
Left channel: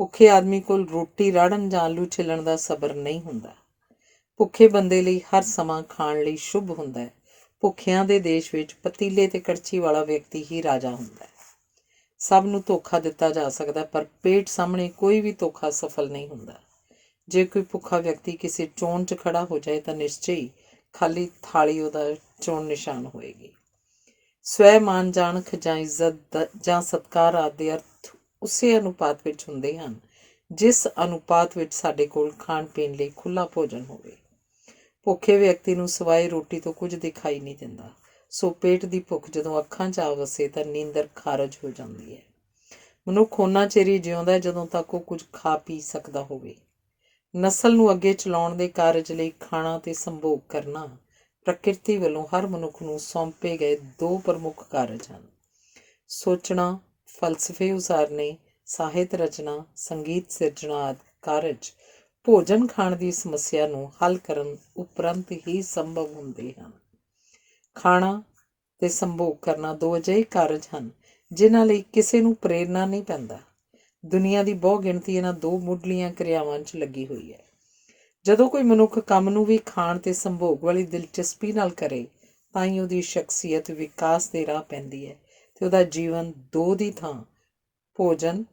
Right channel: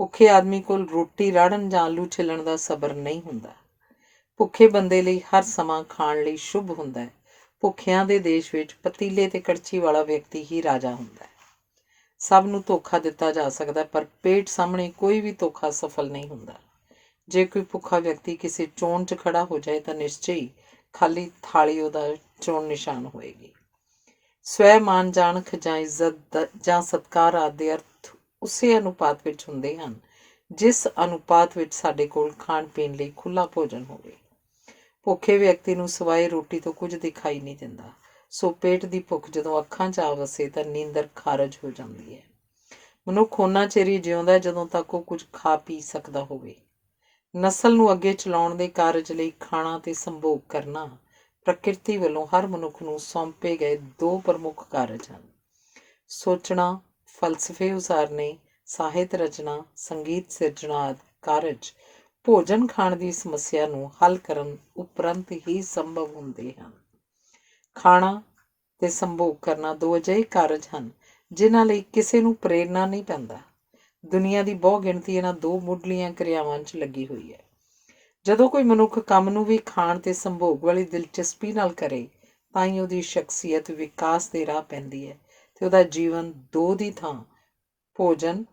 ਭੁੱਖੇ ਆਦਮੀ ਕੋਲ ਰੋਟੀ ਰਾੜਨ ਜਾਂ ਆਲੂ ਛਿੱਲਣ ਦਾ ਸਬਰ ਨਹੀਂ ਹੁੰਦਾ। ਭੁੱਖੇ ਬੰਦੇ ਲਈ ਹਰ ਸਮਾਂ ਖਾਣ ਲਈ ਸ਼ੁਭ ਹੁੰਦਾ ਹੈ। ਭੁੱਖਿਆਂ ਦੇ ਦੇਸ਼ ਵਿੱਚ ਪਤੀਲੇ ਤੇ ਕੜਛੀ ਵਾਲਾ ਵਿਅਕਤੀ ਹੀ ਰਾਜਾ ਹੁੰਦਾ ਹੈ। ਸਭ ਨੂੰ ਧੋਖਾ ਦਿੱਤਾ ਜਾ ਸਕਦਾ, ਪਰ ਪੇਟ ਸਾਹਮਣੇ ਕੋਈ ਵੀ ਧੋਖਾ ਸਫਲ ਨਹੀਂ ਹੁੰਦਾ। ਜੇ ਕੋਈ ਭੁੱਖਾ ਵਿਅਕਤੀ ਕਿਸੇ ਚੋਣ 'ਚ ਖੜਾ ਹੋ ਜਾਏ ਤਾਂ ਨਿਸ਼ਚੇ ਹੀ ਖਾਲੀ ਥਾਲੀ ਉਹਦਾ ਚੋਣ ਨਿਸ਼ਾਨ ਹੋਏਗੀ। ਸਵੈ ਮਾਨ ਜਾਣਖ ਜਾਂ ਇੱਜ਼ਤ ਜਾਂ ਸਤਿਕਾਰ ਆਦਿ ਦੇ ਅਰਥ ਉਸੇ ਅਨੁਪਾਤ ਵਿੱਚ ਹੁੰਦੇ ਹਨ ਜਿਸ ਅਨੁਪਾਤ ਵਿੱਚ ਸਾਡੇ ਕੋਲ ਖਾਣ ਪੀਣ ਲਈ ਖੁੱਲ੍ਹਾ ਭੋਜਨ ਹੋਵੇ। ਭੁੱਖੇ ਵਿਅਕਤੀ ਨੂੰ ਸਿਵਾਏ ਰੋਟੀ ਤੋਂ ਕੁਝ ਦਿਖਾਈ ਨਹੀਂ ਦਿੰਦਾ, ਸੋ ਪੇਟ ਦੀ ਭੁੱਖ ਜਦੋਂ ਅੱਖਾਂ 'ਚ ਆ ਵਸੇ ਤਾਂ ਨੀਂਦਰ ਖਾਰਜ ਹੋ ਜਾਂਦੀ ਹੈ। ਮਨੁੱਖ ਓਨਾ ਚਿਰ ਹੀ ਜਿਉਂਦਾ ਜਦੋਂ ਤੱਕ ਉਹ ਕੁਝ ਖਾ ਪੀ ਸਕਦਾ ਹੋਵੇ। ਨਸਲ ਨੂੰ ਅੱਗੇ ਚਲਾਉਣ ਦੇ ਕਾਰਜ ਲਈ ਖਾਣਾ ਤੇ ਸੰਭੋਗ ਕਰਨਾ ਪ੍ਰਕਿਰਤੀ ਵੱਲੋਂ ਹਰ ਮਨੁੱਖ ਨੂੰ ਸੌਂਪੇ ਗਏ ਦੋ ਪ੍ਰਮੁੱਖ ਕਾਰਜ ਹਨ। ਸੋਚਣਾ, ਫਲਸਫੇ ਉਸਾਰਨੇ, ਸਾਹਿਤ ਰਚਨਾ, ਸੰਗੀਤ ਸਿਰਜਣਾ ਆਦਿ ਕਾਰਜ ਭੋਜਨ ਖਾਣ ਦੀ ਸਮੱਸਿਆ ਨੂੰ ਹੱਲ ਕਰਨ ਉਪਰੰਤ ਹੀ ਸੰਭਵ ਹੁੰਦੇ ਹਨ। ਖਾਣਾ ਤੇ ਸੰਭੋਗ ਕਰਨਾ ਦੋ ਅਜਿਹੇ ਕਾਰਜ ਹਨ ਜਿਨ੍ਹਾਂ ਲਈ ਕਿਸੇ ਨੂੰ ਪ੍ਰੇਰਨਾ ਨਹੀਂ ਪੈਂਦਾ। ਦੁਨੀਆ ਦੀ ਬਹੁ ਗਿਣਤੀ ਇਹਨਾਂ ਦੋ ਮੁੱਢਲੀਆਂ ਕਿਰਿਆਵਾਂ 'ਚ ਲੱਗੀ ਹੋਈ ਹੈ। ਜਦੋਂ ਕੋਈ ਮਨੁੱਖ ਕੰਮ ਨੂੰ ਵੀ ਖਾਣ ਤੇ ਸੰਭੋਗ ਵਾਲੀ ਦਿਲਚਸਪੀ ਨਾਲ ਕਰੇ ਤਾਂ ਹੀ ਉਹਦੀ ਸ਼ਖਸੀਅਤ ਵਿਕਾਸ ਦੇ ਰਾਹ ਪੈਂਦੀ ਹੈ ਤੇ ਉਹਦਾ ਜੀਵਨ ਦੋ ਦੀ ਥਾਂ ਭੋਜਨ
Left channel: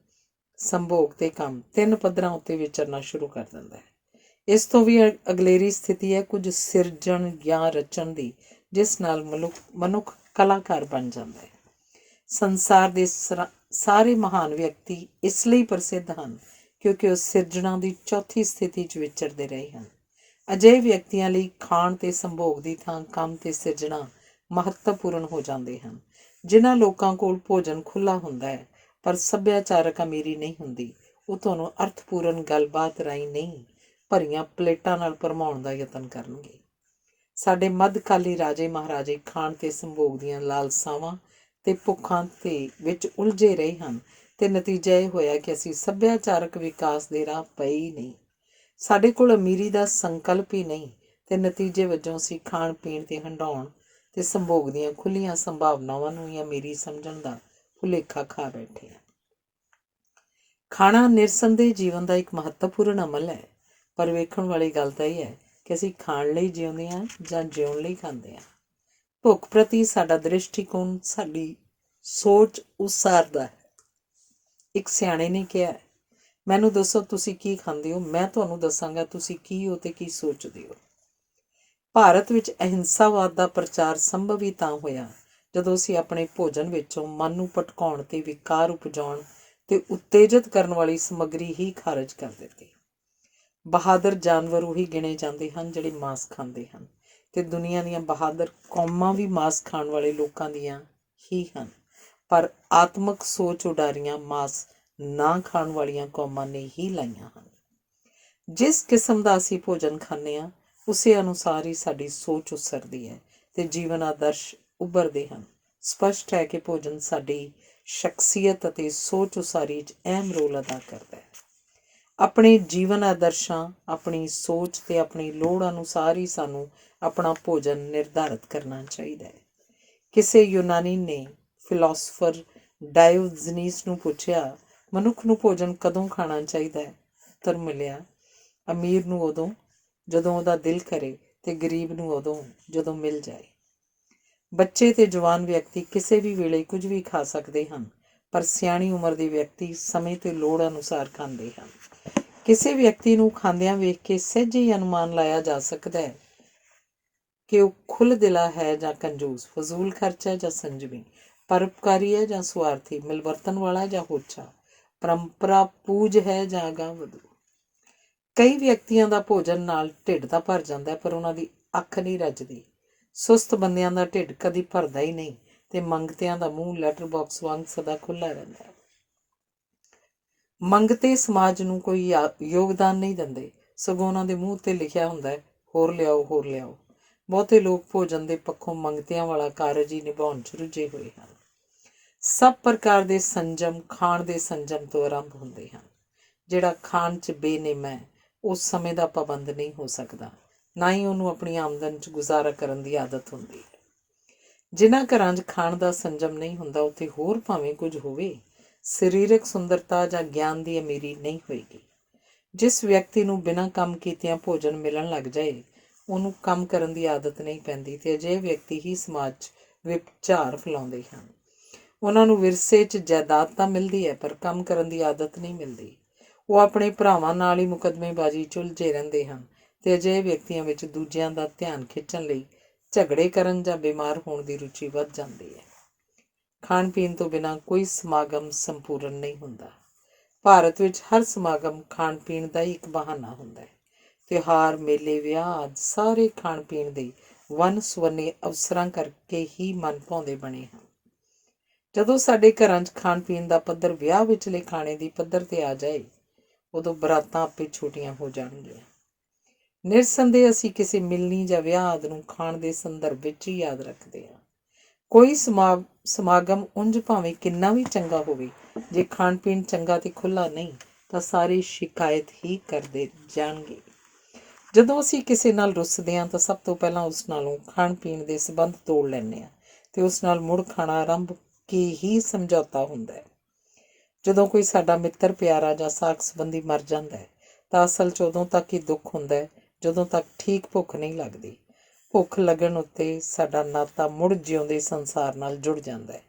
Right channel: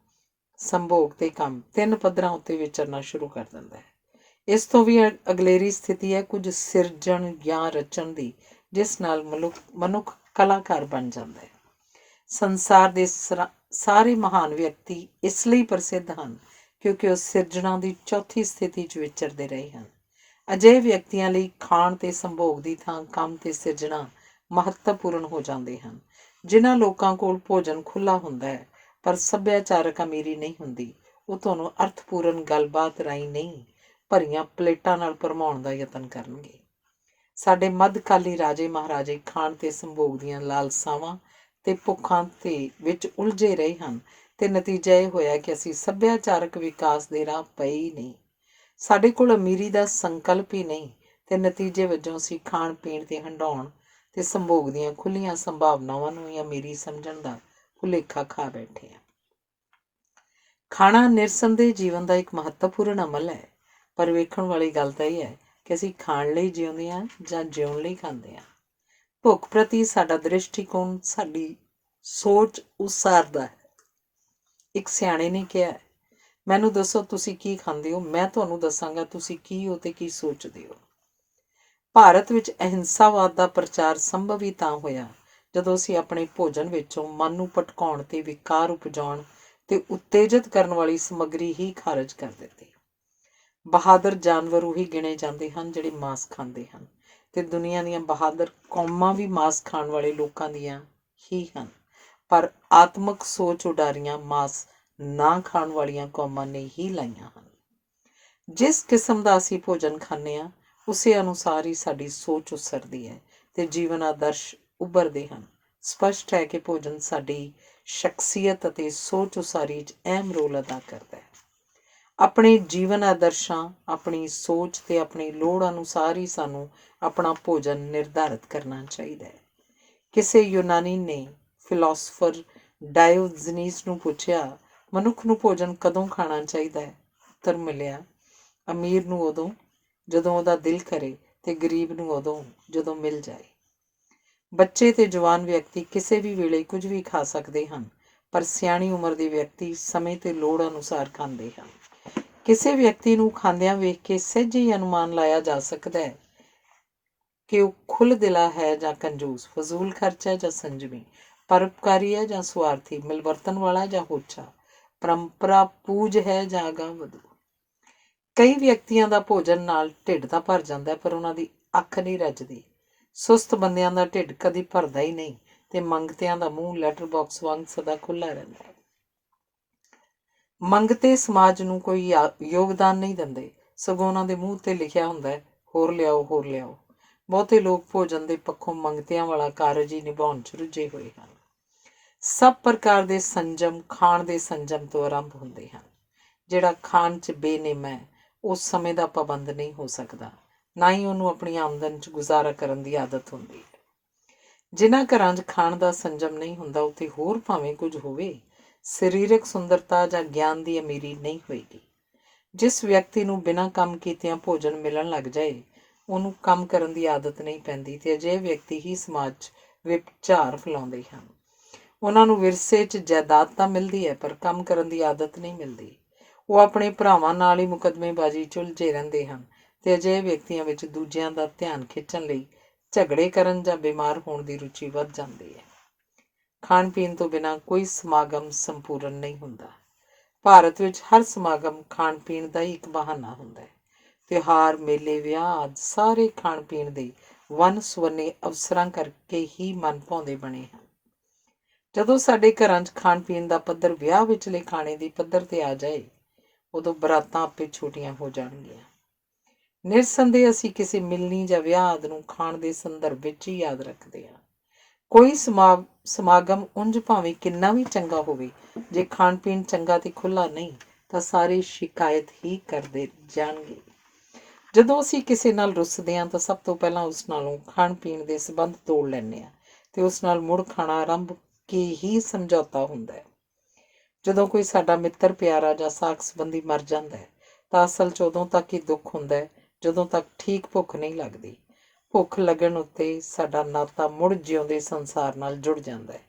ਸੰਭੋਗ ਤੇ ਕੰਮ 3 ਪੱਧਰਾਂ ਉੱਤੇ ਵਿਚਰਨਾ ਸ਼ੁਰੂ ਕਰ ਦਿੰਦਾ ਹੈ। ਇਸ ਤੋਂ ਵੀ ਅਗਲੇਰੀ ਸਥਿਤੀ ਹੈ ਕੁਝ ਸਿਰਜਣ ਜਾਂ ਰਚਣ ਦੀ, ਜਿਸ ਨਾਲ ਮਨੁੱਖ ਕਲਾਕਾਰ ਬਣ ਜਾਂਦਾ ਹੈ। ਸੰਸਾਰ ਦੇ ਸਾਰੇ ਮਹਾਨ ਵਿਅਕਤੀ ਇਸ ਲਈ ਪ੍ਰਸਿੱਧ ਹਨ ਕਿਉਂਕਿ ਉਹ ਸਿਰਜਣਾ ਦੀ ਚੌਥੀ ਸਥਿਤੀ 'ਚ ਵਿਚਰਦੇ ਰਹੇ ਹਨ। ਅਜਿਹੇ ਵਿਅਕਤੀਆਂ ਲਈ ਖਾਣ ਤੇ ਸੰਭੋਗ ਦੀ ਥਾਂ ਕੰਮ ਤੇ ਸਿਰਜਣਾ ਮਹੱਤਵਪੂਰਨ ਹੋ ਜਾਂਦੇ ਹਨ। ਜਿਨ੍ਹਾਂ ਲੋਕਾਂ ਕੋਲ ਭੋਜਨ ਖੁੱਲ੍ਹਾ ਹੁੰਦਾ ਹੈ ਪਰ ਸੱਭਿਆਚਾਰਕ ਅਮੀਰੀ ਨਹੀਂ ਹੁੰਦੀ, ਉਹ ਤੁਹਾਨੂੰ ਅਰਥਪੂਰਨ ਗੱਲਬਾਤ ਰਾਹੀਂ ਨਹੀਂ, ਭਰੀਆਂ ਪਲੇਟਾਂ ਨਾਲ ਭਰਮਾਉਣ ਦਾ ਯਤਨ ਕਰਨਗੇ। ਸਾਡੇ ਮੱਧਕਾਲੀ ਰਾਜੇ ਮਹਾਰਾਜੇ ਖਾਣ ਤੇ ਸੰਭੋਗ ਦੀਆਂ ਲਾਲਸਾਵਾਂ ਤੇ ਭੁੱਖਾਂ ਤੇ ਵਿੱਚ ਉਲਝੇ ਰਹੇ ਹਨ ਤੇ ਨਤੀਜਾ ਇਹ ਹੋਇਆ ਕਿ ਅਸੀਂ ਸੱਭਿਆਚਾਰਕ ਵਿਕਾਸ ਦੇ ਰਾਹ ਪਏ ਹੀ ਨਹੀਂ। ਸਾਡੇ ਕੋਲ ਅਮੀਰੀ ਦਾ ਸੰਕਲਪ ਹੀ ਨਹੀਂ ਤੇ ਨਤੀਜੇ ਵਜੋਂ ਅਸੀਂ ਖਾਣ ਪੀਣ ਤੇ ਹੰਡਾਉਣ ਤੇ ਸੰਭੋਗ ਦੀਆਂ ਖੁੱਲ੍ਹੀਆਂ ਸੰਭਾਵਨਾਵਾਂ ਨੂੰ ਹੀ ਅਮੀਰੀ ਸਮਝਣ ਦਾ ਭੁਲੇਖਾ ਖਾ ਬੈਠੇ ਹਾਂ। ਖਾਣਾ ਨਿਰਸੰਦੇਹ ਜੀਵਨ ਦਾ ਇੱਕ ਮਹੱਤਵਪੂਰਨ ਅਮਲ ਹੈ, ਪਰ ਵੇਖਣ ਵਾਲੀ ਗੱਲ ਤਾਂ ਇਹ ਹੈ ਕਿ ਅਸੀਂ ਖਾਣ ਲਈ ਜਿਉਂਦੇ ਹਾਂ ਜਾਂ ਜਿਉਣ ਲਈ ਖਾਂਦੇ ਹਾਂ। ਭੁੱਖ ਪ੍ਰਤੀ ਸਾਡਾ ਦ੍ਰਿਸ਼ਟੀਕੋਣ ਸਾਡੀ ਸੋਚ ਉਸਾਰਦਾ ਹੈ। ਇੱਕ ਸਿਆਣੇ ਨੇ ਕਿਹਾ, ਮੈਨੂੰ ਦੱਸੋ ਤੁਸੀਂ ਕੀ ਖਾਂਦੇ ਹੋ, ਮੈਂ ਤੁਹਾਨੂੰ ਦੱਸਾਂਗਾ ਤੁਸੀਂ ਕੀ ਹੋ ਤੇ ਕੀ ਸੋਚਦੇ ਹੋ। ਭਾਰਤ ਵਿੱਚ ਅਹਿੰਸਾਵਾਦ ਦਾ ਪ੍ਰਚਾਰ ਸੰਭਵ ਹੀ ਤਾਂ ਹੋਇਆ ਜਦੋਂ ਅਸੀਂ ਆਪਣੇ ਭੋਜਨ ਵਿੱਚੋਂ ਮਨ ਨੂੰ ਭਟਕਾਉਣ ਤੇ ਵਿਕਾਰ ਉਪਜਾਉਣ ਤੇ ਉਤੇਜਿਤ ਕਰਨ ਵਾਲੀ ਸਮੱਗਰੀ ਹੀ ਖਾਰਜ ਕਰ ਦਿੱਤੀ। ਬਹਾਦਰ ਜਾਨਵਰ ਉਹੀ ਗਿਣੇ ਜਾਂਦੇ ਹਨ ਜਿਹੜੇ ਮਾਂਸ ਖਾਂਦੇ ਹਨ ਤੇ ਦੁਨੀਆ ਦੀਆਂ ਬਹਾਦਰ ਕੌਮਾਂ ਵੀ ਮਾਂਸ ਖਾਣ ਵਾਲੇ ਲੋਕਾਂ ਦੀਆਂ ਹੀ ਹਨ, ਪਰ ਆਤਮਕ ਸੋਚ ਉਡਾਰੀਆਂ ਮਾਂਸ ਨਾ ਖਾਣ ਵਾਲੀਆਂ ਕੌਮਾਂ ਨੇ ਹੀ ਲਾਈਆਂ ਹਨ। ਜਿਸ ਕਿਸਮ ਦਾ ਅਸੀਂ ਭੋਜਨ ਖਾਂਦੇ ਹਾਂ ਉਸੇ ਅਨੁਸਾਰ ਹੀ ਸਾਡੀ ਸੋਚ ਉਸਰਦੀ ਹੈ ਤੇ ਜੀਵਨ ਆਦਰਸ਼ ਉੱਭਰਦੇ ਹਨ। ਸਪਸ਼ਟ ਹੈ ਕਿ ਭੋਜਨ ਸਾਡੀ ਸ਼ਖਸੀਅਤ ਅਤੇ ਸੋਚ ਉਸਾਰੀ 'ਚ ਅਹਿਮ ਰੋਲ ਅਦਾ ਕਰਦਾ ਹੈ। ਆਪਣੇ ਜੀਵਨ ਆਦਰਸ਼ਾਂ, ਆਪਣੀ ਸੋਚ ਤੇ ਆਪਣੀ ਲੋੜ ਅਨੁਸਾਰ ਹੀ ਸਾਨੂੰ ਆਪਣਾ ਭੋਜਨ ਨਿਰਧਾਰਿਤ ਕਰਨਾ ਚਾਹੀਦਾ ਹੈ। ਕਿਸੇ ਯੂਨਾਨੀ ਨੇ ਫਿਲਾਸਫਰ ਡਾਇਓਜਨੀਸ ਨੂੰ ਪੁੱਛਿਆ, ਮਨੁੱਖ ਨੂੰ ਭੋਜਨ ਕਦੋਂ ਖਾਣਾ ਚਾਹੀਦਾ ਹੈ? ਉੱਤਰ ਮਿਲਿਆ, ਅਮੀਰ ਨੂੰ ਉਦੋਂ ਜਦੋਂ ਉਹਦਾ ਦਿਲ ਕਰੇ ਤੇ ਗਰੀਬ ਨੂੰ ਉਦੋਂ ਜਦੋਂ ਮਿਲ ਜਾਏ। ਬੱਚੇ ਤੇ ਜਵਾਨ ਵਿਅਕਤੀ ਕਿਸੇ ਵੀ ਵੇਲੇ ਕੁਝ ਵੀ ਖਾ ਸਕਦੇ ਹਨ, ਪਰ ਸਿਆਣੀ ਉਮਰ ਦੇ ਵਿਅਕਤੀ ਸਮੇਂ ਤੇ ਲੋੜ ਅਨੁਸਾਰ ਖਾਂਦੇ ਹਨ। ਕਿਸੇ ਵਿਅਕਤੀ ਨੂੰ ਖਾਂਦਿਆਂ ਵੇਖ ਕੇ ਸਹਿਜੇ ਹੀ ਅਨੁਮਾਨ ਲਾਇਆ ਜਾ ਸਕਦਾ ਹੈ ਕਿ ਉਹ ਖੁੱਲ੍ਹਦਿਲਾ ਹੈ ਜਾਂ ਕੰਜੂਸ, ਫਜ਼ੂਲ ਖਰਚਾ ਜਾਂ ਸੰਜਮੀ, ਪਰਉਪਕਾਰੀ ਹੈ ਜਾਂ ਸੁਆਰਥੀ, ਮਿਲਵਰਤਨ ਵਾਲਾ ਜਾਂ ਹੋਛਾ, ਪਰੰਪਰਾ ਪੂਜ ਹੈ ਜਾਂ ਅਗਾਂਹਵਧੂ। ਕਈ ਵਿਅਕਤੀਆਂ ਦਾ ਭੋਜਨ ਨਾਲ ਢਿੱਡ ਤਾਂ ਭਰ ਜਾਂਦਾ ਪਰ ਉਹਨਾਂ ਦੀ ਅੱਖ ਨਹੀਂ ਰੱਜਦੀ। ਸੁਸਤ ਬੰਦਿਆਂ ਦਾ ਢਿੱਡ ਕਦੀ ਭਰਦਾ ਹੀ ਨਹੀਂ ਤੇ ਮੰਗਤਿਆਂ ਦਾ ਮੂੰਹ ਲੈਟਰ ਬਾਕਸ ਵਾਂਗ ਸਦਾ ਖੁੱਲ੍ਹਾ ਰਹਿੰਦਾ ਹੈ। ਮੰਗਤੇ ਸਮਾਜ ਨੂੰ ਕੋਈ ਯੋਗਦਾਨ ਨਹੀਂ ਦਿੰਦੇ, ਸਗੋਂ ਉਹਨਾਂ ਦੇ ਮੂੰਹ ਤੇ ਲਿਖਿਆ ਹੁੰਦਾ ਹੈ, ਹੋਰ ਲਿਆਓ, ਹੋਰ ਲਿਆਓ। ਬਹੁਤੇ ਲੋਕ ਭੋਜਨ ਦੇ ਪੱਖੋਂ ਮੰਗਤਿਆਂ ਵਾਲਾ ਕਾਰਜ ਹੀ ਨਿਭਾਉਣ 'ਚ ਰੁੱਝੇ ਹੋਏ ਹਨ। ਸਭ ਪ੍ਰਕਾਰ ਦੇ ਸੰਜਮ ਖਾਣ ਦੇ ਸੰਜਮ ਤੋਂ ਆਰੰਭ ਹੁੰਦੇ ਹਨ। ਜਿਹੜਾ ਖਾਣ 'ਚ ਬੇਨਿਯਮ ਹੈ ਉਹ ਸਮੇਂ ਦਾ ਪਾਬੰਦ ਨਹੀਂ ਹੋ ਸਕਦਾ, ਨਾ ਹੀ ਉਹਨੂੰ ਆਪਣੀ ਆਮਦਨ 'ਚ ਗੁਜ਼ਾਰਾ ਕਰਨ ਦੀ ਆਦਤ ਹੁੰਦੀ ਹੈ। ਜਿਨ੍ਹਾਂ ਘਰਾਂ 'ਚ ਖਾਣ ਦਾ ਸੰਜਮ ਨਹੀਂ ਹੁੰਦਾ ਉੱਥੇ ਹੋਰ ਭਾਵੇਂ ਕੁਝ ਹੋਵੇ, ਸਰੀਰਕ ਸੁੰਦਰਤਾ ਜਾਂ ਗਿਆਨ ਦੀ ਅਮੀਰੀ ਨਹੀਂ ਹੋਏਗੀ। ਜਿਸ ਵਿਅਕਤੀ ਨੂੰ ਬਿਨਾਂ ਕੰਮ ਕੀਤਿਆਂ ਭੋਜਨ ਮਿਲਣ ਲੱਗ ਜਾਏ ਉਹਨੂੰ ਕੰਮ ਕਰਨ ਦੀ ਆਦਤ ਨਹੀਂ ਪੈਂਦੀ ਤੇ ਅਜਿਹੇ ਵਿਅਕਤੀ ਹੀ ਸਮਾਜ 'ਚ ਵਿਭਚਾਰ ਫੈਲਾਉਂਦੇ ਹਨ। ਉਹਨਾਂ ਨੂੰ ਵਿਰਸੇ 'ਚ ਜਾਇਦਾਦ ਤਾਂ ਮਿਲਦੀ ਹੈ ਪਰ ਕੰਮ ਕਰਨ ਦੀ ਆਦਤ ਨਹੀਂ ਮਿਲਦੀ। ਉਹ ਆਪਣੇ ਭਰਾਵਾਂ ਨਾਲ ਹੀ ਮੁਕੱਦਮੇਬਾਜ਼ੀ 'ਚ ਉਲਝੇ ਰਹਿੰਦੇ ਹਨ ਤੇ ਅਜਿਹੇ ਵਿਅਕਤੀਆਂ ਵਿੱਚ ਦੂਜਿਆਂ ਦਾ ਧਿਆਨ ਖਿੱਚਣ ਲਈ ਝਗੜੇ ਕਰਨ ਜਾਂ ਬਿਮਾਰ ਹੋਣ ਦੀ ਰੁਚੀ ਵੱਧ ਜਾਂਦੀ ਹੈ। ਖਾਣ ਪੀਣ ਤੋਂ ਬਿਨਾਂ ਕੋਈ ਸਮਾਗਮ ਸੰਪੂਰਨ ਨਹੀਂ ਹੁੰਦਾ। ਭਾਰਤ ਵਿੱਚ ਹਰ ਸਮਾਗਮ ਖਾਣ ਪੀਣ ਦਾ ਹੀ ਇੱਕ ਬਹਾਨਾ ਹੁੰਦਾ ਹੈ। ਤਿਉਹਾਰ, ਮੇਲੇ, ਵਿਆਹ ਆਦਿ ਸਾਰੇ ਖਾਣ ਪੀਣ ਦੇ ਵੰਨ ਸੁਵੰਨੇ ਅਵਸਰਾਂ ਕਰਕੇ ਹੀ ਮਨ ਭਾਉਂਦੇ ਬਣੇ ਹਨ। ਜਦੋਂ ਸਾਡੇ ਘਰਾਂ 'ਚ ਖਾਣ ਪੀਣ ਦਾ ਪੱਧਰ ਵਿਆਹ ਵਿਚਲੇ ਖਾਣੇ ਦੀ ਪੱਧਰ 'ਤੇ ਆ ਜਾਏ ਉਦੋਂ ਬਰਾਤਾਂ ਆਪੇ ਛੋਟੀਆਂ ਹੋ ਜਾਣਗੀਆਂ। ਨਿਰਸੰਦੇਹ ਅਸੀਂ ਕਿਸੇ ਮਿਲਣੀ ਜਾਂ ਵਿਆਹ ਆਦਿ ਨੂੰ ਖਾਣ ਦੇ ਸੰਦਰਭ ਵਿੱਚ ਹੀ ਯਾਦ ਰੱਖਦੇ ਹਾਂ। ਕੋਈ ਸਮਾਗਮ ਉਂਝ ਭਾਵੇਂ ਕਿੰਨਾ ਵੀ ਚੰਗਾ ਹੋਵੇ, ਜੇ ਖਾਣ ਪੀਣ ਚੰਗਾ ਤੇ ਖੁੱਲ੍ਹਾ ਨਹੀਂ ਤਾਂ ਸਾਰੇ ਸ਼ਿਕਾਇਤ ਹੀ ਕਰਦੇ ਜਾਣਗੇ। ਜਦੋਂ ਅਸੀਂ ਕਿਸੇ ਨਾਲ ਰੁੱਸਦੇ ਹਾਂ ਤਾਂ ਸਭ ਤੋਂ ਪਹਿਲਾਂ ਉਸ ਨਾਲੋਂ ਖਾਣ ਪੀਣ ਦੇ ਸੰਬੰਧ ਤੋੜ ਲੈਂਦੇ ਹਾਂ ਤੇ ਉਸ ਨਾਲ ਮੁੜ ਖਾਣਾ ਆਰੰਭ ਕੇ ਹੀ ਸਮਝੌਤਾ ਹੁੰਦਾ ਹੈ। ਜਦੋਂ ਕੋਈ ਸਾਡਾ ਮਿੱਤਰ ਪਿਆਰਾ ਜਾਂ ਸਾਕ ਸੰਬੰਧੀ ਮਰ ਜਾਂਦਾ ਹੈ ਤਾਂ ਅਸਲ 'ਚ ਉਦੋਂ ਤੱਕ ਹੀ ਦੁੱਖ ਹੁੰਦਾ ਹੈ ਜਦੋਂ ਤੱਕ ਠੀਕ ਭੁੱਖ ਨਹੀਂ ਲੱਗਦੀ। ਭੁੱਖ ਲੱਗਣ ਉੱਤੇ ਸਾਡਾ ਨਾਤਾ ਮੁੜ ਜਿਉਂਦੇ ਸੰਸਾਰ ਨਾਲ ਜੁੜ ਜਾਂਦਾ ਹੈ।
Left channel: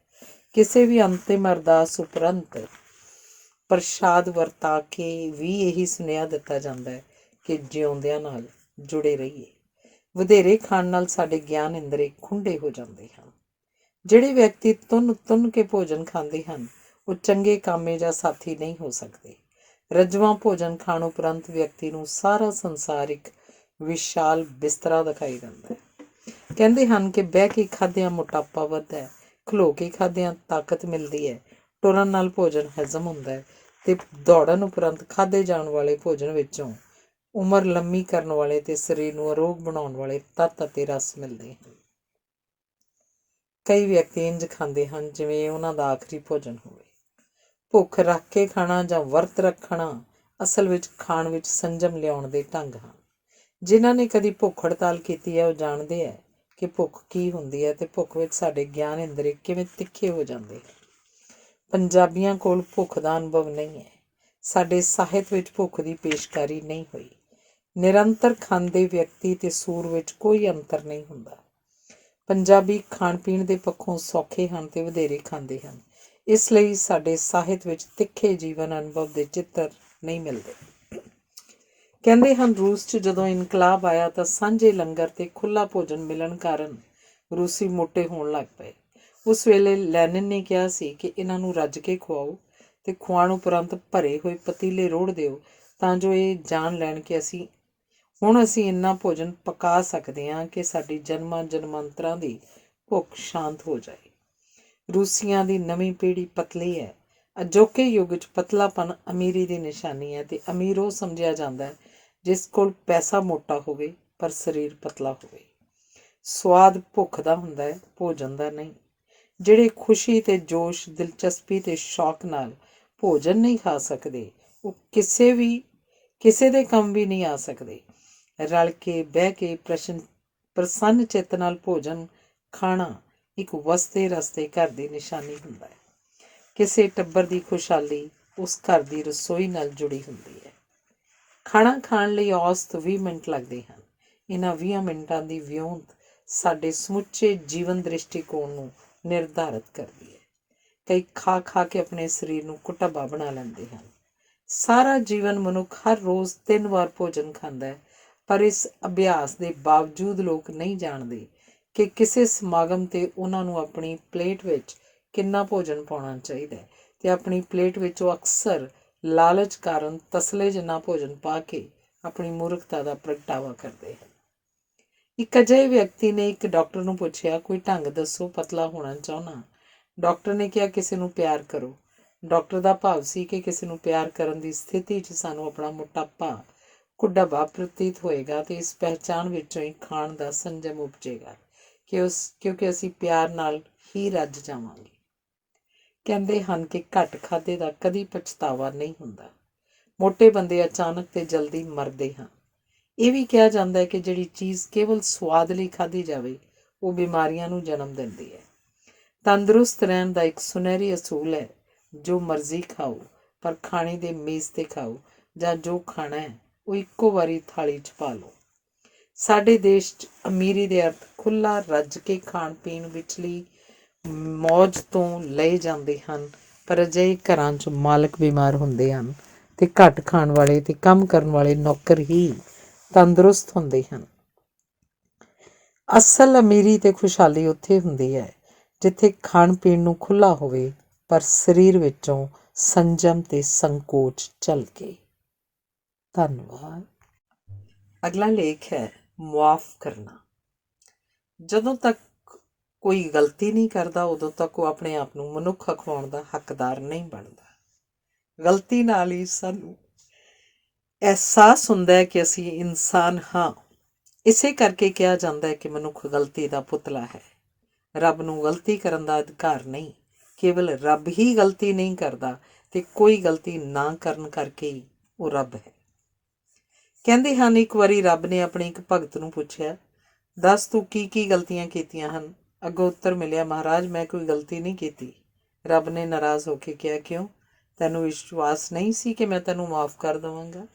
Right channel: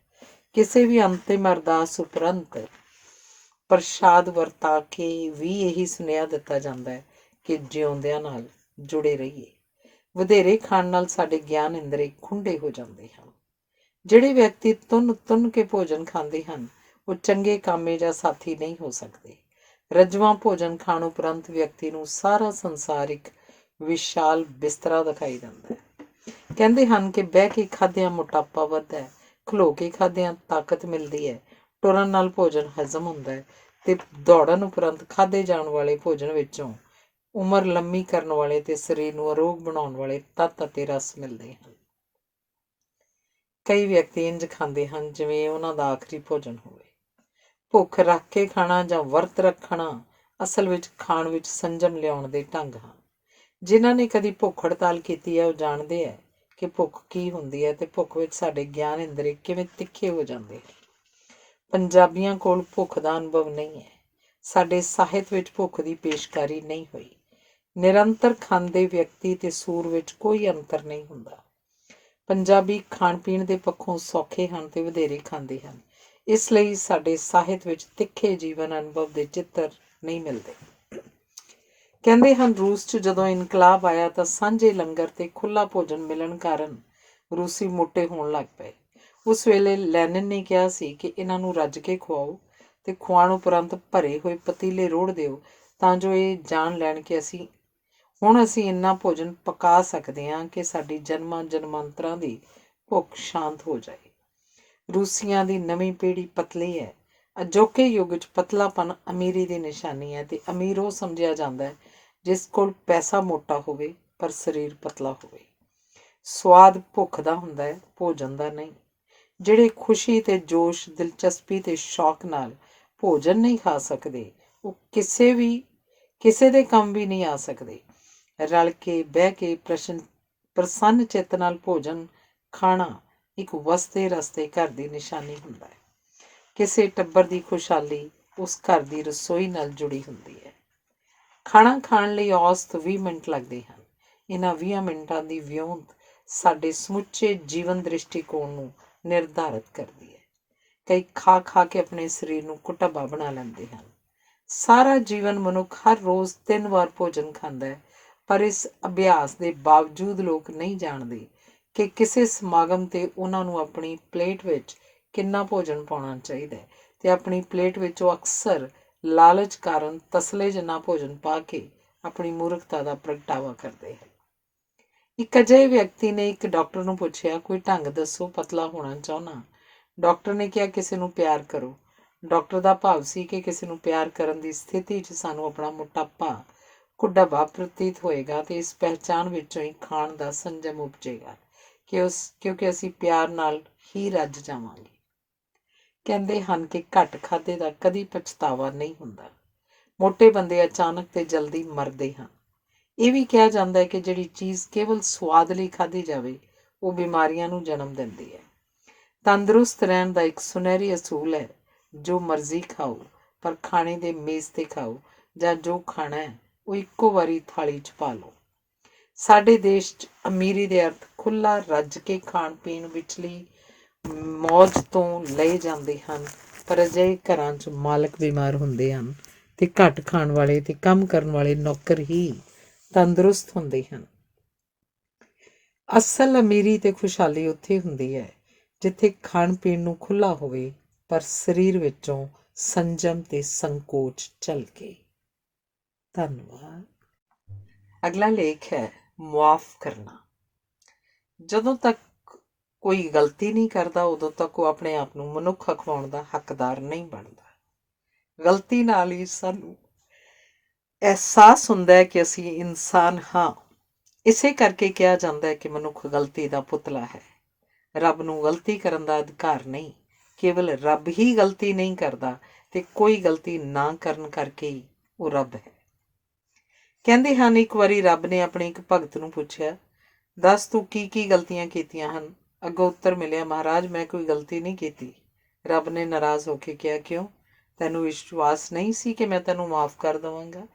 ਕਿਸੇ ਵੀ ਅੰਤਿਮ ਅਰਦਾਸ ਉਪਰੰਤ ਪ੍ਰਸ਼ਾਦ ਵਰਤਾ ਕੇ ਵੀ ਇਹੀ ਸੁਨੇਹਾ ਦਿੱਤਾ ਜਾਂਦਾ ਹੈ ਕਿ ਜਿਉਂਦਿਆਂ ਨਾਲ ਜੁੜੇ ਰਹੀਏ। ਵਧੇਰੇ ਖਾਣ ਨਾਲ ਸਾਡੇ ਗਿਆਨ ਇੰਦਰੀ ਖੁੰਡੇ ਹੋ ਜਾਂਦੇ ਹਨ। ਜਿਹੜੇ ਵਿਅਕਤੀ ਤੁੰਨ ਤੁੰਨ ਕੇ ਭੋਜਨ ਖਾਂਦੇ ਹਨ ਉਹ ਚੰਗੇ ਕਾਮੇ ਜਾਂ ਸਾਥੀ ਨਹੀਂ ਹੋ ਸਕਦੇ। ਰੱਜਵਾਂ ਭੋਜਨ ਖਾਣ ਉਪਰੰਤ ਵਿਅਕਤੀ ਨੂੰ ਸਾਰਾ ਸੰਸਾਰ ਇੱਕ ਵਿਸ਼ਾਲ ਬਿਸਤਰਾ ਦਿਖਾਈ ਦਿੰਦਾ ਹੈ। ਕਹਿੰਦੇ ਹਨ ਕਿ ਬਹਿ ਕੇ ਖਾਦਿਆਂ ਮੋਟਾਪਾ ਵੱਧਦਾ ਹੈ, ਖਲੋ ਕੇ ਖਾਦਿਆਂ ਤਾਕਤ ਮਿਲਦੀ ਹੈ, ਟੁਰਨ ਨਾਲ ਭੋਜਨ ਹਜ਼ਮ ਹੁੰਦਾ ਹੈ ਤੇ ਦੌੜਨ ਉਪਰੰਤ ਖਾਧੇ ਜਾਣ ਵਾਲੇ ਭੋਜਨ ਵਿੱਚੋਂ ਉਮਰ ਲੰਮੀ ਕਰਨ ਵਾਲੇ ਤੇ ਸਰੀਰ ਨੂੰ ਅਰੋਗ ਬਣਾਉਣ ਵਾਲੇ ਤੱਤ ਅਤੇ ਰਸ ਮਿਲਦੇ ਹਨ। ਕਈ ਵਿਅਕਤੀ ਇੰਝ ਖਾਂਦੇ ਹਨ ਜਿਵੇਂ ਉਹਨਾਂ ਦਾ ਆਖਰੀ ਭੋਜਨ ਹੋਵੇ। ਭੁੱਖ ਰੱਖ ਕੇ ਖਾਣਾ ਜਾਂ ਵਰਤ ਰੱਖਣਾ ਅਸਲ ਵਿੱਚ ਖਾਣ ਵਿੱਚ ਸੰਜਮ ਲਿਆਉਣ ਦੇ ਢੰਗ ਹਨ। ਜਿਨ੍ਹਾਂ ਨੇ ਕਦੀ ਭੁੱਖ ਹੜਤਾਲ ਕੀਤੀ ਹੈ ਉਹ ਜਾਣਦੇ ਹੈ ਕਿ ਭੁੱਖ ਕੀ ਹੁੰਦੀ ਹੈ ਤੇ ਭੁੱਖ ਵਿੱਚ ਸਾਡੇ ਗਿਆਨ ਇੰਦਰੀ ਕਿਵੇਂ ਤਿੱਖੇ ਹੋ ਜਾਂਦੇ ਹਨ। ਪੰਜਾਬੀਆਂ ਕੋਲ ਭੁੱਖ ਦਾ ਅਨੁਭਵ ਨਹੀਂ ਹੈ। ਸਾਡੇ ਸਾਹਿਤ ਵਿੱਚ ਭੁੱਖ ਦੀ ਪੇਸ਼ਕਾਰੀ ਨਹੀਂ ਹੋਈ। ਨਿਰੰਤਰ ਖਾਂਦੇ ਵਿਅਕਤੀ ਤੇ ਸੂਰ ਵਿੱਚ ਕੋਈ ਅੰਤਰ ਨਹੀਂ ਹੁੰਦਾ। ਪੰਜਾਬੀ ਖਾਣ ਪੀਣ ਦੇ ਪੱਖੋਂ ਸੌਖੇ ਹਨ ਤੇ ਵਧੇਰੇ ਖਾਂਦੇ ਹਨ। ਇਸ ਲਈ ਸਾਡੇ ਸਾਹਿਤ ਵਿੱਚ ਤਿੱਖੇ ਜੀਵਨ ਅਨੁਭਵ ਦੇ ਚਿੱਤਰ ਨਹੀਂ ਮਿਲਦੇ। ਕਹਿੰਦੇ ਹਨ ਰੂਸ 'ਚ ਜਦੋਂ ਇਨਕਲਾਬ ਆਇਆ ਤਾਂ ਸਾਂਝੇ ਲੰਗਰ ਤੇ ਖੁੱਲ੍ਹਾ ਭੋਜਨ ਮਿਲਣ ਕਾਰਨ ਰੂਸੀ ਮੋਟੇ ਹੋਣ ਲੱਗ ਪਏ। ਉਸ ਵੇਲੇ ਲੈਨਿਨ ਨੇ ਕਿਹਾ ਸੀ ਕਿ ਇਹਨਾਂ ਨੂੰ ਰੱਜ ਕੇ ਖਵਾਓ ਤੇ ਖੁਆਉਣ ਉਪਰੰਤ ਭਰੇ ਹੋਏ ਪਤੀਲੇ ਰੋੜ ਦਿਓ ਤਾਂ ਜੋ ਇਹ ਜਾਣ ਲੈਣ ਕਿ ਅਸੀਂ ਇੰਨਾ ਭੋਜਨ ਪਕਾ ਸਕਦੇ ਹਾਂ ਕਿ ਸਾਡੀ ਜਨਮਾਂ ਜਨਮਾਂਤਰਾਂ ਦੀ ਭੁੱਖ ਸ਼ਾਂਤ ਹੋ ਜਾਏ। ਰੂਸੀਆਂ ਦੀ ਨਵੀਂ ਪੀੜ੍ਹੀ ਪਤਲੀ ਹੈ। ਅਜੋਕੇ ਯੁੱਗ 'ਚ ਪਤਲਾਪਨ ਅਮੀਰੀ ਦੀ ਨਿਸ਼ਾਨੀ ਹੈ ਤੇ ਅਮੀਰ ਉਹ ਸਮਝਿਆ ਜਾਂਦਾ ਹੈ ਜਿਸ ਕੋਲ ਪੈਸਾ ਮੋਟਾ ਹੋਵੇ ਪਰ ਸਰੀਰ ਪਤਲਾ ਹੋਵੇ। ਸਵਾਦ ਭੁੱਖ ਦਾ ਹੁੰਦਾ ਹੈ, ਭੋਜਨ ਦਾ ਨਹੀਂ। ਜਿਹੜੇ ਖੁਸ਼ੀ ਤੇ ਜੋਸ਼, ਦਿਲਚਸਪੀ ਤੇ ਸ਼ੌਕ ਨਾਲ ਭੋਜਨ ਨਹੀਂ ਖਾ ਸਕਦੇ ਉਹ ਕਿਸੇ ਦੇ ਕੰਮ ਵੀ ਨਹੀਂ ਆ ਸਕਦੇ। ਰਲ ਕੇ ਬਹਿ ਕੇ ਪ੍ਰਸੰਨ ਚਿੱਤ ਨਾਲ ਭੋਜਨ ਖਾਣਾ ਇੱਕ ਵਸਦੇ ਰਸਤੇ ਘਰ ਦੀ ਨਿਸ਼ਾਨੀ ਹੁੰਦਾ ਹੈ। ਕਿਸੇ ਟੱਬਰ ਦੀ ਖੁਸ਼ਹਾਲੀ ਉਸ ਘਰ ਦੀ ਰਸੋਈ ਨਾਲ ਜੁੜੀ ਹੁੰਦੀ ਹੈ। ਖਾਣਾ ਖਾਣ ਲਈ ਔਸਤ 20 ਮਿੰਟ ਲੱਗਦੇ ਹਨ। ਇਹਨਾਂ 20 ਮਿੰਟਾਂ ਦੀ ਵਿਉਂਤ ਸਾਡੇ ਸਮੁੱਚੇ ਜੀਵਨ ਦ੍ਰਿਸ਼ਟੀਕੋਣ ਨੂੰ ਨਿਰਧਾਰਿਤ ਕਰਦੀ ਹੈ। ਕਈ ਖਾ ਖਾ ਕੇ ਆਪਣੇ ਸਰੀਰ ਨੂੰ ਕੁਟੱਬਾ ਬਣਾ ਲੈਂਦੇ ਹਨ। ਸਾਰਾ ਜੀਵਨ ਮਨੁੱਖ ਹਰ ਰੋਜ਼ 3 ਵਾਰ ਭੋਜਨ ਖਾਂਦਾ ਹੈ, ਪਰ ਇਸ ਅਭਿਆਸ ਦੇ ਬਾਵਜੂਦ ਲੋਕ ਨਹੀਂ ਜਾਣਦੇ ਕਿ ਕਿਸੇ ਸਮਾਗਮ 'ਤੇ ਉਹਨਾਂ ਨੂੰ ਆਪਣੀ ਪਲੇਟ ਵਿੱਚ ਕਿੰਨਾ ਭੋਜਨ ਪਾਉਣਾ ਚਾਹੀਦਾ ਹੈ ਤੇ ਆਪਣੀ ਪਲੇਟ ਵਿੱਚ ਉਹ ਅਕਸਰ ਲਾਲਚ ਕਾਰਨ ਤਸਲੇ ਜਿੰਨਾ ਭੋਜਨ ਪਾ ਕੇ ਆਪਣੀ ਮੂਰਖਤਾ ਦਾ ਪ੍ਰਗਟਾਵਾ ਕਰਦੇ ਹਨ। ਇੱਕ ਅਜਿਹੇ ਵਿਅਕਤੀ ਨੇ ਇੱਕ ਡਾਕਟਰ ਨੂੰ ਪੁੱਛਿਆ, ਕੋਈ ਢੰਗ ਦੱਸੋ, ਪਤਲਾ ਹੋਣਾ ਚਾਹੁੰਦਾ। ਡਾਕਟਰ ਨੇ ਕਿਹਾ, ਕਿਸੇ ਨੂੰ ਪਿਆਰ ਕਰੋ। ਡਾਕਟਰ ਦਾ ਭਾਵ ਸੀ ਕਿ ਕਿਸੇ ਨੂੰ ਪਿਆਰ ਕਰਨ ਦੀ ਸਥਿਤੀ 'ਚ ਸਾਨੂੰ ਆਪਣਾ ਮੋਟਾਪਾ ਕੁਢੱਬਾ ਪ੍ਰਤੀਤ ਹੋਏਗਾ ਤੇ ਇਸ ਪਹਿਚਾਣ ਵਿੱਚੋਂ ਹੀ ਖਾਣ ਦਾ ਸੰਜਮ ਉਪਜੇਗਾ ਕਿਉਂਕਿ ਅਸੀਂ ਪਿਆਰ ਨਾਲ ਹੀ ਰੱਜ ਜਾਵਾਂਗੇ। ਕਹਿੰਦੇ ਹਨ ਕਿ ਘੱਟ ਖਾਧੇ ਦਾ ਕਦੀ ਪਛਤਾਵਾ ਨਹੀਂ ਹੁੰਦਾ। ਮੋਟੇ ਬੰਦੇ ਅਚਾਨਕ ਤੇ ਜਲਦੀ ਮਰਦੇ ਹਨ। ਇਹ ਵੀ ਕਿਹਾ ਜਾਂਦਾ ਹੈ ਕਿ ਜਿਹੜੀ ਚੀਜ਼ ਕੇਵਲ ਸਵਾਦ ਲਈ ਖਾਧੀ ਜਾਵੇ ਉਹ ਬਿਮਾਰੀਆਂ ਨੂੰ ਜਨਮ ਦਿੰਦੀ ਹੈ। ਤੰਦਰੁਸਤ ਰਹਿਣ ਦਾ ਇੱਕ ਸੁਨਹਿਰੀ ਅਸੂਲ ਹੈ, ਜੋ ਮਰਜ਼ੀ ਖਾਓ ਪਰ ਖਾਣੇ ਦੇ ਮੇਜ਼ 'ਤੇ ਖਾਓ, ਜਾਂ ਜੋ ਖਾਣਾ ਹੈ ਉਹ ਇੱਕੋ ਵਾਰੀ ਥਾਲੀ 'ਚ ਪਾ ਲਓ। ਸਾਡੇ ਦੇਸ਼ 'ਚ ਅਮੀਰੀ ਦੇ ਅਰਥ ਖੁੱਲ੍ਹਾ ਰੱਜ ਕੇ ਖਾਣ ਪੀਣ ਵਿਚਲੀ ਮੌਜ ਤੋਂ ਲਏ ਜਾਂਦੇ ਹਨ, ਪਰ ਅਜਿਹੇ ਘਰਾਂ 'ਚ ਮਾਲਕ ਬਿਮਾਰ ਹੁੰਦੇ ਹਨ ਤੇ ਘੱਟ ਖਾਣ ਵਾਲੇ ਤੇ ਕੰਮ ਕਰਨ ਵਾਲੇ ਨੌਕਰ ਹੀ ਤੰਦਰੁਸਤ ਹੁੰਦੇ ਹਨ। ਅਸਲ ਅਮੀਰੀ ਤੇ ਖੁਸ਼ਹਾਲੀ ਉੱਥੇ ਹੁੰਦੀ ਹੈ ਜਿੱਥੇ ਖਾਣ ਪੀਣ ਨੂੰ ਖੁੱਲ੍ਹਾ ਹੋਵੇ ਪਰ ਸਰੀਰ ਵਿੱਚੋਂ ਸੰਜਮ ਤੇ ਸੰਕੋਚ ਝਲਕੇ। ਧੰਨਵਾਦ। ਅਗਲਾ ਲੇਖ ਹੈ ਮੁਆਫ਼ ਕਰਨਾ। ਜਦੋਂ ਤੱਕ ਕੋਈ ਗਲਤੀ ਨਹੀਂ ਕਰਦਾ ਉਦੋਂ ਤੱਕ ਉਹ ਆਪਣੇ ਆਪ ਨੂੰ ਮਨੁੱਖ ਅਖਵਾਉਣ ਦਾ ਹੱਕਦਾਰ ਨਹੀਂ ਬਣਦਾ। ਗਲਤੀ ਨਾਲ ਹੀ ਸਾਨੂੰ ਅਹਿਸਾਸ ਹੁੰਦਾ ਹੈ ਕਿ ਅਸੀਂ ਇਨਸਾਨ ਹਾਂ। ਇਸੇ ਕਰਕੇ ਕਿਹਾ ਜਾਂਦਾ ਹੈ ਕਿ ਮਨੁੱਖ ਗਲਤੀ ਦਾ ਪੁਤਲਾ ਹੈ। ਰੱਬ ਨੂੰ ਗਲਤੀ ਕਰਨ ਦਾ ਅਧਿਕਾਰ ਨਹੀਂ, ਕੇਵਲ ਰੱਬ ਹੀ ਗਲਤੀ ਨਹੀਂ ਕਰਦਾ ਤੇ ਕੋਈ ਗਲਤੀ ਨਾ ਕਰਨ ਕਰਕੇ ਹੀ ਉਹ ਰੱਬ ਹੈ। ਕਹਿੰਦੇ ਹਨ ਇੱਕ ਵਾਰੀ ਰੱਬ ਨੇ ਆਪਣੇ ਇੱਕ ਭਗਤ ਨੂੰ ਪੁੱਛਿਆ, ਦੱਸ ਤੂੰ ਕੀ ਕੀ ਗਲਤੀਆਂ ਕੀਤੀਆਂ ਹਨ। ਅੱਗੋਂ ਉੱਤਰ ਮਿਲਿਆ, ਮਹਾਰਾਜ ਮੈਂ ਕੋਈ ਗਲਤੀ ਨਹੀਂ ਕੀਤੀ। ਰੱਬ ਨੇ ਨਾਰਾਜ਼ ਹੋ ਕੇ ਕਿਹਾ, ਕਿਉਂ? ਤੈਨੂੰ ਵਿਸ਼ਵਾਸ ਨਹੀਂ ਸੀ ਕਿ ਮੈਂ ਤੈਨੂੰ ਮਾਫ਼ ਕਰ ਦੇਵਾਂਗਾ?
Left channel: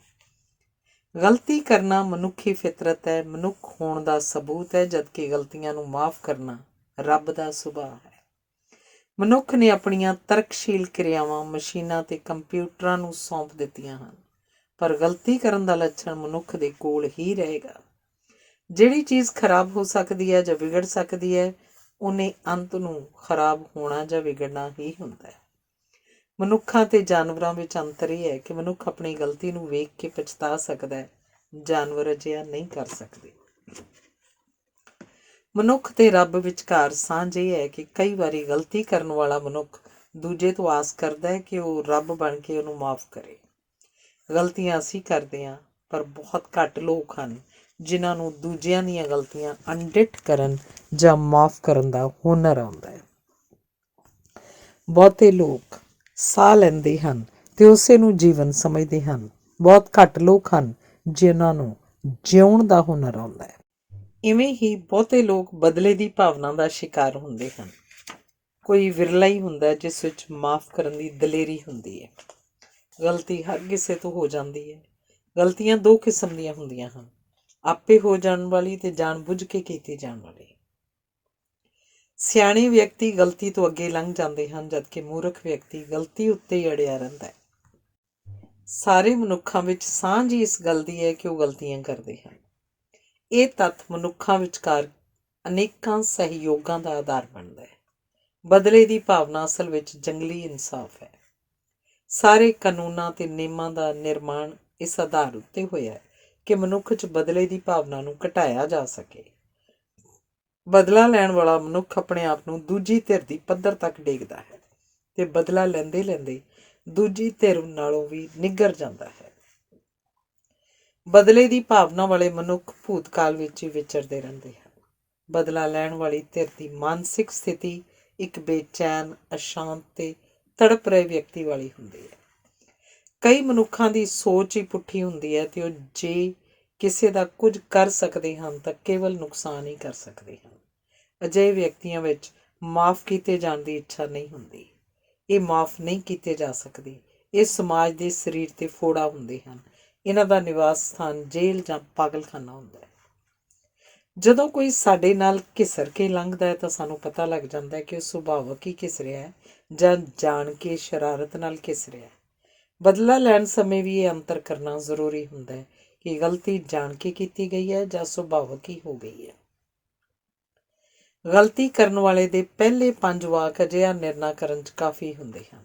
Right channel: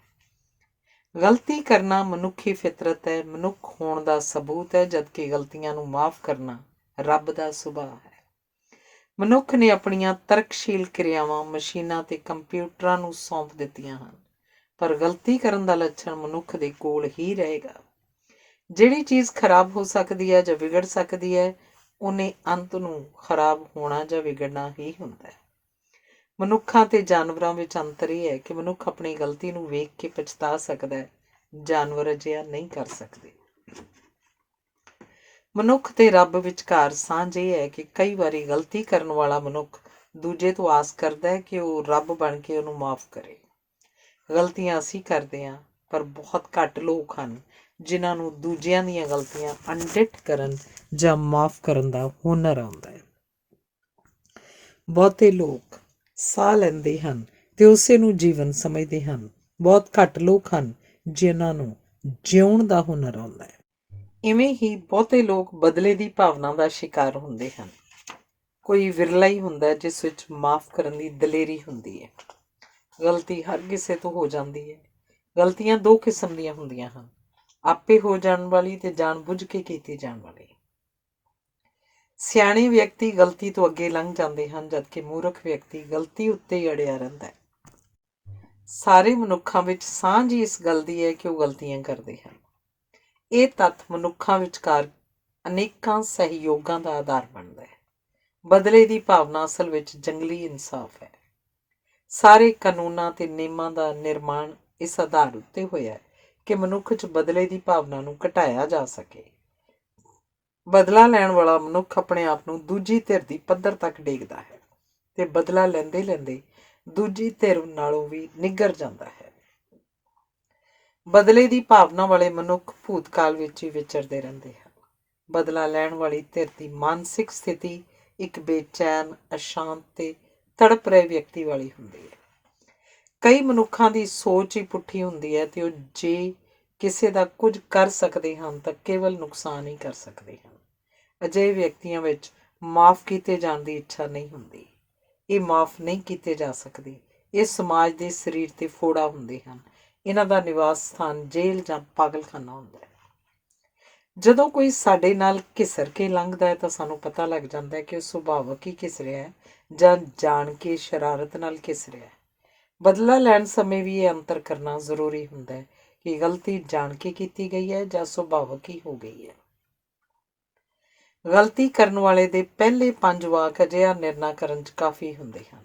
ਗਲਤੀ ਕਰਨਾ ਮਨੁੱਖੀ ਫਿਤਰਤ ਹੈ, ਮਨੁੱਖ ਹੋਣ ਦਾ ਸਬੂਤ ਹੈ, ਜਦਕਿ ਗਲਤੀਆਂ ਨੂੰ ਮਾਫ਼ ਕਰਨਾ ਰੱਬ ਦਾ ਸੁਭਾਅ ਹੈ। ਮਨੁੱਖ ਨੇ ਆਪਣੀਆਂ ਤਰਕਸ਼ੀਲ ਕਿਰਿਆਵਾਂ ਮਸ਼ੀਨਾਂ ਤੇ ਕੰਪਿਊਟਰਾਂ ਨੂੰ ਸੌਂਪ ਦਿੱਤੀਆਂ ਹਨ, ਪਰ ਗਲਤੀ ਕਰਨ ਦਾ ਲੱਛਣ ਮਨੁੱਖ ਦੇ ਕੋਲ ਹੀ ਰਹੇਗਾ। ਜਿਹੜੀ ਚੀਜ਼ ਖਰਾਬ ਹੋ ਸਕਦੀ ਹੈ ਜਾਂ ਵਿਗੜ ਸਕਦੀ ਹੈ, ਉਹਨੇ ਅੰਤ ਨੂੰ ਖਰਾਬ ਹੋਣਾ ਜਾਂ ਵਿਗੜਨਾ ਹੀ ਹੁੰਦਾ ਹੈ। ਮਨੁੱਖਾਂ ਤੇ ਜਾਨਵਰਾਂ ਵਿੱਚ ਅੰਤਰ ਇਹ ਹੈ ਕਿ ਮਨੁੱਖ ਆਪਣੀ ਗਲਤੀ ਨੂੰ ਵੇਖ ਕੇ ਪਛਤਾ ਸਕਦਾ ਹੈ, ਜਾਨਵਰ ਅਜਿਹਾ ਨਹੀਂ ਕਰ ਸਕਦੇ। ਮਨੁੱਖ ਤੇ ਰੱਬ ਵਿਚਕਾਰ ਸਾਂਝ ਇਹ ਹੈ ਕਿ ਕਈ ਵਾਰੀ ਗਲਤੀ ਕਰਨ ਵਾਲਾ ਮਨੁੱਖ ਦੂਜੇ ਤੋਂ ਆਸ ਕਰਦਾ ਹੈ ਕਿ ਉਹ ਰੱਬ ਬਣ ਕੇ ਉਹਨੂੰ ਮਾਫ਼ ਕਰੇ। ਗਲਤੀਆਂ ਅਸੀਂ ਕਰਦੇ ਹਾਂ, ਪਰ ਬਹੁਤ ਘੱਟ ਲੋਕ ਹਨ ਜਿਨ੍ਹਾਂ ਨੂੰ ਦੂਜਿਆਂ ਦੀਆਂ ਗਲਤੀਆਂ ਅਣਡਿੱਠ ਕਰਨ ਜਾਂ ਮਾਫ਼ ਕਰਨ ਦਾ ਹੁਨਰ ਆਉਂਦਾ ਹੈ। ਬਹੁਤੇ ਲੋਕ ਸਾਹ ਲੈਂਦੇ ਹਨ ਤੇ ਉਸੇ ਨੂੰ ਜੀਵਨ ਸਮਝਦੇ ਹਨ। ਬਹੁਤ ਘੱਟ ਲੋਕ ਹਨ ਜਿਨ੍ਹਾਂ ਨੂੰ ਜਿਉਣ ਦਾ ਹੁਨਰ ਆਉਂਦਾ ਹੈ। ਇਵੇਂ ਹੀ ਬਹੁਤੇ ਲੋਕ ਬਦਲੇ ਦੀ ਭਾਵਨਾ ਦਾ ਸ਼ਿਕਾਰ ਹੁੰਦੇ ਹਨ। ਕੋਈ ਵਿਰਲਾ ਹੀ ਹੁੰਦਾ ਜਿਸ ਵਿੱਚ ਮਾਫ਼ ਕਰਨ ਦੀ ਦਲੇਰੀ ਹੁੰਦੀ ਹੈ। ਗਲਤੀ ਹਰ ਕਿਸੇ ਤੋਂ ਹੋ ਜਾਂਦੀ ਹੈ। ਗਲਤੀਆਂ ਦੋ ਕਿਸਮ ਦੀਆਂ ਹੁੰਦੀਆਂ ਹਨ, ਆਪੇ ਹੋ ਜਾਣ ਵਾਲੀ ਤੇ ਜਾਣ ਬੁੱਝ ਕੇ ਕੀਤੀ ਜਾਣ ਵਾਲੀ। ਸਿਆਣੇ ਵਿਅਕਤੀ ਗਲਤੀ ਤੋਂ ਅੱਗੇ ਲੰਘ ਜਾਂਦੇ ਹਨ, ਜਦਕਿ ਮੂਰਖ ਵਿਅਕਤੀ ਗਲਤੀ ਉੱਤੇ ਹੀ ਅੜਿਆ ਰਹਿੰਦਾ ਹੈ। ਸਾਰੇ ਮਨੁੱਖਾਂ ਵਿੱਚ ਸਾਂਝ ਹੀ ਇਸ ਗੱਲ ਦੀ ਹੈ ਕਿ ਉਹ ਗਲਤੀਆਂ ਕਰਦੇ ਹਨ। ਇਹ ਤੱਥ ਮਨੁੱਖਾਂ ਵਿਚਕਾਰ ਅਨੇਕਾਂ ਸਹਿਯੋਗਾਂ ਦਾ ਆਧਾਰ ਬਣਦਾ ਹੈ। ਬਦਲੇ ਦੀ ਭਾਵਨਾ ਅਸਲ ਵਿੱਚ ਜੰਗਲੀ ਇਨਸਾਫ ਹੈ। ਸਾਰੇ ਕਾਨੂੰਨਾਂ ਤੇ ਨਿਯਮਾਂ ਦਾ ਨਿਰਮਾਣ ਇਸ ਆਧਾਰ ਉੱਤੇ ਹੋਇਆ ਹੈ ਕਿ ਮਨੁੱਖ 'ਚ ਬਦਲੇ ਦੀ ਭਾਵਨਾ ਨੂੰ ਘਟਾਇਆ ਜਾ ਸਕੇ। ਬਦਲਾ ਲੈਣ ਵਾਲਾ ਮਨੁੱਖ ਆਪਣੇ ਆਪ ਨੂੰ ਦੂਜੀ ਧਿਰ ਦੀ ਪੱਧਰ ਤੱਕ ਡੇਗਦਾ ਹੈ ਤੇ ਬਦਲਾ ਲੈਂਦੇ ਲੈਂਦੇ ਦੂਜੀ ਧਿਰ ਨਾਲੋਂ ਵੀ ਨਿੱਘਰ ਜਾਂਦਾ ਹੈ। ਬਦਲੇ ਦੀ ਭਾਵਨਾ ਵਾਲੇ ਮਨੁੱਖ ਭੂਤਕਾਲ ਵਿੱਚ ਹੀ ਵਿਚਰਦੇ ਰਹਿੰਦੇ ਹਨ। ਬਦਲਾ ਲੈਣ ਵਾਲੀ ਧਿਰ ਦੀ ਮਾਨਸਿਕ ਸਥਿਤੀ ਇੱਕ ਬੇਚੈਨ, ਅਸ਼ਾਂਤ ਤੇ ਤੜਪ ਰਹੇ ਵਿਅਕਤੀ ਵਾਲੀ ਹੁੰਦੀ ਹੈ। ਕਈ ਮਨੁੱਖਾਂ ਦੀ ਸੋਚ ਹੀ ਪੁੱਠੀ ਹੁੰਦੀ ਹੈ ਤੇ ਉਹ ਜੇ ਕਿਸੇ ਦਾ ਕੁਝ ਕਰ ਸਕਦੇ ਹਨ ਤਾਂ ਕੇਵਲ ਨੁਕਸਾਨ ਹੀ ਕਰ ਸਕਦੇ ਹਨ। ਅਜਿਹੇ ਵਿਅਕਤੀਆਂ ਵਿੱਚ ਮਾਫ਼ ਕੀਤੇ ਜਾਣ ਦੀ ਇੱਛਾ ਨਹੀਂ ਹੁੰਦੀ। ਇਹ ਮਾਫ਼ ਨਹੀਂ ਕੀਤੇ ਜਾ ਸਕਦੇ। ਇਹ ਸਮਾਜ ਦੇ ਸਰੀਰ ਤੇ ਫੋੜਾ ਹੁੰਦੇ ਹਨ। ਇਹਨਾਂ ਦਾ ਨਿਵਾਸ ਸਥਾਨ ਜੇਲ੍ਹ ਜਾਂ ਪਾਗਲਖਾਨਾ ਹੁੰਦਾ ਹੈ। ਜਦੋਂ ਕੋਈ ਸਾਡੇ ਨਾਲ ਘਿਸਰ ਕੇ ਲੰਘਦਾ ਹੈ ਤਾਂ ਸਾਨੂੰ ਪਤਾ ਲੱਗ ਜਾਂਦਾ ਹੈ ਕਿ ਉਹ ਸੁਭਾਵਕ ਹੀ ਘਿਸ ਰਿਹਾ ਹੈ ਜਾਂ ਜਾਣ ਕੇ ਸ਼ਰਾਰਤ ਨਾਲ ਘਿਸ ਰਿਹਾ ਹੈ। ਬਦਲਾ ਲੈਣ ਸਮੇਂ ਵੀ ਇਹ ਅੰਤਰ ਕਰਨਾ ਜ਼ਰੂਰੀ ਹੁੰਦਾ ਹੈ ਕਿ ਗਲਤੀ ਜਾਣ ਕੇ ਕੀਤੀ ਗਈ ਹੈ ਜਾਂ ਸੁਭਾਵਕ ਹੀ ਹੋ ਗਈ ਹੈ। ਗਲਤੀ ਕਰਨ ਵਾਲੇ ਦੇ ਪਹਿਲੇ 5 ਵਾਕ ਅਜਿਹਾ ਨਿਰਣਾ ਕਰਨ 'ਚ ਕਾਫੀ ਹੁੰਦੇ ਹਨ।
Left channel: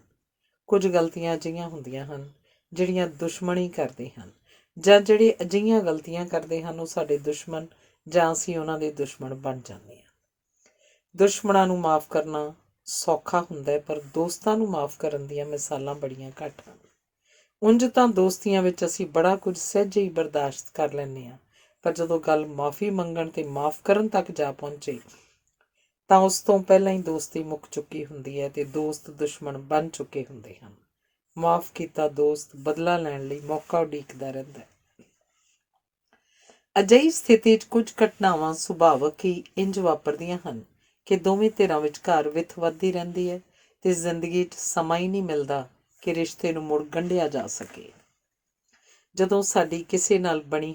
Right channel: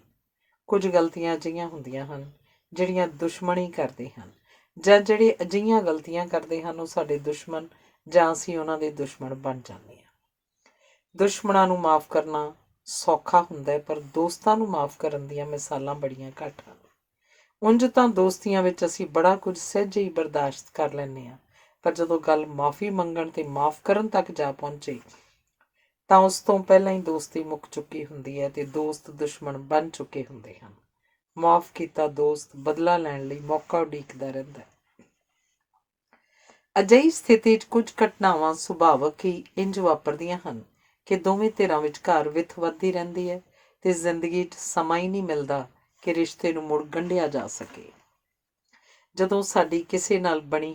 ਕੁਝ ਗਲਤੀਆਂ ਅਜਿਹੀਆਂ ਹੁੰਦੀਆਂ ਹਨ ਜਿਹੜੀਆਂ ਦੁਸ਼ਮਣੀ ਕਰਦੇ ਹਨ, ਜਾਂ ਜਿਹੜੇ ਅਜਿਹੀਆਂ ਗਲਤੀਆਂ ਕਰਦੇ ਹਨ ਉਹ ਸਾਡੇ ਦੁਸ਼ਮਣ ਜਾਂ ਅਸੀਂ ਉਹਨਾਂ ਦੇ ਦੁਸ਼ਮਣ ਬਣ ਜਾਂਦੇ ਹਾਂ। ਦੁਸ਼ਮਣਾਂ ਨੂੰ ਮਾਫ਼ ਕਰਨਾ ਸੌਖਾ ਹੁੰਦਾ ਹੈ, ਪਰ ਦੋਸਤਾਂ ਨੂੰ ਮਾਫ਼ ਕਰਨ ਦੀਆਂ ਮਿਸਾਲਾਂ ਬੜੀਆਂ ਘੱਟ ਹਨ। ਉਂਝ ਤਾਂ ਦੋਸਤੀਆਂ ਵਿੱਚ ਅਸੀਂ ਬੜਾ ਕੁਝ ਸਹਿਜੇ ਹੀ ਬਰਦਾਸ਼ਤ ਕਰ ਲੈਂਦੇ ਹਾਂ, ਪਰ ਜਦੋਂ ਗੱਲ ਮਾਫ਼ੀ ਮੰਗਣ ਤੇ ਮਾਫ਼ ਕਰਨ ਤੱਕ ਜਾ ਪਹੁੰਚੇ ਤਾਂ ਉਸ ਤੋਂ ਪਹਿਲਾਂ ਹੀ ਦੋਸਤੀ ਮੁੱਕ ਚੁੱਕੀ ਹੁੰਦੀ ਹੈ ਤੇ ਦੋਸਤ ਦੁਸ਼ਮਣ ਬਣ ਚੁੱਕੇ ਹੁੰਦੇ ਹਨ। ਮਾਫ਼ ਕੀਤਾ ਦੋਸਤ ਬਦਲਾ ਲੈਣ ਲਈ ਮੌਕਾ ਉਡੀਕਦਾ ਰਹਿੰਦਾ ਹੈ। ਅਜਿਹੀ ਸਥਿਤੀ 'ਚ ਕੁਝ ਘਟਨਾਵਾਂ ਸੁਭਾਵਕ ਹੀ ਇੰਝ ਵਾਪਰਦੀਆਂ ਹਨ ਕਿ ਦੋਵੇਂ ਧਿਰਾਂ ਵਿਚਕਾਰ ਵਿੱਥ ਵੱਧਦੀ ਰਹਿੰਦੀ ਹੈ ਤੇ ਜ਼ਿੰਦਗੀ 'ਚ ਸਮਾਂ ਹੀ ਨਹੀਂ ਮਿਲਦਾ ਕਿ ਰਿਸ਼ਤੇ ਨੂੰ ਮੁੜ ਗੰਢਿਆ ਜਾ ਸਕੇ। ਜਦੋਂ ਸਾਡੀ ਕਿਸੇ ਨਾਲ ਬਣੀ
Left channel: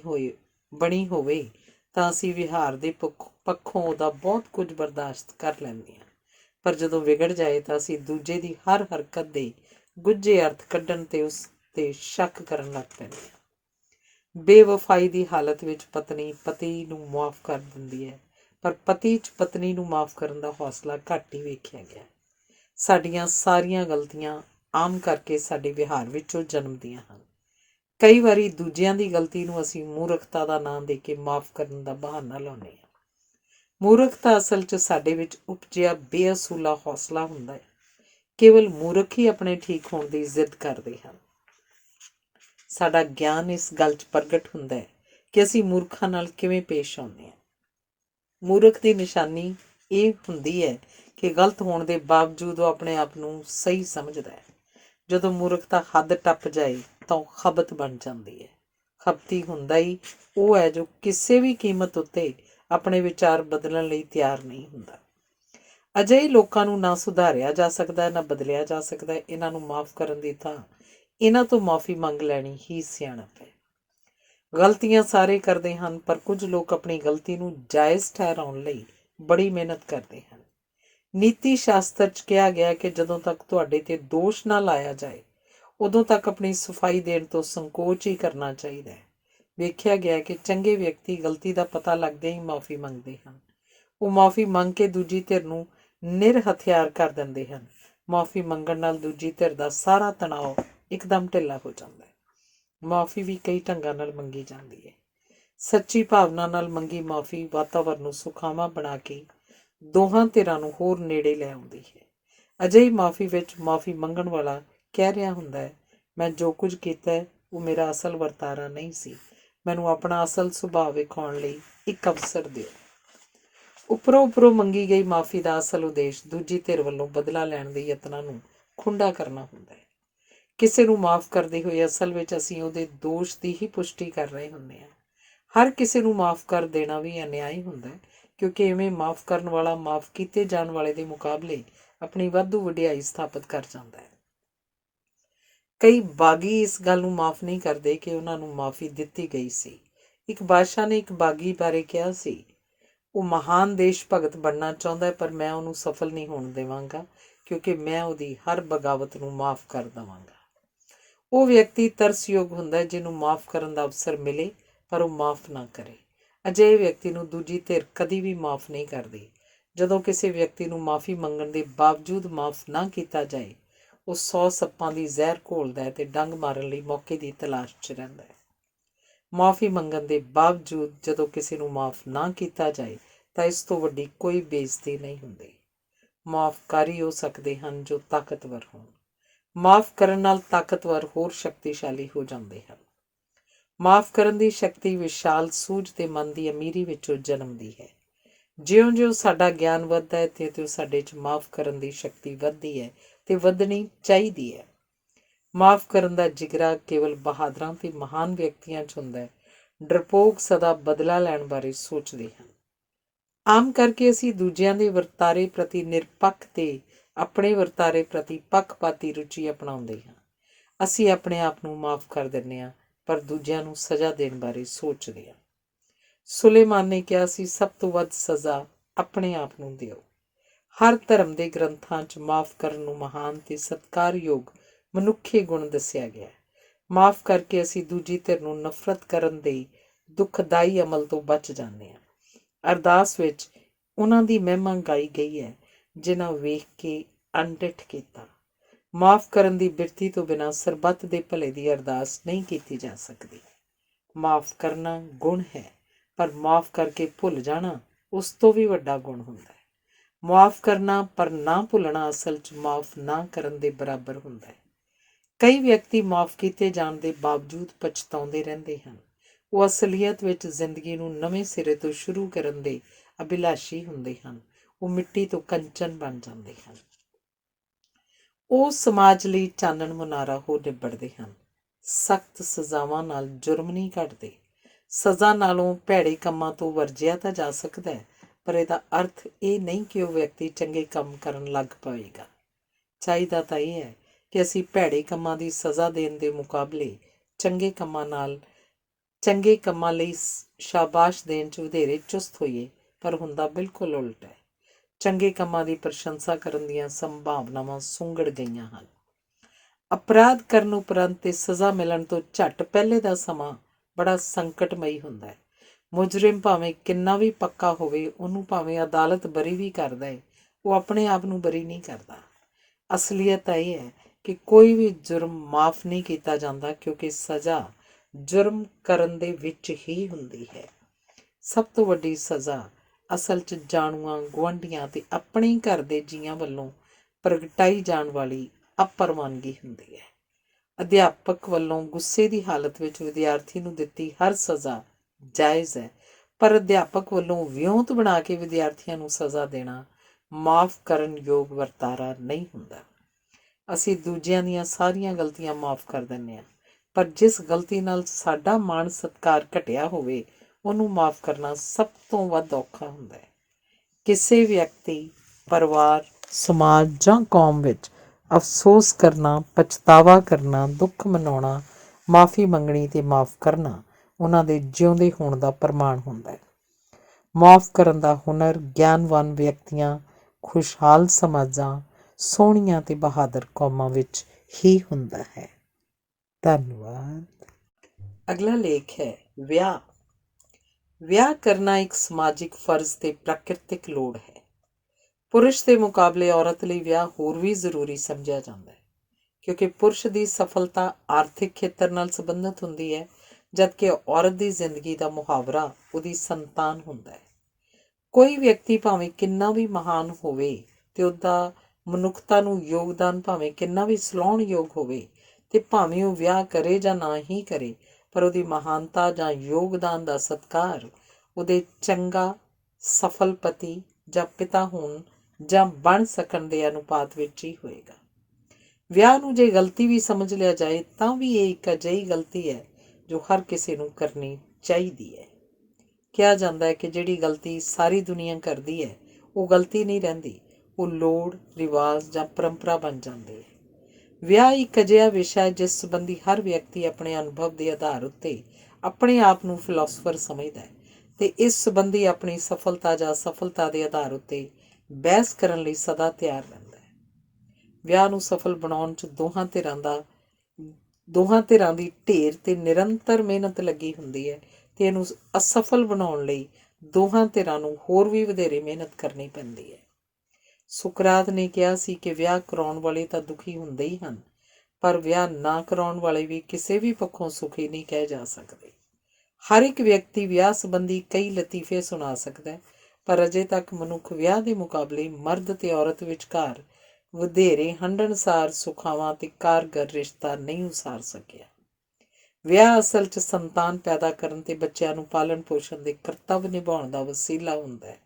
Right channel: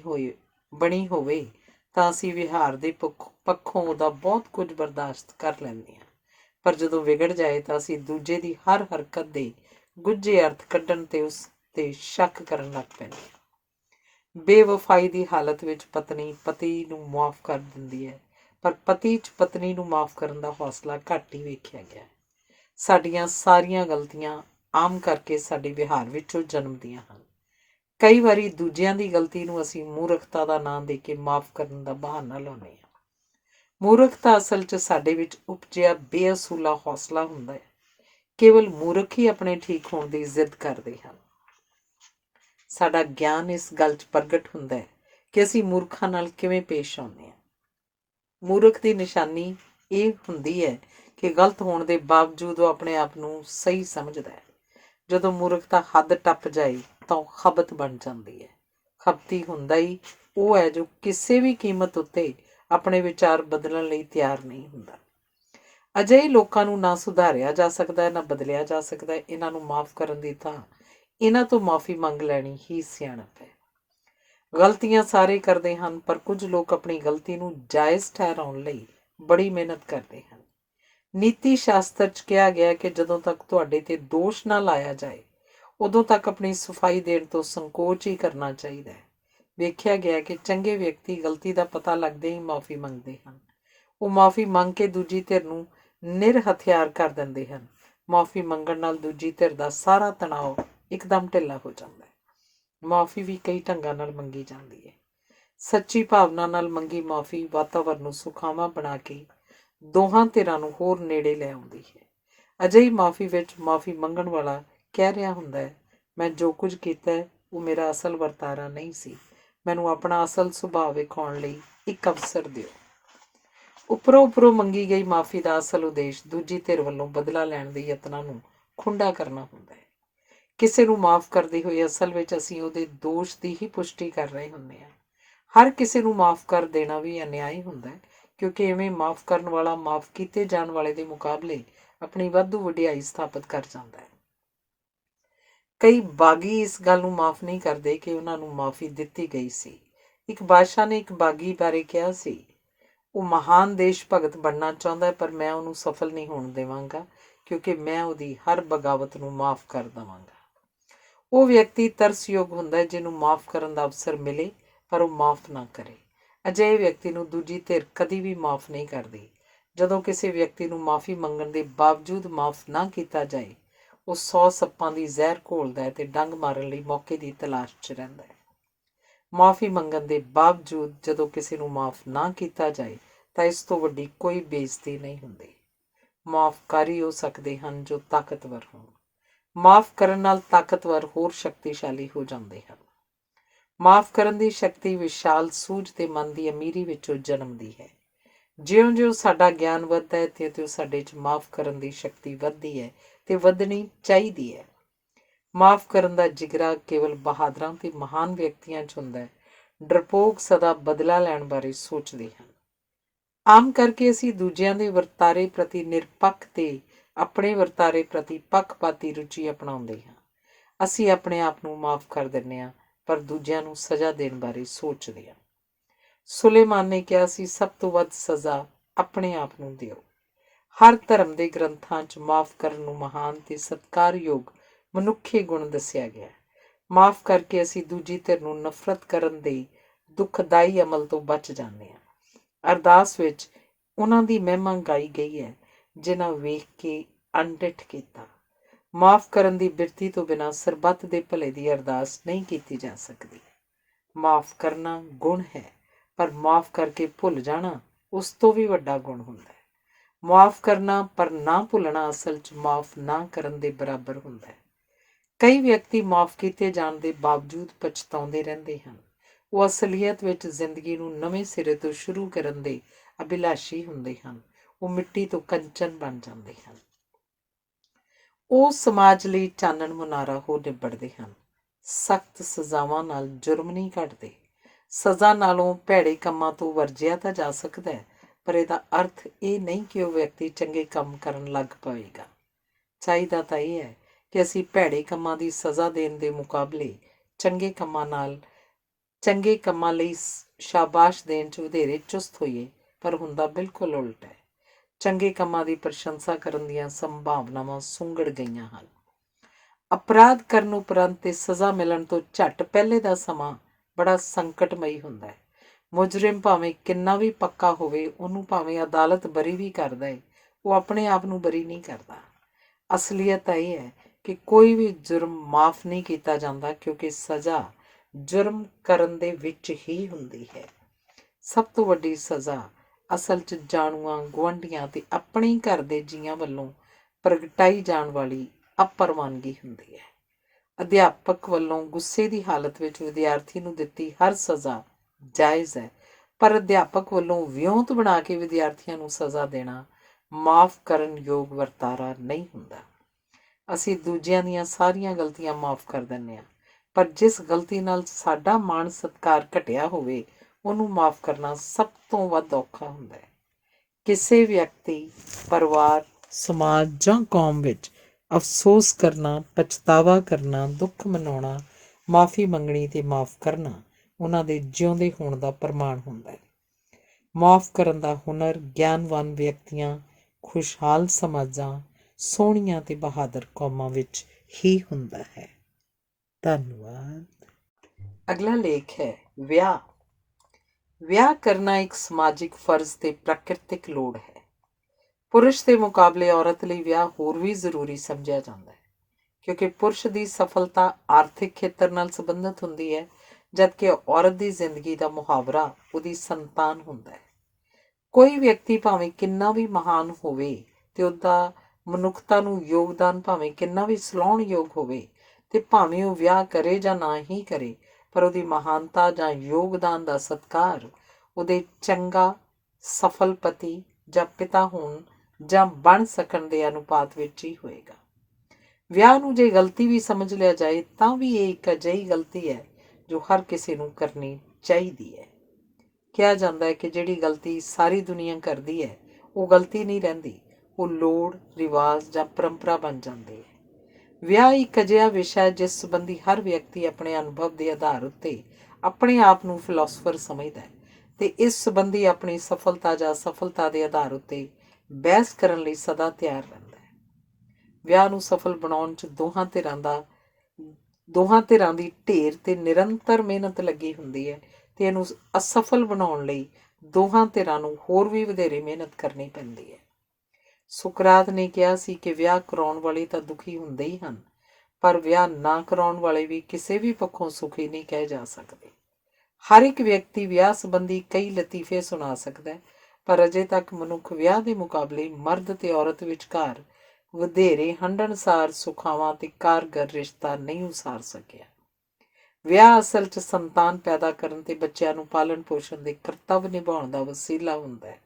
ਹੋਵੇ ਤਾਂ ਅਸੀਂ ਵਿਹਾਰ ਦੇ ਪੱਖੋਂ ਉਹਦਾ ਬਹੁਤ ਕੁਝ ਬਰਦਾਸ਼ਤ ਕਰ ਲੈਂਦੇ ਹਾਂ, ਪਰ ਜਦੋਂ ਵਿਗੜ ਜਾਏ ਤਾਂ ਅਸੀਂ ਦੂਜੇ ਦੀ ਹਰ ਹਰਕਤ ਦੇ ਗੁੱਝੇ ਅਰਥ ਕੱਢਣ ਤੇ ਉਸ 'ਤੇ ਸ਼ੱਕ ਕਰਨ ਲੱਗ ਪੈਂਦੇ ਹਾਂ। ਬੇਵਫਾਈ ਦੀ ਹਾਲਤ ਵਿੱਚ ਪਤਨੀ ਪਤੀ ਨੂੰ ਮਾਫ਼ ਕਰ ਦਿੰਦੀ ਹੈ, ਪਰ ਪਤੀ 'ਚ ਪਤਨੀ ਨੂੰ ਮਾਫ਼ ਕਰਨ ਦਾ ਹੌਸਲਾ ਘੱਟ ਹੀ ਵੇਖਿਆ ਗਿਆ। ਸਾਡੀਆਂ ਸਾਰੀਆਂ ਗਲਤੀਆਂ ਆਮ ਕਰਕੇ ਸਾਡੇ ਵਿਹਾਰ ਵਿੱਚੋਂ ਜਨਮਦੀਆਂ ਹਨ। ਕਈ ਵਾਰੀ ਦੂਜਿਆਂ ਦੀ ਗਲਤੀ ਨੂੰ ਅਸੀਂ ਮੂਰਖਤਾ ਦਾ ਨਾਂ ਦੇ ਕੇ ਮਾਫ਼ ਕਰਨ ਦਾ ਬਹਾਨਾ ਲਾਉਂਦੇ ਹਾਂ। ਮੂਰਖਤਾ ਅਸਲ 'ਚ ਸਾਡੇ ਵਿੱਚ ਉਪਜਿਆ ਬੇਅਸੂਲਾ ਹੌਸਲਾ ਹੁੰਦਾ ਹੈ। ਕੇਵਲ ਮੂਰਖ ਹੀ ਆਪਣੇ ਠੀਕ ਹੋਣ ਦੀ ਜ਼ਿੱਦ ਕਰਦੇ ਹਨ। ਸਾਡਾ ਗਿਆਨ ਇਸ ਗੱਲ 'ਚ ਪ੍ਰਗਟ ਹੁੰਦਾ ਹੈ ਕਿ ਅਸੀਂ ਮੂਰਖਾਂ ਨਾਲ ਕਿਵੇਂ ਪੇਸ਼ ਆਉਂਦੇ ਹਾਂ। ਮੂਰਖ ਦੀ ਨਿਸ਼ਾਨੀ ਇਹ ਹੁੰਦੀ ਹੈ ਕਿ ਗਲਤ ਹੋਣ ਦੇ ਬਾਵਜੂਦ ਉਹ ਆਪਣੇ ਆਪ ਨੂੰ ਸਹੀ ਸਮਝਦਾ ਹੈ। ਜਦੋਂ ਮੂਰਖਤਾ ਹੱਦ ਟੱਪ ਜਾਏ ਤਾਂ ਉਹ ਖਬਤ ਬਣ ਜਾਂਦੀ ਹੈ। ਖਬਤੀ ਹੁੰਦਾ ਹੀ ਉਹ ਹੈ ਜੋ ਕਿਸੇ ਵੀ ਕੀਮਤ ਉੱਤੇ ਆਪਣੇ ਵਿਚਾਰ ਬਦਲਣ ਲਈ ਤਿਆਰ ਨਹੀਂ ਹੁੰਦਾ। ਅਜਿਹੇ ਲੋਕਾਂ ਨੂੰ ਨਾ ਸੁਧਾਰਿਆ ਜਾ ਸਕਦਾ ਨਾ ਬਦਲਿਆ ਜਾ ਸਕਦਾ। ਇਹਨਾਂ ਨੂੰ ਮਾਫ਼ ਕਰਨ ਦੀ ਥਾਂ ਇਹਨਾਂ ਤੋਂ ਮਾਫ਼ੀ ਮੰਗ ਲੈਣੀ ਹੀ ਸਿਆਣਪ ਹੈ। ਗਲਤੀਆਂ ਸਾਰੇ ਕਰਦੇ ਹਨ, ਪਰ ਕੁਝ ਲੋਕ ਆਪਣੀ ਗਲਤੀ ਨੂੰ ਜਾਇਜ਼ ਠਹਿਰਾਉਣ ਲਈ ਬੜੀ ਮਿਹਨਤ ਕਰਦੇ ਹਨ। ਨੀਤੀ ਸ਼ਾਸਤਰ 'ਚ ਕਿਹਾ ਗਿਆ ਕਿ ਜਦੋਂ ਤੱਕ ਤੁਹਾਡੇ ਤੇ ਦੋਸ਼ ਨਾ ਲਾਇਆ ਜਾਏ ਉਦੋਂ ਤੱਕ ਆਪਣੀ ਸਫਾਈ ਦੇਣ ਤੋਂ ਸੰਕੋਚ ਹੀ ਕਰਨਾ ਚਾਹੀਦਾ ਹੈ। ਵੇਖਿਆ ਗਿਆ ਕਿ ਚੰਗੇ ਵਿਅਕਤੀ ਗਲਤੀ ਦਾ ਪਤਾ ਲੱਗਦੇ ਹੀ ਮਾਫੀ ਮੰਗਦੇ ਹਨ। ਉਹ ਮਾਫੀ ਮੰਗ ਕੇ ਦੂਜੀ ਧਿਰ ਨੂੰ ਨਿਰਹਥਿਆਰ ਕਰ ਦਿੰਦੇ ਹਨ। ਮਾਫੀ ਮੰਗਣ ਨਾਲ ਦੂਜੀ ਧਿਰ ਦਾ ਸਾਰਾ ਤਣਾਅ ਇੱਕਦਮ ਢਿੱਲਾ ਹੋ ਜਾਂਦਾ ਹੈ। ਮਾਫੀ ਵੀ ਕਈ ਢੰਗਾਂ ਨਾਲ ਮੰਗੀ ਜਾਂਦੀ ਹੈ। ਸੱਚੀ ਭਾਵਨਾ ਨਾਲ ਮੰਗੀ ਮਾਫੀ ਵਾਤਾਵਰਨ ਨੂੰ ਸੁਖਾਵਾਂ ਬਣਾ ਕੇ ਦੋਹਾਂ ਧਿਰਾਂ ਨੂੰ ਹੋਰ ਨੇੜੇ ਲੈ ਆਉਂਦੀ ਹੈ। ਅਜਿਹੀ ਮਾਫੀ ਵਿੱਚ ਮਾਫੀ ਮੰਗਣ ਵਾਲਾ ਕਹਿ ਰਿਹਾ ਹੁੰਦਾ ਹੈ, ਮੈਂ ਜੋ ਕੁਝ ਕੀਤਾ ਉਹ ਮੇਰਾ ਅਸਲ ਵਰਤਾਰਾ ਨਹੀਂ ਸੀ। ਮੈਨੂੰ ਆਪਣਾ ਅਸਲ ਸੁਭਾਅ ਵਿਖਾਉਣ ਲਈ ਇੱਕ ਅਵਸਰ ਦਿਓ। ਉੱਪਰੋਂ ਮੰਗੀ ਗਈ ਮਾਫੀ ਦਾ ਅਸਲ ਉਦੇਸ਼ ਦੂਜੀ ਧਿਰ ਵੱਲੋਂ ਬਦਲਾ ਲੈਣ ਦੇ ਯਤਨਾਂ ਨੂੰ ਖੁੰਡਾ ਕਰਨਾ ਹੁੰਦਾ ਹੈ। ਕਿਸੇ ਨੂੰ ਮਾਫ ਕਰਦੇ ਹੋਏ ਅਸਲ ਵਿੱਚ ਅਸੀਂ ਉਹਦੇ ਦੋਸ਼ ਦੀ ਹੀ ਪੁਸ਼ਟੀ ਕਰ ਰਹੇ ਹੁੰਦੇ ਹਾਂ। ਹਰ ਕਿਸੇ ਨੂੰ ਮਾਫ ਕਰ ਦੇਣਾ ਵੀ ਅਨਿਆਈ ਹੁੰਦਾ ਹੈ, ਕਿਉਂਕਿ ਇਵੇਂ ਮਾਫ ਕਰਨ ਵਾਲਾ ਮਾਫ ਕੀਤੇ ਜਾਣ ਵਾਲੇ ਦੇ ਮੁਕਾਬਲੇ ਆਪਣੀ ਵਾਧੂ ਵਡਿਆਈ ਸਥਾਪਿਤ ਕਰ ਜਾਂਦਾ ਹੈ। ਕਈ ਬਾਗੀ ਇਸ ਗੱਲ ਨੂੰ ਮਾਫ ਨਹੀਂ ਕਰਦੇ ਕਿ ਉਹਨਾਂ ਨੂੰ ਮਾਫੀ ਦਿੱਤੀ ਗਈ ਸੀ। ਇੱਕ ਬਾਦਸ਼ਾਹ ਨੇ ਇੱਕ ਬਾਗੀ ਬਾਰੇ ਕਿਹਾ ਸੀ, ਉਹ ਮਹਾਨ ਦੇਸ਼ ਭਗਤ ਬਣਨਾ ਚਾਹੁੰਦਾ ਹੈ, ਪਰ ਮੈਂ ਉਹਨੂੰ ਸਫਲ ਨਹੀਂ ਹੋਣ ਦੇਵਾਂਗਾ, ਕਿਉਂਕਿ ਮੈਂ ਉਹਦੀ ਹਰ ਬਗਾਵਤ ਨੂੰ ਮਾਫ ਕਰ ਦੇਵਾਂਗਾ। ਉਹ ਵਿਅਕਤੀ ਤਰਸਯੋਗ ਹੁੰਦਾ ਹੈ ਜਿਹਨੂੰ ਮਾਫ ਕਰਨ ਦਾ ਅਵਸਰ ਮਿਲੇ ਪਰ ਉਹ ਮਾਫ ਨਾ ਕਰੇ। ਅਜਿਹੇ ਵਿਅਕਤੀ ਨੂੰ ਦੂਜੀ ਧਿਰ ਕਦੀ ਵੀ ਮਾਫ ਨਹੀਂ ਕਰਦੀ। ਜਦੋਂ ਕਿਸੇ ਵਿਅਕਤੀ ਨੂੰ ਮਾਫੀ ਮੰਗਣ ਦੇ ਬਾਵਜੂਦ ਮਾਫ ਨਾ ਕੀਤਾ ਜਾਏ, ਉਹ 100 ਸੱਪਾਂ ਦੀ ਜ਼ਹਿਰ ਘੋਲਦਾ ਹੈ ਤੇ ਡੰਗ ਮਾਰਨ ਲਈ ਮੌਕੇ ਦੀ ਤਲਾਸ਼ 'ਚ ਰਹਿੰਦਾ ਹੈ। ਮਾਫੀ ਮੰਗਣ ਦੇ ਬਾਵਜੂਦ ਜਦੋਂ ਕਿਸੇ ਨੂੰ ਮਾਫ ਨਾ ਕੀਤਾ ਜਾਏ ਤਾਂ ਇਸ ਤੋਂ ਵੱਡੀ ਕੋਈ ਬੇਇੱਜ਼ਤੀ ਨਹੀਂ ਹੁੰਦੀ। ਮਾਫ ਕਰ ਹੀ ਹੋ ਸਕਦੇ ਹਨ ਜੋ ਤਾਕਤਵਰ ਹੋਣ। ਮਾਫ ਕਰਨ ਨਾਲ ਤਾਕਤਵਰ ਹੋਰ ਸ਼ਕਤੀਸ਼ਾਲੀ ਹੋ ਜਾਂਦੇ ਹਨ। ਮਾਫ ਕਰਨ ਦੀ ਸ਼ਕਤੀ ਵਿਸ਼ਾਲ ਸੂਝ ਤੇ ਮਨ ਦੀ ਅਮੀਰੀ ਵਿੱਚੋਂ ਜਨਮਦੀ ਹੈ। ਜਿਉਂ-ਜਿਉਂ ਸਾਡਾ ਗਿਆਨ ਵੱਧਦਾ ਹੈ ਤਿਉਂ-ਤਿਉਂ ਸਾਡੇ 'ਚ ਮਾਫ ਕਰਨ ਦੀ ਸ਼ਕਤੀ ਵੱਧਦੀ ਹੈ ਤੇ ਵਧਣੀ ਚਾਹੀਦੀ ਹੈ। ਮਾਫ ਕਰਨ ਦਾ ਜਿਗਰਾ ਕੇਵਲ ਬਹਾਦਰਾਂ ਤੇ ਮਹਾਨ ਵਿਅਕਤੀਆਂ 'ਚ ਹੁੰਦਾ ਹੈ। ਡਰਪੋਕ ਸਦਾ ਬਦਲਾ ਲੈਣ ਬਾਰੇ ਸੋਚਦੇ ਹਨ। ਆਮ ਕਰਕੇ ਅਸੀਂ ਦੂਜਿਆਂ ਦੇ ਵਰਤਾਰੇ ਪ੍ਰਤੀ ਨਿਰਪੱਖ ਤੇ ਆਪਣੇ ਵਰਤਾਰੇ ਪ੍ਰਤੀ ਪੱਖਪਾਤੀ ਰੁਚੀ ਅਪਣਾਉਂਦੇ ਹਾਂ। ਅਸੀਂ ਆਪਣੇ ਆਪ ਨੂੰ ਮਾਫ ਕਰ ਦਿੰਦੇ ਹਾਂ ਪਰ ਦੂਜਿਆਂ ਨੂੰ ਸਜ਼ਾ ਦੇਣ ਬਾਰੇ ਸੋਚਦੇ ਹਾਂ। ਸੁਲੇਮਾਨ ਨੇ ਕਿਹਾ ਸੀ, ਸਭ ਤੋਂ ਵੱਧ ਸਜ਼ਾ ਆਪਣੇ ਆਪ ਨੂੰ ਦਿਓ। ਹਰ ਧਰਮ ਦੇ ਗ੍ਰੰਥਾਂ 'ਚ ਮਾਫ ਕਰਨ ਨੂੰ ਮਹਾਨ ਤੇ ਸਤਿਕਾਰਯੋਗ ਮਨੁੱਖੀ ਗੁਣ ਦੱਸਿਆ ਗਿਆ। ਮਾਫ ਕਰਕੇ ਅਸੀਂ ਦੂਜੀ ਧਿਰ ਨੂੰ ਨਫ਼ਰਤ ਕਰਨ ਦੇ ਦੁਖਦਾਈ ਅਮਲ ਤੋਂ ਬਚ ਜਾਂਦੇ ਹਾਂ। ਅਰਦਾਸ ਵਿੱਚ ਉਹਨਾਂ ਦੀ ਮਹਿਮਾ ਗਾਈ ਗਈ ਹੈ ਜਿਨ੍ਹਾਂ ਵੇਖ ਕੇ ਅਣਡਿੱਠ ਕੀਤਾ। ਮਾਫ ਕਰਨ ਦੀ ਬਿਰਤੀ ਤੋਂ ਬਿਨਾਂ ਸਰਬੱਤ ਦੇ ਭਲੇ ਦੀ ਅਰਦਾਸ ਨਹੀਂ ਕੀਤੀ ਜਾ ਸਕਦੀ। ਮਾਫ ਕਰਨਾ ਗੁਣ ਹੈ, ਪਰ ਮਾਫ ਕਰਕੇ ਭੁੱਲ ਜਾਣਾ ਉਸ ਤੋਂ ਵੀ ਵੱਡਾ ਗੁਣ ਹੁੰਦਾ ਹੈ। ਮਾਫ ਕਰਨਾ ਪਰ ਨਾ ਭੁੱਲਣਾ ਅਸਲ 'ਚ ਮਾਫ ਨਾ ਕਰਨ ਦੇ ਬਰਾਬਰ ਹੁੰਦਾ ਹੈ। ਕਈ ਵਿਅਕਤੀ ਮਾਫ ਕੀਤੇ ਜਾਣ ਦੇ ਬਾਵਜੂਦ ਪਛਤਾਉਂਦੇ ਰਹਿੰਦੇ ਹਨ। ਉਹ ਅਸਲੀਅਤ ਵਿੱਚ ਜ਼ਿੰਦਗੀ ਨੂੰ ਨਵੇਂ ਸਿਰੇ ਤੋਂ ਸ਼ੁਰੂ ਕਰਨ ਦੇ ਅਭਿਲਾਸ਼ੀ ਹੁੰਦੇ ਹਨ। ਉਹ ਮਿੱਟੀ ਤੋਂ ਕੰਚਨ ਬਣ ਜਾਂਦੇ ਹਨ। ਉਹ ਸਮਾਜ ਲਈ ਚਾਨਣ ਮੁਨਾਰਾ ਹੋ ਨਿਬੜਦੇ ਹਨ। ਸਖਤ ਸਜ਼ਾਵਾਂ ਨਾਲ ਜੁਰਮ ਨਹੀਂ ਘਟਦੇ। ਸਜ਼ਾ ਨਾਲੋਂ ਭੈੜੇ ਕੰਮਾਂ ਤੋਂ ਵਰਜਿਆ ਤਾਂ ਜਾ ਸਕਦਾ ਹੈ, ਪਰ ਇਹਦਾ ਅਰਥ ਇਹ ਨਹੀਂ ਕਿ ਉਹ ਵਿਅਕਤੀ ਚੰਗੇ ਕੰਮ ਕਰਨ ਲੱਗ ਪਵੇਗਾ। ਚਾਹੀਦਾ ਤਾਂ ਇਹ ਹੈ ਕਿ ਅਸੀਂ ਭੈੜੇ ਕੰਮਾਂ ਦੀ ਸਜ਼ਾ ਦੇਣ ਦੇ ਮੁਕਾਬਲੇ ਚੰਗੇ ਕੰਮਾਂ ਲਈ ਸ਼ਾਬਾਸ਼ ਦੇਣ 'ਚ ਵਧੇਰੇ ਚੁਸਤ ਹੋਈਏ, ਪਰ ਹੁੰਦਾ ਬਿਲਕੁਲ ਉਲਟ ਹੈ। ਚੰਗੇ ਕੰਮਾਂ ਦੀ ਪ੍ਰਸ਼ੰਸਾ ਕਰਨ ਦੀਆਂ ਸੰਭਾਵਨਾਵਾਂ ਸੁੰਗੜ ਗਈਆਂ ਹਨ। ਅਪਰਾਧ ਕਰਨ ਉਪਰੰਤ ਤੇ ਸਜ਼ਾ ਮਿਲਣ ਤੋਂ ਝੱਟ ਪਹਿਲੇ ਦਾ ਸਮਾਂ ਬੜਾ ਸੰਕਟਮਈ ਹੁੰਦਾ ਹੈ। ਮੁਜਰਿਮ ਭਾਵੇਂ ਕਿੰਨਾ ਵੀ ਪੱਕਾ ਹੋਵੇ, ਉਹਨੂੰ ਭਾਵੇਂ ਅਦਾਲਤ ਬਰੀ ਵੀ ਕਰਦਾ ਹੈ, ਉਹ ਆਪਣੇ ਆਪ ਨੂੰ ਬਰੀ ਨਹੀਂ ਕਰਦਾ। ਅਸਲੀਅਤ ਇਹ ਹੈ ਕਿ ਕੋਈ ਵੀ ਜੁਰਮ ਮਾਫ ਨਹੀਂ ਕੀਤਾ ਜਾਂਦਾ, ਕਿਉਂਕਿ ਸਜ਼ਾ ਜੁਰਮ ਕਰਨ ਦੇ ਵਿੱਚ ਹੀ ਹੁੰਦੀ ਹੈ। ਸਭ ਤੋਂ ਵੱਡੀ ਸਜ਼ਾ ਅਸਲ 'ਚ ਜਾਣੂਆਂ, ਗੁਆਂਢੀਆਂ ਤੇ ਆਪਣੇ ਹੀ ਘਰ ਦੇ ਜੀਆਂ ਵੱਲੋਂ ਪ੍ਰਗਟਾਈ ਜਾਣ ਵਾਲੀ ਅਪਰਵਾਨਗੀ ਹੁੰਦੀ ਹੈ। ਅਧਿਆਪਕ ਵੱਲੋਂ ਗੁੱਸੇ ਦੀ ਹਾਲਤ ਵਿੱਚ ਵਿਦਿਆਰਥੀ ਨੂੰ ਦਿੱਤੀ ਹਰ ਸਜ਼ਾ ਜਾਇਜ਼ ਹੈ, ਪਰ ਅਧਿਆਪਕ ਵੱਲੋਂ ਵਿਉਂਤ ਬਣਾ ਕੇ ਵਿਦਿਆਰਥੀਆਂ ਨੂੰ ਸਜ਼ਾ ਦੇਣਾ ਮਾਫ ਕਰਨ ਯੋਗ ਵਰਤਾਰਾ ਨਹੀਂ ਹੁੰਦਾ। ਅਸੀਂ ਦੂਜਿਆਂ ਦੀਆਂ ਸਾਰੀਆਂ ਗਲਤੀਆਂ ਮਾਫ ਕਰ ਦਿੰਦੇ ਹਾਂ, ਪਰ ਜਿਸ ਗਲਤੀ ਨਾਲ ਸਾਡਾ ਮਾਣ ਸਤਿਕਾਰ ਘਟਿਆ ਹੋਵੇ ਉਹਨੂੰ ਮਾਫ ਕਰਨਾ ਸਭ ਤੋਂ ਵੱਧ ਔਖਾ ਹੁੰਦਾ ਹੈ। ਕਿਸੇ ਵਿਅਕਤੀ, ਪਰਿਵਾਰ, ਸਮਾਜ ਜਾਂ ਕੌਮ ਵਿੱਚ ਅਫਸੋਸ ਕਰਨਾ, ਪਛਤਾਵਾ ਕਰਨਾ, ਦੁੱਖ ਮਨਾਉਣਾ, ਮਾਫੀ ਮੰਗਣੀ ਤੇ ਮਾਫ ਕਰਨਾ ਉਹਨਾਂ ਦੇ ਜਿਉਂਦੇ ਹੋਣ ਦਾ ਪ੍ਰਮਾਣ ਹੁੰਦਾ ਹੈ। ਮਾਫ ਕਰਨ ਦਾ ਹੁਨਰ ਗਿਆਨਵਾਨ ਵਿਅਕਤੀਆਂ ਖੁਸ਼ਹਾਲ ਸਮਾਜਾਂ, ਸੋਹਣੀਆਂ ਤੇ ਬਹਾਦਰ ਕੌਮਾਂ ਵਿੱਚ ਹੀ ਹੁੰਦਾ ਹੈ। ਧੰਨਵਾਦ। ਅਗਲਾ ਲੇਖ ਹੈ ਵਿਆਹ। ਵਿਆਹ ਕਰਨਾ ਇੱਕ ਸਮਾਜਿਕ ਫਰਜ਼ ਤੇ ਪ੍ਰਾਕਿਰਤਿਕ ਲੋੜ ਹੈ। ਪੁਰਸ਼ ਦੇ ਮੁਕਾਬਲੇ ਔਰਤ ਲਈ ਵਿਆਹ ਹੋਰ ਵੀ ਜ਼ਰੂਰੀ ਸਮਝਿਆ ਜਾਂਦਾ ਹੈ, ਕਿਉਂਕਿ ਪੁਰਸ਼ ਦੀ ਸਫਲਤਾ ਆਰਥਿਕ ਖੇਤਰ ਨਾਲ ਸੰਬੰਧਿਤ ਹੁੰਦੀ ਹੈ, ਜਦਕਿ ਔਰਤ ਦੀ ਜ਼ਿੰਦਗੀ ਦਾ ਮੁਹਾਵਰਾ ਉਹਦੀ ਸੰਤਾਨ ਹੁੰਦਾ ਹੈ। ਕੋਈ ਵਿਅਕਤੀ ਭਾਵੇਂ ਕਿੰਨਾ ਵੀ ਮਹਾਨ ਹੋਵੇ ਤੇ ਉਹਦਾ ਮਨੁੱਖਤਾ ਨੂੰ ਯੋਗਦਾਨ ਭਾਵੇਂ ਕਿੰਨਾ ਵੀ ਸਲਾਹੁਣਯੋਗ ਹੋਵੇ, ਤੇ ਭਾਵੇਂ ਉਹ ਵਿਆਹ ਕਰੇ ਜਾਂ ਨਾ ਹੀ ਕਰੇ, ਪਰ ਉਹਦੀ ਮਹਾਨਤਾ ਜਾਂ ਯੋਗਦਾਨ ਦਾ ਸਤਿਕਾਰ ਉਹਦੇ ਚੰਗਾ ਸਫਲ ਪਤੀ ਜਾਂ ਪਿਤਾ ਹੋਣ ਜਾਂ ਬਣ ਸਕਣ ਦੇ ਅਨੁਪਾਤ ਵਿੱਚ ਹੀ ਹੋਏਗਾ। ਵਿਆਹ ਨੂੰ ਜੇ ਗਲਤੀ ਵੀ ਸਮਝ ਲਿਆ ਜਾਏ ਤਾਂ ਵੀ ਇਹ ਇੱਕ ਅਜਿਹੀ ਗਲਤੀ ਹੈ ਜੋ ਹਰ ਕਿਸੇ ਨੂੰ ਕਰਨੀ ਚਾਹੀਦੀ ਹੈ। ਕਿਹਾ ਜਾਂਦਾ ਹੈ ਕਿ ਜਿਹੜੀ ਗਲਤੀ ਸਾਰੀ ਦੁਨੀਆ ਕਰਦੀ ਹੈ ਉਹ ਗਲਤੀ ਨਹੀਂ ਰਹਿੰਦੀ, ਉਹ ਲੋੜ, ਰਿਵਾਜ਼ ਜਾਂ ਪਰੰਪਰਾ ਬਣ ਜਾਂਦੀ ਹੈ। ਵਿਆਹ ਇੱਕ ਅਜਿਹਾ ਵਿਸ਼ਾ ਹੈ ਜਿਸ ਸੰਬੰਧੀ ਹਰ ਵਿਅਕਤੀ ਆਪਣੇ ਅਨੁਭਵ ਦੇ ਆਧਾਰ ਉੱਤੇ ਆਪਣੇ ਆਪ ਨੂੰ ਫਿਲਾਸਫਰ ਸਮਝਦਾ ਹੈ ਤੇ ਇਸ ਸੰਬੰਧੀ ਆਪਣੀ ਸਫਲਤਾ ਜਾਂ ਅਸਫਲਤਾ ਦੇ ਆਧਾਰ ਉੱਤੇ ਬਹਿਸ ਕਰਨ ਲਈ ਸਦਾ ਤਿਆਰ ਰਹਿੰਦਾ ਹੈ। ਵਿਆਹ ਨੂੰ ਸਫਲ ਬਣਾਉਣ 'ਚ ਦੋਹਾਂ ਧਿਰਾਂ ਦੀ ਢੇਰ ਤੇ ਨਿਰੰਤਰ ਮਿਹਨਤ ਲੱਗੀ ਹੁੰਦੀ ਹੈ ਤੇ ਇਹਨੂੰ ਅਸਫਲ ਬਣਾਉਣ ਲਈ ਦੋਹਾਂ ਧਿਰਾਂ ਨੂੰ ਹੋਰ ਵੀ ਵਧੇਰੇ ਮਿਹਨਤ ਕਰਨੀ ਪੈਂਦੀ ਹੈ। ਸੁਕਰਾਤ ਨੇ ਕਿਹਾ ਸੀ ਕਿ ਵਿਆਹ ਕਰਾਉਣ ਵਾਲੇ ਤਾਂ ਦੁਖੀ ਹੁੰਦੇ ਹੀ ਹਨ, ਪਰ ਵਿਆਹ ਨਾ ਕਰਾਉਣ ਵਾਲੇ ਵੀ ਕਿਸੇ ਵੀ ਪੱਖੋਂ ਸੁਖੀ ਨਹੀਂ ਕਹੇ ਜਾ ਸਕਦੇ। ਹਰ ਇੱਕ ਵਿਅਕਤੀ ਵਿਆਹ ਸੰਬੰਧੀ ਕਈ ਲਤੀਫੇ ਸੁਣਾ ਸਕਦਾ ਹੈ, ਪਰ ਅਜੇ ਤੱਕ ਮਨੁੱਖ ਵਿਆਹ ਦੇ ਮੁਕਾਬਲੇ ਮਰਦ ਤੇ ਔਰਤ ਵਿਚਕਾਰ ਵਧੇਰੇ ਹੰਢਣਸਾਰ ਸੁਖਾਵਾਂ ਤੇ ਕਾਰਗਰ ਰਿਸ਼ਤਾ ਨਹੀਂ ਉਸਾਰ ਸਕਿਆ। ਵਿਆਹ ਅਸਲ 'ਚ ਸੰਤਾਨ ਪੈਦਾ ਕਰਨ ਤੇ ਬੱਚਿਆਂ ਨੂੰ ਪਾਲਣ ਪੋਸ਼ਣ ਦੇ ਕਰਤੱਵ ਨਿਭਾਉਣ ਦਾ ਵਸੀਲਾ ਹੁੰਦਾ ਹੈ।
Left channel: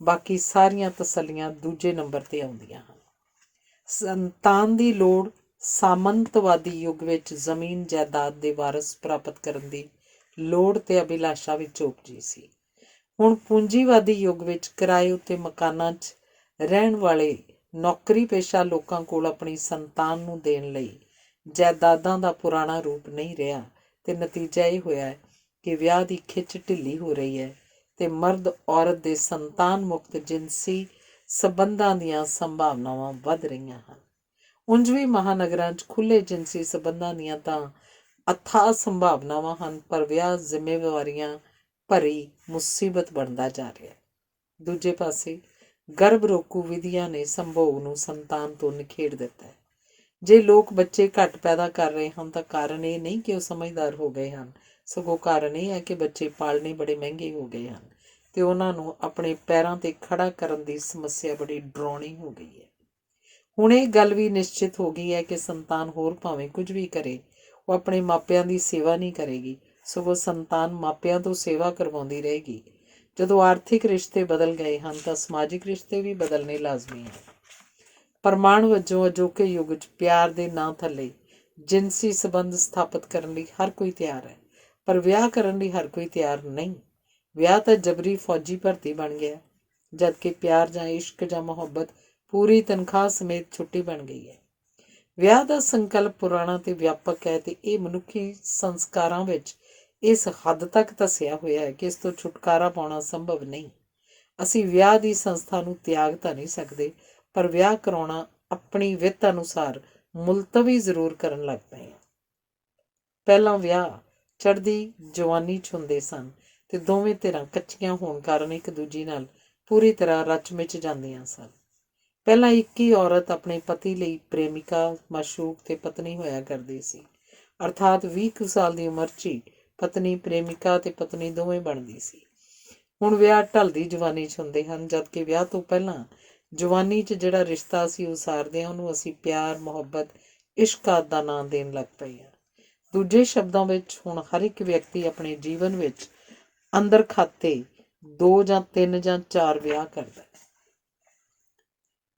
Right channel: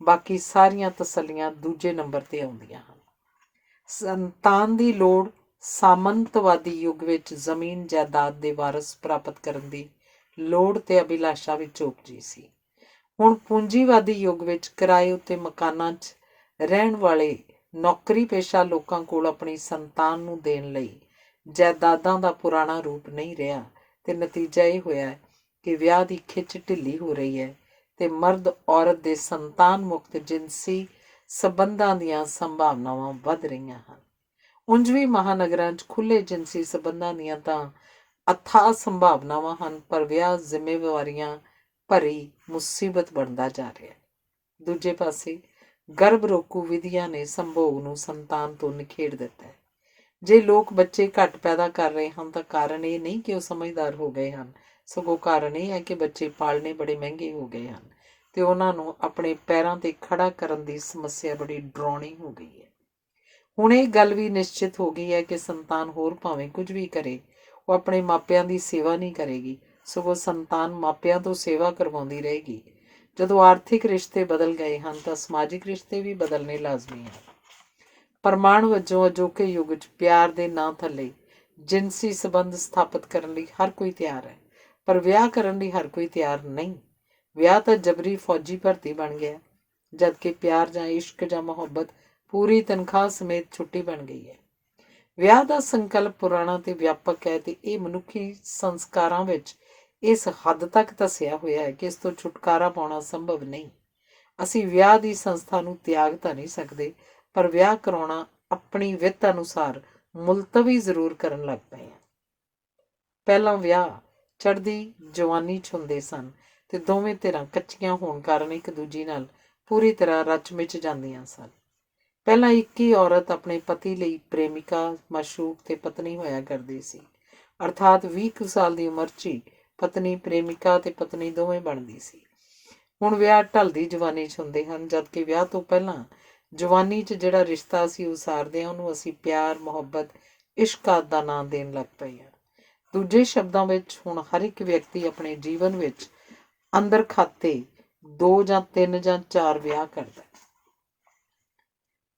ਬਾਕੀ ਸਾਰੀਆਂ ਤਸੱਲੀਆਂ ਦੂਜੇ ਨੰਬਰ 'ਤੇ ਆਉਂਦੀਆਂ ਹਨ। ਸੰਤਾਨ ਦੀ ਲੋੜ ਸਾਮੰਤਵਾਦੀ ਯੁੱਗ ਵਿੱਚ ਜ਼ਮੀਨ ਜਾਇਦਾਦ ਦੇ ਵਾਰਸ ਪ੍ਰਾਪਤ ਕਰਨ ਦੀ ਲੋੜ ਤੇ ਅਭਿਲਾਸ਼ਾ ਵਿੱਚ ਉਪਜੀ ਸੀ। ਹੁਣ ਪੂੰਜੀਵਾਦੀ ਯੁੱਗ ਵਿੱਚ ਕਿਰਾਏ ਉੱਤੇ ਮਕਾਨਾਂ 'ਚ ਰਹਿਣ ਵਾਲੇ ਨੌਕਰੀ ਪੇਸ਼ਾ ਲੋਕਾਂ ਕੋਲ ਆਪਣੀ ਸੰਤਾਨ ਨੂੰ ਦੇਣ ਲਈ ਜਾਇਦਾਦਾਂ ਦਾ ਪੁਰਾਣਾ ਰੂਪ ਨਹੀਂ ਰਿਹਾ ਤੇ ਨਤੀਜਾ ਇਹ ਹੋਇਆ ਕਿ ਵਿਆਹ ਦੀ ਖਿੱਚ ਢਿੱਲੀ ਹੋ ਰਹੀ ਹੈ ਤੇ ਮਰਦ ਔਰਤ ਦੇ ਸੰਤਾਨ ਮੁਕਤ ਜਿਨਸੀ ਸੰਬੰਧਾਂ ਦੀਆਂ ਸੰਭਾਵਨਾਵਾਂ ਵੱਧ ਰਹੀਆਂ ਹਨ। ਉਂਝ ਵੀ ਮਹਾਨਗਰਾਂ 'ਚ ਖੁੱਲ੍ਹੇ ਜਿਨਸੀ ਸੰਬੰਧਾਂ ਦੀਆਂ ਤਾਂ ਅਥਾਹ ਸੰਭਾਵਨਾਵਾਂ ਹਨ, ਪਰ ਵਿਆਹ ਜ਼ਿੰਮੇਵਾਰੀਆਂ ਭਰੀ ਮੁਸੀਬਤ ਬਣਦਾ ਜਾ ਰਿਹਾ। ਦੂਜੇ ਪਾਸੇ ਗਰਭ ਰੋਕੂ ਵਿਧੀਆਂ ਨੇ ਸੰਭੋਗ ਨੂੰ ਸੰਤਾਨ ਤੋਂ ਨਿਖੇੜ ਦਿੱਤਾ ਹੈ। ਜੇ ਲੋਕ ਬੱਚੇ ਘੱਟ ਪੈਦਾ ਕਰ ਰਹੇ ਹਨ ਤਾਂ ਕਾਰਨ ਇਹ ਨਹੀਂ ਕਿ ਉਹ ਸਮਝਦਾਰ ਹੋ ਗਏ ਹਨ, ਸਗੋਂ ਕਾਰਨ ਇਹ ਹੈ ਕਿ ਬੱਚੇ ਪਾਲਣੇ ਬੜੇ ਮਹਿੰਗੇ ਹੋ ਗਏ ਹਨ ਤੇ ਉਹਨਾਂ ਨੂੰ ਆਪਣੇ ਪੈਰਾਂ 'ਤੇ ਖੜਾ ਕਰਨ ਦੀ ਸਮੱਸਿਆ ਬੜੀ ਡਰਾਉਣੀ ਹੋ ਗਈ ਹੈ। ਹੁਣ ਇਹ ਗੱਲ ਵੀ ਨਿਸ਼ਚਿਤ ਹੋ ਗਈ ਹੈ ਕਿ ਸੰਤਾਨ ਹੋਰ ਭਾਵੇਂ ਕੁਝ ਵੀ ਕਰੇ, ਉਹ ਆਪਣੇ ਮਾਪਿਆਂ ਦੀ ਸੇਵਾ ਨਹੀਂ ਕਰੇਗੀ, ਸਗੋਂ ਸੰਤਾਨ ਮਾਪਿਆਂ ਤੋਂ ਸੇਵਾ ਕਰਵਾਉਂਦੀ ਰਹੇਗੀ। ਜਦੋਂ ਆਰਥਿਕ ਰਿਸ਼ਤੇ ਬਦਲ ਗਏ ਹਨ ਤਾਂ ਸਮਾਜਿਕ ਰਿਸ਼ਤੇ ਵੀ ਬਦਲਣੇ ਲਾਜ਼ਮੀ ਹਨ। ਪ੍ਰਮਾਣ ਵਜੋਂ ਅਜੋਕੇ ਯੁੱਗ 'ਚ ਪਿਆਰ ਦੇ ਨਾਂ ਥੱਲੇ ਜਿਨਸੀ ਸੰਬੰਧ ਸਥਾਪਿਤ ਕਰਨ ਲਈ ਹਰ ਕੋਈ ਤਿਆਰ ਹੈ, ਪਰ ਵਿਆਹ ਕਰਨ ਲਈ ਹਰ ਕੋਈ ਤਿਆਰ ਨਹੀਂ। ਵਿਆਹ ਤਾਂ ਜਬਰੀ ਫੌਜੀ ਭਰਤੀ ਬਣ ਗਿਆ, ਜਦਕਿ ਪਿਆਰ ਜਾਂ ਇਸ਼ਕ ਜਾਂ ਮੁਹੱਬਤ ਪੂਰੀ ਤਨਖਾਹ ਸਮੇਤ ਛੁੱਟੀ ਬਣ ਗਈ ਹੈ। ਵਿਆਹ ਦਾ ਸੰਕਲਪ ਪੁਰਾਣਾ ਤੇ ਵਿਆਪਕ ਹੈ ਤੇ ਇਹ ਮਨੁੱਖੀ ਸੰਸਕਾਰਾਂ ਵਿੱਚ ਇਸ ਹੱਦ ਤੱਕ ਧੱਸਿਆ ਹੋਇਆ ਹੈ ਕਿ ਇਸ ਤੋਂ ਛੁਟਕਾਰਾ ਪਾਉਣਾ ਸੰਭਵ ਨਹੀਂ। ਅਸੀਂ ਵਿਆਹ ਦੀ ਸੰਸਥਾ ਨੂੰ ਤਿਆਗ ਤਾਂ ਨਹੀਂ ਸਕਦੇ, ਪਰ ਵਿਆਹ ਕਰਾਉਣਾ ਆਪਣੀ ਵਿੱਤ ਅਨੁਸਾਰ ਮੁਲਤਵੀ ਜ਼ਰੂਰ ਕਰਨ ਲੱਗ ਪਏ ਹਾਂ। ਪਹਿਲਾਂ ਵਿਆਹ ਚੜ੍ਹਦੀ ਜਵਾਨੀ 'ਚ ਹੁੰਦੇ ਸਨ ਤੇ ਦੋਵੇਂ ਧਿਰਾਂ ਕੱਚੀਆਂ ਹੋਣ ਕਾਰਨ ਇੱਕ ਦੂਜੀ ਨਾਲ ਪੂਰੀ ਤਰ੍ਹਾਂ ਰਚ ਮਿਚ ਜਾਂਦੀਆਂ ਸਨ। ਪਹਿਲਾਂ ਇੱਕ ਹੀ ਔਰਤ ਆਪਣੇ ਪਤੀ ਲਈ ਪ੍ਰੇਮਿਕਾ, ਮਾਸ਼ੂਕ ਤੇ ਪਤਨੀ ਹੋਇਆ ਕਰਦੀ ਸੀ, ਅਰਥਾਤ 20 ਕੁ ਸਾਲ ਦੀ ਉਮਰ 'ਚ ਹੀ ਪਤਨੀ, ਪ੍ਰੇਮਿਕਾ ਤੇ ਪਤਨੀ ਦੋਵੇਂ ਬਣਦੀ ਸੀ। ਹੁਣ ਵਿਆਹ ਢਲਦੀ ਜਵਾਨੀ 'ਚ ਹੁੰਦੇ ਹਨ, ਜਦਕਿ ਵਿਆਹ ਤੋਂ ਪਹਿਲਾਂ ਜਵਾਨੀ 'ਚ ਜਿਹੜਾ ਰਿਸ਼ਤਾ ਅਸੀਂ ਉਸਾਰਦੇ ਹਾਂ ਉਹਨੂੰ ਅਸੀਂ ਪਿਆਰ, ਮੁਹੱਬਤ, ਇਸ਼ਕ ਆਦਿ ਦਾ ਨਾਂ ਦੇਣ ਲੱਗ ਪਏ ਹਾਂ। ਦੂਜੇ ਸ਼ਬਦਾਂ ਵਿੱਚ ਹੁਣ ਹਰ ਇੱਕ ਵਿਅਕਤੀ ਆਪਣੇ ਜੀਵਨ ਵਿੱਚ ਅੰਦਰ ਖਾਤੇ 2 ਜਾਂ 3 ਜਾਂ 4 ਵਿਆਹ ਕਰਦਾ।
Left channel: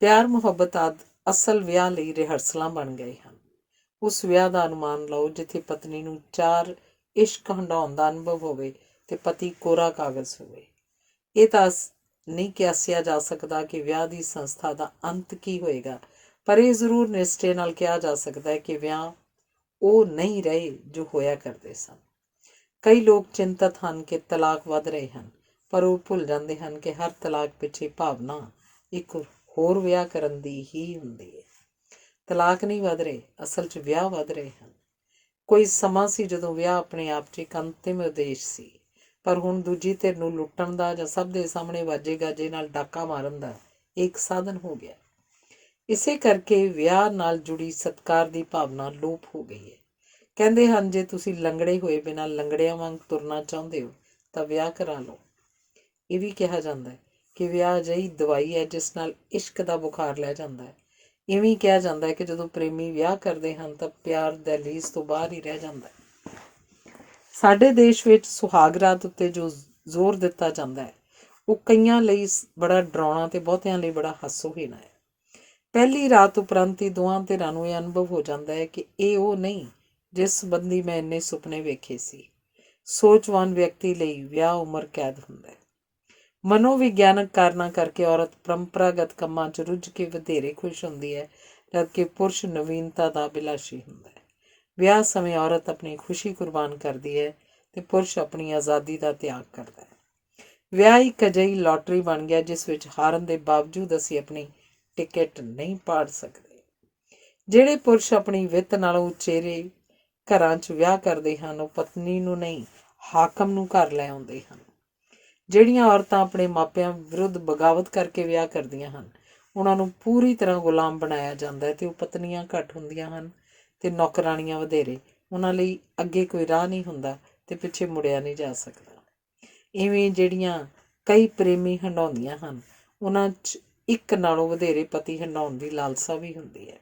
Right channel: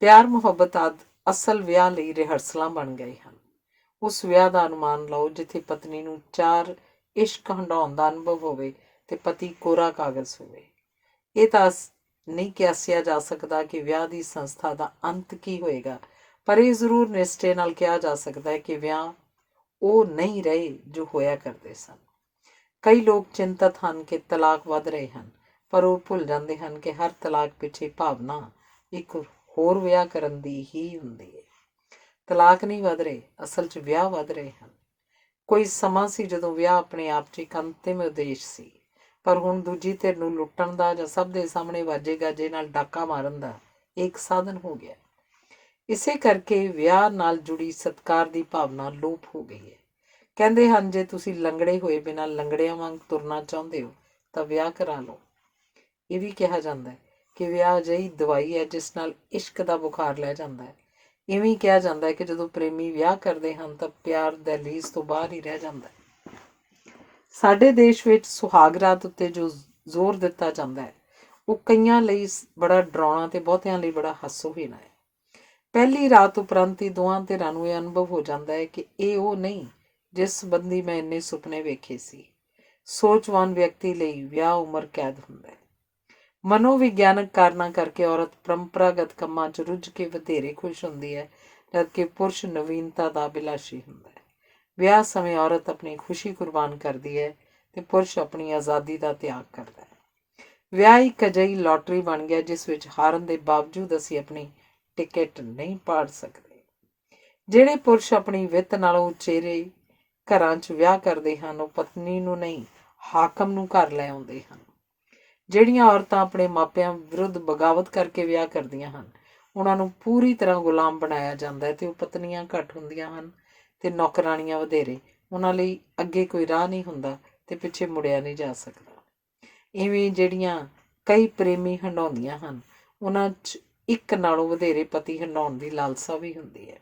ਪਿਆਰ, ਮੁਹੱਬਤ ਆਦਿ ਅਸਲ ਵਿਆਹ ਲਈ ਰਿਹਰਸਲਾਂ ਬਣ ਗਏ ਹਨ। ਉਸ ਵਿਆਹ ਦਾ ਅਨੁਮਾਨ ਲਓ ਜਿੱਥੇ ਪਤਨੀ ਨੂੰ 4 ਇਸ਼ਕ ਹੰਢਾਉਣ ਦਾ ਅਨੁਭਵ ਹੋਵੇ ਤੇ ਪਤੀ ਕੋਰਾ ਕਾਗਜ਼ ਹੋਵੇ। ਇਹ ਤਾਂ ਨਹੀਂ ਕਿਆਸਿਆ ਜਾ ਸਕਦਾ ਕਿ ਵਿਆਹ ਦੀ ਸੰਸਥਾ ਦਾ ਅੰਤ ਕੀ ਹੋਏਗਾ, ਪਰ ਇਹ ਜ਼ਰੂਰ ਨਿਸ਼ਚੇ ਨਾਲ ਕਿਹਾ ਜਾ ਸਕਦਾ ਹੈ ਕਿ ਵਿਆਹ ਉਹ ਨਹੀਂ ਰਹੇ ਜੋ ਹੋਇਆ ਕਰਦੇ ਸਨ। ਕਈ ਲੋਕ ਚਿੰਤਤ ਹਨ ਕਿ ਤਲਾਕ ਵੱਧ ਰਹੇ ਹਨ, ਪਰ ਉਹ ਭੁੱਲ ਜਾਂਦੇ ਹਨ ਕਿ ਹਰ ਤਲਾਕ ਪਿੱਛੇ ਭਾਵਨਾ ਇੱਕ ਹੋਰ ਵਿਆਹ ਕਰਨ ਦੀ ਹੀ ਹੁੰਦੀ ਹੈ। ਤਲਾਕ ਨਹੀਂ ਵੱਧ ਰਹੇ, ਅਸਲ 'ਚ ਵਿਆਹ ਵੱਧ ਰਹੇ ਹਨ। ਕੋਈ ਸਮਾਂ ਸੀ ਜਦੋਂ ਵਿਆਹ ਆਪਣੇ ਆਪ 'ਚ ਇੱਕ ਅੰਤਿਮ ਉਦੇਸ਼ ਸੀ, ਪਰ ਹੁਣ ਦੂਜੀ ਧਿਰ ਨੂੰ ਲੁੱਟਣ ਦਾ ਜਾਂ ਸਭ ਦੇ ਸਾਹਮਣੇ ਵਾਜੇ ਗਾਜੇ ਨਾਲ ਡਾਕਾ ਮਾਰਨ ਦਾ ਇੱਕ ਸਾਧਨ ਹੋ ਗਿਆ। ਇਸੇ ਕਰਕੇ ਵਿਆਹ ਨਾਲ ਜੁੜੀ ਸਤਿਕਾਰ ਦੀ ਭਾਵਨਾ ਲੋਪ ਹੋ ਗਈ ਹੈ। ਕਹਿੰਦੇ ਹਨ, ਜੇ ਤੁਸੀਂ ਲੰਗੜੇ ਹੋਏ ਬਿਨਾਂ ਲੰਗੜਿਆਂ ਵਾਂਗ ਤੁਰਨਾ ਚਾਹੁੰਦੇ ਹੋ ਤਾਂ ਵਿਆਹ ਕਰਾ ਲਓ। ਇਹ ਵੀ ਕਿਹਾ ਜਾਂਦਾ ਹੈ ਕਿ ਵਿਆਹ ਅਜਿਹੀ ਦਵਾਈ ਹੈ ਜਿਸ ਨਾਲ ਇਸ਼ਕ ਦਾ ਬੁਖਾਰ ਲੈ ਜਾਂਦਾ ਹੈ। ਇਵੇਂ ਕਿਹਾ ਜਾਂਦਾ ਹੈ ਕਿ ਜਦੋਂ ਪ੍ਰੇਮੀ ਵਿਆਹ ਕਰਦੇ ਹਨ ਤਾਂ ਪਿਆਰ ਦਹਿਲੀਜ਼ ਤੋਂ ਬਾਹਰ ਹੀ ਰਹਿ ਜਾਂਦਾ ਹੈ। ਸਾਡੇ ਦੇਸ਼ ਵਿੱਚ ਸੁਹਾਗ ਰਾਤ ਉੱਤੇ ਜੋ ਜ਼ੋਰ ਦਿੱਤਾ ਜਾਂਦਾ ਹੈ ਉਹ ਕਈਆਂ ਲਈ ਬੜਾ ਡਰਾਉਣਾ ਤੇ ਬਹੁਤਿਆਂ ਲਈ ਬੜਾ ਹਾਸੋਹੀਣ ਹੈ। ਪਹਿਲੀ ਰਾਤ ਉਪਰੰਤ ਹੀ ਦੋਹਾਂ ਧਿਰਾਂ ਨੂੰ ਇਹ ਅਨੁਭਵ ਹੋ ਜਾਂਦਾ ਹੈ ਕਿ ਇਹ ਉਹ ਨਹੀਂ ਜਿਸ ਸੰਬੰਧੀ ਮੈਂ ਇੰਨੇ ਸੁਪਨੇ ਵੇਖੇ ਸੀ। ਸੋਚਵਾਨ ਵਿਅਕਤੀ ਲਈ ਵਿਆਹ ਉਮਰ ਕੈਦ ਹੁੰਦਾ ਹੈ। ਮਨੋਵਿਗਿਆਨਕ ਕਾਰਨਾਂ ਕਰਕੇ ਔਰਤ ਪਰੰਪਰਾਗਤ ਕੰਮਾਂ 'ਚ ਰੁੱਝ ਕੇ ਵਧੇਰੇ ਖੁਸ਼ ਹੁੰਦੀ ਹੈ, ਜਦਕਿ ਪੁਰਸ਼ ਨਵੀਨਤਾ ਦਾ ਅਭਿਲਾਸ਼ੀ ਹੁੰਦਾ ਹੈ। ਵਿਆਹ ਸਮੇਂ ਔਰਤ ਆਪਣੀ ਖੁਸ਼ੀ ਕੁਰਬਾਨ ਕਰਦੀ ਹੈ ਤੇ ਪੁਰਸ਼ ਆਪਣੀ ਆਜ਼ਾਦੀ ਦਾ ਤਿਆਗ ਕਰਦਾ ਹੈ। ਵਿਆਹ ਇੱਕ ਅਜਿਹੀ ਲਾਟਰੀ ਬਣ ਗਿਆ ਜਿਸ ਵਿੱਚ ਹਾਰਨ ਦੇ ਬਾਵਜੂਦ ਅਸੀਂ ਆਪਣੀ ਟਿਕਟ ਨਹੀਂ ਪਾੜ ਸਕਦੇ। ਜਿਹੜੇ ਪੁਰਸ਼ ਆਪਣੀ ਵਿੱਤ ਨਾਲੋਂ ਉਚੇਰੇ ਘਰਾਂ 'ਚ ਵਿਆਹ ਕਰਦੇ ਹਨ ਉਹ ਪਤਨੀ ਨੂੰ ਨਹੀਂ, ਹਾਕਮ ਨੂੰ ਘਰ ਲੈ ਆਉਂਦੇ ਹਨ। ਜਿਹੜੀਆਂ ਔਰਤਾਂ ਆਪਣੇ ਮਾਪਿਆਂ ਵਿਰੁੱਧ ਬਗਾਵਤ ਕਰਕੇ ਵਿਆਹ ਕਰਦੀਆਂ ਹਨ ਉਹਨਾਂ ਨੂੰ ਪੂਰੀ ਤਰ੍ਹਾਂ ਗੁਲਾਮ ਬਣਾਇਆ ਜਾਂਦਾ ਹੈ ਤੇ ਉਹ ਪਤਨੀਆਂ ਘੱਟ ਹੁੰਦੀਆਂ ਹਨ ਤੇ ਨੌਕਰਾਣੀਆਂ ਵਧੇਰੇ। ਉਹਨਾਂ ਲਈ ਅੱਗੇ ਕੋਈ ਰਾਹ ਨਹੀਂ ਹੁੰਦਾ ਤੇ ਪਿੱਛੇ ਮੁੜਿਆ ਨਹੀਂ ਜਾ ਸਕਦਾ। ਇਵੇਂ ਜਿਹੜੀਆਂ ਕਈ ਪ੍ਰੇਮੀ ਹੰਡਾਉਂਦੀਆਂ ਹਨ ਉਹਨਾਂ 'ਚ ਇੱਕ ਨਾਲੋਂ ਵਧੇਰੇ ਪਤੀ ਹੰਡਾਉਣ ਦੀ ਲਾਲਸਾ ਵੀ ਹੁੰਦੀ ਹੈ।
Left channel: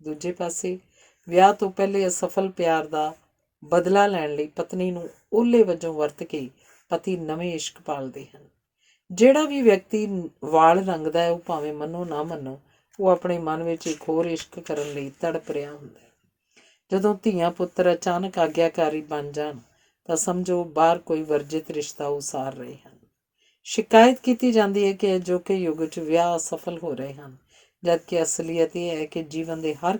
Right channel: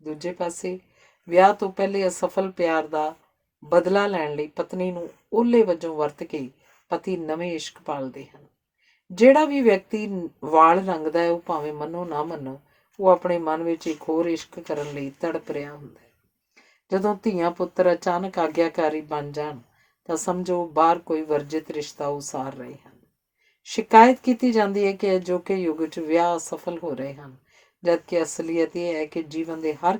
ਦੂਜੇ ਪਾਸੇ ਵਿਆਹ ਤੋਂ ਪਹਿਲੇ ਅਸਫਲ ਪਿਆਰ ਦਾ ਬਦਲਾ ਲੈਣ ਲਈ ਪਤਨੀ ਨੂੰ ਓਹਲੇ ਵਜੋਂ ਵਰਤ ਕੇ ਪਤੀ ਨਵੇਂ ਇਸ਼ਕ ਪਾਲਦੇ ਹਨ। ਜਿਹੜਾ ਵੀ ਵਿਅਕਤੀ ਵਾਲ ਰੰਗਦਾ ਹੈ ਉਹ ਭਾਵੇਂ ਮੰਨੋ ਨਾ ਮੰਨੋ ਉਹ ਆਪਣੇ ਮਨ ਵਿੱਚ ਇੱਕ ਹੋਰ ਇਸ਼ਕ ਕਰਨ ਲਈ ਤੜਪ ਰਿਹਾ ਹੁੰਦਾ ਹੈ। ਜਦੋਂ ਧੀਆਂ ਪੁੱਤਰ ਅਚਾਨਕ ਆਗਿਆਕਾਰੀ ਬਣ ਜਾਣ ਤਾਂ ਸਮਝੋ ਬਾਹਰ ਕੋਈ ਵਰਜਿਤ ਰਿਸ਼ਤਾ ਉਸਾਰ ਰਹੇ ਹਨ। ਸ਼ਿਕਾਇਤ ਕੀਤੀ ਜਾਂਦੀ ਹੈ ਕਿ ਅਜੋਕੇ ਯੁੱਗ 'ਚ ਵਿਆਹ ਅਸਫਲ ਹੋ ਰਹੇ ਹਨ, ਜਦਕਿ ਅਸਲੀਅਤ ਇਹ ਹੈ ਕਿ ਜੀਵਨ ਦੇ ਹਰ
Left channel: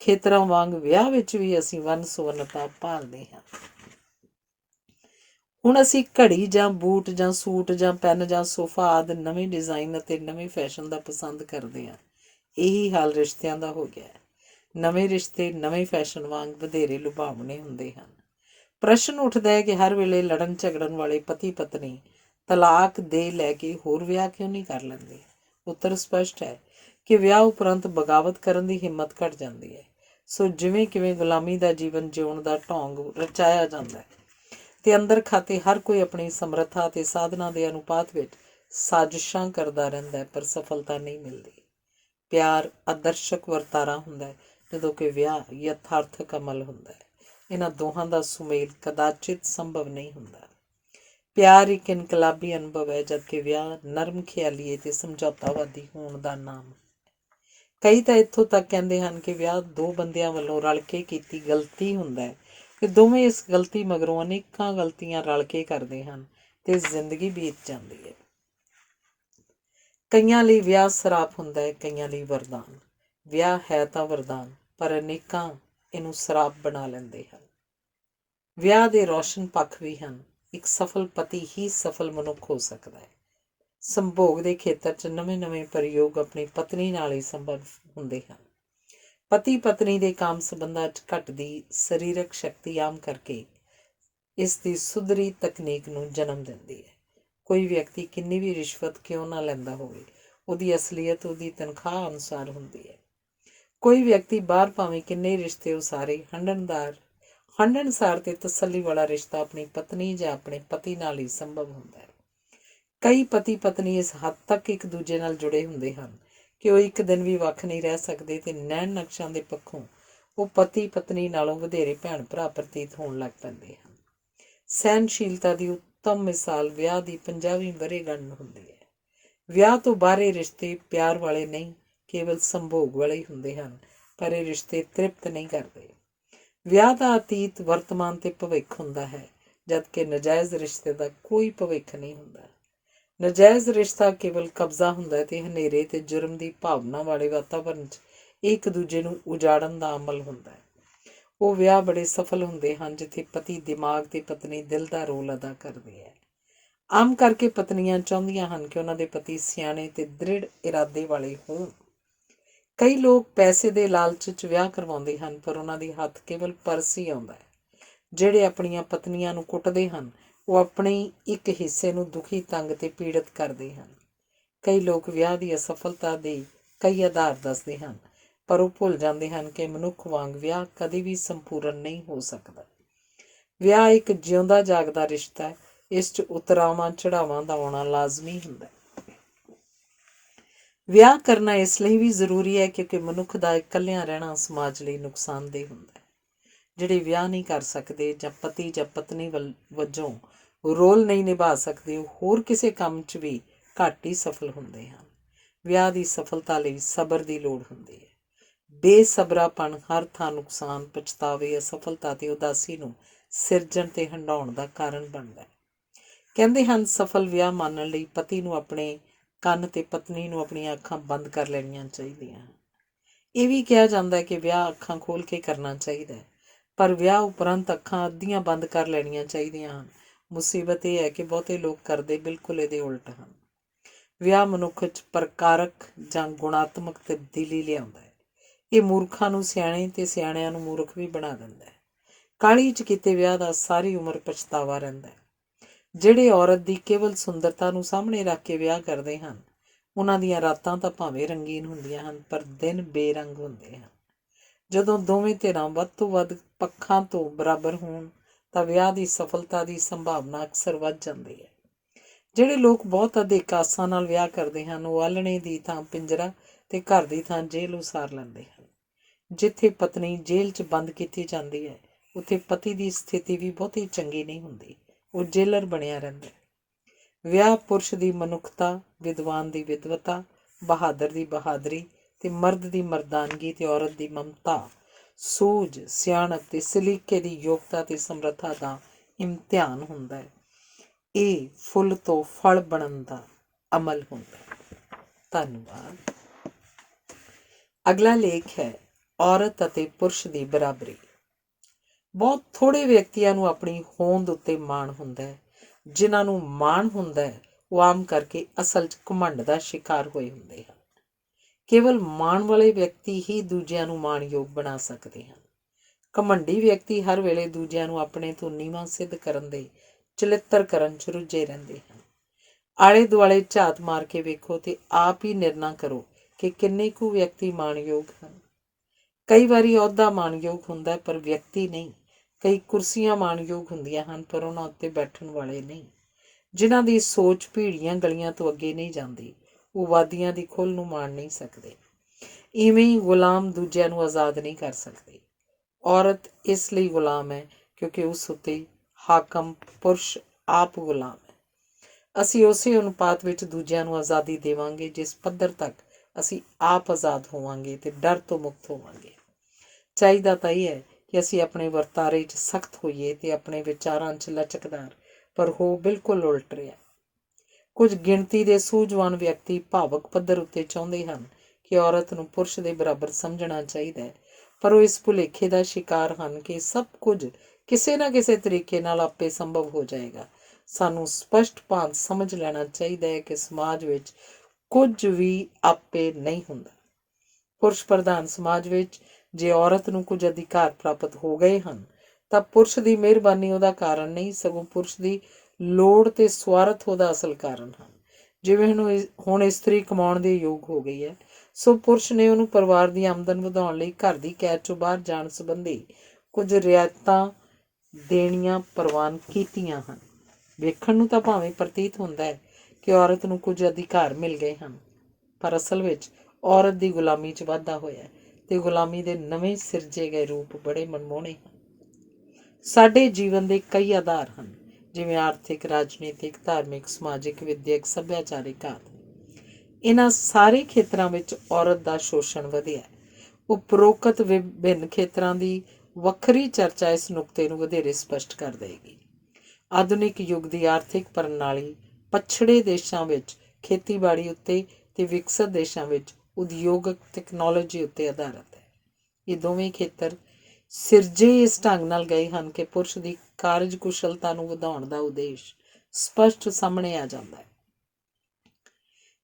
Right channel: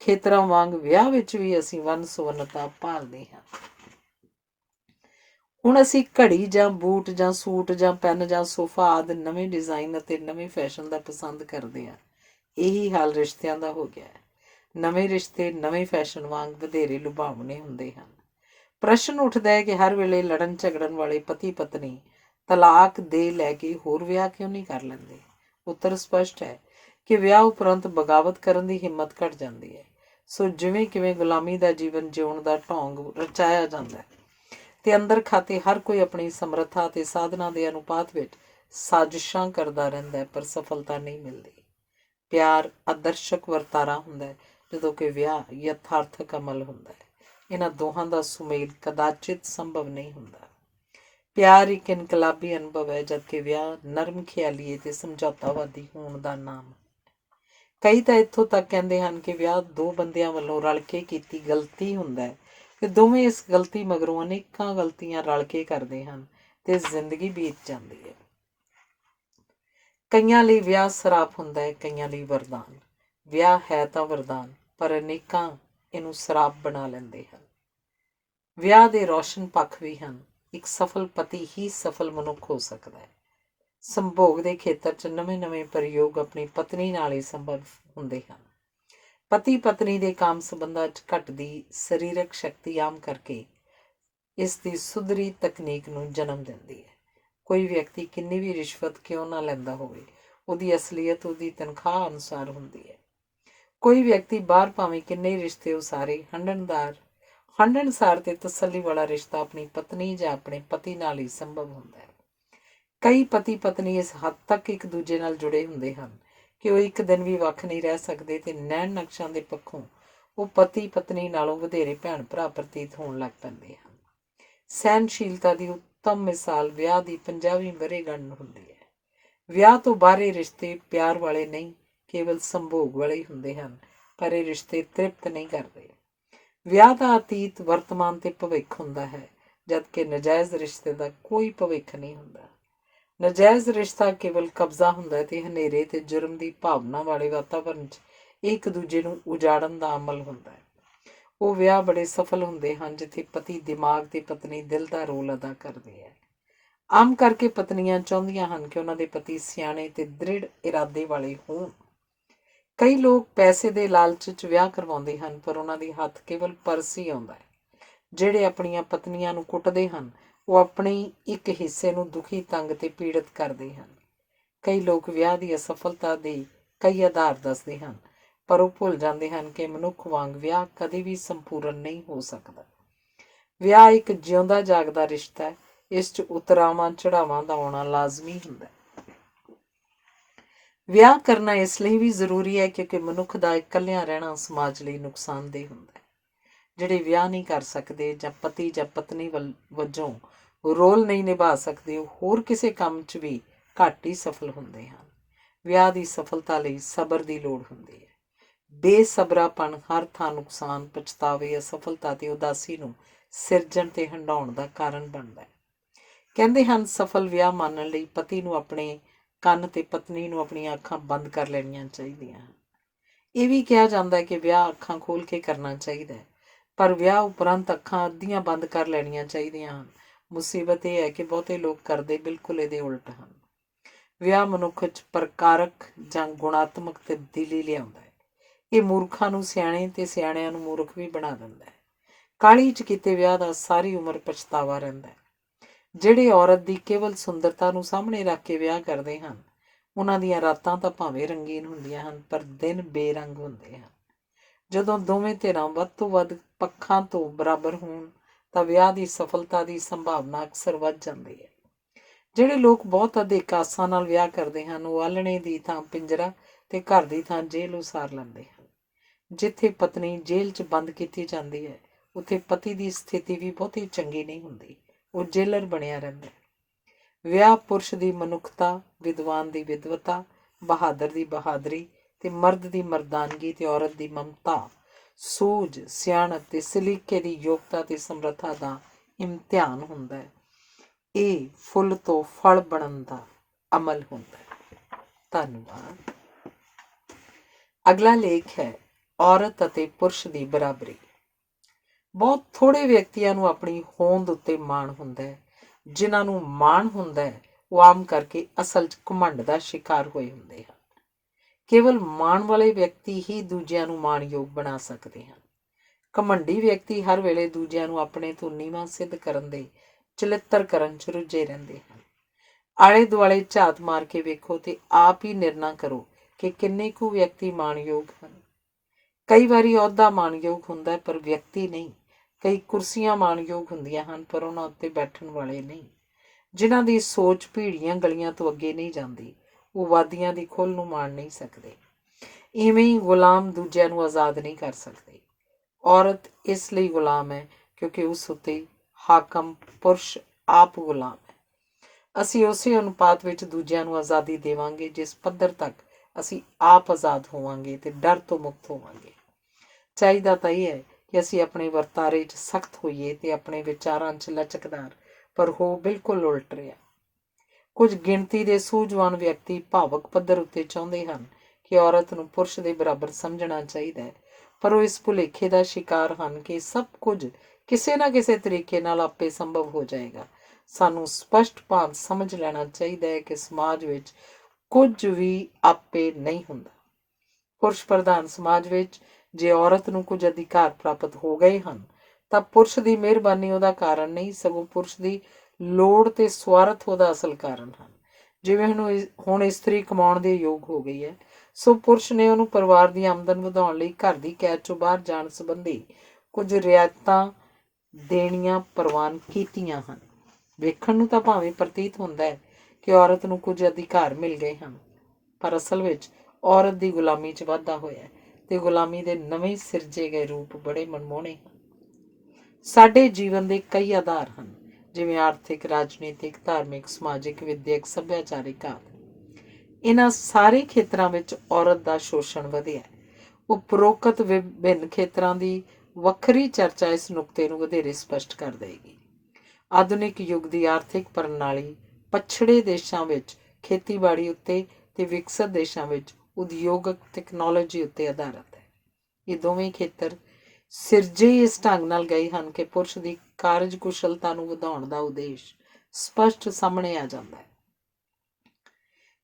ਖੇਤਰਾਂ ਵਾਂਗ ਵਿਆਹ ਵਿੱਚ ਵੀ ਅਸੀਂ ਵੰਨ ਸੁਵੰਨਤਾ ਭਾਲਦੇ ਹਾਂ। ਹੁਣ ਅਸੀਂ ਘੜੀ ਜਾਂ ਬੂਟ ਜਾਂ ਸੂਟ ਜਾਂ ਪੈਨ ਜਾਂ ਸੋਫਾ ਆਦਿ ਨਵੇਂ ਡਿਜ਼ਾਈਨ ਅਤੇ ਨਵੇਂ ਫੈਸ਼ਨ ਦਾ ਪਸੰਦ ਕਰਦੇ ਹਾਂ। ਇਹੀ ਹਾਲ ਰਿਸ਼ਤਿਆਂ ਦਾ ਹੋ ਗਿਆ ਹੈ। ਨਵੇਂ ਰਿਸ਼ਤੇ ਨਵੇਂ ਫੈਸ਼ਨ ਵਾਂਗ ਵਧੇਰੇ ਲੁਭਾਵਣੇ ਹੁੰਦੇ ਹਨ। ਪ੍ਰਸ਼ਨ ਉੱਠਦਾ ਹੈ ਕਿ ਹਰ ਵੇਲੇ ਲੜਨ ਝਗੜਨ ਵਾਲੇ ਪਤੀ ਪਤਨੀ ਤਲਾਕ ਦੇ ਲੈ ਕੇ ਹੋਰ ਵਿਆਹ ਕਿਉਂ ਨਹੀਂ ਕਰ ਲੈਂਦੇ? ਉੱਤਰ ਸਪਸ਼ਟ ਹੈ ਕਿ ਵਿਆਹ ਉਪਰੰਤ ਬਗਾਵਤ ਕਰਨ ਦੀ ਹਿੰਮਤ ਘਟ ਜਾਂਦੀ ਹੈ। ਸੋ ਜਿਵੇਂ ਕਿਵੇਂ ਗੁਲਾਮੀ ਦਾ ਜੀਵਨ ਜਿਉਣ ਦਾ ਢੋਂਗ ਰਚਾਇਆ ਜਾਂਦਾ ਹੈ ਤੇ ਅੰਦਰ ਖਾਤੇ ਹਰ ਕੋਈ ਆਪਣੀ ਸਮਰੱਥਾ ਅਤੇ ਸਾਧਨਾ ਦੇ ਅਨੁਪਾਤ ਵਿੱਚ ਸਾਜ਼ਿਸ਼ਾਂ ਕਰਦਾ ਰਹਿੰਦਾ ਹੈ, ਪਰ ਸਫਲਤਾ ਨਹੀਂ ਮਿਲਦੀ। ਪਿਆਰ ਆਦਰਸ਼ਕ ਵਰਤਾਰਾ ਹੁੰਦਾ ਹੈ ਜਦੋਂ ਕਿ ਵਿਆਹ ਯਥਾਰਥਕ ਅਮਲ ਹੁੰਦਾ ਹੈ। ਇਹਨਾਂ ਦੋਹਾਂ ਦਾ ਸੁਮੇਲ ਕਦਾਚਿਤ ਸੰਭਵ ਨਹੀਂ ਹੁੰਦਾ। ਪਿਆਰ ਇੱਕ ਇਨਕਲਾਬੀ ਅਨੁਭਵ ਹੈ, ਜਦਕਿ ਵਿਆਹ ਨਰਮ ਖਿਆਲੀ ਅਤੇ ਸਮਝੌਤਾਵਾਦੀ ਹੋਣ ਦਾ ਨਾਮ ਹੈ। ਕਈ ਤਾਂ ਇੱਥੋਂ ਤੱਕ ਕਹਿੰਦੇ ਹਨ ਕਿ ਵਿਆਹ ਦੋ ਬੰਦਿਆਂ ਵੱਲੋਂ ਰਲ ਕੇ ਕੀਤੀ ਗਲਤੀ ਹੁੰਦਾ ਹੈ ਕਿ ਦੋਵੇਂ ਇਸ ਗਲਤੀ ਮਗਰੋਂ ਅਨੇਕਾਂ ਗਲਤੀਆਂ ਰਲ ਕੇ ਕਰਦੇ ਹਨ ਤੇ ਜ਼ਿੰਦਗੀ ਬੀਤ ਜਾਂਦੀ ਹੈ। ਕਈਆਂ ਲਈ ਵਿਆਹ ਸਰਾਪ ਹੁੰਦਾ ਹੈ, ਕਈਆਂ ਲਈ ਵਰਦਾਨ। ਵਿਆਹ ਹੈ ਤਾਂ ਵਰਦਾਨ, ਪਰ ਅਨੇਕਾਂ ਇਹਨੂੰ ਸਰਾਪ ਬਣਾ ਲੈਂਦੇ ਹਨ। ਵਿਆਹ ਦੇ ਰੌਸ਼ਨ ਪੱਖ ਵੀ ਹਨ। ਇੱਕ ਸਫਲ ਪਤੀ ਹੀ ਸਫਲ ਮਨੁੱਖ ਹੋ ਸਕਦਾ ਹੈ। ਸੰਭੋਗ ਦੇ ਖੇਤਰ 'ਚ ਨਵੇਂ ਪ੍ਰਯੋਗ ਆਪਣੀ ਪਤਨੀ ਨਾਲ ਹੀ ਸੰਭਵ ਹੁੰਦੇ ਹਨ। ਪਤੀ ਪਤਨੀ ਦੇ ਕਾਮ ਸੰਬੰਧਾਂ 'ਚ ਘਟਦੀ ਸਰੀਰਕ ਸ਼ਕਤੀ ਆਮ ਕਰਕੇ ਇਸ ਦੀ ਸੁਧਰੀ ਤਕਨੀਕ ਨੂੰ ਜਨਮ ਦਿੰਦੀ ਹੈ। ਕੋਈ ਵਿਅਕਤੀ ਕਿੰਨੀ ਵੀ ਰਿਸ਼ਵਤ ਕਿਉਂ ਨਾ ਲੈਂਦਾ ਹੋਵੇ, ਉਹਦੀ ਅਸਲੀਅਤ ਉਹਦੀ ਤਨਖਾਹ ਅਨੁਸਾਰ ਹੁੰਦੀ ਹੈ। ਕੋਈ ਵਿਅਕਤੀ ਬਾਹਰ ਭਾਵੇਂ ਕਿੰਨੇ ਰਿਸ਼ਤੇ ਉਸਾਰੇ, ਹੰਢਣਸਾਰ ਤੇ ਤਸੱਲੀ ਵਾਲਾ ਰਿਸ਼ਤਾ ਆਪਣੀ ਪਤਨੀ ਜਾਂ ਆਪਣੇ ਪਤੀ ਨਾਲ ਹੀ ਸੰਭਵ ਹੁੰਦਾ ਹੈ। ਕਈ ਪਤੀ ਪਤਨੀ ਇਸ ਹੱਦ ਤੱਕ ਇੱਕ ਦੂਜੇ ਨਾਲ ਜੁੜੇ ਹੁੰਦੇ ਹਨ ਕਿ ਉਹ ਇੱਕ ਦਿਨ ਵੀ ਵੱਖ ਨਹੀਂ ਰਹਿ ਸਕਦੇ ਤੇ ਨੈਣ ਨਕਸ਼ਾਂ ਦੇ ਪੱਖੋਂ ਉਹ ਪਤੀ ਪਤਨੀ ਨਾਲੋਂ ਵਧੇਰੇ ਭੈਣ ਭਰਾ ਪ੍ਰਤੀਤ ਹੋਣ ਲੱਗ ਪੈਂਦੇ ਹਨ। ਸਹਿਨਸ਼ੀਲਤਾ ਦੀ ਉੱਤਮ ਮਿਸਾਲ ਵਿਆਹ ਦੀ 50ਵੀਂ ਵਰ੍ਹੇਗੰਢ ਹੁੰਦੀ ਹੈ। ਵਿਆਹ ਤੋਂ ਬਾਹਰੇ ਰਿਸ਼ਤੇ ਪਿਆਰ ਵਾਲੇ ਨਹੀਂ, ਕੇਵਲ ਸੰਭੋਗ ਵਾਲੇ ਹੀ ਹੁੰਦੇ ਹਨ, ਪਰ ਇਹ ਰਿਸ਼ਤੇ ਤ੍ਰਿਪਤ ਨਹੀਂ ਕਰਦੇ। ਵਿਆਹ ਦਾ ਅਤੀਤ, ਵਰਤਮਾਨ ਤੇ ਭਵਿੱਖ ਹੁੰਦਾ ਹੈ, ਜਦਕਿ ਨਜਾਇਜ਼ ਰਿਸ਼ਤੇ ਦਾ ਕੋਈ ਭਵਿੱਖ ਨਹੀਂ ਹੁੰਦਾ। ਨਜਾਇਜ਼ ਰਿਸ਼ਤਾ ਕੇਵਲ ਕਬਜ਼ਾ ਹੁੰਦਾ ਤੇ ਹਨੇਰੇ ਤੇ ਜੁਰਮ ਦੀ ਭਾਵਨਾ ਵਾਲੇ ਵਾਤਾਵਰਨ 'ਚ ਇੱਕ ਦੂਜੇ ਨੂੰ ਉਜਾੜਨ ਦਾ ਅਮਲ ਹੁੰਦਾ ਹੈ। ਉਹ ਵਿਆਹ ਬੜੇ ਸਫਲ ਹੁੰਦੇ ਹਨ ਜਿੱਥੇ ਪਤੀ ਦਿਮਾਗ ਤੇ ਪਤਨੀ ਦਿਲ ਦਾ ਰੋਲ ਅਦਾ ਕਰਦੇ ਹੈ। ਆਮ ਕਰਕੇ ਪਤਨੀਆਂ ਚਾਹੁੰਦੀਆਂ ਹਨ ਕਿ ਉਹਨਾਂ ਦੇ ਪਤੀ ਸਿਆਣੇ ਤੇ ਦ੍ਰਿੜ ਇਰਾਦੇ ਵਾਲੇ ਹੋਣ। ਕਈ ਲੋਕ ਪੈਸੇ ਦੇ ਲਾਲਚ 'ਚ ਵਿਆਹ ਕਰਵਾਉਂਦੇ ਹਨ, ਪਰ ਉਹਨਾਂ ਦੇ ਹੱਥ ਕੇਵਲ ਪਰਸ ਹੀ ਆਉਂਦਾ ਹੈ। ਜਿਹੜੇ ਆਪਣੀਆਂ ਪਤਨੀਆਂ ਨੂੰ ਕੁੱਟਦੇ ਹਨ, ਉਹ ਆਪਣੀ ਇੱਕ ਹਿੱਸੇ ਨੂੰ ਦੁਖੀ, ਤੰਗ ਤੇ ਪੀੜਤ ਕਰਦੇ ਹਨ। ਕਈ ਲੋਕ ਵਿਆਹ ਦੀ ਅਸਫਲਤਾ ਦੇ ਕਈ ਆਧਾਰ ਦੱਸਦੇ ਹਨ, ਪਰ ਉਹ ਭੁੱਲ ਜਾਂਦੇ ਹਨ ਕਿ ਮਨੁੱਖ ਵਾਂਗ ਵਿਆਹ ਕਦੇ ਵੀ ਸੰਪੂਰਨ ਨਹੀਂ ਹੋ ਸਕਦਾ। ਵਿਆਹ ਇੱਕ ਜਿਉਂਦਾ ਜਾਗਦਾ ਰਿਸ਼ਤਾ ਹੈ। ਇਸ 'ਚ ਉਤਰਾਵਾਂ ਚੜਾਵਾਂ ਦਾ ਆਉਣਾ ਲਾਜ਼ਮੀ ਹੁੰਦਾ ਹੈ। ਵਿਆਹ ਕਰਨਾ ਇਸ ਲਈ ਵੀ ਜ਼ਰੂਰੀ ਹੈ ਕਿਉਂਕਿ ਮਨੁੱਖ ਦਾ ਇਕੱਲਿਆਂ ਰਹਿਣਾ ਸਮਾਜ ਲਈ ਨੁਕਸਾਨਦੇਹ ਹੁੰਦਾ ਹੈ। ਜਿਹੜੇ ਵਿਆਹ ਨਹੀਂ ਕਰ ਸਕਦੇ ਜਾਂ ਪਤੀ ਜਾਂ ਪਤਨੀ ਵਜੋਂ ਰੋਲ ਨਹੀਂ ਨਿਭਾ ਸਕਦੇ, ਉਹ ਹੋਰ ਕਿਸੇ ਕੰਮ 'ਚ ਵੀ ਘੱਟ ਹੀ ਸਫਲ ਹੁੰਦੇ ਹਨ। ਵਿਆਹ ਦੀ ਸਫਲਤਾ ਲਈ ਸਬਰ ਦੀ ਲੋੜ ਹੁੰਦੀ ਹੈ। ਬੇਸਬਰਾਪਣ ਹਰ ਥਾਂ ਨੁਕਸਾਨ, ਪਛਤਾਵੇ, ਅਸਫਲਤਾ ਤੇ ਉਦਾਸੀ ਨੂੰ ਸਿਰਜਣ ਤੇ ਹੰਢਾਉਣ ਦਾ ਕਾਰਨ ਬਣਦਾ ਹੈ। ਕਹਿੰਦੇ ਹਨ, ਸਫਲ ਵਿਆਹ ਮੰਨਣ ਲਈ ਪਤੀ ਨੂੰ ਆਪਣੇ ਕੰਨ ਤੇ ਪਤਨੀ ਨੂੰ ਆਪਣੀਆਂ ਅੱਖਾਂ ਬੰਦ ਕਰ ਲੈਣੀਆਂ ਚਾਹੀਦੀਆਂ ਹਨ। ਇਹ ਵੀ ਕਿਹਾ ਜਾਂਦਾ ਹੈ ਕਿ ਵਿਆਹ ਅੱਖਾਂ ਖੋਲ੍ਹ ਕੇ ਕਰਨਾ ਚਾਹੀਦਾ ਹੈ, ਪਰ ਵਿਆਹ ਉਪਰੰਤ ਅੱਖਾਂ ਅੱਧੀਆਂ ਬੰਦ ਕਰ ਲੈਣੀਆਂ ਚਾਹੀਦੀਆਂ ਹਨ। ਮੁਸੀਬਤ ਇਹ ਹੈ ਕਿ ਬਹੁਤੇ ਲੋਕ ਕਰਦੇ ਬਿਲਕੁਲ ਇਹਦੇ ਉਲਟ ਹਨ। ਵਿਆਹ ਮਨੁੱਖ 'ਚ ਪ੍ਰਕਾਰਕ ਜਾਂ ਗੁਣਾਤਮਕ ਤਬਦੀਲੀ ਲਿਆਉਂਦਾ ਹੈ। ਇਹ ਮੂਰਖਾਂ ਨੂੰ ਸਿਆਣੇ ਤੇ ਸਿਆਣਿਆਂ ਨੂੰ ਮੂਰਖ ਵੀ ਬਣਾ ਦਿੰਦਾ ਹੈ। ਕਾਹਲੀ 'ਚ ਕੀਤੇ ਵਿਆਹ ਦਾ ਸਾਰੀ ਉਮਰ ਪਛਤਾਵਾ ਰਹਿੰਦਾ ਹੈ। ਜਿਹੜੇ ਔਰਤ ਦੀ ਕੇਵਲ ਸੁੰਦਰਤਾ ਨੂੰ ਸਾਹਮਣੇ ਰੱਖ ਕੇ ਵਿਆਹ ਕਰਦੇ ਹਨ, ਉਹਨਾਂ ਦੀਆਂ ਰਾਤਾਂ ਤਾਂ ਭਾਵੇਂ ਰੰਗੀਨ ਹੁੰਦੀਆਂ ਹਨ, ਪਰ ਦਿਨ ਬੇਰੰਗ ਹੁੰਦੇ ਹਨ। ਜਦੋਂ ਦੋਵੇਂ ਧਿਰਾਂ ਵੱਧ ਤੋਂ ਵੱਧ ਪੱਖਾਂ ਤੋਂ ਬਰਾਬਰ ਹੋਣ ਤਾਂ ਵਿਆਹ ਦੀ ਸਫਲਤਾ ਦੀ ਸੰਭਾਵਨਾ ਅਕਸਰ ਵੱਧ ਜਾਂਦੀ ਹੈ। ਜਿਹੜੇ ਲੋਕ ਬਹੁਤ ਅਧਿਕ ਆਸਾਂ ਨਾਲ ਵਿਆਹ ਕਰਦੇ ਹਨ, ਉਹ ਆਲ੍ਹਣੇ ਦੀ ਥਾਂ ਪਿੰਜਰਾ ਤੇ ਘਰ ਦੀ ਥਾਂ ਜੇਲ੍ਹ ਉਸਾਰ ਲੈਂਦੇ ਹਨ। ਜਿੱਥੇ ਪਤਨੀ ਜੇਲ੍ਹ 'ਚ ਬੰਦ ਕੀਤੀ ਜਾਂਦੀ ਹੈ, ਉੱਥੇ ਪਤੀ ਦੀ ਸਥਿਤੀ ਵੀ ਬਹੁਤੀ ਚੰਗੀ ਨਹੀਂ ਹੁੰਦੀ। ਉਹ ਜੇਲਰ ਬਣਿਆ ਰਹਿੰਦਾ ਹੈ। ਵਿਆਹ ਪੁਰਸ਼ ਦੀ ਮਨੁੱਖਤਾ, ਵਿਦਵਾਨ ਦੀ ਵਿਦਵਤਾ, ਬਹਾਦਰ ਦੀ ਬਹਾਦਰੀ ਤੇ ਮਰਦ ਦੀ ਮਰਦਾਨਗੀ ਤੇ ਔਰਤ ਦੀ ਮਮਤਾ, ਸੂਝ, ਸਿਆਣਪ ਤੇ ਸਲੀਕੇ ਦੀ ਯੋਗਤਾ ਤੇ ਸਮਰੱਥਾ ਦਾ ਇਮਤਿਹਾਨ ਹੁੰਦਾ ਹੈ। ਇਹ ਫੁੱਲ ਤੋਂ ਫਲ ਬਣਨ ਦਾ ਅਮਲ ਹੁੰਦਾ ਹੈ। ਧੰਨਵਾਦ। ਅਗਲਾ ਲੇਖ ਹੈ ਔਰਤ ਅਤੇ ਪੁਰਸ਼ ਦੀ ਬਰਾਬਰੀ। ਬਹੁਤ ਥੋੜ੍ਹੇ ਵਿਅਕਤੀਆਂ ਨੂੰ ਆਪਣੀ ਹੋਂਦ ਉੱਤੇ ਮਾਣ ਹੁੰਦਾ ਹੈ। ਜਿਨ੍ਹਾਂ ਨੂੰ ਮਾਣ ਹੁੰਦਾ ਹੈ, ਉਹ ਆਮ ਕਰਕੇ ਅਸਲ 'ਚ ਘਮੰਡ ਦਾ ਸ਼ਿਕਾਰ ਹੋਏ ਹੁੰਦੇ ਹਨ। ਕੇਵਲ ਮਾਣ ਵਾਲੇ ਵਿਅਕਤੀ ਹੀ ਦੂਜਿਆਂ ਨੂੰ ਮਾਣਯੋਗ ਬਣਾ ਸਕਦੇ ਹਨ। ਘਮੰਡੀ ਵਿਅਕਤੀ ਹਰ ਵੇਲੇ ਦੂਜਿਆਂ ਨੂੰ ਆਪਣੇ ਤੋਂ ਨੀਵਾਂ ਸਿੱਧ ਕਰਨ ਦੇ ਚਲਿੱਤਰ ਕਰਨ 'ਚ ਰੁੱਝੇ ਰਹਿੰਦੇ ਹਨ। ਆਲੇ ਦੁਆਲੇ ਝਾਤ ਮਾਰ ਕੇ ਵੇਖੋ ਤੇ ਆਪ ਹੀ ਨਿਰਣਾ ਕਰੋ ਕਿ ਕਿੰਨੇ ਕੁ ਵਿਅਕਤੀ ਮਾਣਯੋਗ ਹਨ। ਕਈ ਵਾਰੀ ਅਹੁਦਾ ਮਾਣਯੋਗ ਹੁੰਦਾ ਹੈ, ਪਰ ਵਿਅਕਤੀ ਨਹੀਂ। ਕਈ ਕੁਰਸੀਆਂ ਮਾਣਯੋਗ ਹੁੰਦੀਆਂ ਹਨ, ਪਰ ਉਹਨਾਂ ਉੱਤੇ ਬੈਠਣ ਵਾਲੇ ਨਹੀਂ। ਜਿਨ੍ਹਾਂ ਦੀ ਸੋਚ ਭੀੜੀਆਂ ਗਲੀਆਂ ਤੋਂ ਅੱਗੇ ਨਹੀਂ ਜਾਂਦੀ, ਉਹ ਵਾਦੀਆਂ ਦੀ ਖੁੱਲ੍ਹ ਨੂੰ ਮਾਣ ਨਹੀਂ ਸਕਦੇ। ਇਵੇਂ ਹੀ ਗੁਲਾਮ ਦੂਜਿਆਂ ਨੂੰ ਆਜ਼ਾਦ ਨਹੀਂ ਕਰ ਸਕਦੇ। ਔਰਤ ਇਸ ਲਈ ਗੁਲਾਮ ਹੈ ਕਿਉਂਕਿ ਉਸ ਉੱਤੇ ਹਾਕਮ ਪੁਰਸ਼ ਆਪ ਗੁਲਾਮ ਹੈ। ਅਸੀਂ ਉਸੇ ਅਨੁਪਾਤ ਵਿੱਚ ਦੂਜਿਆਂ ਨੂੰ ਆਜ਼ਾਦੀ ਦੇਵਾਂਗੇ ਜਿਸ ਪੱਧਰ ਤੱਕ ਅਸੀਂ ਆਪ ਆਜ਼ਾਦ ਹੋਵਾਂਗੇ ਤੇ ਡਰ ਤੋਂ ਮੁਕਤ ਹੋਵਾਂਗੇ। ਚਾਹੀਦਾ ਤਾਂ ਇਹ ਹੈ ਕਿ ਅਸੀਂ ਆਪਣੇ ਵਰਤਾਰੇ 'ਚ ਸਖਤ ਹੋਈਏ ਤੇ ਆਪਣੇ ਵਿਚਾਰਾਂ 'ਚ ਲਚਕਦਾਰ, ਪਰ ਹੋ ਬਿਲਕੁਲ ਉਲਟ ਰਿਹਾ। ਕੁਝ ਗਿਣਤੀ ਦੇ ਸੂਝਵਾਨ ਵਿਅਕਤੀ ਭਾਵਕ ਪੱਧਰ ਉੱਤੇ ਚਾਹੁੰਦੇ ਹਨ ਕਿ ਔਰਤ ਨੂੰ ਪੁਰਸ਼ ਦੇ ਬਰਾਬਰ ਸਮਝਣਾ ਚਾਹੀਦਾ ਹੈ, ਪਰ ਉਹ ਇਸ ਭੁਲੇਖੇ ਦਾ ਸ਼ਿਕਾਰ ਹਨ ਕਿ ਸਭ ਕੁਝ ਕਿਸੇ ਨਾ ਕਿਸੇ ਤਰੀਕੇ ਨਾਲ ਆਪੇ ਸੰਭਵ ਹੋ ਜਾਏਗਾ। ਸਾਨੂੰ ਸਪਸ਼ਟ ਭਾਂਤ ਸਮਝ ਲੈਣਾ ਚਾਹੀਦਾ ਹੈ ਕਿ ਸਮਾਜ ਵਿੱਚ ਕੁਝ ਵੀ ਆਪੇ ਨਹੀਂ ਹੁੰਦਾ। ਪੁਰਸ਼ ਪ੍ਰਧਾਨ ਸਮਾਜ ਵਿੱਚ ਜੇ ਔਰਤ ਨੂੰ ਕੁਝ ਅਧਿਕਾਰ ਪ੍ਰਾਪਤ ਹੋ ਗਏ ਹਨ, ਤਾਂ ਪੁਰਸ਼ ਦੀ ਮਿਹਰਬਾਨੀ ਉਹਦਾ ਕਾਰਨ ਨਹੀਂ, ਸਗੋਂ ਪੁਰਸ਼ ਦੀ ਲੋੜ ਤੇ ਸਵਾਰਥ ਉਹਦਾ ਅਸਲ ਕਾਰਨ ਹਨ। ਜਿਵੇਂ ਹੁਣ ਇਸਤਰੀ ਕਮਾਉਣ ਦੇ ਯੋਗ ਹੋ ਗਈ ਹੈ, ਸੋ ਪੁਰਸ਼ ਨੇ ਉਹਨੂੰ ਪਰਿਵਾਰ ਦੀ ਆਮਦਨ ਵਧਾਉਣ ਲਈ ਘਰ ਦੀ ਕੈਦ 'ਚੋਂ ਬਾਹਰ ਜਾਣ ਸੰਬੰਧੀ ਕੁਝ ਰਿਆਇਤਾਂ ਦੇਣੀਆਂ ਪ੍ਰਵਾਨ ਕੀਤੀਆਂ ਹਨ। ਵੇਖਣ ਨੂੰ ਤਾਂ ਭਾਵੇਂ ਪ੍ਰਤੀਤ ਹੁੰਦਾ ਹੈ ਕਿ ਔਰਤ ਨੂੰ ਕੁਝ ਅਧਿਕਾਰ ਮਿਲ ਗਏ ਹਨ, ਪਰ ਅਸਲ ਵਿੱਚ ਔਰਤ ਦੀ ਗੁਲਾਮੀ 'ਚ ਵਾਧਾ ਹੋਇਆ ਤੇ ਗੁਲਾਮੀ ਦੇ ਨਵੇਂ ਸਿਰਜੇ ਗਏ ਰੂਪ ਬੜੇ ਮਨਮੋਹਣੇ ਹਨ। ਸਾਡੇ ਜੀਵਨ ਦੇ ਕਈ ਆਧਾਰ ਹਨ, ਜਿਵੇਂ ਆਰਥਿਕ, ਰਾਜਨੀਤਿਕ, ਧਾਰਮਿਕ, ਸਮਾਜਿਕ, ਵਿਦਿਅਕ, ਸੱਭਿਆਚਾਰਿਕ ਆਦਿ। ਇਹਨਾਂ ਸਾਰੇ ਖੇਤਰਾਂ ਵਿੱਚ ਔਰਤ ਦਾ ਸ਼ੋਸ਼ਣ ਵਧਿਆ। ਉਪਰੋਕਤ ਵਿਭਿੰਨ ਖੇਤਰਾਂ ਦੀ ਵੱਖਰੀ ਚਰਚਾ ਇਸ ਨੁਕਤੇ ਨੂੰ ਵਧੇਰੇ ਸਪਸ਼ਟ ਕਰ ਦੇਵੇਗੀ। ਆਧੁਨਿਕ ਯੁੱਗ ਦੀ ਆਰਥਿਕ ਪ੍ਰਣਾਲੀ ਪੱਛੜੇ ਦੇਸ਼ਾਂ ਵਿੱਚ ਖੇਤੀਬਾੜੀ ਉੱਤੇ ਤੇ ਵਿਕਸਤ ਦੇਸ਼ਾਂ ਵਿੱਚ ਉਦਯੋਗਿਕ ਤਕਨਾਲੋਜੀ ਉੱਤੇ ਆਧਾਰਿਤ ਹੈ। ਇਹ ਦੋਵੇਂ ਖੇਤਰ ਸਿਰਜੇ ਇਸ ਢੰਗ ਨਾਲ ਗਏ ਹਨ ਕਿ ਪੁਰਸ਼ ਦੀ ਕਾਰਜਕੁਸ਼ਲਤਾ ਨੂੰ ਵਧਾਉਣ ਦਾ ਉਦੇਸ਼ ਸਪਸ਼ਟ ਸਾਹਮਣੇ ਆ ਜਾਂਦਾ ਹੈ।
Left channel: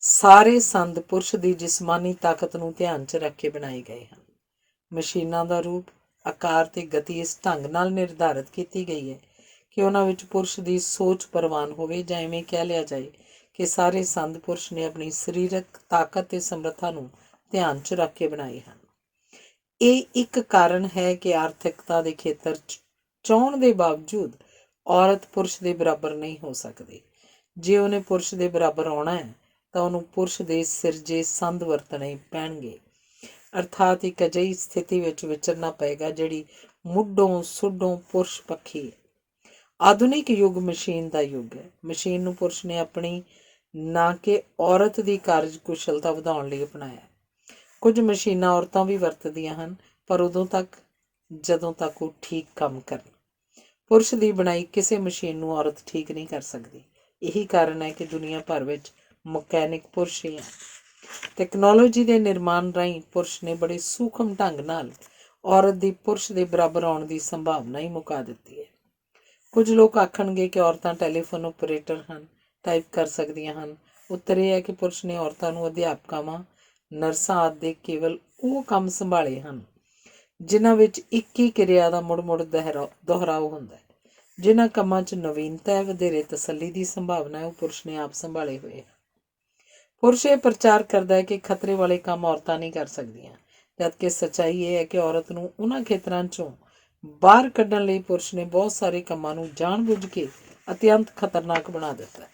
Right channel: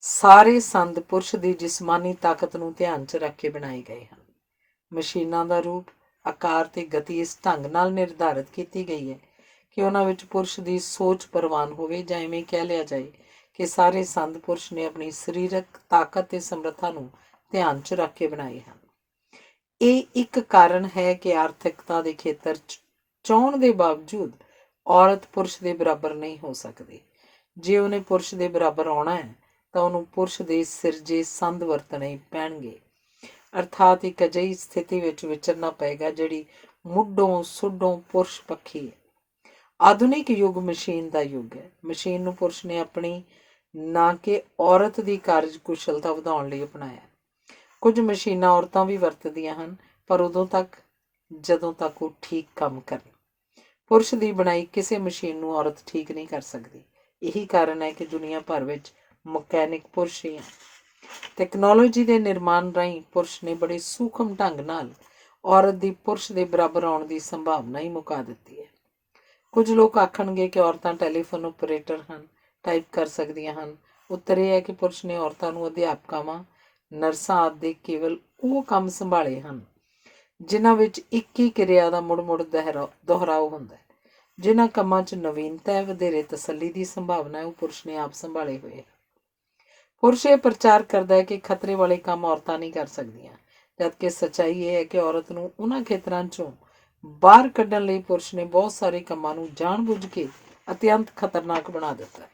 ਸਾਰੇ ਸੰਦ ਪੁਰਸ਼ ਦੀ ਜਿਸਮਾਨੀ ਤਾਕਤ ਨੂੰ ਧਿਆਨ 'ਚ ਰੱਖ ਕੇ ਬਣਾਏ ਗਏ ਹਨ। ਮਸ਼ੀਨਾਂ ਦਾ ਰੂਪ, ਆਕਾਰ ਤੇ ਗਤੀ ਇਸ ਢੰਗ ਨਾਲ ਨਿਰਧਾਰਿਤ ਕੀਤੀ ਗਈ ਹੈ ਕਿ ਉਹਨਾਂ ਵਿੱਚ ਪੁਰਸ਼ ਦੀ ਸੋਚ ਪ੍ਰਵਾਨ ਹੋਵੇ, ਜਾਂ ਇਵੇਂ ਕਹਿ ਲਿਆ ਜਾਏ ਕਿ ਸਾਰੇ ਸੰਦ ਪੁਰਸ਼ ਨੇ ਆਪਣੀ ਸਰੀਰਕ ਤਾਕਤ ਤੇ ਸਮਰੱਥਾ ਨੂੰ ਧਿਆਨ 'ਚ ਰੱਖ ਕੇ ਬਣਾਏ ਹਨ। ਇਹ ਇੱਕ ਕਾਰਨ ਹੈ ਕਿ ਆਰਥਿਕਤਾ ਦੇ ਖੇਤਰ 'ਚ ਚਾਹੁਣ ਦੇ ਬਾਵਜੂਦ ਔਰਤ ਪੁਰਸ਼ ਦੇ ਬਰਾਬਰ ਨਹੀਂ ਹੋ ਸਕਦੀ। ਜੇ ਉਹਨੇ ਪੁਰਸ਼ ਦੇ ਬਰਾਬਰ ਆਉਣਾ ਹੈ ਤਾਂ ਉਹਨੂੰ ਪੁਰਸ਼ ਦੇ ਸਿਰਜੇ ਸੰਦ ਵਰਤਣੇ ਪੈਣਗੇ, ਅਰਥਾਤ ਇੱਕ ਅਜਿਹੀ ਸਥਿਤੀ ਵਿੱਚ ਵਿਚਰਨਾ ਪਏਗਾ ਜਿਹੜੀ ਮੁੱਢੋਂ ਸੁੱਢੋਂ ਪੁਰਸ਼ ਪੱਖੀ ਹੈ। ਆਧੁਨਿਕ ਯੁੱਗ ਮਸ਼ੀਨ ਦਾ ਯੁੱਗ ਹੈ। ਮਸ਼ੀਨ ਨੂੰ ਪੁਰਸ਼ ਨੇ ਆਪਣੀ ਨਾ ਕਿ ਔਰਤ ਦੀ ਕਾਰਜ ਕੁਸ਼ਲਤਾ ਵਧਾਉਣ ਲਈ ਅਪਣਾਇਆ। ਕੁਝ ਮਸ਼ੀਨਾਂ ਔਰਤਾਂ ਵੀ ਵਰਤਦੀਆਂ ਹਨ, ਪਰ ਉਦੋਂ ਤੱਕ ਜਦੋਂ ਤੱਕ ਉਹ ਠੀਕ ਕੰਮ ਕਰਨ। ਪੁਰਸ਼ ਦੀ ਬਣਾਈ ਕਿਸੇ ਮਸ਼ੀਨ ਨੂੰ ਔਰਤ ਠੀਕ ਨਹੀਂ ਕਰ ਸਕਦੀ। ਇਹੀ ਕਾਰਨ ਹੈ ਕਿ ਦੁਨੀਆ ਭਰ ਵਿੱਚ ਮਕੈਨਿਕ ਪੁਰਸ਼ ਹੀ ਹੈ। ਟੈਕਨੋਲੋਜੀ ਦੇ ਨਿਰਮਾਣ ਰਾਹੀਂ ਪੁਰਸ਼ ਨੇ ਬੜੇ ਸੂਖਮ ਢੰਗ ਨਾਲ ਔਰਤ ਦੀ ਪੁਰਸ਼ ਦੇ ਬਰਾਬਰ ਆਉਣ ਦੀ ਸੰਭਾਵਨਾ ਹੀ ਮੁਕਾ ਦਿੱਤੀ ਹੈ। ਕੁਝ ਲੋਕ ਆਖਣਗੇ ਕਿ ਔਰਤਾਂ ਟੈਲੀਫੋਨ ਆਪਰੇਟਰ ਹਨ, ਟਾਈਪ ਕਰ ਸਕਦੀਆਂ ਹਨ। ਉੱਤਰ ਇਹ ਹੈ ਕਿ ਪੁਰਸ਼ ਨੇ ਔਰਤਾਂ ਨੂੰ ਅਧਿਆਪਕਾਵਾਂ, ਨਰਸਾਂ ਆਦਿ ਦੇ ਕੇਵਲ ਉਹ ਕੰਮ ਸੰਭਾਲੇ ਹਨ ਜਿਨ੍ਹਾਂ ਵਿੱਚ ਇੱਕ ਹੀ ਕਿਰਿਆ ਦਾ ਮੁੜ-ਮੁੜ ਦੁਹਰਾਓ ਹੁੰਦਾ ਹੈ। ਜਿਨ੍ਹਾਂ ਕੰਮਾਂ 'ਚ ਨਵੀਨਤਾ ਹੈ, ਵਧੇਰੇ ਤਸੱਲੀ ਦੀ ਸੰਭਾਵਨਾ ਹੈ, ਉਹ ਪੁਰਸ਼ ਨੇ ਆਪ ਸੰਭਾਲੇ ਹੋਏ ਹਨ। ਪੁਰਸ਼ ਇਹ ਪ੍ਰਚਾਰ ਕਰਦਾ ਹੈ ਕਿ ਖਤਰੇ ਵਾਲੇ ਕੰਮ ਔਰਤਾਂ ਨਹੀਂ ਕਰ ਸਕਦੀਆਂ, ਜਦਕਿ ਸੱਚਾਈ ਇਹ ਹੈ ਕਿ ਔਰਤ ਨੂੰ ਉਹਨਾਂ ਖੇਤਰਾਂ 'ਚੋਂ ਬਾਹਰ ਕੱਢਣ ਲਈ ਪੁਰਸ਼ ਨੇ ਬਹੁਤ ਸਾਰੇ ਕੰਮਾਂ ਨੂੰ ਜਾਣ-ਬੁੱਝ ਕੇ ਅਤਿਅੰਤ ਖਤਰਨਾਕ ਬਣਾ ਦਿੱਤਾ ਹੈ।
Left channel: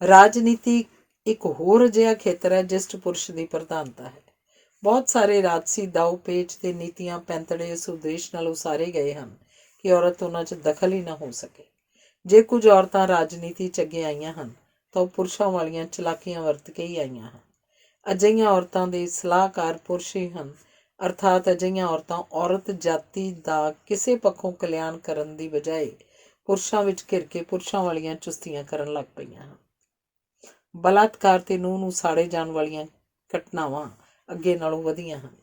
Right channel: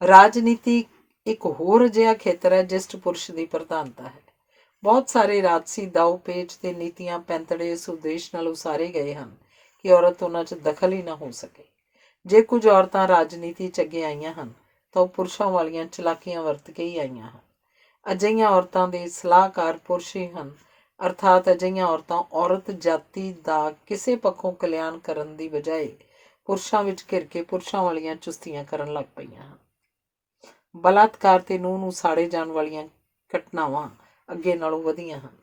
ਰਾਜਨੀਤੀ ਇੱਕ ਹੋਰ ਅਜਿਹਾ ਖੇਤਰ ਹੈ ਜਿਸ 'ਚ ਪੁਰਸ਼ ਦੀ ਪ੍ਰਧਾਨਤਾ ਹੈ। ਬਹੁਤ ਸਾਰੇ ਰਾਜਸੀ ਦਾਅ ਪੇਚ ਤੇ ਨੀਤੀਆਂ ਪੈਂਤੜੇ ਇਸ ਉਦੇਸ਼ ਨਾਲ ਉਸਾਰੇ ਗਏ ਹਨ ਕਿ ਔਰਤ ਉਹਨਾਂ 'ਚ ਦਖਲ ਹੀ ਨਾ ਹੋ ਸਕੇ। ਜੇ ਕੁਝ ਔਰਤਾਂ ਰਾਜਨੀਤੀ 'ਚ ਅੱਗੇ ਆਈਆਂ ਹਨ ਤਾਂ ਉਹ ਪੁਰਸ਼ਾਂ ਵਾਲੀਆਂ ਚਲਾਕੀਆਂ ਵਰਤ ਕੇ ਹੀ ਆਈਆਂ ਹਨ। ਅਜਿਹੀਆਂ ਔਰਤਾਂ ਦੇ ਸਲਾਹਕਾਰ ਪੁਰਸ਼ ਹੀ ਹਨ, ਅਰਥਾਤ ਅਜਿਹੀਆਂ ਔਰਤਾਂ ਔਰਤ ਜਾਤੀ ਦਾ ਕਿਸੇ ਪੱਖੋਂ ਕਲਿਆਣ ਕਰਨ ਦੀ ਬਜਾਏ ਪੁਰਸ਼ਾਂ ਵਿੱਚ ਘਿਰ ਕੇ ਪੁਰਸ਼ਾਂ ਵਾਲੀਆਂ ਚੁਸਤੀਆਂ ਕਰਨ ਲੱਗ ਪਈਆਂ ਹਨ। ਬਲਾਤਕਾਰ ਤੇ ਨੂੰਹ ਨੂੰ ਸਾੜੇ ਜਾਣ ਵਾਲੀਆਂ ਘਟਨਾਵਾਂ ਅੱਗੇ ਨਾਲੋਂ ਵਧੀਆਂ ਹਨ,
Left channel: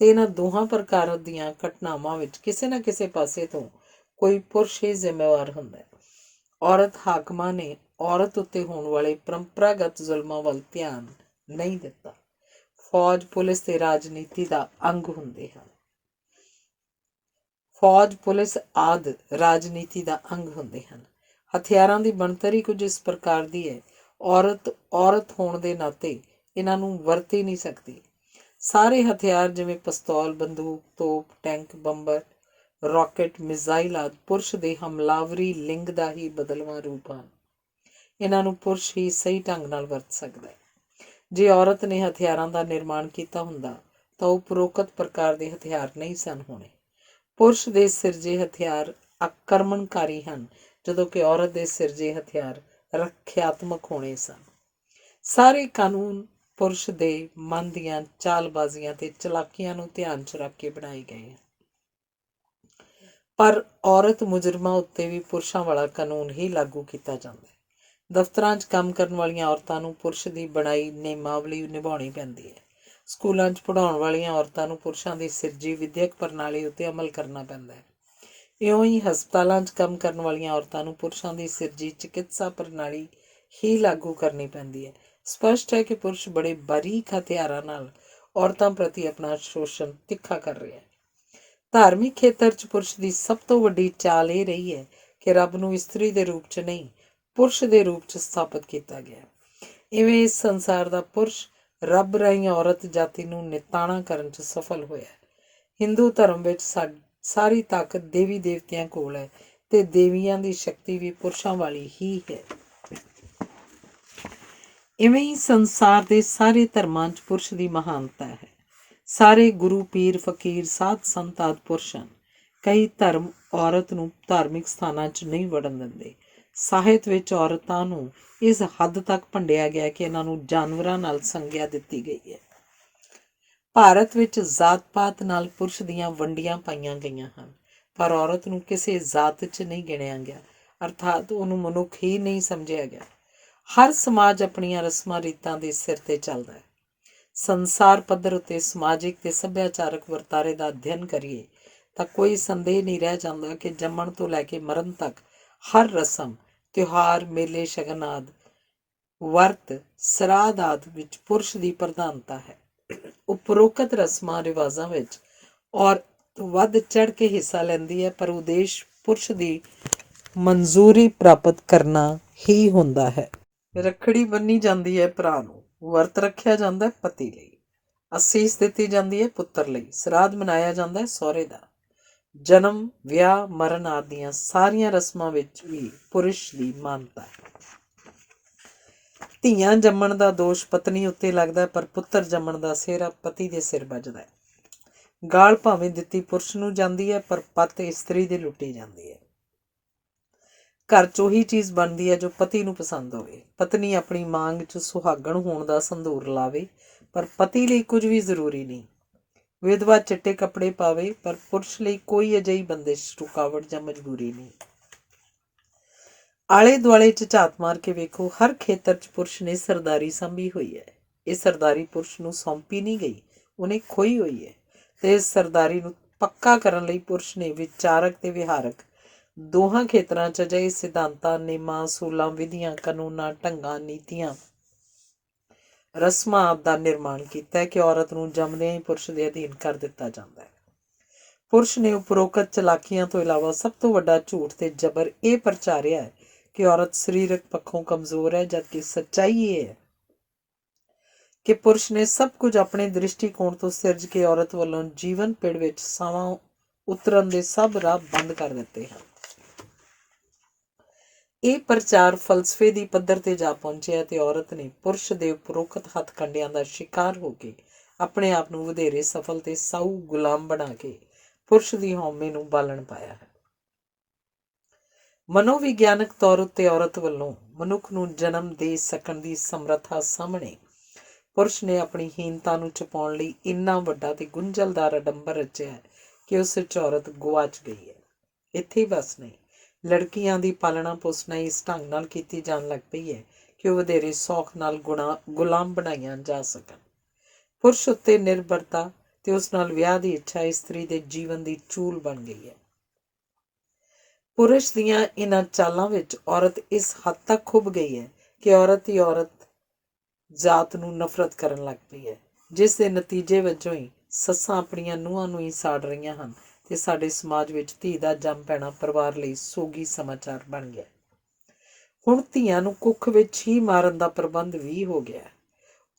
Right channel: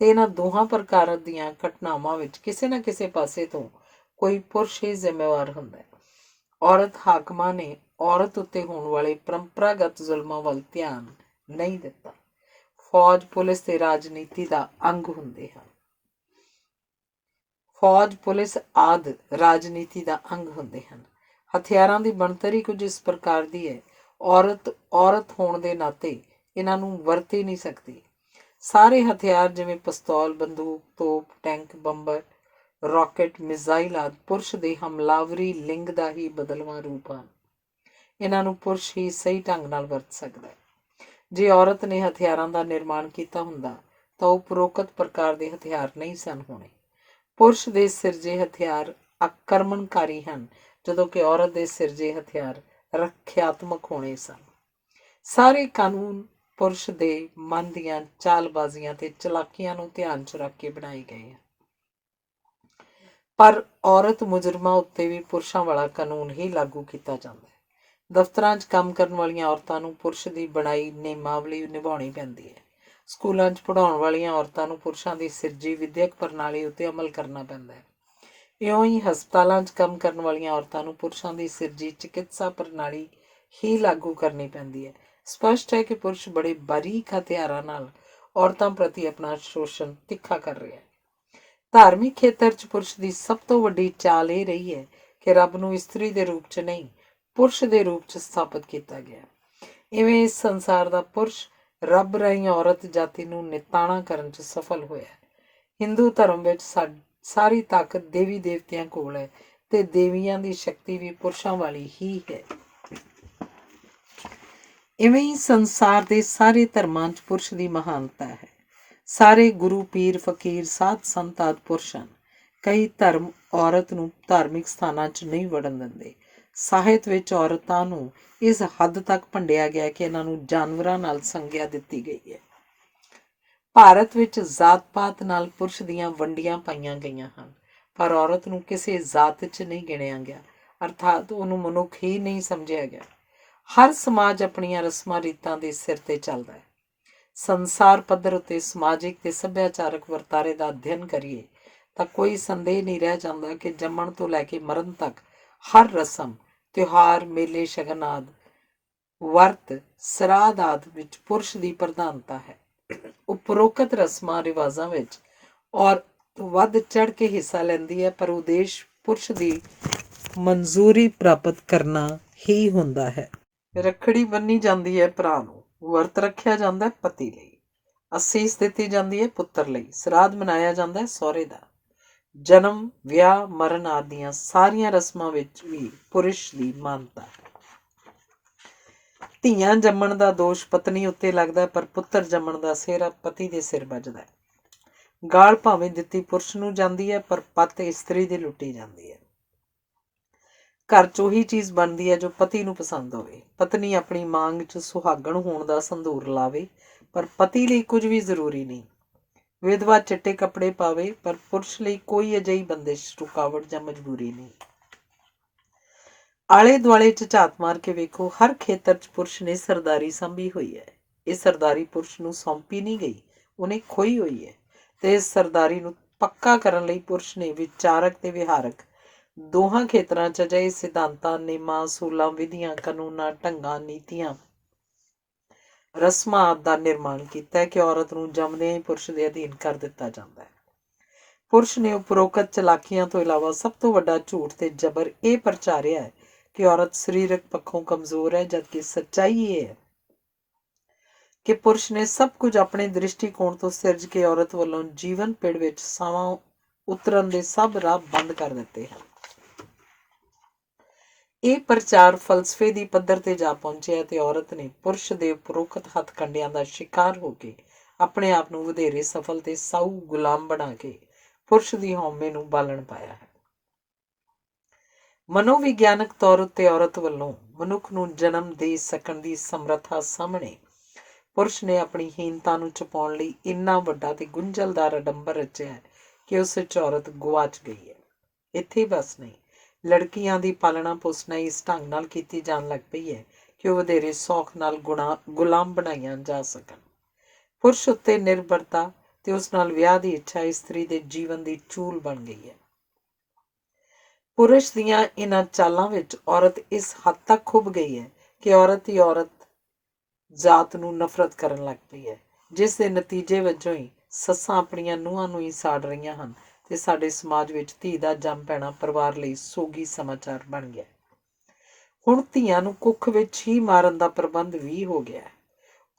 ਤੇ ਇਹਨਾਂ ਦੋਹਾਂ ਪ੍ਰਕਾਰ ਦੀਆਂ ਘਟਨਾਵਾਂ ਵਿੱਚ ਕਿਸੇ ਨਾ ਕਿਸੇ ਪਾਸੇ ਤੋਂ ਕੋਈ ਪੁਰਸ਼ ਹੀ ਜ਼ਿੰਮੇਵਾਰ ਹੁੰਦਾ ਹੈ। ਔਰਤ ਹਾਕਮਾਂ ਨੇ ਔਰਤ ਉੱਤੇ ਹੋਣ ਵਾਲੇ ਪਰੰਪਰਾਗਤ ਜ਼ੁਲਮਾਂ ਵੱਲ ਧਿਆਨ ਨਹੀਂ ਦਿੱਤਾ। ਫੌਜ, ਪੁਲਿਸ ਤੇ ਰਾਜਨੀਤੀ ਦਾ ਅੰਗ ਹੁੰਦੇ ਹਨ। ਫੌਜ, ਪੁਲਿਸ ਆਦਿ ਰਾਜਨੀਤੀ ਦਾ ਅੰਗ ਹੁੰਦੇ ਹਨ। ਹਥਿਆਰਾਂ ਦੀ ਬਣਤਰ ਹੀ ਕੁਝ ਇਸ ਪ੍ਰਕਾਰ ਦੀ ਹੈ, ਔਰਤ ਹੋਣ ਦੇ ਨਾਤੇ ਇਹਨਾਂ ਨੂੰ ਵਰਤ ਹੀ ਨਹੀਂ ਸਕਦੀ। ਸਾਰੇ ਹਥਿਆਰ ਜਿਵੇਂ ਪਿਸਤੌਲ, ਬੰਦੂਕ, ਤੋਪ, ਟੈਂਕ, ਬੰਬਰ, ਰਾਕਟ, ਮਿਜ਼ਾਈਲ ਆਦਿ ਪੁਰਸ਼ ਦੇ ਹਮਲਾਵਰੀ ਲਿੰਗ ਦਾ ਹੀ ਬਦਲਵਾਂ ਰੂਪ ਹਨ। ਇਹਨਾਂ ਨੂੰ ਪੁਰਸ਼ ਹੀ ਸਹੀ ਢੰਗ ਨਾਲ ਵਰਤ ਸਕਦਾ ਹੈ। ਜੇ ਔਰਤ ਨੇ ਹਥਿਆਰਾਂ ਦਾ ਨਿਰਮਾਣ ਕੀਤਾ ਹੁੰਦਾ ਤਾਂ ਉਹ ਉਪਰੋਕਤ ਪ੍ਰਕਾਰ ਦੇ ਹਥਿਆਰ ਨਹੀਂ ਸਨ ਹੋਣੇ। ਪੁਰਸ਼ ਦੇ ਸਿਰਜੇ ਹਥਿਆਰ ਆਕਰਮਣਕਾਰੀ ਹਨ, ਜਦੋਂ ਕਿ ਔਰਤ ਦੇ ਸਿਰਜੇ ਹਥਿਆਰ ਰੱਖਿਆਤਮਕ ਹੋਣੇ ਸਨ। ਸਾਰੇ ਕਾਨੂੰਨ ਪੁਰਸ਼ ਦੇ ਮਨ ਦੀਆਂ ਚਾਲਬਾਜ਼ੀਆਂ ਤੇ ਚਲਾਕੀਆਂ ਨੂੰ ਧਿਆਨ 'ਚ ਰੱਖ ਕੇ ਬਣਾਏ ਗਏ ਹਨ, ਪਰ ਔਰਤ ਮੁਜਰਮਾਂ ਉੱਤੇ ਵੀ ਪੁਰਸ਼ਾਂ ਵਾਲਾ ਕਾਨੂੰਨ ਹੀ ਲਾਗੂ ਕੀਤਾ ਜਾਂਦਾ ਹੈ। ਦਫ਼ਤਰਾਂ 'ਚ ਕੰਮ ਕਰਨ ਵਾਲੀਆਂ ਔਰਤਾਂ ਨੂੰ ਪੁਰਸ਼ ਦੀ ਬਣਾਈ ਨਿਯਮਾਵਲੀ ਨਿਭਾਉਣੀ ਪੈਂਦੀ ਹੈ। ਸਕੂਲਾਂ 'ਚ ਪੜ੍ਹਾਉਣ ਵਾਲੀਆਂ ਔਰਤਾਂ ਨੂੰ ਪੁਰਸ਼ਾਂ ਦੀ ਸਿਰਜੀ ਵਿਦਿਅਕ ਪ੍ਰਣਾਲੀ ਉੱਤੇ ਅਮਲ ਕਰਨਾ ਪੈਂਦਾ ਹੈ। ਇਉਂ ਹੀ ਹਸਪਤਾਲਾਂ 'ਚ ਕੰਮ ਕਰਨ ਵਾਲੀਆਂ ਔਰਤਾਂ ਨੂੰ ਪੁਰਸ਼ਾਂ ਦੀ ਸਿਰਜੀ ਚਿਕਿਤਸਾ ਪ੍ਰਣਾਲੀ ਹੀ ਲਾਗੂ ਕਰਨੀ ਪੈਂਦੀ ਹੈ। ਸਪਸ਼ਟ ਹੈ ਕਿ ਪੁਰਸ਼ ਬੜੇ ਬਾਰੀਕ ਹਥਿਆਰਾਂ ਨਾਲ ਔਰਤਾਂ ਪ੍ਰਤੀ ਆਪਣਾ ਸ਼ੋਸ਼ਣ ਤਿੱਖਾ ਕਰ ਰਿਹਾ ਹੈ। ਧਾਰਮਿਕ ਖੇਤਰ 'ਚ ਪੁਰਸ਼ ਦੀ ਸਭ ਤੋਂ ਵੱਡੀ ਚਾਲ ਇਹ ਰਹੀ ਹੈ ਕਿ ਰੱਬ ਨੂੰ ਇਸਤਰੀ ਦੇ ਰੂਪ 'ਚ ਨਹੀਂ, ਪੁਰਸ਼ ਦੇ ਰੂਪ 'ਚ ਸਥਾਪਿਤ ਕੀਤਾ ਗਿਆ। ਇਵੇਂ ਇਸ ਸੰਸਾਰ ਦਾ ਪੁਰਸ਼ ਰੱਬ ਰਾਹੀਂ ਔਰਤ ਜਾਤੀ ਨੂੰ ਨਿਤਾਣਾ ਕਰਨ 'ਚ ਸਫਲ ਹੋਇਆ। ਹਿੰਦੂ ਧਰਮ ਵਿੱਚ ਸਾਰੀ ਤਾਕਤ ਦੇਵੀ ਦੇਵਤਿਆਂ ਕੋਲ ਹੈ ਤੇ ਦੇਵੀਆਂ ਦੀ ਸ਼ਕਤੀ ਵੀ ਪੁਰਸ਼ਾਂ ਵਾਲੀ ਹੀ ਹੈ। ਇਵੇਂ ਹੀ ਸੰਸਾਰ ਦੇ ਸਾਰੇ ਧਰਮਾਂ 'ਚ ਪੁਰਸ਼ ਦੀ ਮਹਾਨਤਾ ਹੈ। ਸਾਰੇ ਗੁਰੂ, ਪੀਰ, ਫਕੀਰ, ਸਾਧ ਸੰਤ ਆਦਿ ਪੁਰਸ਼ ਹਨ। ਕਈ ਧਰਮ ਔਰਤ ਨੂੰ ਧਾਰਮਿਕ ਸਥਾਨਾਂ 'ਚ ਨਹੀਂ ਵੜਨ ਦਿੰਦੇ। ਸਾਹਿਤ ਵਿੱਚ ਔਰਤਾਂ ਨੂੰ ਇਸ ਹੱਦ ਤੱਕ ਭੰਡਿਆ ਗਿਆ ਕਿ ਇਹਨਾਂ ਨੂੰ ਜਾਨਵਰਾਂ ਨਾਲ ਸੰਗਿਆ ਦਿੱਤੀ ਗਈ ਹੈ। ਭਾਰਤ ਵਿੱਚ ਜ਼ਾਤ-ਪਾਤ ਨਾਲ ਪੁਰਸ਼ ਦੀਆਂ ਵੰਡੀਆਂ ਪਾਈਆਂ ਗਈਆਂ ਹਨ, ਪਰ ਔਰਤ ਨੂੰ ਕਿਸੇ ਜ਼ਾਤ 'ਚ ਨਹੀਂ ਗਿਣਿਆ ਗਿਆ, ਅਰਥਾਤ ਉਹਨੂੰ ਮਨੁੱਖ ਹੀ ਨਹੀਂ ਸਮਝਿਆ ਗਿਆ। ਹਰ ਸਮਾਜ ਆਪਣੀਆਂ ਰਸਮਾਂ ਰੀਤਾਂ ਦੇ ਸਿਰ 'ਤੇ ਚੱਲਦਾ ਹੈ। ਸੰਸਾਰ ਪੱਧਰ ਉੱਤੇ ਸਮਾਜਿਕ ਤੇ ਸੱਭਿਆਚਾਰਕ ਵਰਤਾਰੇ ਦਾ ਅਧਿਐਨ ਕਰੀਏ ਤਾਂ ਕੋਈ ਸੰਦੇਹ ਨਹੀਂ ਰਹਿ ਜਾਂਦਾ ਕਿ ਜੰਮਣ ਤੋਂ ਲੈ ਕੇ ਮਰਨ ਤੱਕ ਹਰ ਰਸਮ, ਤਿਉਹਾਰ, ਮੇਲੇ, ਸ਼ਗਨ ਆਦਿ, ਵਰਤ, ਸਰਾਧ ਆਦਿ ਵਿੱਚ ਪੁਰਸ਼ ਦੀ ਪ੍ਰਧਾਨਤਾ ਹੈ। ਉਪਰੋਕਤ ਰਸਮਾਂ ਰਿਵਾਜ਼ਾਂ ਵਿੱਚ ਔਰਤ ਵੱਧ ਚੜ੍ਹ ਕੇ ਹਿੱਸਾ ਲੈਂਦੀ ਹੈ, ਪਰ ਉਦੇਸ਼ ਪੁਰਸ਼ ਦੀ ਮਨਜ਼ੂਰੀ ਪ੍ਰਾਪਤ ਕਰਨਾ ਹੀ ਹੁੰਦਾ ਹੈ। ਰੱਖੜੀ ਬੰਨੀ ਜਾਂਦੀ ਹੈ ਭਰਾ ਨੂੰ, ਵਰਤ ਰੱਖਿਆ ਜਾਂਦਾ ਹੈ ਪਤੀ ਲਈ, ਅਸੀਸ ਦਿੱਤੀ ਜਾਂਦੀ ਹੈ ਪੁੱਤਰ ਲਈ, ਸਰਾਧ ਮਨਾਇਆ ਜਾਂਦਾ ਹੈ ਸਹੁਰੇ ਦਾ। ਜਨਮ, ਵਿਆਹ, ਮਰਨ ਆਦਿ ਦੀਆਂ ਸਾਰੀਆਂ ਰਸਮਾਂ ਵਿੱਚ ਵੀ ਪੁਰਸ਼ ਦੀ ਮਾਨਤਾ ਹੈ। ਧੀਆਂ ਜੰਮਣ ਦਾ ਦੋਸ਼ ਪਤਨੀ ਉੱਤੇ ਲੱਗਦਾ ਹੈ, ਪਰ ਪੁੱਤਰ ਜੰਮਣ ਦਾ ਸਿਹਰਾ ਪਤੀ ਦੇ ਸਿਰ ਵੱਜਦਾ ਹੈ। ਗਾਲ ਭਾਵੇਂ ਦਿੱਤੀ ਪੁਰਸ਼ ਨੂੰ ਜਾਂਦੀ ਹੈ, ਪਰ ਪੱਤ ਇਸਤਰੀ ਦੀ ਲੁੱਟੀ ਜਾਂਦੀ ਹੈ। ਘਰ 'ਚ ਉਹੀ ਚੀਜ਼ ਬਣਦੀ ਹੈ ਜੋ ਪਤੀ ਨੂੰ ਪਸੰਦ ਹੋਵੇ। ਪਤਨੀ ਆਪਣੀ ਮਾਂਗ 'ਚ ਸੁਹਾਗਣ ਹੋਣ ਦਾ ਸੰਧੂਰ ਲਾਵੇ, ਪਰ ਪਤੀ ਲਈ ਕੁਝ ਵੀ ਜ਼ਰੂਰੀ ਨਹੀਂ। ਵਿਧਵਾ ਚਿੱਟੇ ਕੱਪੜੇ ਪਾਵੇ, ਪਰ ਪੁਰਸ਼ ਲਈ ਕੋਈ ਅਜਿਹੀ ਬੰਦਿਸ਼, ਰੁਕਾਵਟ ਜਾਂ ਮਜਬੂਰੀ ਨਹੀਂ। ਆਲੇ ਦੁਆਲੇ 'ਚ ਝਾਤ ਮਾਰ ਕੇ ਵੇਖੋ, ਹਰ ਖੇਤਰ 'ਚ ਪੁਰਸ਼ ਨੇ ਸਰਦਾਰੀ ਸੰਭੀ ਹੋਈ ਹੈ। ਇਹ ਸਰਦਾਰੀ ਪੁਰਸ਼ ਨੂੰ ਸੌਂਪੀ ਨਹੀਂ ਗਈ, ਉਹਨੇ ਖੋਈ ਹੋਈ ਹੈ। ਤੇ ਇਸ ਸਰਦਾਰੀ ਨੂੰ ਪੱਕਾ ਕਰਨ ਲਈ ਪੁਰਸ਼ ਨੇ ਵਿਚਾਰਕ ਤੇ ਵਿਹਾਰਕ ਦੋਹਾਂ ਖੇਤਰਾਂ 'ਚ ਅਜਿਹੇ ਸਿਧਾਂਤਾਂ, ਨੇਮਾਂ, ਅਸੂਲਾਂ, ਵਿਧੀਆਂ, ਕਾਨੂੰਨਾਂ, ਢੰਗਾਂ, ਨੀਤੀਆਂ, ਰਸਮਾਂ ਆਦਿ ਦਾ ਨਿਰਮਾਣ ਕੀਤਾ ਹੈ ਕਿ ਔਰਤ ਨੂੰ ਜੰਮਦਿਆਂ ਹੀ ਪੁਰਸ਼ ਦੇ ਅਧੀਨ ਕਰ ਦਿੱਤਾ ਜਾਂਦਾ ਹੈ। ਪੁਰਸ਼ ਨੇ ਉਪਰੋਕਤ ਚਲਾਕੀਆਂ ਤੋਂ ਇਲਾਵਾ ਸਭ ਤੋਂ ਵੱਡਾ ਝੂਠ ਤੇ ਜ਼ਬਰ ਇਹ ਪ੍ਰਚਾਰਿਆ ਹੈ ਕਿ ਔਰਤ ਸਰੀਰਕ ਪੱਖੋਂ ਕਮਜ਼ੋਰ ਹੈ, ਜਦਕਿ ਸੱਚਾਈ ਇਹ ਹੈ ਕਿ ਪੁਰਸ਼ ਨੇ ਸਭ ਕੁਝ ਆਪਣੇ ਦ੍ਰਿਸ਼ਟੀਕੋਣ ਤੋਂ ਸਿਰਜ ਕੇ ਔਰਤ ਵੱਲੋਂ ਜੀਵਨ ਪਿੜ ਵਿੱਚ ਸਾਵਾਂ ਉਤਰਨ ਦੇ ਸਭ ਰਾਹ ਬੰਦ ਕਰ ਦਿੱਤੇ ਹਨ। ਇਹ ਪ੍ਰਚਾਰ ਫਲਸਫੇ ਦੀ ਪੱਧਰ ਤੇ ਜਾ ਪਹੁੰਚਿਆ ਤੇ ਔਰਤ ਨੇ ਪੁਰਸ਼ ਦੇ ਉਪਰੋਕਤ ਹੱਥ ਕੰਡਿਆਂ ਦਾ ਸ਼ਿਕਾਰ ਹੋ ਕੇ ਆਪਣੇ ਆਪ ਨੂੰ ਵਧੇਰੇ ਸਫਲ ਤੇ ਸਾਊ ਗੁਲਾਮ ਬਣਾ ਕੇ ਪੁਰਸ਼ ਦੀ ਹਉਮੈ ਨੂੰ ਬਾਲਣ ਪਾਇਆ ਹੈ। ਮਨੋਵਿਗਿਆਨਕ ਤੌਰ ਉੱਤੇ ਔਰਤ ਵੱਲੋਂ ਮਨੁੱਖ ਨੂੰ ਜਨਮ ਦੇ ਸਕਣ ਦੀ ਸਮਰੱਥਾ ਸਾਹਮਣੇ ਪੁਰਸ਼ ਨੇ ਆਪਣੀ ਹੀਨਤਾ ਨੂੰ ਛੁਪਾਉਣ ਲਈ ਇੰਨਾ ਵੱਡਾ ਤੇ ਗੁੰਝਲਦਾਰ ਅਡੰਬਰ ਰਚਿਆ ਹੈ ਕਿ ਉਸ ਵਿੱਚ ਔਰਤ ਗੁਆਚ ਗਈ ਹੈ। ਇੱਥੇ ਬਸ ਨਹੀਂ, ਲੜਕੀਆਂ ਦੀ ਪਾਲਣਾ ਪੋਸਣਾ ਇਸ ਢੰਗ ਨਾਲ ਕੀਤੀ ਜਾਣ ਲੱਗ ਪਈ ਹੈ ਕਿ ਉਹ ਵਧੇਰੇ ਸੌਖ ਨਾਲ ਗੁਲਾਮ ਬਣਾਈਆਂ ਜਾ ਸਕਣ। ਪੁਰਸ਼ ਉੱਤੇ ਨਿਰਭਰਤਾ ਤੇ ਉਸ ਨਾਲ ਵਿਆਹ ਦੀ ਇੱਛਾ ਇਸਤਰੀ ਦੇ ਜੀਵਨ ਦੀ ਚੂਲ ਬਣ ਗਈ ਹੈ। ਪੁਰਸ਼ ਦੀਆਂ ਇਹਨਾਂ ਚਾਲਾਂ ਵਿੱਚ ਔਰਤ ਇਸ ਹੱਦ ਤੱਕ ਖੁੱਭ ਗਈ ਹੈ ਕਿ ਔਰਤ ਹੀ ਔਰਤ ਜਾਤ ਨੂੰ ਨਫ਼ਰਤ ਕਰਨ ਲੱਗ ਪਈ ਹੈ, ਜਿਸ ਦੇ ਨਤੀਜੇ ਵਜੋਂ ਹੀ ਸੱਸਾਂ ਆਪਣੀਆਂ ਨੂੰਹਾਂ ਨੂੰ ਹੀ ਸਾੜ ਰਹੀਆਂ ਹਨ ਤੇ ਸਾਡੇ ਸਮਾਜ ਵਿੱਚ ਧੀ ਦਾ ਜੰਮ ਪੈਣਾ ਪਰਿਵਾਰ ਲਈ ਸੋਗੀ ਸਮਾਚਾਰ ਬਣ ਗਿਆ। ਹੁਣ ਧੀਆਂ ਨੂੰ ਕੁੱਖ ਵਿੱਚ ਹੀ ਮਾਰਨ ਦਾ ਪ੍ਰਬੰਧ ਵੀ ਹੋ ਗਿਆ।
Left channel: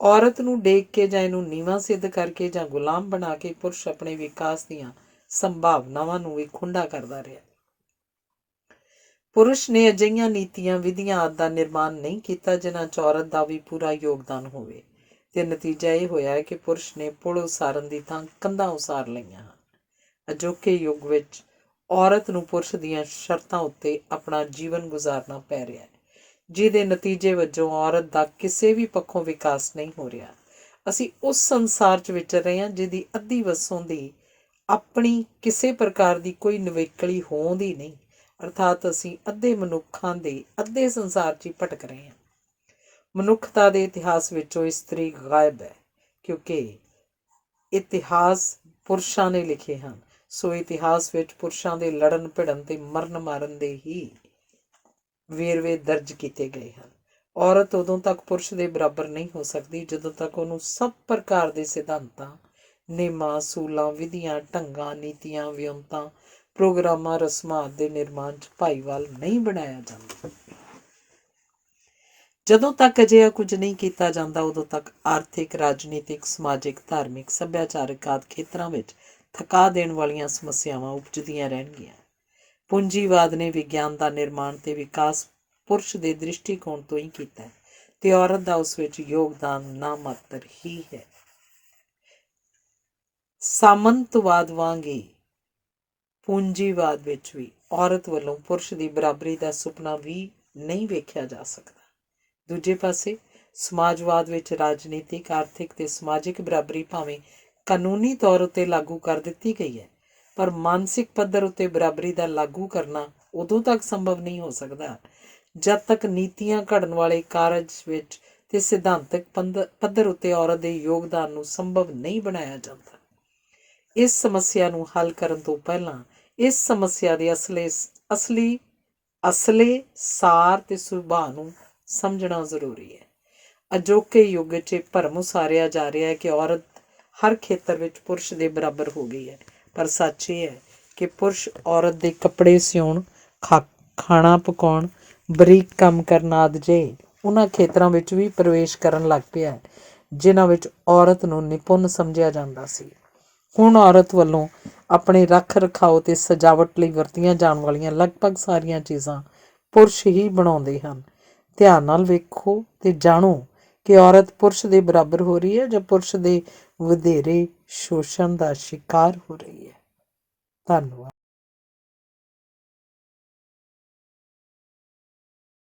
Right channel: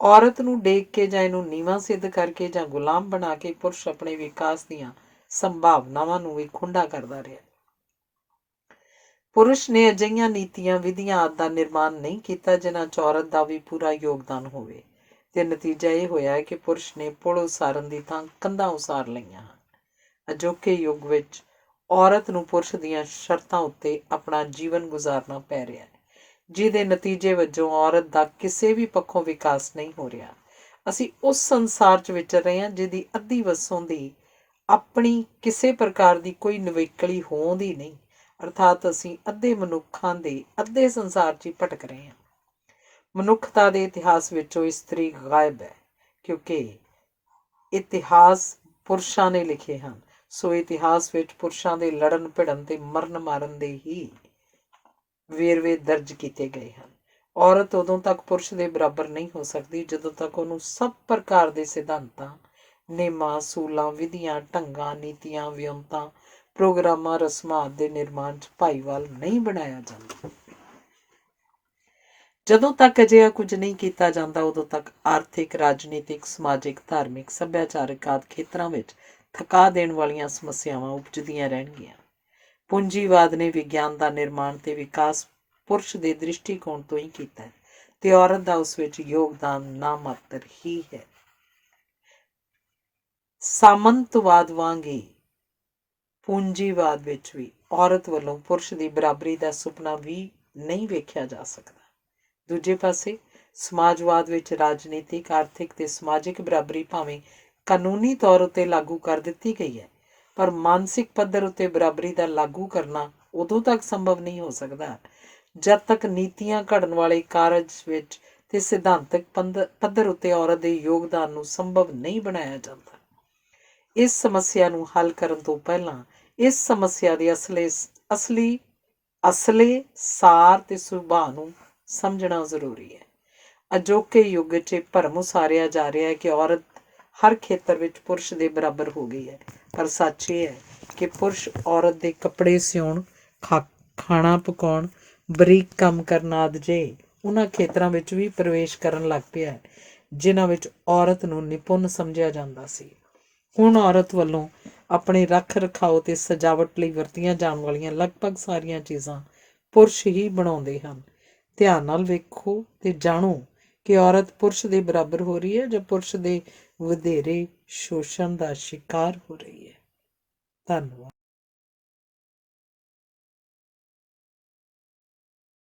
ਔਰਤ ਨੂੰ ਡੇਗ ਕੇ ਜਾਂ ਇਹਨੂੰ ਨੀਵਾਂ ਸਿੱਧ ਕਰਕੇ ਜਾਂ ਗੁਲਾਮ ਬਣਾ ਕੇ ਪੁਰਸ਼ ਆਪਣੇ ਵਿਕਾਸ ਦੀਆਂ ਸੰਭਾਵਨਾਵਾਂ ਨੂੰ ਵੀ ਖੁੰਡਾ ਕਰਦਾ ਰਿਹਾ। ਪੁਰਸ਼ ਨੇ ਅਜਿਹੀਆਂ ਨੀਤੀਆਂ, ਵਿਧੀਆਂ ਆਦਿ ਦਾ ਨਿਰਮਾਣ ਨਹੀਂ ਕੀਤਾ ਜਿਨ੍ਹਾਂ 'ਚ ਔਰਤ ਦਾ ਵੀ ਪੂਰਾ ਯੋਗਦਾਨ ਹੋਵੇ, ਤੇ ਨਤੀਜਾ ਇਹ ਹੋਇਆ ਹੈ ਕਿ ਪੁਰਸ਼ ਨੇ ਪੁਲ ਉਸਾਰਨ ਦੀ ਥਾਂ ਕੰਧਾਂ ਉਸਾਰ ਲਈਆਂ ਹਨ। ਅਜੋਕੇ ਯੁੱਗ ਵਿੱਚ ਔਰਤ ਨੂੰ ਪੁਰਸ਼ ਦੀਆਂ ਸ਼ਰਤਾਂ ਉੱਤੇ ਆਪਣਾ ਜੀਵਨ ਗੁਜ਼ਾਰਨਾ ਪੈ ਰਿਹਾ ਹੈ, ਜਿਹਦੇ ਨਤੀਜੇ ਵਜੋਂ ਔਰਤ ਦਾ ਕਿਸੇ ਵੀ ਪੱਖੋਂ ਵਿਕਾਸ ਨਹੀਂ ਹੋ ਰਿਹਾ। ਅਸੀਂ ਉਸ ਸੰਸਾਰ 'ਚ ਵਿਚਰ ਰਹੇ ਹਾਂ ਜਿਹਦੀ ਅੱਧੀ ਵਸੋਂ ਦੀ ਆਪਣੀ ਕਿਸੇ ਪ੍ਰਕਾਰ ਦੀ ਕੋਈ ਨਿਵੇਕਲੀ ਹੋਂਦ ਹੀ ਨਹੀਂ, ਅਰਥਾਤ ਅਸੀਂ ਅੱਧੇ ਮਨੁੱਖਾਂ ਦੇ ਅੱਧੇ ਸੰਸਾਰ 'ਚ ਹੀ ਭਟਕ ਰਹੇ ਹਾਂ। ਮਨੁੱਖਤਾ ਦੇ ਇਤਿਹਾਸ ਵਿੱਚੋਂ ਇਸਤਰੀ ਗਾਇਬ ਹੈ, ਕਿਉਂਕਿ ਇਤਿਹਾਸ ਪੁਰਸ਼ਾਂ ਨੇ ਲਿਖੇ ਹਨ, ਸੋ ਇਤਿਹਾਸ ਵਿੱਚ ਪੁਰਸ਼ਾਂ ਦੇ ਲੜਨ ਭਿੜਨ ਤੇ ਮਰਨ ਮਾਰਨ ਦੇ ਹੀ ਵੇਰਵੇ ਦਰਜ ਕੀਤੇ ਗਏ ਹਨ। ਔਰਤ ਉਦੋਂ ਤੱਕ ਪੁਰਸ਼ ਦੇ ਬਰਾਬਰ ਨਹੀਂ ਹੋ ਸਕਦੀ ਜਦੋਂ ਤੱਕ ਉਹਨੂੰ ਸਭ ਪ੍ਰਕਾਰ ਦੇ ਸਿਧਾਂਤਾਂ, ਨੇਮਾਂ, ਅਸੂਲਾਂ, ਵਿਧੀਆਂ, ਢੰਗਾਂ, ਨੀਤੀਆਂ, ਵਿਉਂਤਾਂ, ਪ੍ਰੋਗਰਾਮਾਂ, ਰਸਮਾਂ ਦੇ ਨਿਰਮਾਣ 'ਚ ਭਾਈਵਾਲ ਨਹੀਂ ਬਣਾਇਆ ਜਾਂਦਾ। ਜਦੋਂ ਤੱਕ ਅਜਿਹਾ ਕੁਝ ਨਹੀਂ ਕੀਤਾ ਜਾਂਦਾ, ਉਦੋਂ ਤੱਕ ਆਰਥਿਕ, ਰਾਜਨੀਤਿਕ, ਸਮਾਜਿਕ, ਧਾਰਮਿਕ, ਸੱਭਿਆਚਾਰਕ ਆਦਿ ਖੇਤਰਾਂ ਵਿੱਚ ਥਕਾ ਦੇਣ ਵਾਲੀਆਂ ਸਮੱਸਿਆਵਾਂ ਉਪਜਦੀਆਂ ਰਹਿਣਗੀਆਂ। ਪੂੰਜੀਵਾਦ ਨੇ ਵਿਗਿਆਨ ਦਾ ਨਿਰਮਾਣ ਤੇ ਵਿਕਾਸ ਪੁਰਸ਼ ਦੇ ਦ੍ਰਿਸ਼ਟੀਕੋਣ ਤੋਂ ਹੀ ਕੀਤਾ ਹੈ ਤੇ ਔਰਤ ਦਾ ਉਸ ਵਿੱਚ ਯੋਗਦਾਨ ਨਾ ਮਾਤਰ ਹੀ ਹੈ। ਸਾਮੰਤਵਾਦ ਵਾਂਗ ਹੀ ਪੂੰਜੀਵਾਦ ਵਿੱਚ ਵੀ ਔਰਤ ਵੱਲੋਂ ਪੁਰਸ਼ ਦੀ ਬਰਾਬਰੀ ਦਾ ਸੁਪਨਾ ਵੀ ਨਹੀਂ ਵੇਖਿਆ ਜਾ ਸਕਦਾ। ਦੂਜੇ ਪਾਸੇ ਸਮਾਜਵਾਦ ਵਿੱਚ ਰਾਜਨੀਤਿਕ, ਆਰਥਿਕ ਤੇ ਸਮਾਜਿਕ ਬਰਾਬਰੀ ਭਾਵੇਂ ਕਾਨੂੰਨੀ ਤੌਰ ਉੱਤੇ ਲਾਗੂ ਕਰ ਦਿੱਤੀ ਗਈ ਹੈ, ਪਰ ਮਾਨਸਿਕ ਪੱਧਰ ਉੱਤੇ ਬਰਾਬਰੀ ਦਾ ਲਾਗੂ ਕਰਨਾ ਉਦੋਂ ਤੱਕ ਸੰਭਵ ਨਹੀਂ ਹੋ ਸਕਦਾ ਜਦ ਤੱਕ ਨੀਤੀਆਂ ਘੜਨ ਵਾਲੇ ਕਾਰਜ ਵਿੱਚ ਤੇ ਸਿਧਾਂਤਕ ਪੱਧਰ ਉੱਤੇ ਔਰਤ ਦੇ ਯੋਗਦਾਨ ਨੂੰ ਸੰਭਵ ਨਹੀਂ ਬਣਾਇਆ ਜਾਂਦਾ। ਇਸ ਸਮੱਸਿਆ ਨੂੰ ਹੱਲ ਕਰਨ ਤੋਂ ਪਹਿਲਾਂ ਇਸ ਸਮੱਸਿਆ ਦੇ ਅਸਲੀ ਅਸਲੇ ਸਾਰ ਤੇ ਸੁਭਾਅ ਨੂੰ ਸਮਝਣਾ ਜ਼ਰੂਰੀ ਹੈ। ਅਜੋਕੇ ਯੁੱਗ 'ਚ ਇਹ ਭਰਮ ਉਸਾਰਿਆ ਜਾ ਰਿਹਾ ਹੈ ਕਿ ਔਰਤ ਹਰ ਖੇਤਰ ਵਿੱਚ ਪੁਰਸ਼ ਦੇ ਬਰਾਬਰ ਹੋ ਗਈ ਹੈ, ਪਰ ਸੱਚ ਇਹ ਹੈ ਕਿ ਪੁਰਸ਼ ਔਰਤ ਦੇ ਕੱਪੜੇ ਸਿਉਣ, ਖਾਣਾ ਪਕਾਉਣ, ਬਰੀਕ ਕੰਮ ਕਰਨ ਆਦਿ ਜਿਹੇ ਉਹਨਾਂ ਖੇਤਰਾਂ ਵਿੱਚ ਵੀ ਪ੍ਰਵੇਸ਼ ਕਰਨ ਲੱਗ ਪਿਆ ਹੈ ਜਿਨ੍ਹਾਂ ਵਿੱਚ ਔਰਤ ਨੂੰ ਨਿਪੁੰਨ ਸਮਝਿਆ ਜਾਂਦਾ ਸੀ। ਹੁਣ ਔਰਤ ਵੱਲੋਂ ਆਪਣੇ ਰੱਖ ਰਖਾਓ ਅਤੇ ਸਜਾਵਟ ਲਈ ਵਰਤੀਆਂ ਜਾਣ ਵਾਲੀਆਂ ਲਗਭਗ ਸਾਰੀਆਂ ਚੀਜ਼ਾਂ ਪੁਰਸ਼ ਹੀ ਬਣਾਉਂਦੇ ਹਨ। ਧਿਆਨ ਨਾਲ ਵੇਖੋ ਅਤੇ ਜਾਣੋ ਕਿ ਔਰਤ ਪੁਰਸ਼ ਦੇ ਬਰਾਬਰ ਹੋ ਰਹੀ ਹੈ ਜਾਂ ਪੁਰਸ਼ ਦੇ ਵਧੇਰੇ ਸ਼ੋਸ਼ਣ ਦਾ ਸ਼ਿਕਾਰ ਹੋ ਰਹੀ ਹੈ। ਧੰਨਵਾਦ।